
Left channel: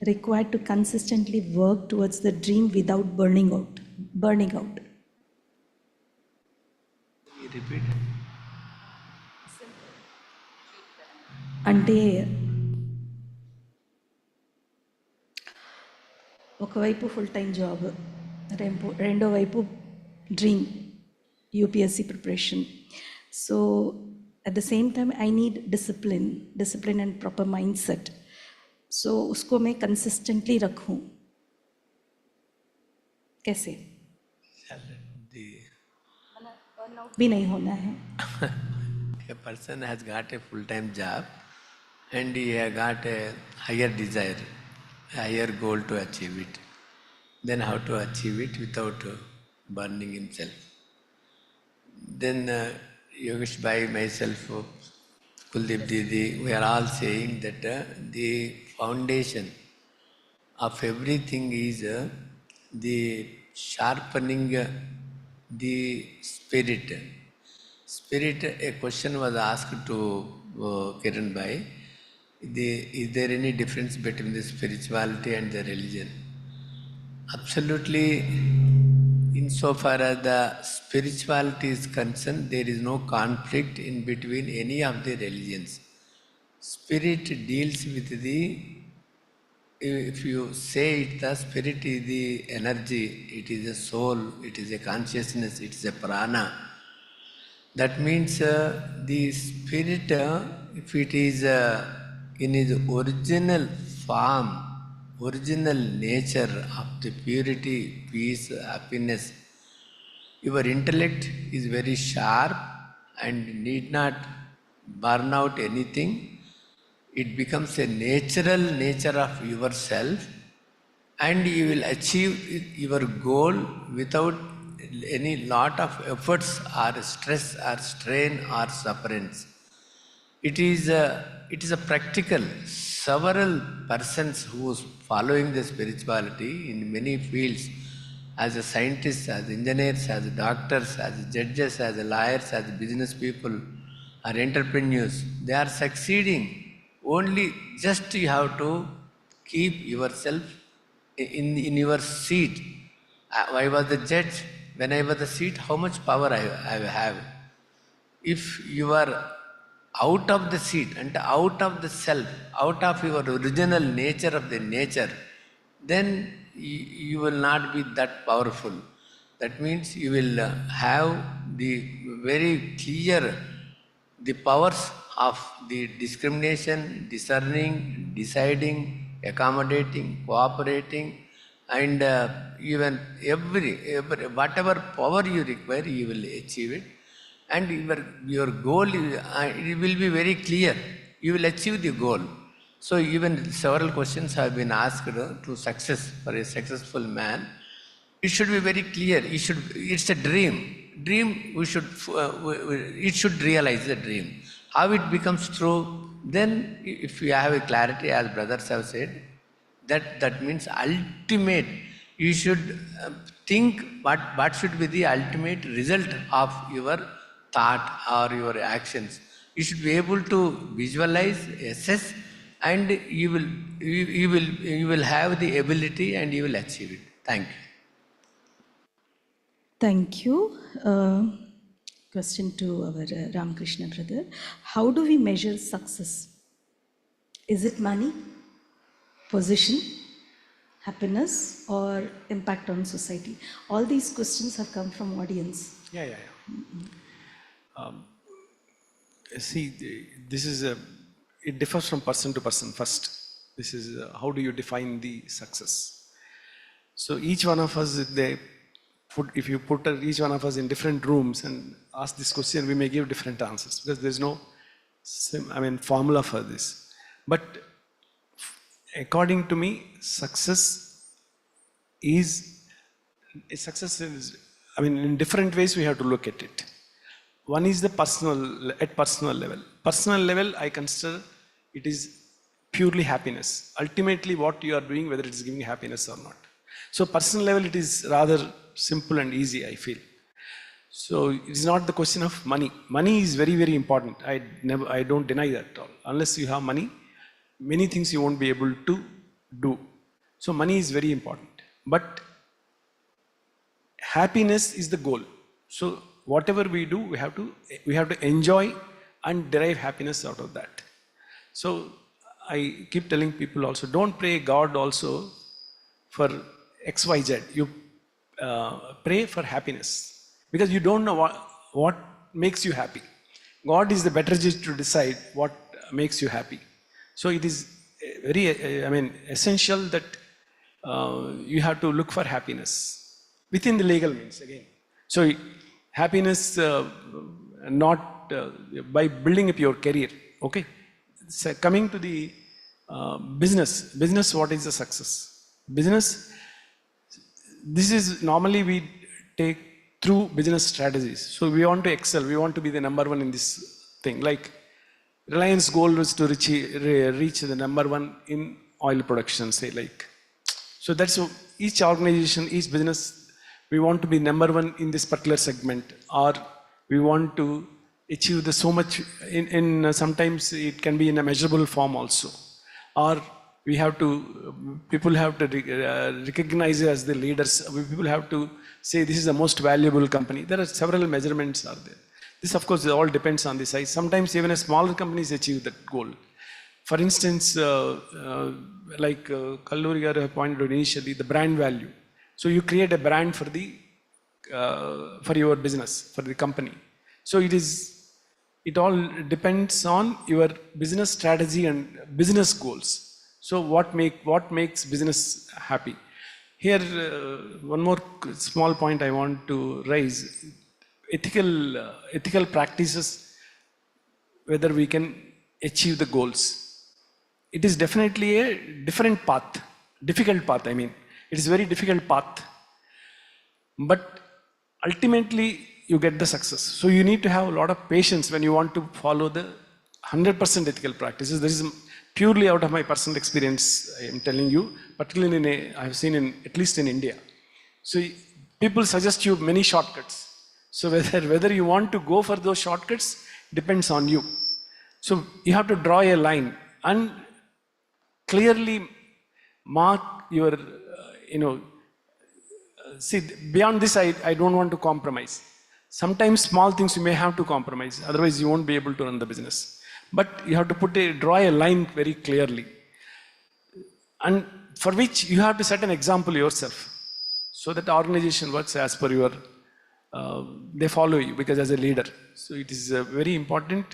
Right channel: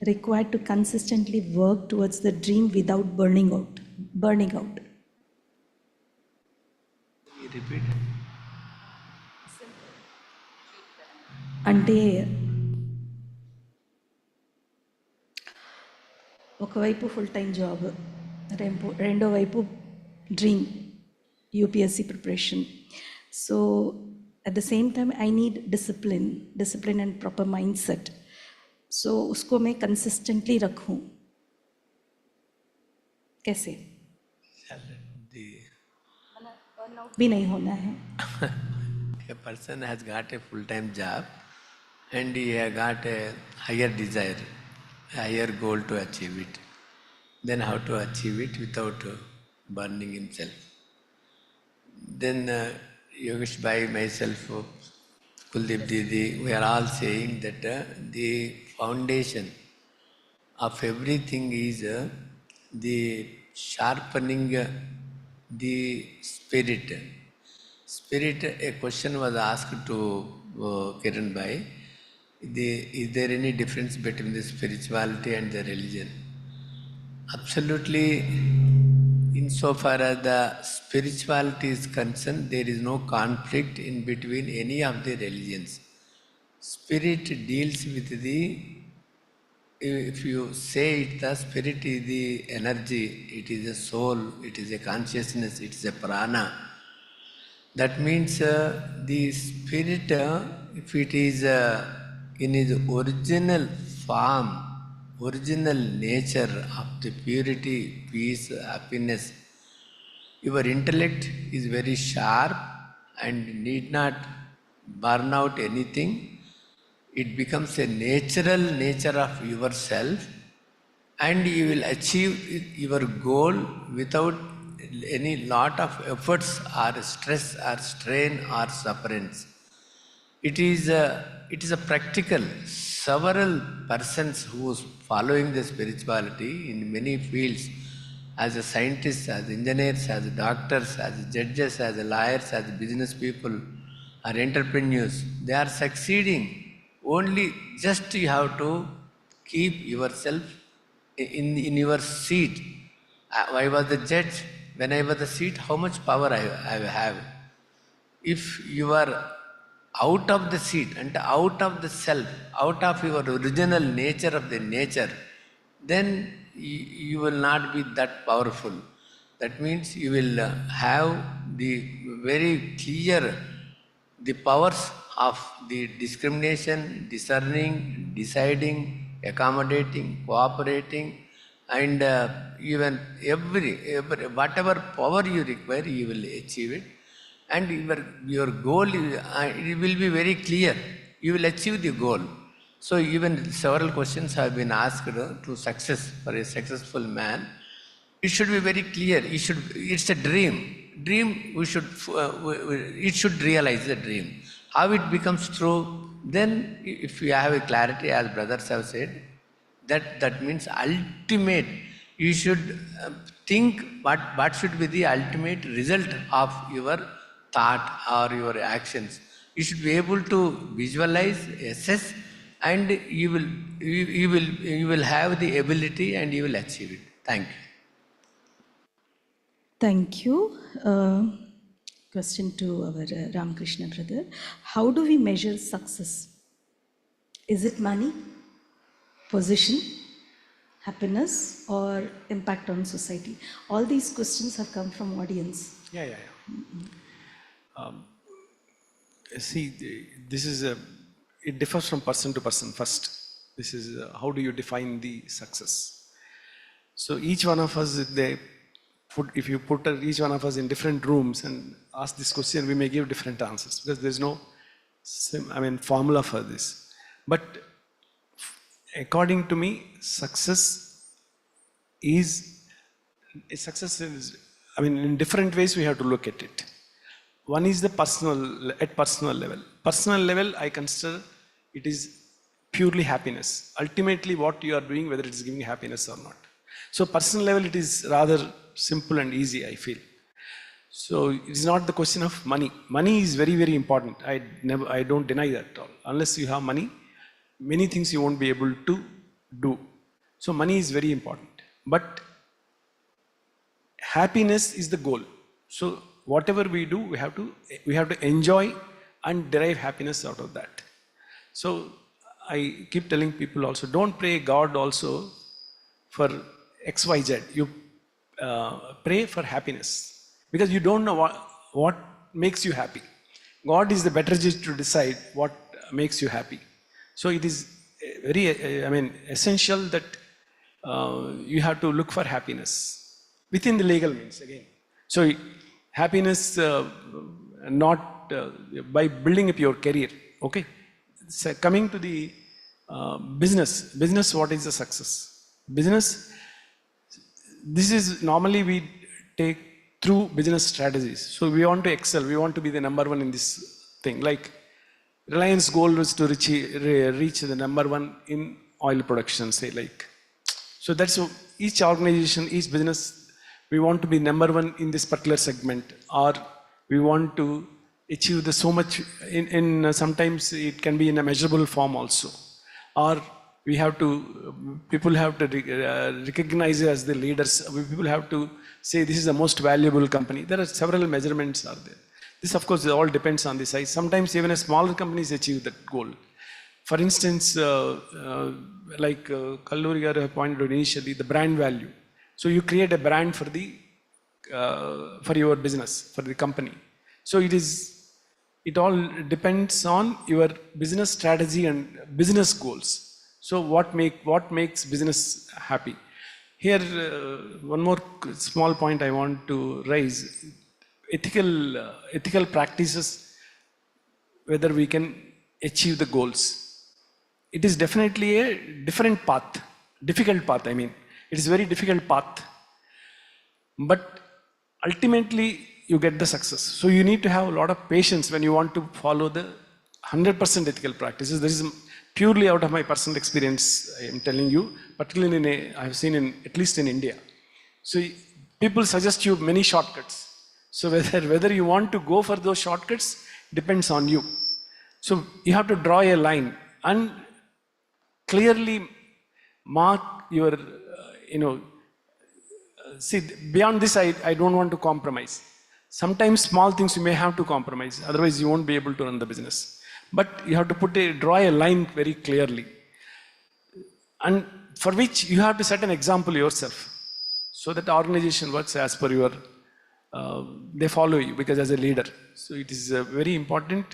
required to consistently work towards the dream without burning out? You repeat. అంటే ఒకవైపు full time job, రెండో వైపు dream UPSC preparation. So at the same time I need discipline and proper mindset. So उसको मैं consistently रखूं कैसे? burnout भी नहीं होना है. A person has got a full-time job and he has got a higher desire, a higher goal to achieve it. Then how to achieve it without burning himself? Then Yogesh Bhai, myself, Kuldeep Didi, we are all saying that the foundation of everything is the sharpening the spirit. Spirit, a question was asked to Kiran Bhai, is there any difference between the spirituality and the religion? Absolutely, insofar as the spirituality is concerned, there is no conflict in between any of the religions. Spirit deals with the, if you say it, the spirit is the energy, it is a soul, it is a consciousness, it is a prana. That means the spirit, if it is in its original form, original nature of the purity, peace, happiness, your intellect is very sharp and need not burn out anything. It becomes a natural nature of yourself and you will achieve your goal without any lot of efforts or stress or strain or sufferance. It is a practical. Several persons who is following the spirituality in many fields, as a scientists, as engineers, as doctors, as judges, as lawyers, as business people, or entrepreneurs, they are succeeding. Only just you have to keep yourself in your seat. I was the judge. When I was the seat, how much power I have? If you are out of the seat and out of the self, out of your original nature of the nature, then you will not be that powerful. That means you will have the very clear, the powers of the discrimination, discerning, deciding, accommodating, cooperating, and even every whatever power you require, you will achieve it. And your goal, it will be very clear. You will achieve the goal. So even several questions have been asked to success, for a successful man. It should be very clear. It's a dream. dream it should realize the dream. How it becomes true, then if you have a clarity, as brothers have said, that means ultimate, you should think what should be the ultimate result of your thought or your actions. You should be able to visualize, assess, and you will have the ability and you will achieve it. Thank you. Thank you. Question to our Ramakrishna brother. How do we measure success? Is it money, position, happiness, or impact on society? All these questions have come from audience. Yeah. See, this is it differs from person to person first. This is how do you define the success? So each one of us, if you put each one of us in different rooms and ask this question, we may give different answers because there's no formula for this. But according to me, success is, in different ways we have to look at it. One is the personal level. Personal level, I consider it is purely happiness. Ultimately, what you are doing, whether it is giving happiness or not. So personal level, it is rather simple and easy, I feel. So it is not the question of money. Money is very, very important. I don't deny that at all. Unless you have money, many things you won't be able to do. So money is very important. But happiness is the goal. So whatever we do, we have to enjoy and derive happiness out of that. So I keep telling people also, don't pray God also for XYZ. You pray for happiness because you don't know what makes you happy. God is the better judge to decide what makes you happy. So it is very, essential that you have to look for happiness within the legal means again. So happiness not by building up your career. Okay. So coming to the business, what is the success? Business, this is normally we take through business strategies. So we want to excel, we want to be the number one in this thing. Like Reliance goal was to reach the number one in oil production, say like. So that's each organization, each business, we want to be number one in this particular segment, or we want to achieve the so much in sometimes it can be in a measurable form also, or we have to, people have to recognize it as the leaders. People have to say this is the most valuable company. There are several measurements are there. This of course all depends on the size. Sometimes even a smaller companies achieve that goal. For instance, like Kalluri garu pointed out initially, the brand value. So you create a brand for your business, for the company. So it all depends on your business strategy and business goals. So what makes business happy? Here, one more small point I want to raise: ethical practices. Whether we can achieve the goals. It is definitely a different path, difficult path. It is a very difficult path. But ultimately, you get the success. So you need to have a lot of patience when you want to follow the 100% ethical practices. This is purely out of my personal experience, I am telling you, particularly I have seen at least in India. So people suggest you many shortcuts. So whether you want to go for those shortcuts depends on you. So you have to draw a line and clearly mark your, see, beyond this, I don't want to compromise. Sometimes small things you may have to compromise, otherwise you won't be able to run the business. But you have to draw a line very clearly. And for which you have to set an example yourself. So that the organization works as per your, they follow you because as a leader. So it is very important.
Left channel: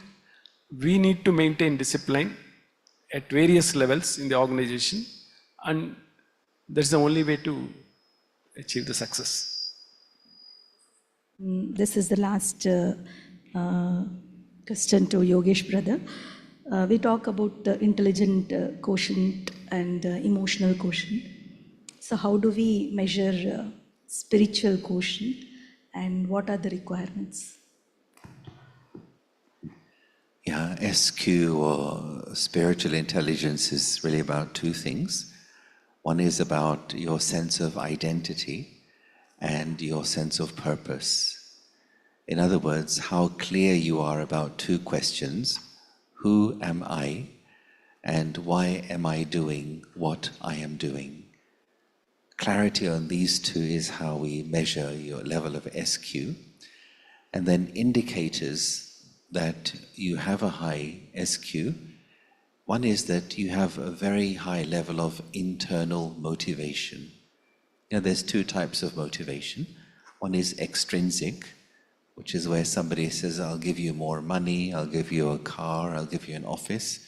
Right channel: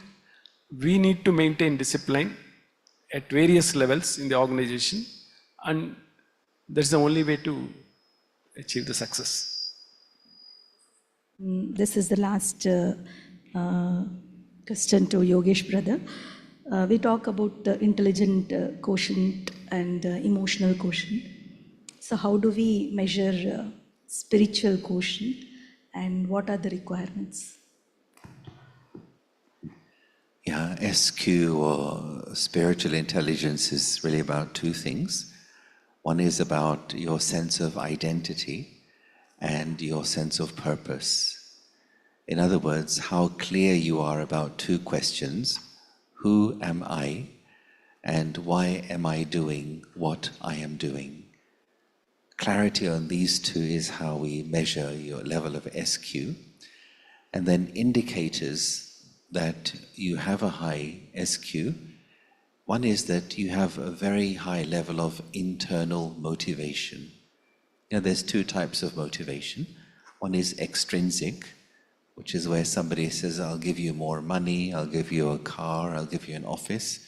We need to maintain discipline at various levels in the organization. And that's the only way to achieve the success. This is the last question to Yogesh brother. We talk about the intelligent quotient and emotional quotient. So how do we measure spiritual quotient and what are the requirements? Yeah, SQ or spiritual intelligence is really about two things. One is about your sense of identity and your sense of purpose. In other words, how clear you are about two questions. Who am I? And why am I doing what I am doing? Clarity on these two is how we measure your level of SQ. And then indicators that you have a high SQ. One is that you have a very high level of internal motivation. There's two types of motivation. One is extrinsic, which is where somebody says, I'll give you more money, I'll give you a car, I'll give you an office.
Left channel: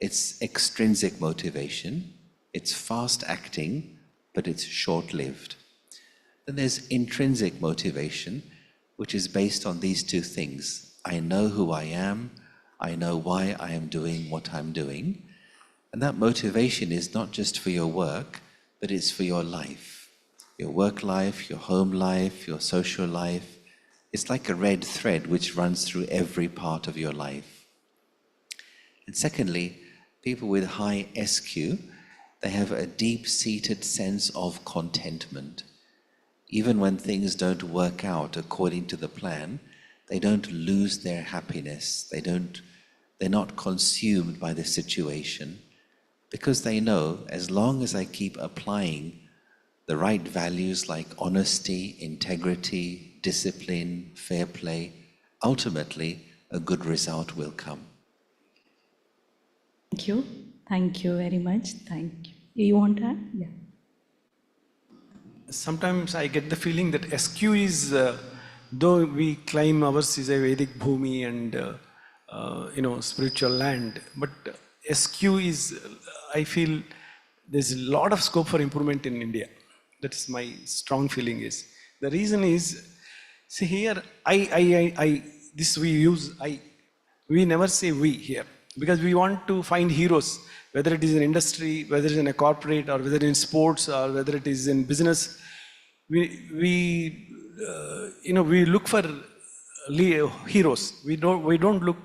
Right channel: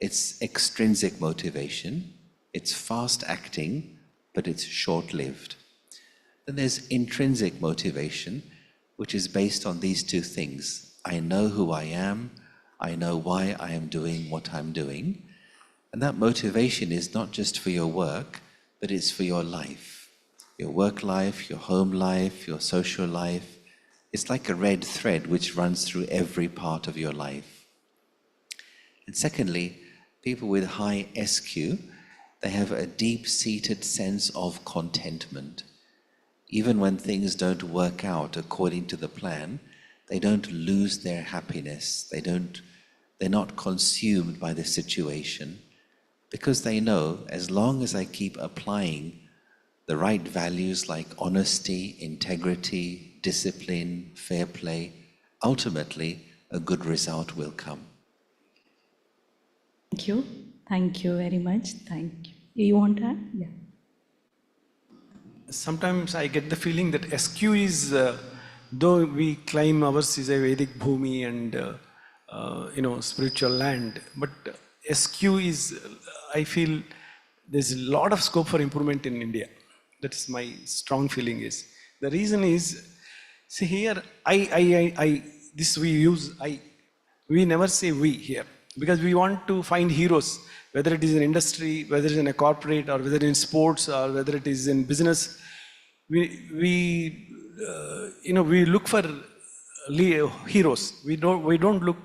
It's extrinsic motivation. It's fast acting, but it's short-lived. Then there's intrinsic motivation, which is based on these two things. I know who I am, I know why I am doing what I'm doing. And that motivation is not just for your work, but it's for your life. Your work life, your home life, your social life. It's like a red thread which runs through every part of your life. And secondly, people with high SQ, they have a deep-seated sense of contentment. Even when things don't work out according to the plan, they don't lose their happiness. They're not consumed by the situation, because they know as long as I keep applying the right values like honesty, integrity, discipline, fair play, ultimately a good result will come. Thank you. Thank you very much. Thank you. You want to add? Yeah. Sometimes I get the feeling that SQ is, though we claim ours is a Vedic Bhumi and spiritual land, but SQ is, I feel there's a lot of scope for improvement in India. That's my strong feeling is. The reason is, see here, we never say we here, because we want to find heroes, whether it is in industry, whether it is in a corporate, or whether in sports, or whether it is in business. We look for heroes. We don't look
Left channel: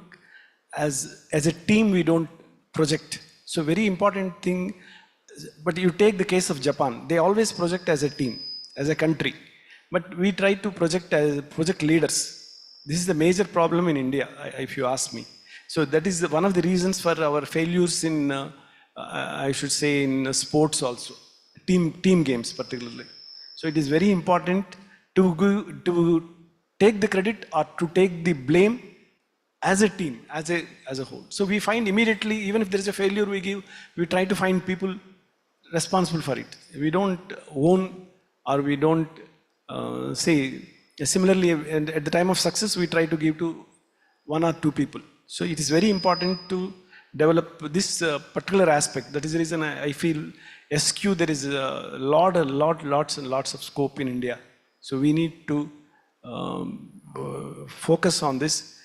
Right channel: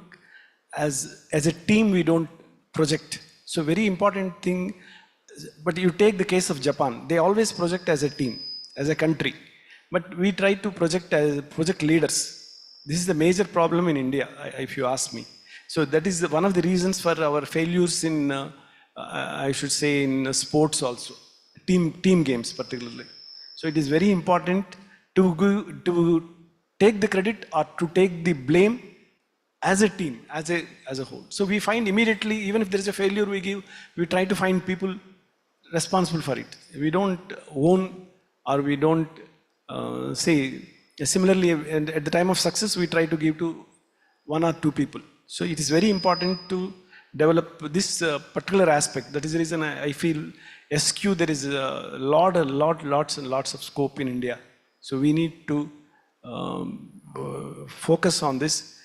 as a team. We don't project. So very important thing. But you take the case of Japan. They always project as a team, as a country. But we try to project as project leaders. This is the major problem in India, if you ask me. So that is one of the reasons for our failures in, I should say, in sports also, team games particularly. So it is very important to take the credit or to take the blame as a team, as a whole. So we find immediately, even if there is a failure we try to find people responsible for it. We don't own, or we don't say, similarly, and at the time of success, we try to give to one or two people. So it is very important to develop this particular aspect. That is the reason I feel SQ, there is lots and lots of scope in India. So we need to focus on this.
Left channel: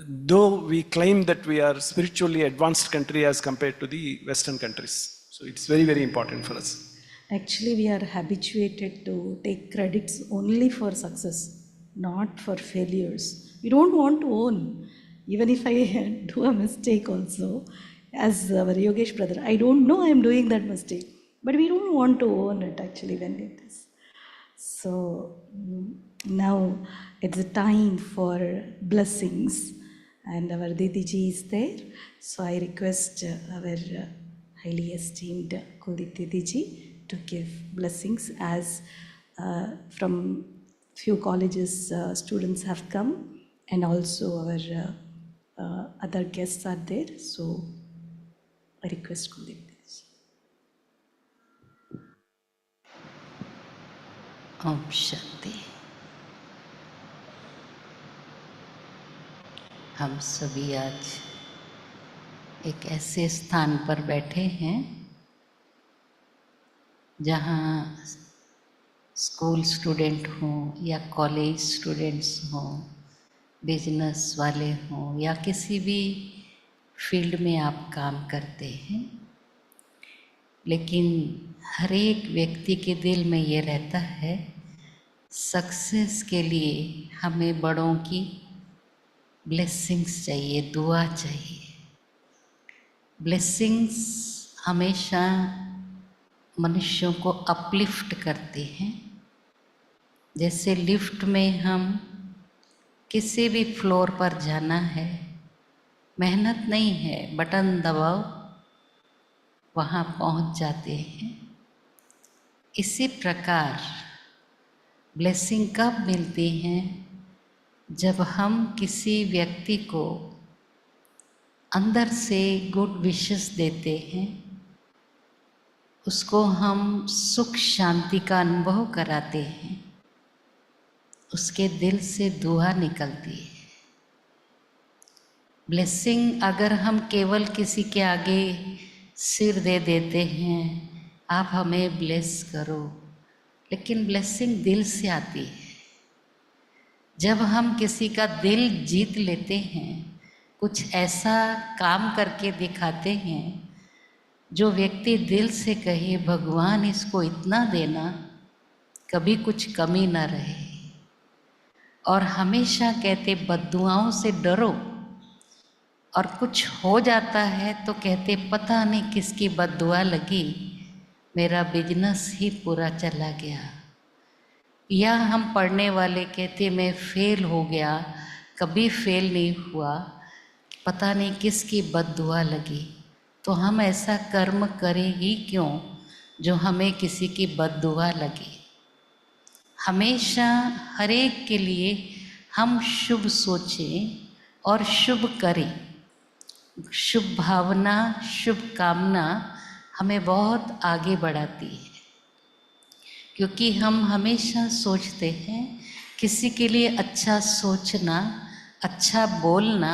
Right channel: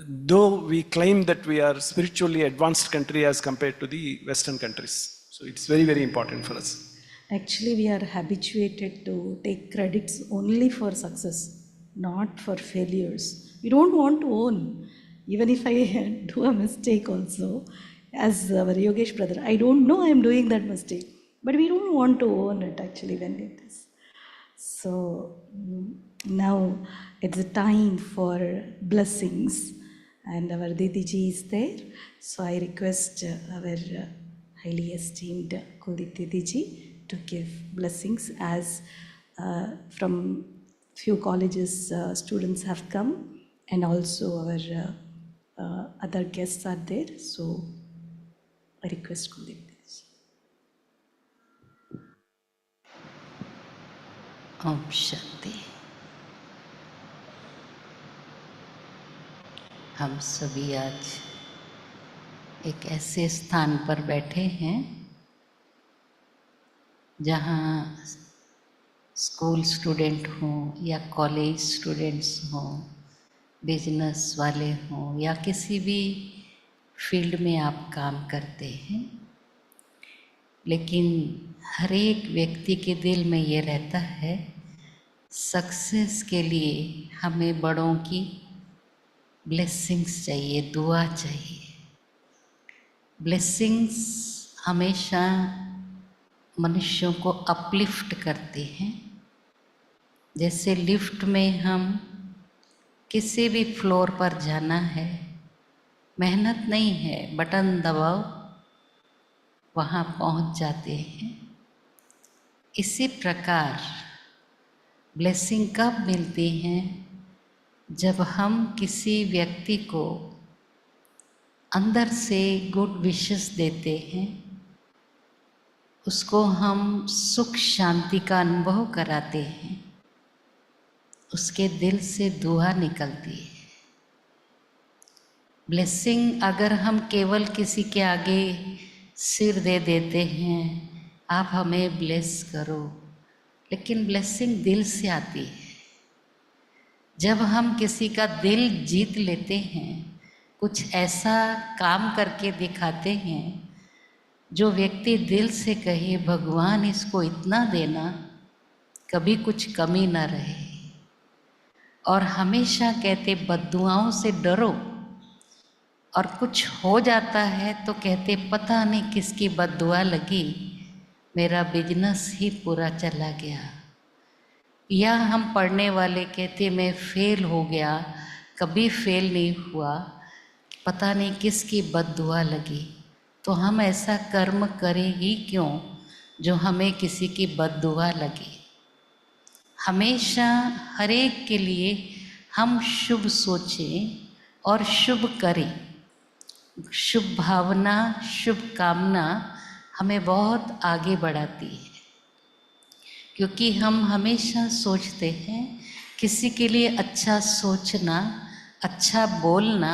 Though we claim that we are spiritually advanced country as compared to the Western countries. So it's very, very important for us. Actually, we are habituated to take credits only for success, not for failures. We don't want to own. Even if I do a mistake also, as our Yogesh brother, I don't know I'm doing that mistake. But we don't want to own it actually when it is. So now it's a time for blessings. And our Didiji is there. So I request our highly esteemed Kuldeep Didiji to give blessings, as from few colleges students have come, and also our other guests are there. So I request Kuldeep Didiji. Om Shanti. हम सभी आज एक ऐसे स्थान पर बैठे हैं जहाँ स्कूल स्टूडेंट हों या कॉलेज स्टूडेंट्स हों, बिजनेस वाले हों, या किसी भी फील्ड में आप काम करते हैं, लेकिन हर एक व्यक्ति के दिल में ये रहता है सक्सेस के लिए हमें बड़ों की ब्लेसिंग्स चाहिए, दुआ चाहिए। ब्लेसिंग्स हमेशा मनुष्यों को अपलिफ्ट करते हैं। जैसे लिफ्ट में हम किसी भी फ्लोर पर जाना है, मेहनत नहीं है, बटन दबाओ वहाँ पहुँच जाते हैं। इसी प्रकार ब्लेसिंग कब मिलती हैं? जब हम किसी व्यक्ति को अंदर से गुड विशेस देते हैं, उसको हम सुख शांति का अनुभव कराते हैं, उसके दिल से दुआ निकलती है। ब्लेसिंग अगर हम केवल किसी के आगे सिर दे देते हैं, आप हमें ब्लेस करो, लेकिन ब्लेसिंग दिल से आती है। जब हम किसी का दिल जीत लेते हैं, कुछ ऐसा काम करके दिखाते हैं जो व्यक्ति दिल से कहे भगवान इसको इतना देना, कभी कुछ कमी ना रहे। और हमेशा कहते बद्दुआओं से डरो, और कुछ हो जाता है तो कहते पता नहीं किसकी बद्दुआ लगी, मेरा बिजनेस ही पूरा चला गया। या हम पढ़ने वाले कहते मैं फेल हो गया, कभी फेल नहीं हुआ, पता नहीं किसकी बद्दुआ लगी। तो हम ऐसा कर्म करें ही क्यों जो हमें किसी की बद्दुआ लगे। हमेशा हर एक के लिए हम शुभ सोचें और शुभ करें। शुभ भावना, शुभ कामना हमें बहुत आगे बढ़ाती है, क्योंकि हम हमेशा सोचते हैं किसी के लिए अच्छा सोचना, अच्छा बोलना,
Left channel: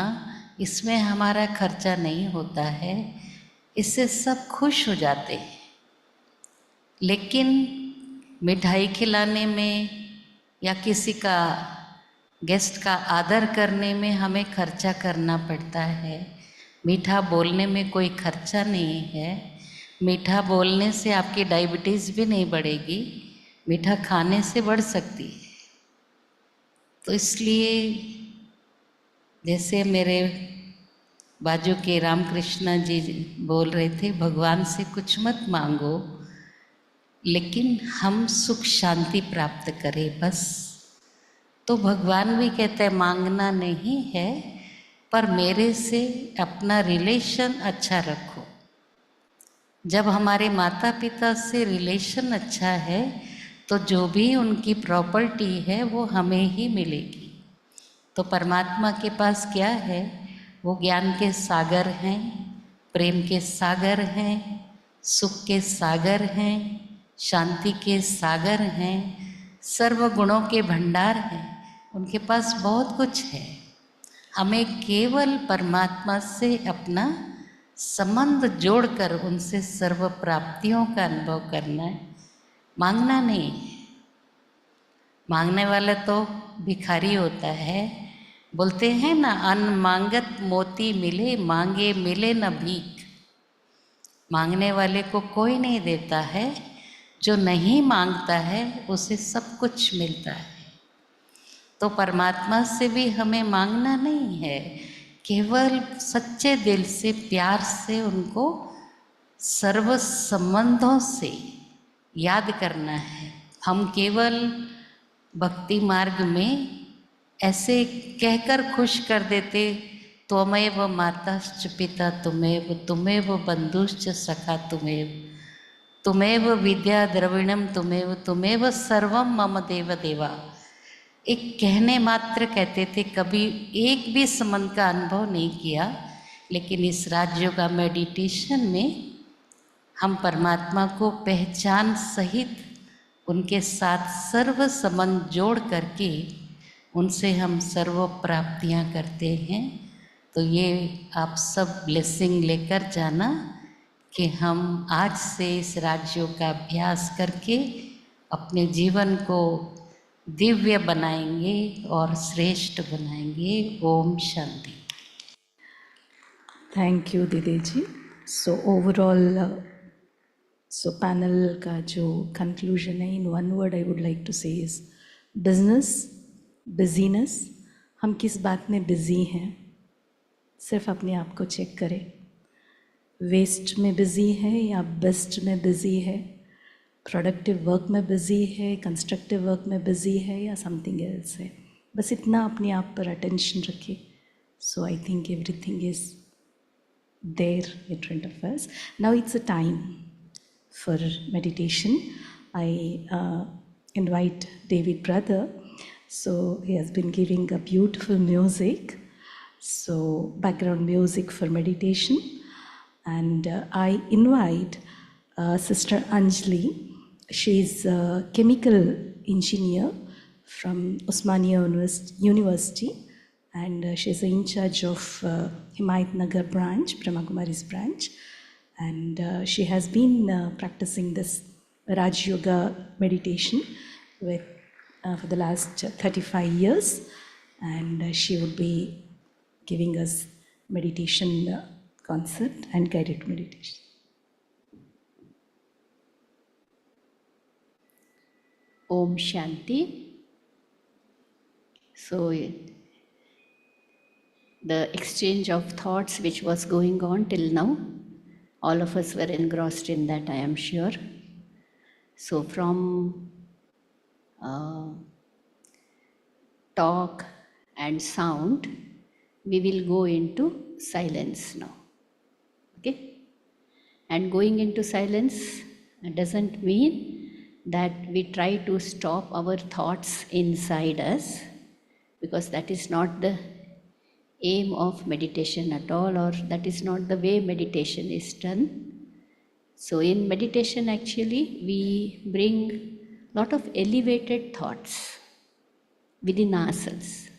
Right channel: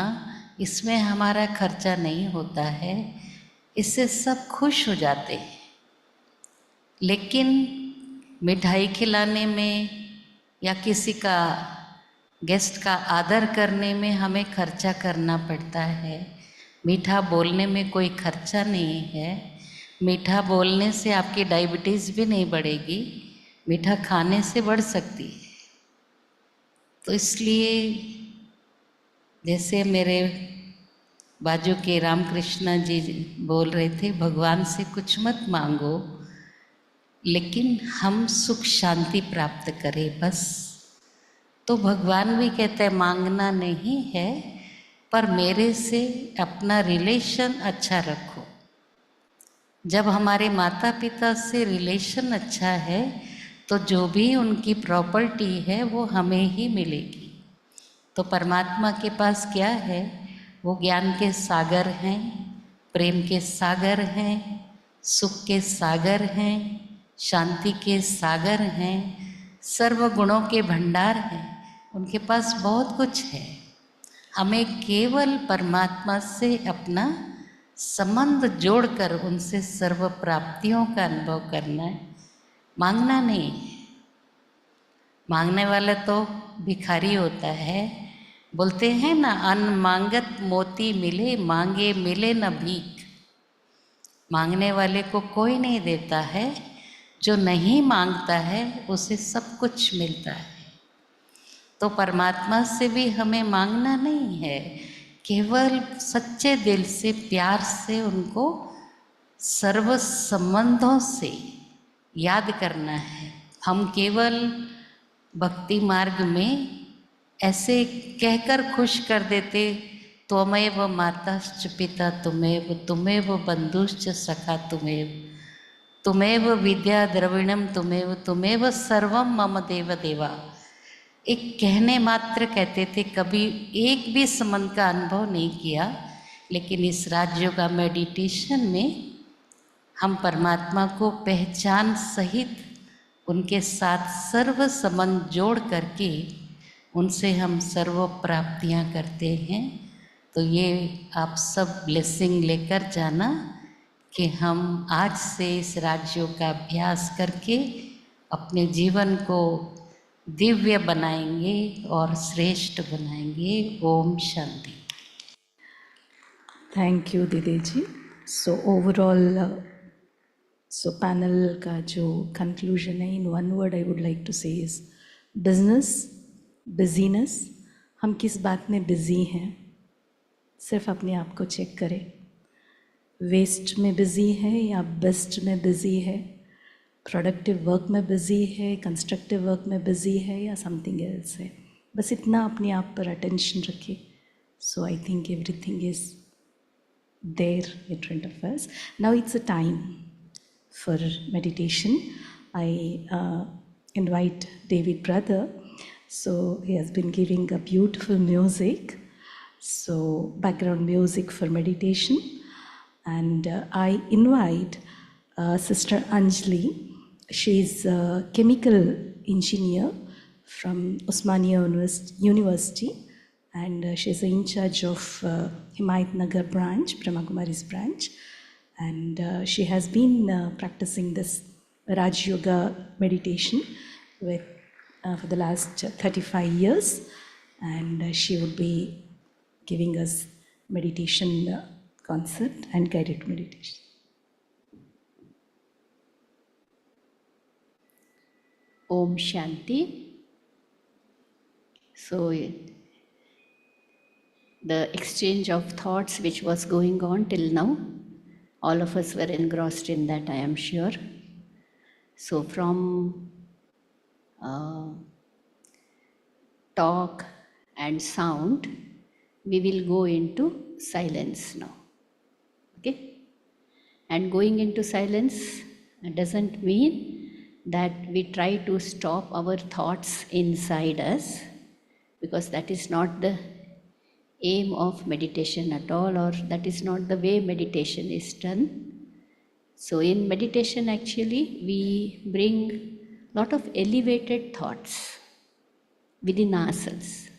इसमें हमारा खर्चा नहीं होता है, इससे सब खुश हो जाते हैं। लेकिन मिठाई खिलाने में या किसी का गेस्ट का आदर करने में हमें खर्चा करना पड़ता है। मीठा बोलने में कोई खर्चा नहीं है। मीठा बोलने से आपकी डायबिटीज़ भी नहीं बढ़ेगी, मीठा खाने से बढ़ सकती है। तो इसलिए जैसे मेरे बाजू के रामकृष्ण जी बोल रहे थे, भगवान से कुछ मत मांगो, लेकिन हम सुख शांति प्राप्त करें बस। तो भगवान भी कहते हैं मांगना नहीं है, पर मेरे से अपना रिलेशन अच्छा रखो। जब हमारे माता पिता से रिलेशन अच्छा है तो जो भी उनकी प्रॉपर्टी है वो हमें ही मिलेगी। तो परमात्मा के पास क्या है? वो ज्ञान के सागर हैं, प्रेम के सागर हैं, सुख के सागर हैं, शांति के सागर हैं, सर्व गुणों के भंडार हैं। उनके पास बहुत कुछ है। हमें केवल परमात्मा से अपना संबंध जोड़कर उनसे सर्व प्राप्तियों का अनुभव करना है, मांगना नहीं है। मांगने वाला तो भिखारी होता है। बोलते हैं ना, अन्न मांगत मोती मिले, मांगे मिले न भीख। मांगने वाले को कोई नहीं देता है, जो नहीं मांगता है उसे सब कुछ मिलता है। तो परमात्मा से भी हमें मांगना नहीं है, केवल सच्चे दिल से, प्यार से उनको सर्व संबंधों से याद करना है। हम केवल भक्ति मार्ग में ऐसे कहकर खुश कर देते, त्वमेव माताश्च पिता तुमेव, तुमेव बंधुश्च सखा तुमेव, तुमेव विद्या द्रविणम तुमेव, तुमेव सर्वम मम देव देवा। एक कहने मात्र कहते थे, कभी एक भी संबंध का अनुभव नहीं किया। लेकिन इस राजयोगा मेडिटेशन में हम परमात्मा को पहचान सहित उनके साथ सर्व संबंध जोड़ करके उनसे हम सर्व प्राप्तियां करते हैं। तो ये आप सब ब्लेसिंग लेकर जाना कि हम आज से इस राजयोग का अभ्यास करके अपने जीवन को दिव्य बनाएंगे और श्रेष्ठ बनाएंगे। ओम शांति। थैंक यू दीदी जी। सो ओवरऑल सो पैनल का जो कंक्लूजन है, in one word I would like to say is business, business, हम किस बात में बिजी हैं, सिर्फ अपने आप को चेक करें। वेस्ट में बिजी है या बेस्ट में बिजी है, प्रोडक्टिव वर्क में बिजी है, कंस्ट्रक्टिव वर्क में बिजी है या समथिंग एल्स है, बस इतना अपने आप पर अटेंशन रखिए। So I think everything is there in front of us. Now it's a time for meditation. I invite David brother. So he has been giving a beautiful music, so background music for meditation. And I invite Sister Anjali. She's a chemical engineer from Osmania University. And she's in charge of Himayat Nagar branch, Brahma Kumari's branch. And she has been practicing this Raj Yoga meditation for the last 35 years. And she would be giving us meditation concept and guided meditation. Om Shanti. So, the exchange of thoughts which was going on till now, all of us were engrossed in that, I am sure. So from talk and sound, we will go into silence now. Okay? And going into silence doesn't mean that we try to stop our thoughts inside us, because that is not the aim of meditation at all, or that is not the way meditation is done. So in meditation actually we bring lot of elevated thoughts within ourselves,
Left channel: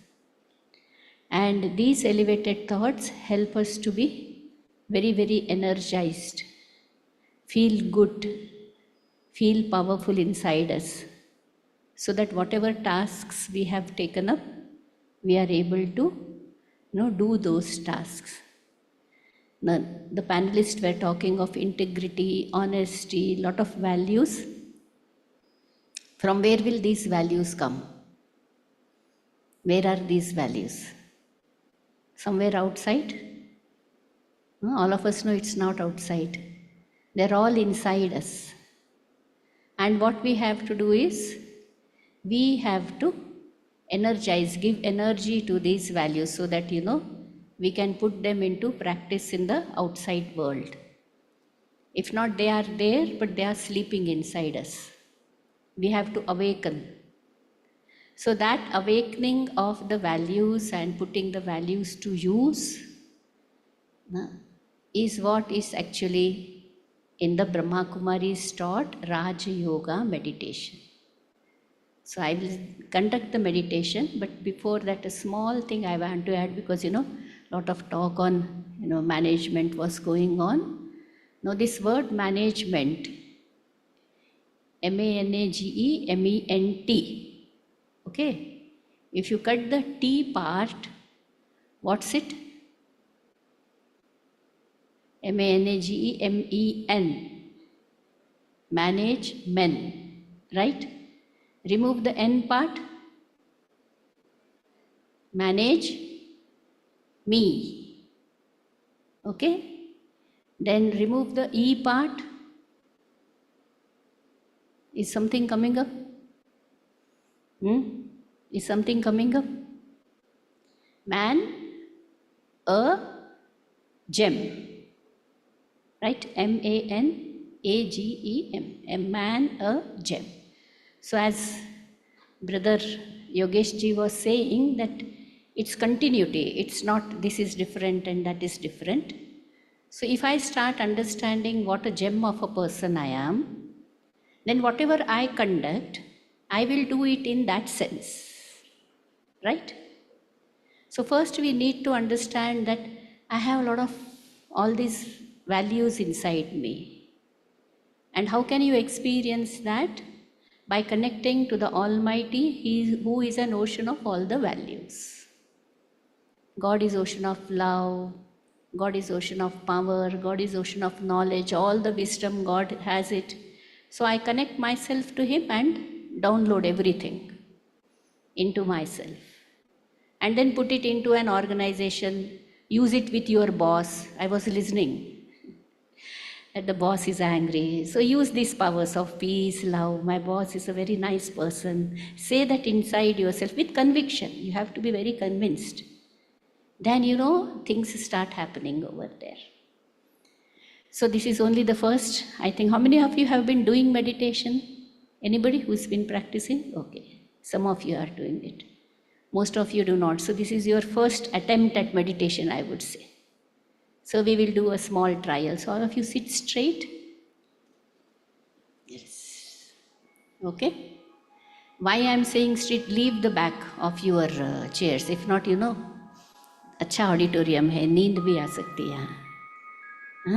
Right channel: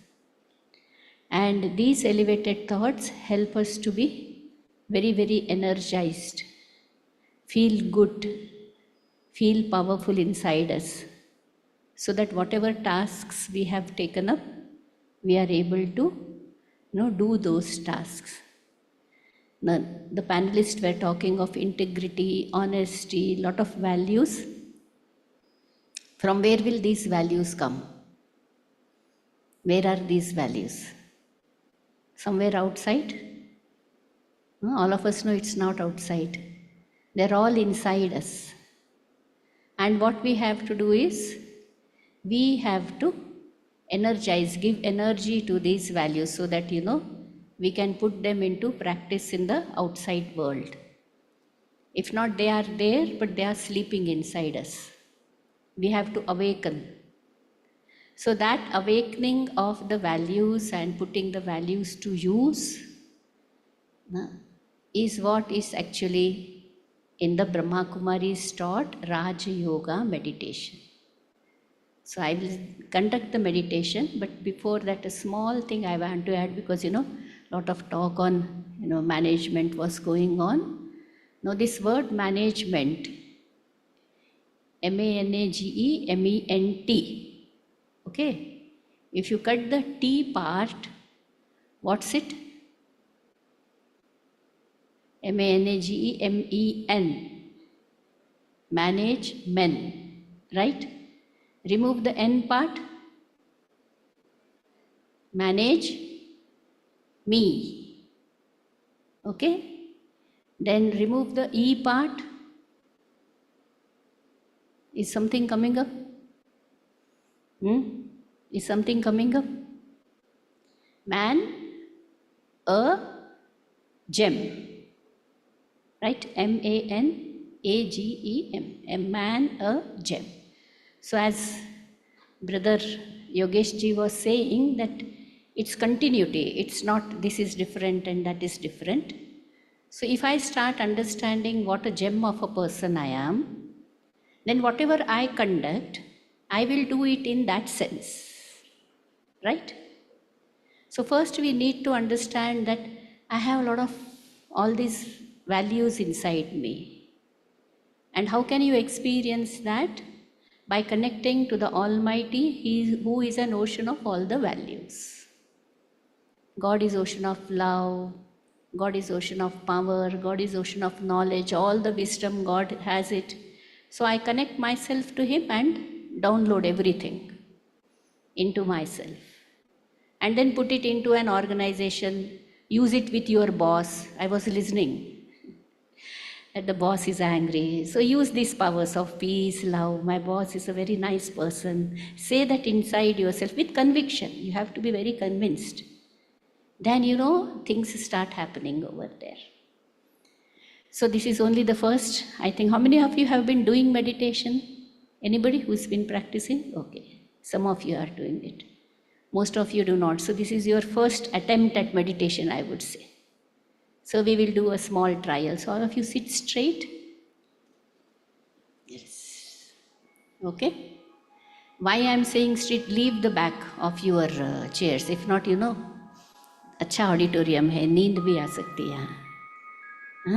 and these elevated thoughts help us to be very, very energized, feel good, feel powerful inside us, so that whatever tasks we have taken up, we are able to do those tasks. Now, the panelists were talking of integrity, honesty, lot of values. From where will these values come? Where are these values? Somewhere outside? No, all of us know it's not outside. They're all inside us. And what we have to do is, we have to energize, give energy to these values, so that we can put them into practice in the outside world. If not, they are there, but they are sleeping inside us. We have to awaken. So that awakening of the values and putting the values to use is what is actually in the Brahma Kumari's taught Raja Yoga meditation. So I will conduct the meditation, but before that, a small thing I want to add, because lot of talk on management was going on. Now this word management, M-A-N-A-G-E-M-E-N-T, okay? If you cut the T part, what's it? M-A-N-A-G-E-M-E-N, manage men, right? Remove the N part, manage me, okay? Then remove the E part. Is something coming up? Is something coming up? Man, a gem, right? M-A-N-A-G-E-M, a man, a gem. So as Brother Yogesh Ji was saying, that it's continuity, it's not this is different and that is different. So if I start understanding what a gem of a person I am, then whatever I conduct, I will do it in that sense, right? So first we need to understand that I have a lot of all these values inside me. And how can you experience that? By connecting to the Almighty, who is an ocean of all the values. God is ocean of love, God is ocean of power, God is ocean of knowledge, all the wisdom God has it. So I connect myself to Him and download everything. into myself. And then put it into an organization, use it with your boss. I was listening that the boss is angry. So use these powers of peace, love. My boss is a very nice person. Say that inside yourself with conviction. You have to be very convinced. Then things start happening over there. So this is only the first. I think, how many of you have been doing meditation? Anybody who's been practicing? Okay. Some of you are doing it. Most of you do not. So this is your first attempt at meditation, I would say. So we will do a small trial. So all of you sit straight. Yes. Okay. Why I am saying straight? Leave the back of your chairs. If not, अच्छा auditorium है, नींद भी आ सकती है.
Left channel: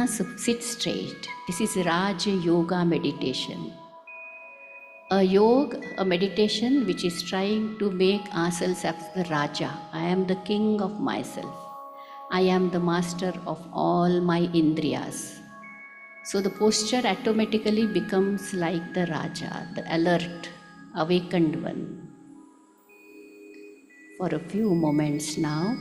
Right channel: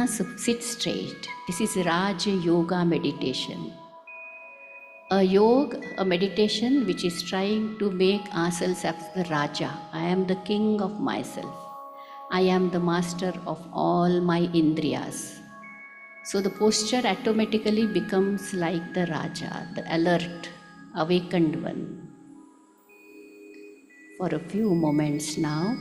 So sit straight. This is Raj Yoga meditation. A meditation which is trying to make ourselves as the Raja. I am the king of myself. I am the master of all my indriyas. So the posture automatically becomes like the Raja, the alert, awakened one. For a few moments now,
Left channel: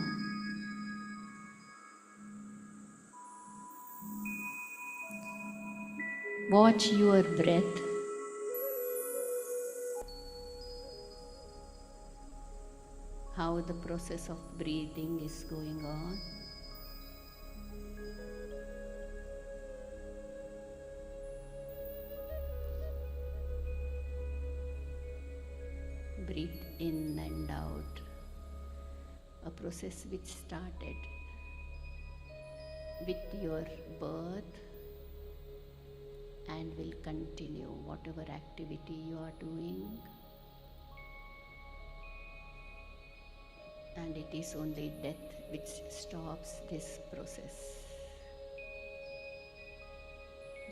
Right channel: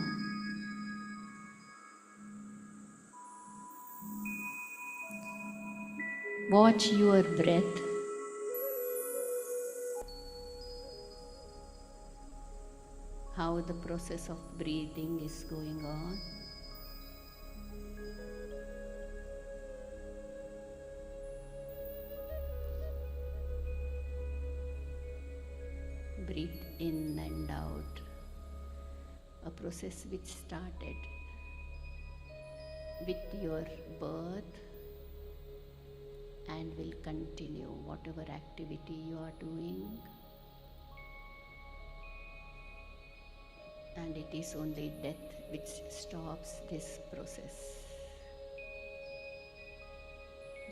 watch your breath. How the process of breathing is going on. Breathe in and out. A process which started with your birth and will continue whatever activity you are doing. And it is only death which stops this process.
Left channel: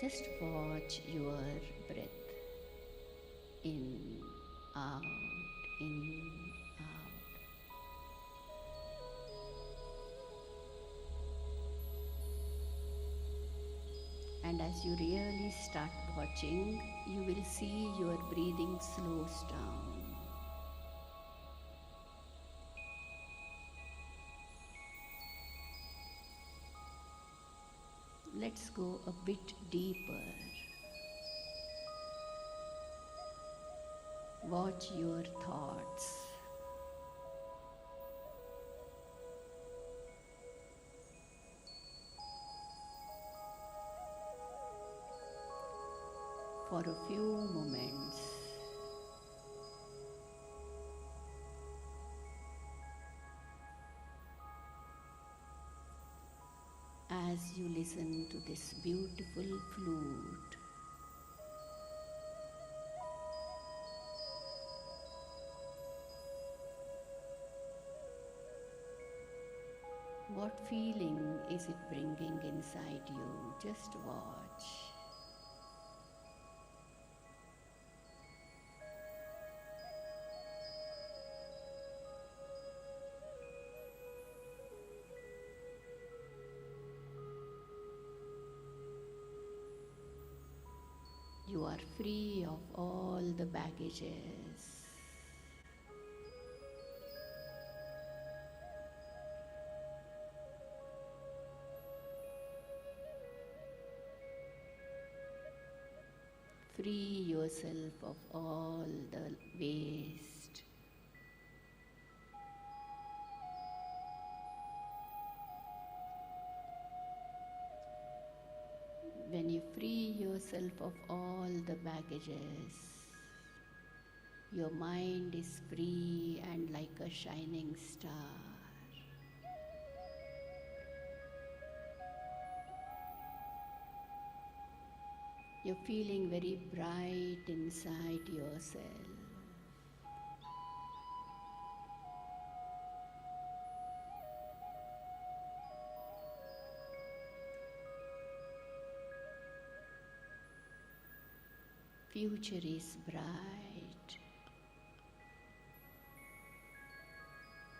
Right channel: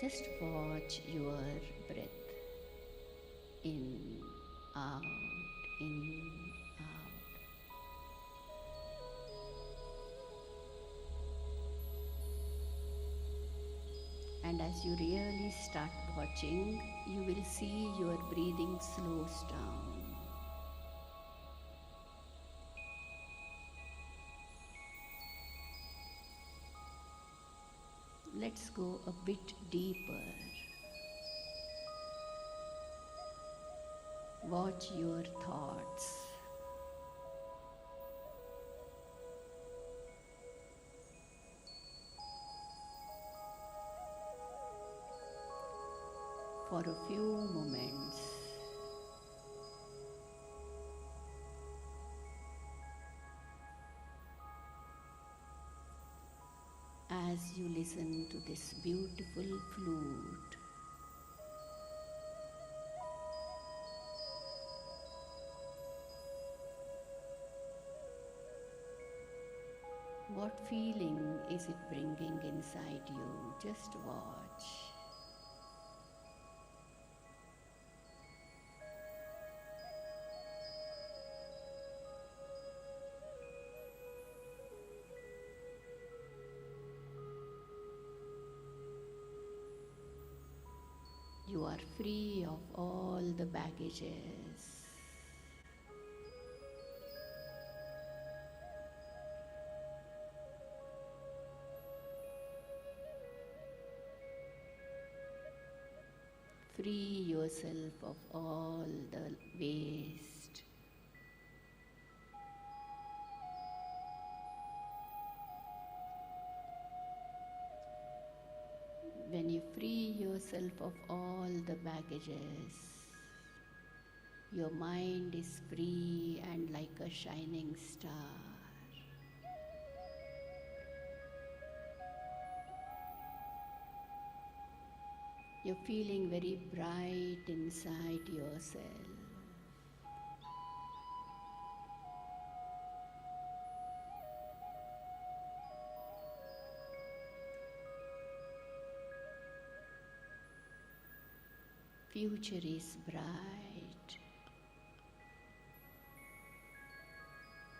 Just watch your breath. In, out, in, out. And as you really start watching, you will see your breathing slows down. Let's go a bit deeper. Watch your thoughts. For a few moments. As you listen to this beautiful flute, what feeling is it bringing inside you? Just watch. You are free of all the baggages. Free yourself of all the waste. When you free yourself of all the baggages, your mind is free and like a shining star. You're feeling very bright inside yourself. Future is bright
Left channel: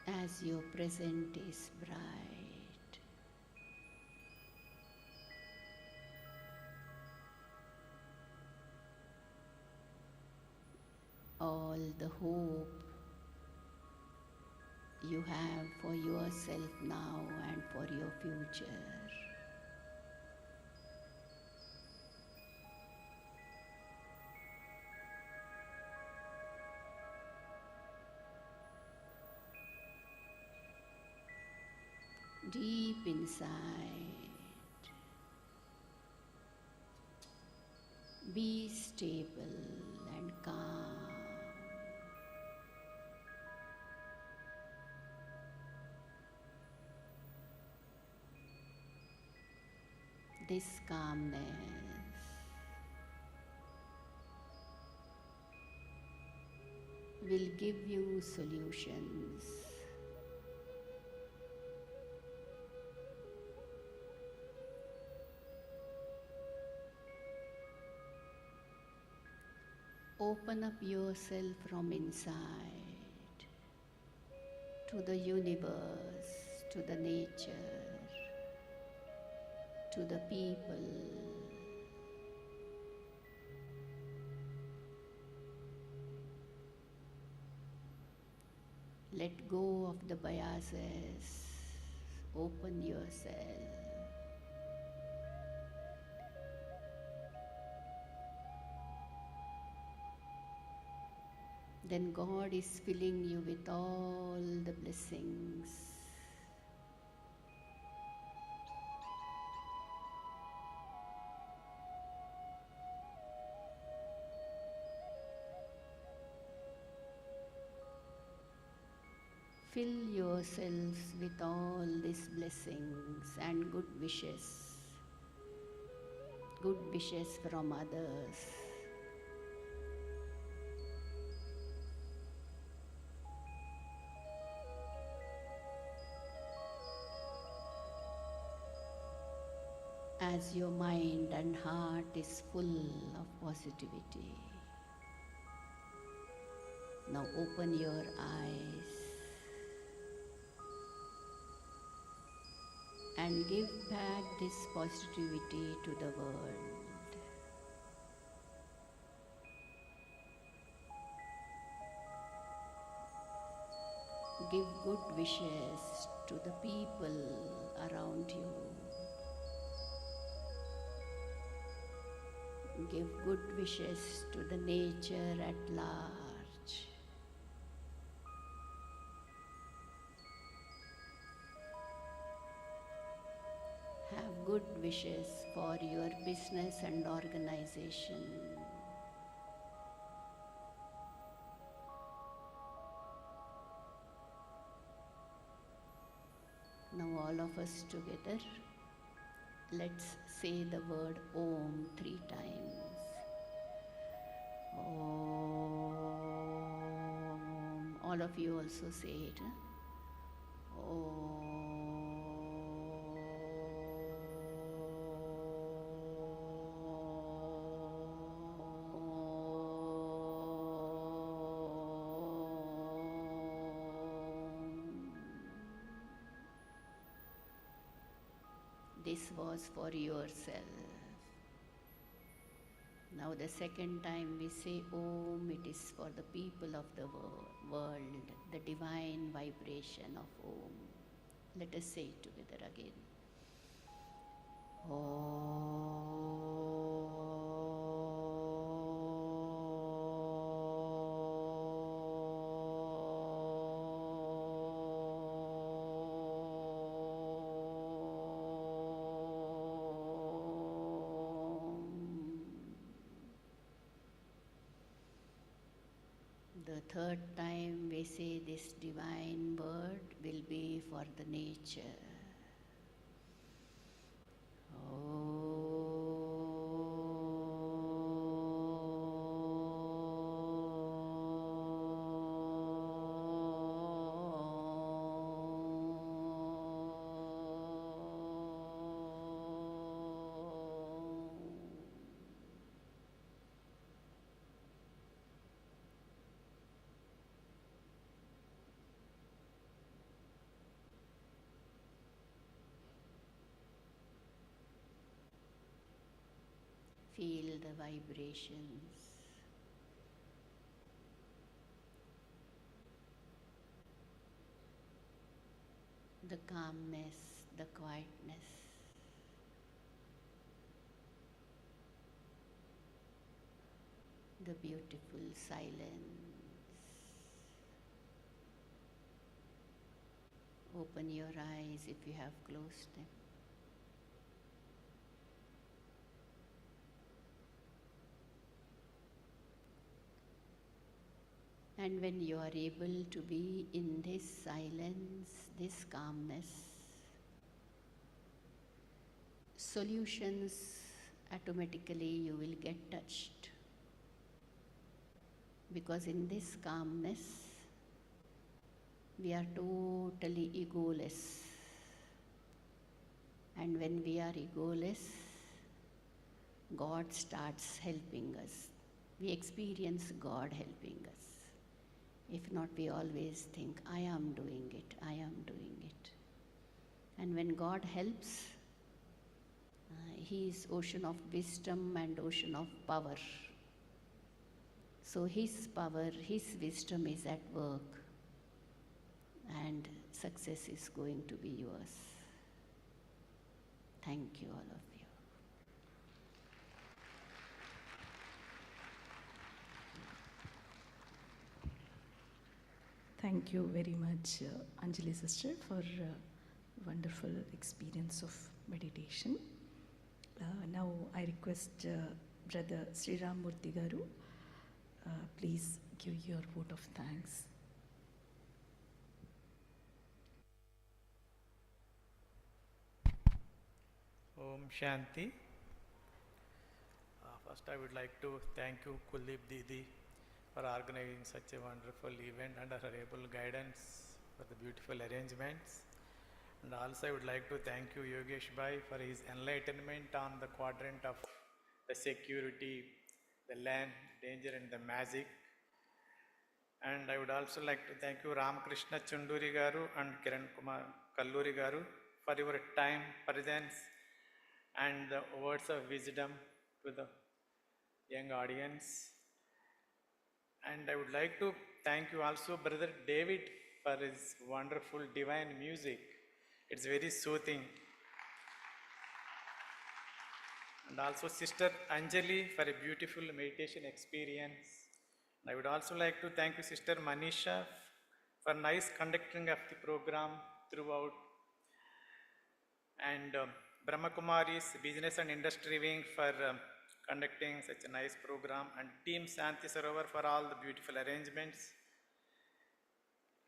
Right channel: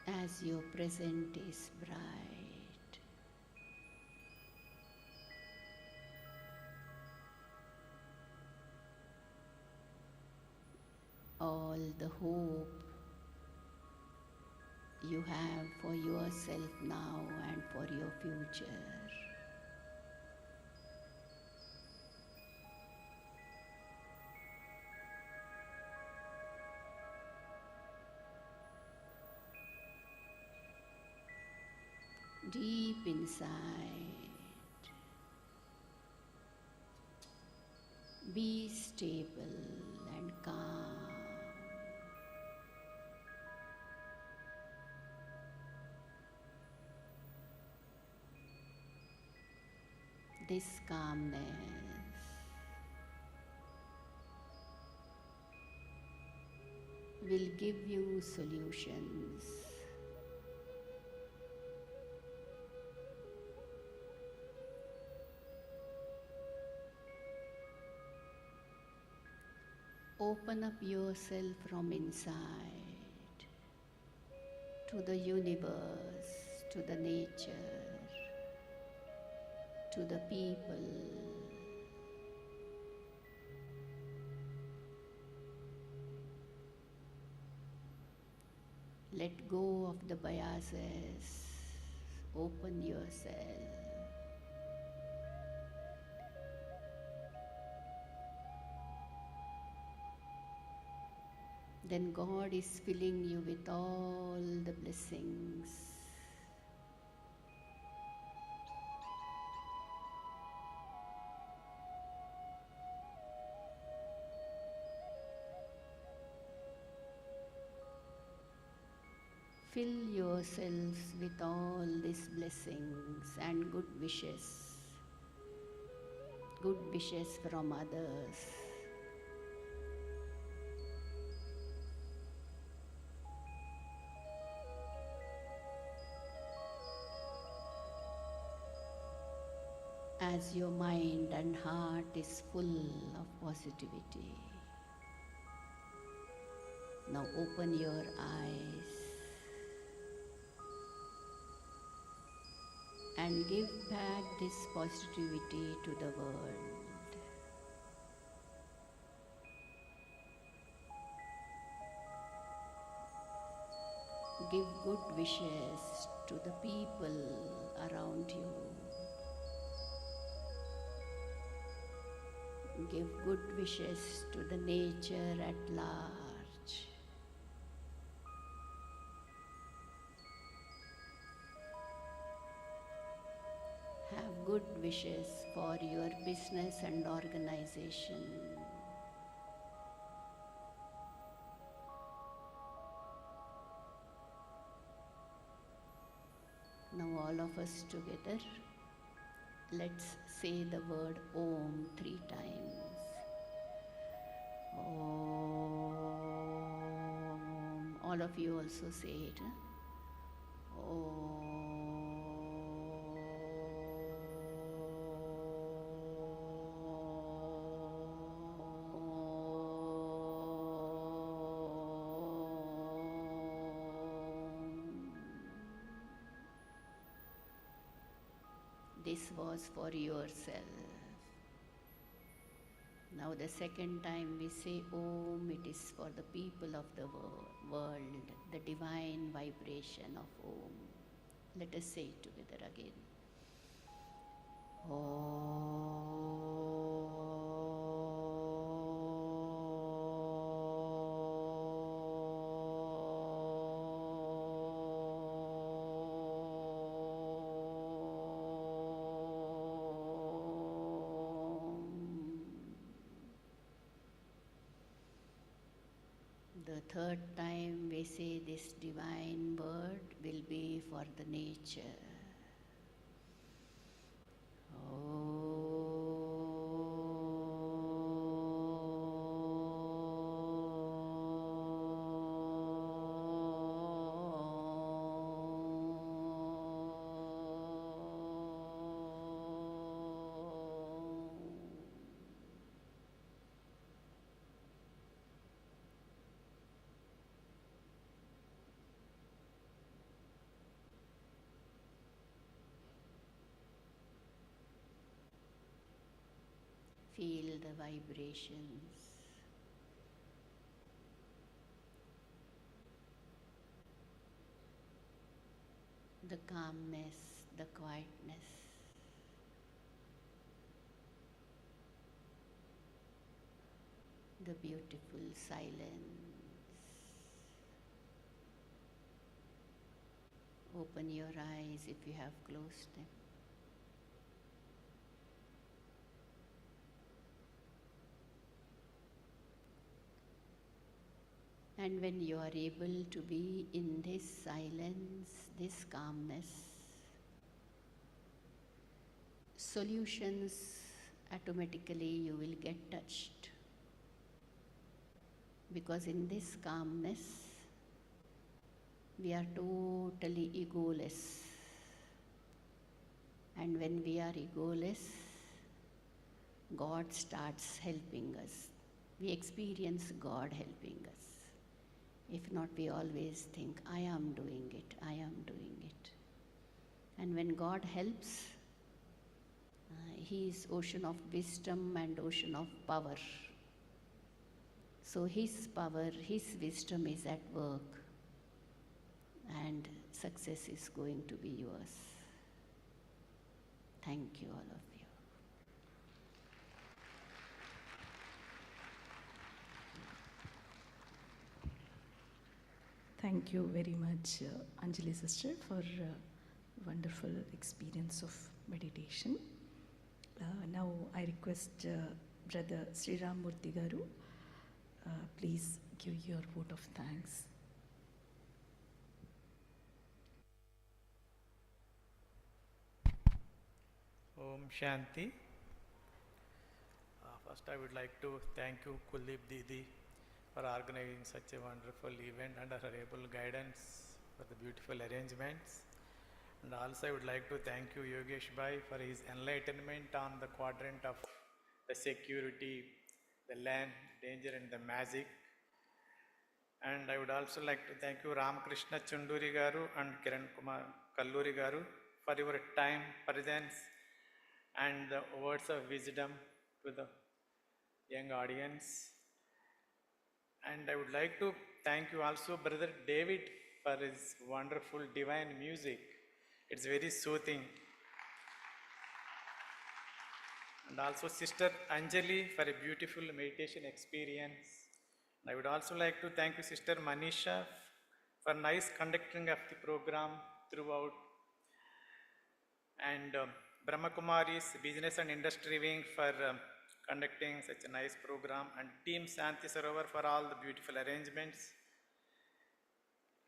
as your present is bright. All the hope you have for yourself now and for your future. Deep inside, be stable and calm. This calmness will give you solutions. Open up yourself from inside to the universe, to the nature, to the people. Let go of the biases. Open yourself. Then God is filling you with all the blessings. Fill yourselves with all these blessings and good wishes from others. As your mind and heart is full of positivity, now open your eyes and give back this positivity to the world. Give good wishes to the people around you. Give good wishes to the nature at large. Have good wishes for your business and organization. Now all of us together, let's say the word Om 3 times. Om. All of you also say it. Om. This was for yourself. Now the second time we say Om, it is for the people of the world, the divine vibration of Om. Let us say it together again. The third time we say this divine word will be for the nature. Feel the vibrations. the calmness, the quietness. The beautiful silence. Open your eyes if you have closed them. And when you are able to be in this silence, this calmness, solutions automatically you will get touched. Because in this calmness, we are totally egoless. And when we are egoless, God starts helping us. We experience God helping us. If not, we always think, I am doing it, I am doing it. And when God helps, He is ocean of wisdom and ocean of power. So His power, His wisdom is at work, and success is going to be yours. Thank you, all of you. Thank you very much, Anjali sister, for wonderful experience of meditation. Now I request Brother Sri Ram Murthy Garu, please give your vote of thanks. Om Shanti. First, I would like to thank you, Kuldeep Didi, for organizing such a wonderful event under her able guidance for the beautiful arrangements. And also, I would like to thank you, Yogesh Bhai, for his enlightenment on the quadrant of the security, the land, danger, and the magic. And I would also like to thank you, Ramakrishna Chunduri Garu and Kiran Kumar Kalluri Garu, for your time, presence, and the words of wisdom to the young audience. And I would like to thank you also, Brother David, for his wonderful divine music. It's very soothing. And also Sister Anjali for a beautiful meditation experience. And I would also like to thank you, Sister Manisha, for nice conducting of the program throughout. And Brahma Kumari's Business and Industry Wing for conducting such a nice program, and Team Santi Sarovar for all the beautiful arrangements.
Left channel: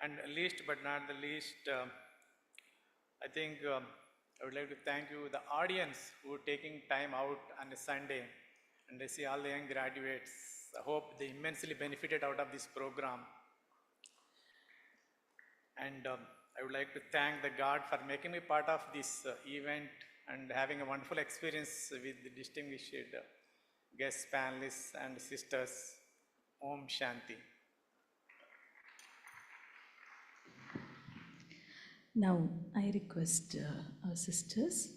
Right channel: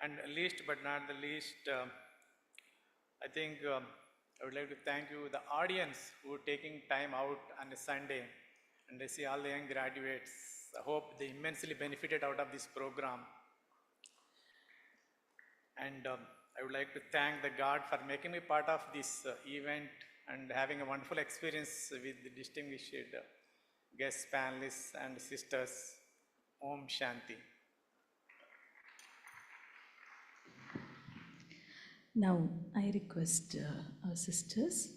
And least but not the least, I think I would like to thank you, the audience who are taking time out on a Sunday, and I see all the young graduates. I hope they immensely benefited out of this program. And I would like to thank the God for making me part of this event and having a wonderful experience with the distinguished guest panelists and sisters. Om Shanti. Now I request our sisters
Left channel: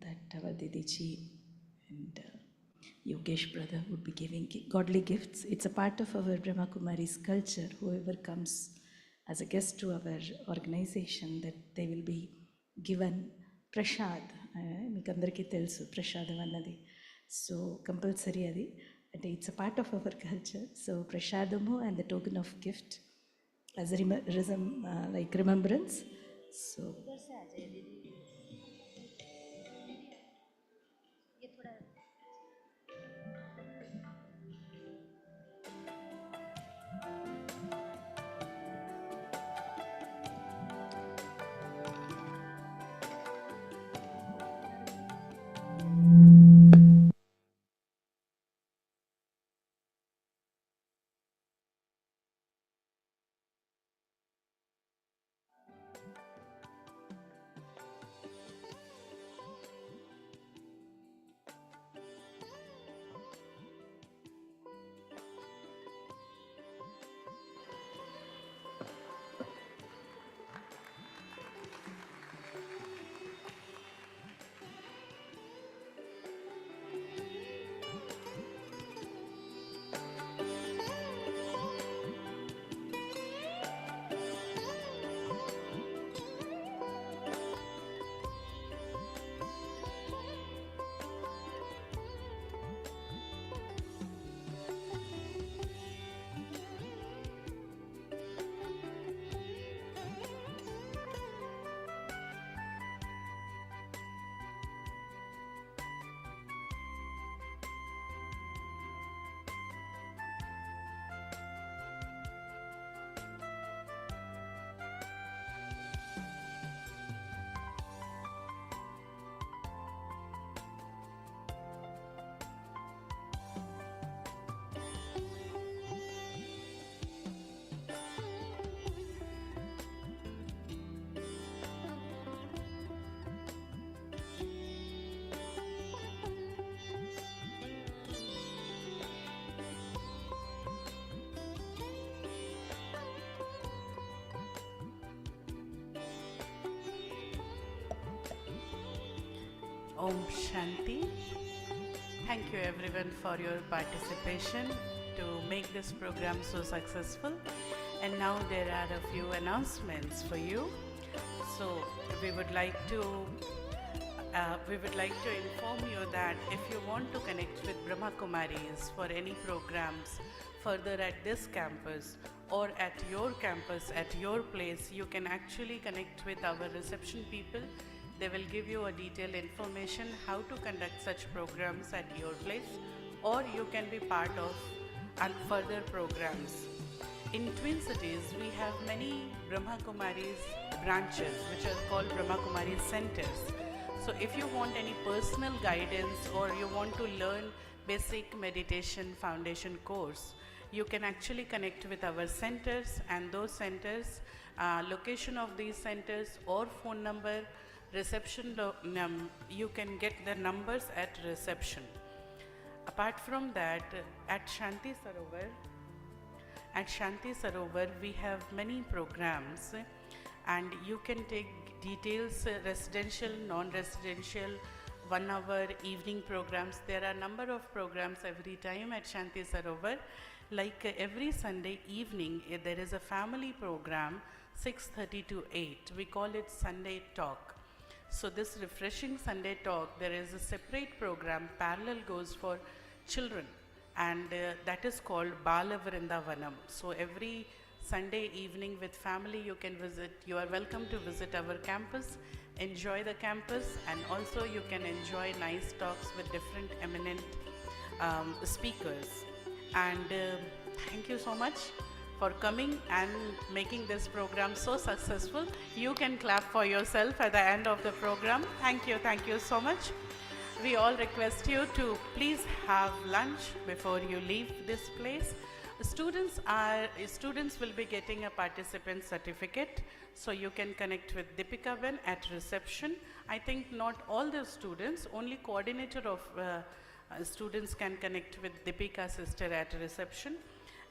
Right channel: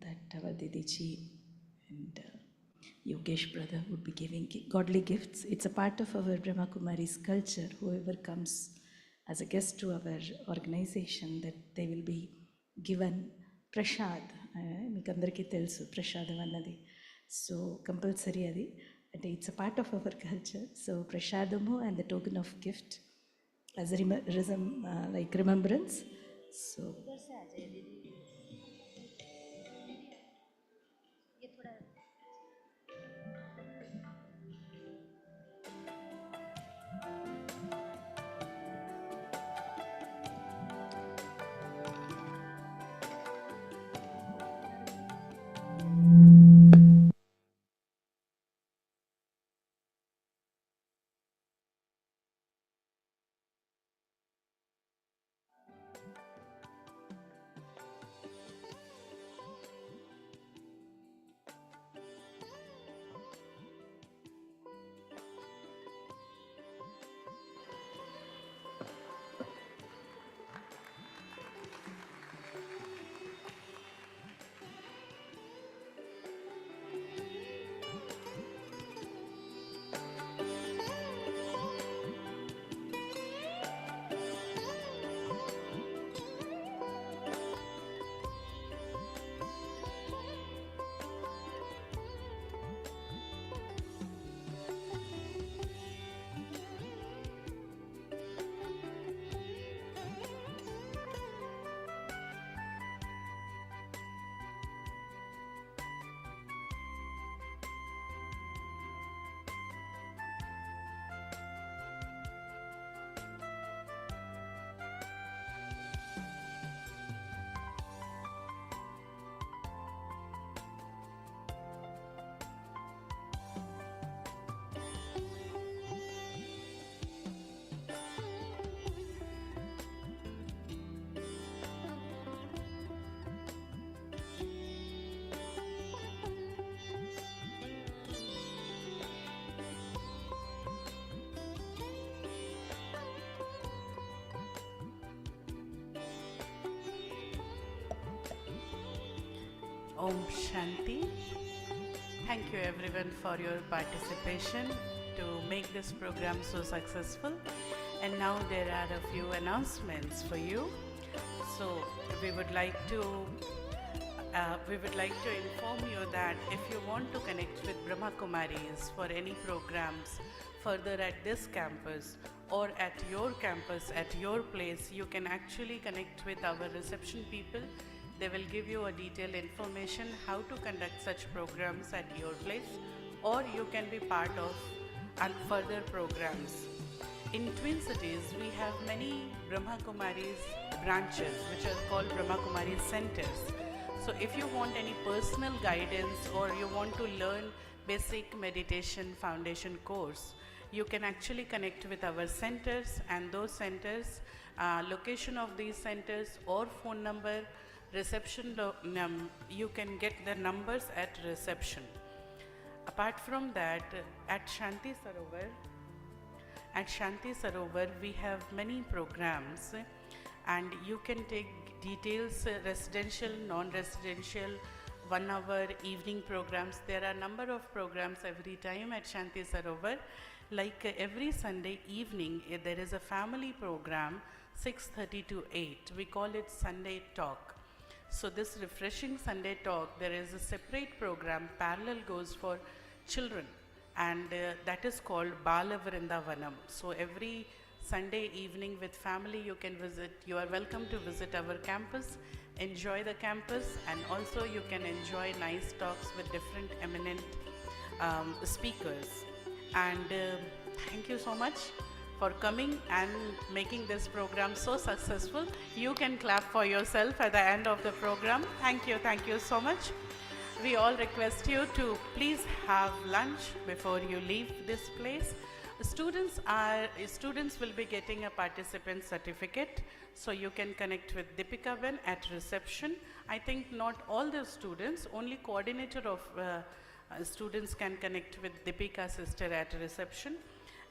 that our Didiji and Yogesh brother would be giving godly gifts. It's a part of our Brahma Kumari's culture. Whoever comes as a guest to our organization, that they will be given prashad. Meekandariki telusu prashadam annadi. So compulsory adi. And it's a part of our culture. So prashadamu and the token of gift as a like remembrance. So Om Shanti. Thank you everyone for your participation to make this program so successful. And now there are a few announcements for you. So we would like to inform you that if you want to connect with Brahma Kumaris for any programs further at this campus or at your campus, at your place, you can actually connect with our reception people. They will give you a detailed information how to conduct such programs at your place, or you can be part of further programs. In Twin Cities, we have many Brahma Kumaris branches which are called Brahma Kumaris centers. So if you want any personal guidance or you want to learn basic meditation foundation course, you can actually connect with our centers, and those centers, location of these centers or phone number, reception, you can get the numbers at reception. Apart from that, at Shanti Sarovar, we have many programs, and you can take details, residential, non-residential, 1 hour evening programs. There are a number of programs every time at Shanti Sarovar. Like every Sunday evening, there is a family program, 6:30 to 8. We call it Sunday Talk. So this refreshing Sunday Talk, there is a separate program, parallel goes for children, and that is called Bala Vrindavanam. So every Sunday evening with family you can visit. You are welcome to visit our campus, enjoy the campus, and also you can enjoy nice talks with different eminent speakers. And thank you so much for coming and making this program so successful. You can clap for yourself at the end of the program. Thank you so much. We all request you to please have lunch before you leave this place. Students will be getting a participant certificate, so you can connect with Deepika Ben at reception. I think not all the students, only coordinator of students can connect with Deepika sister at reception.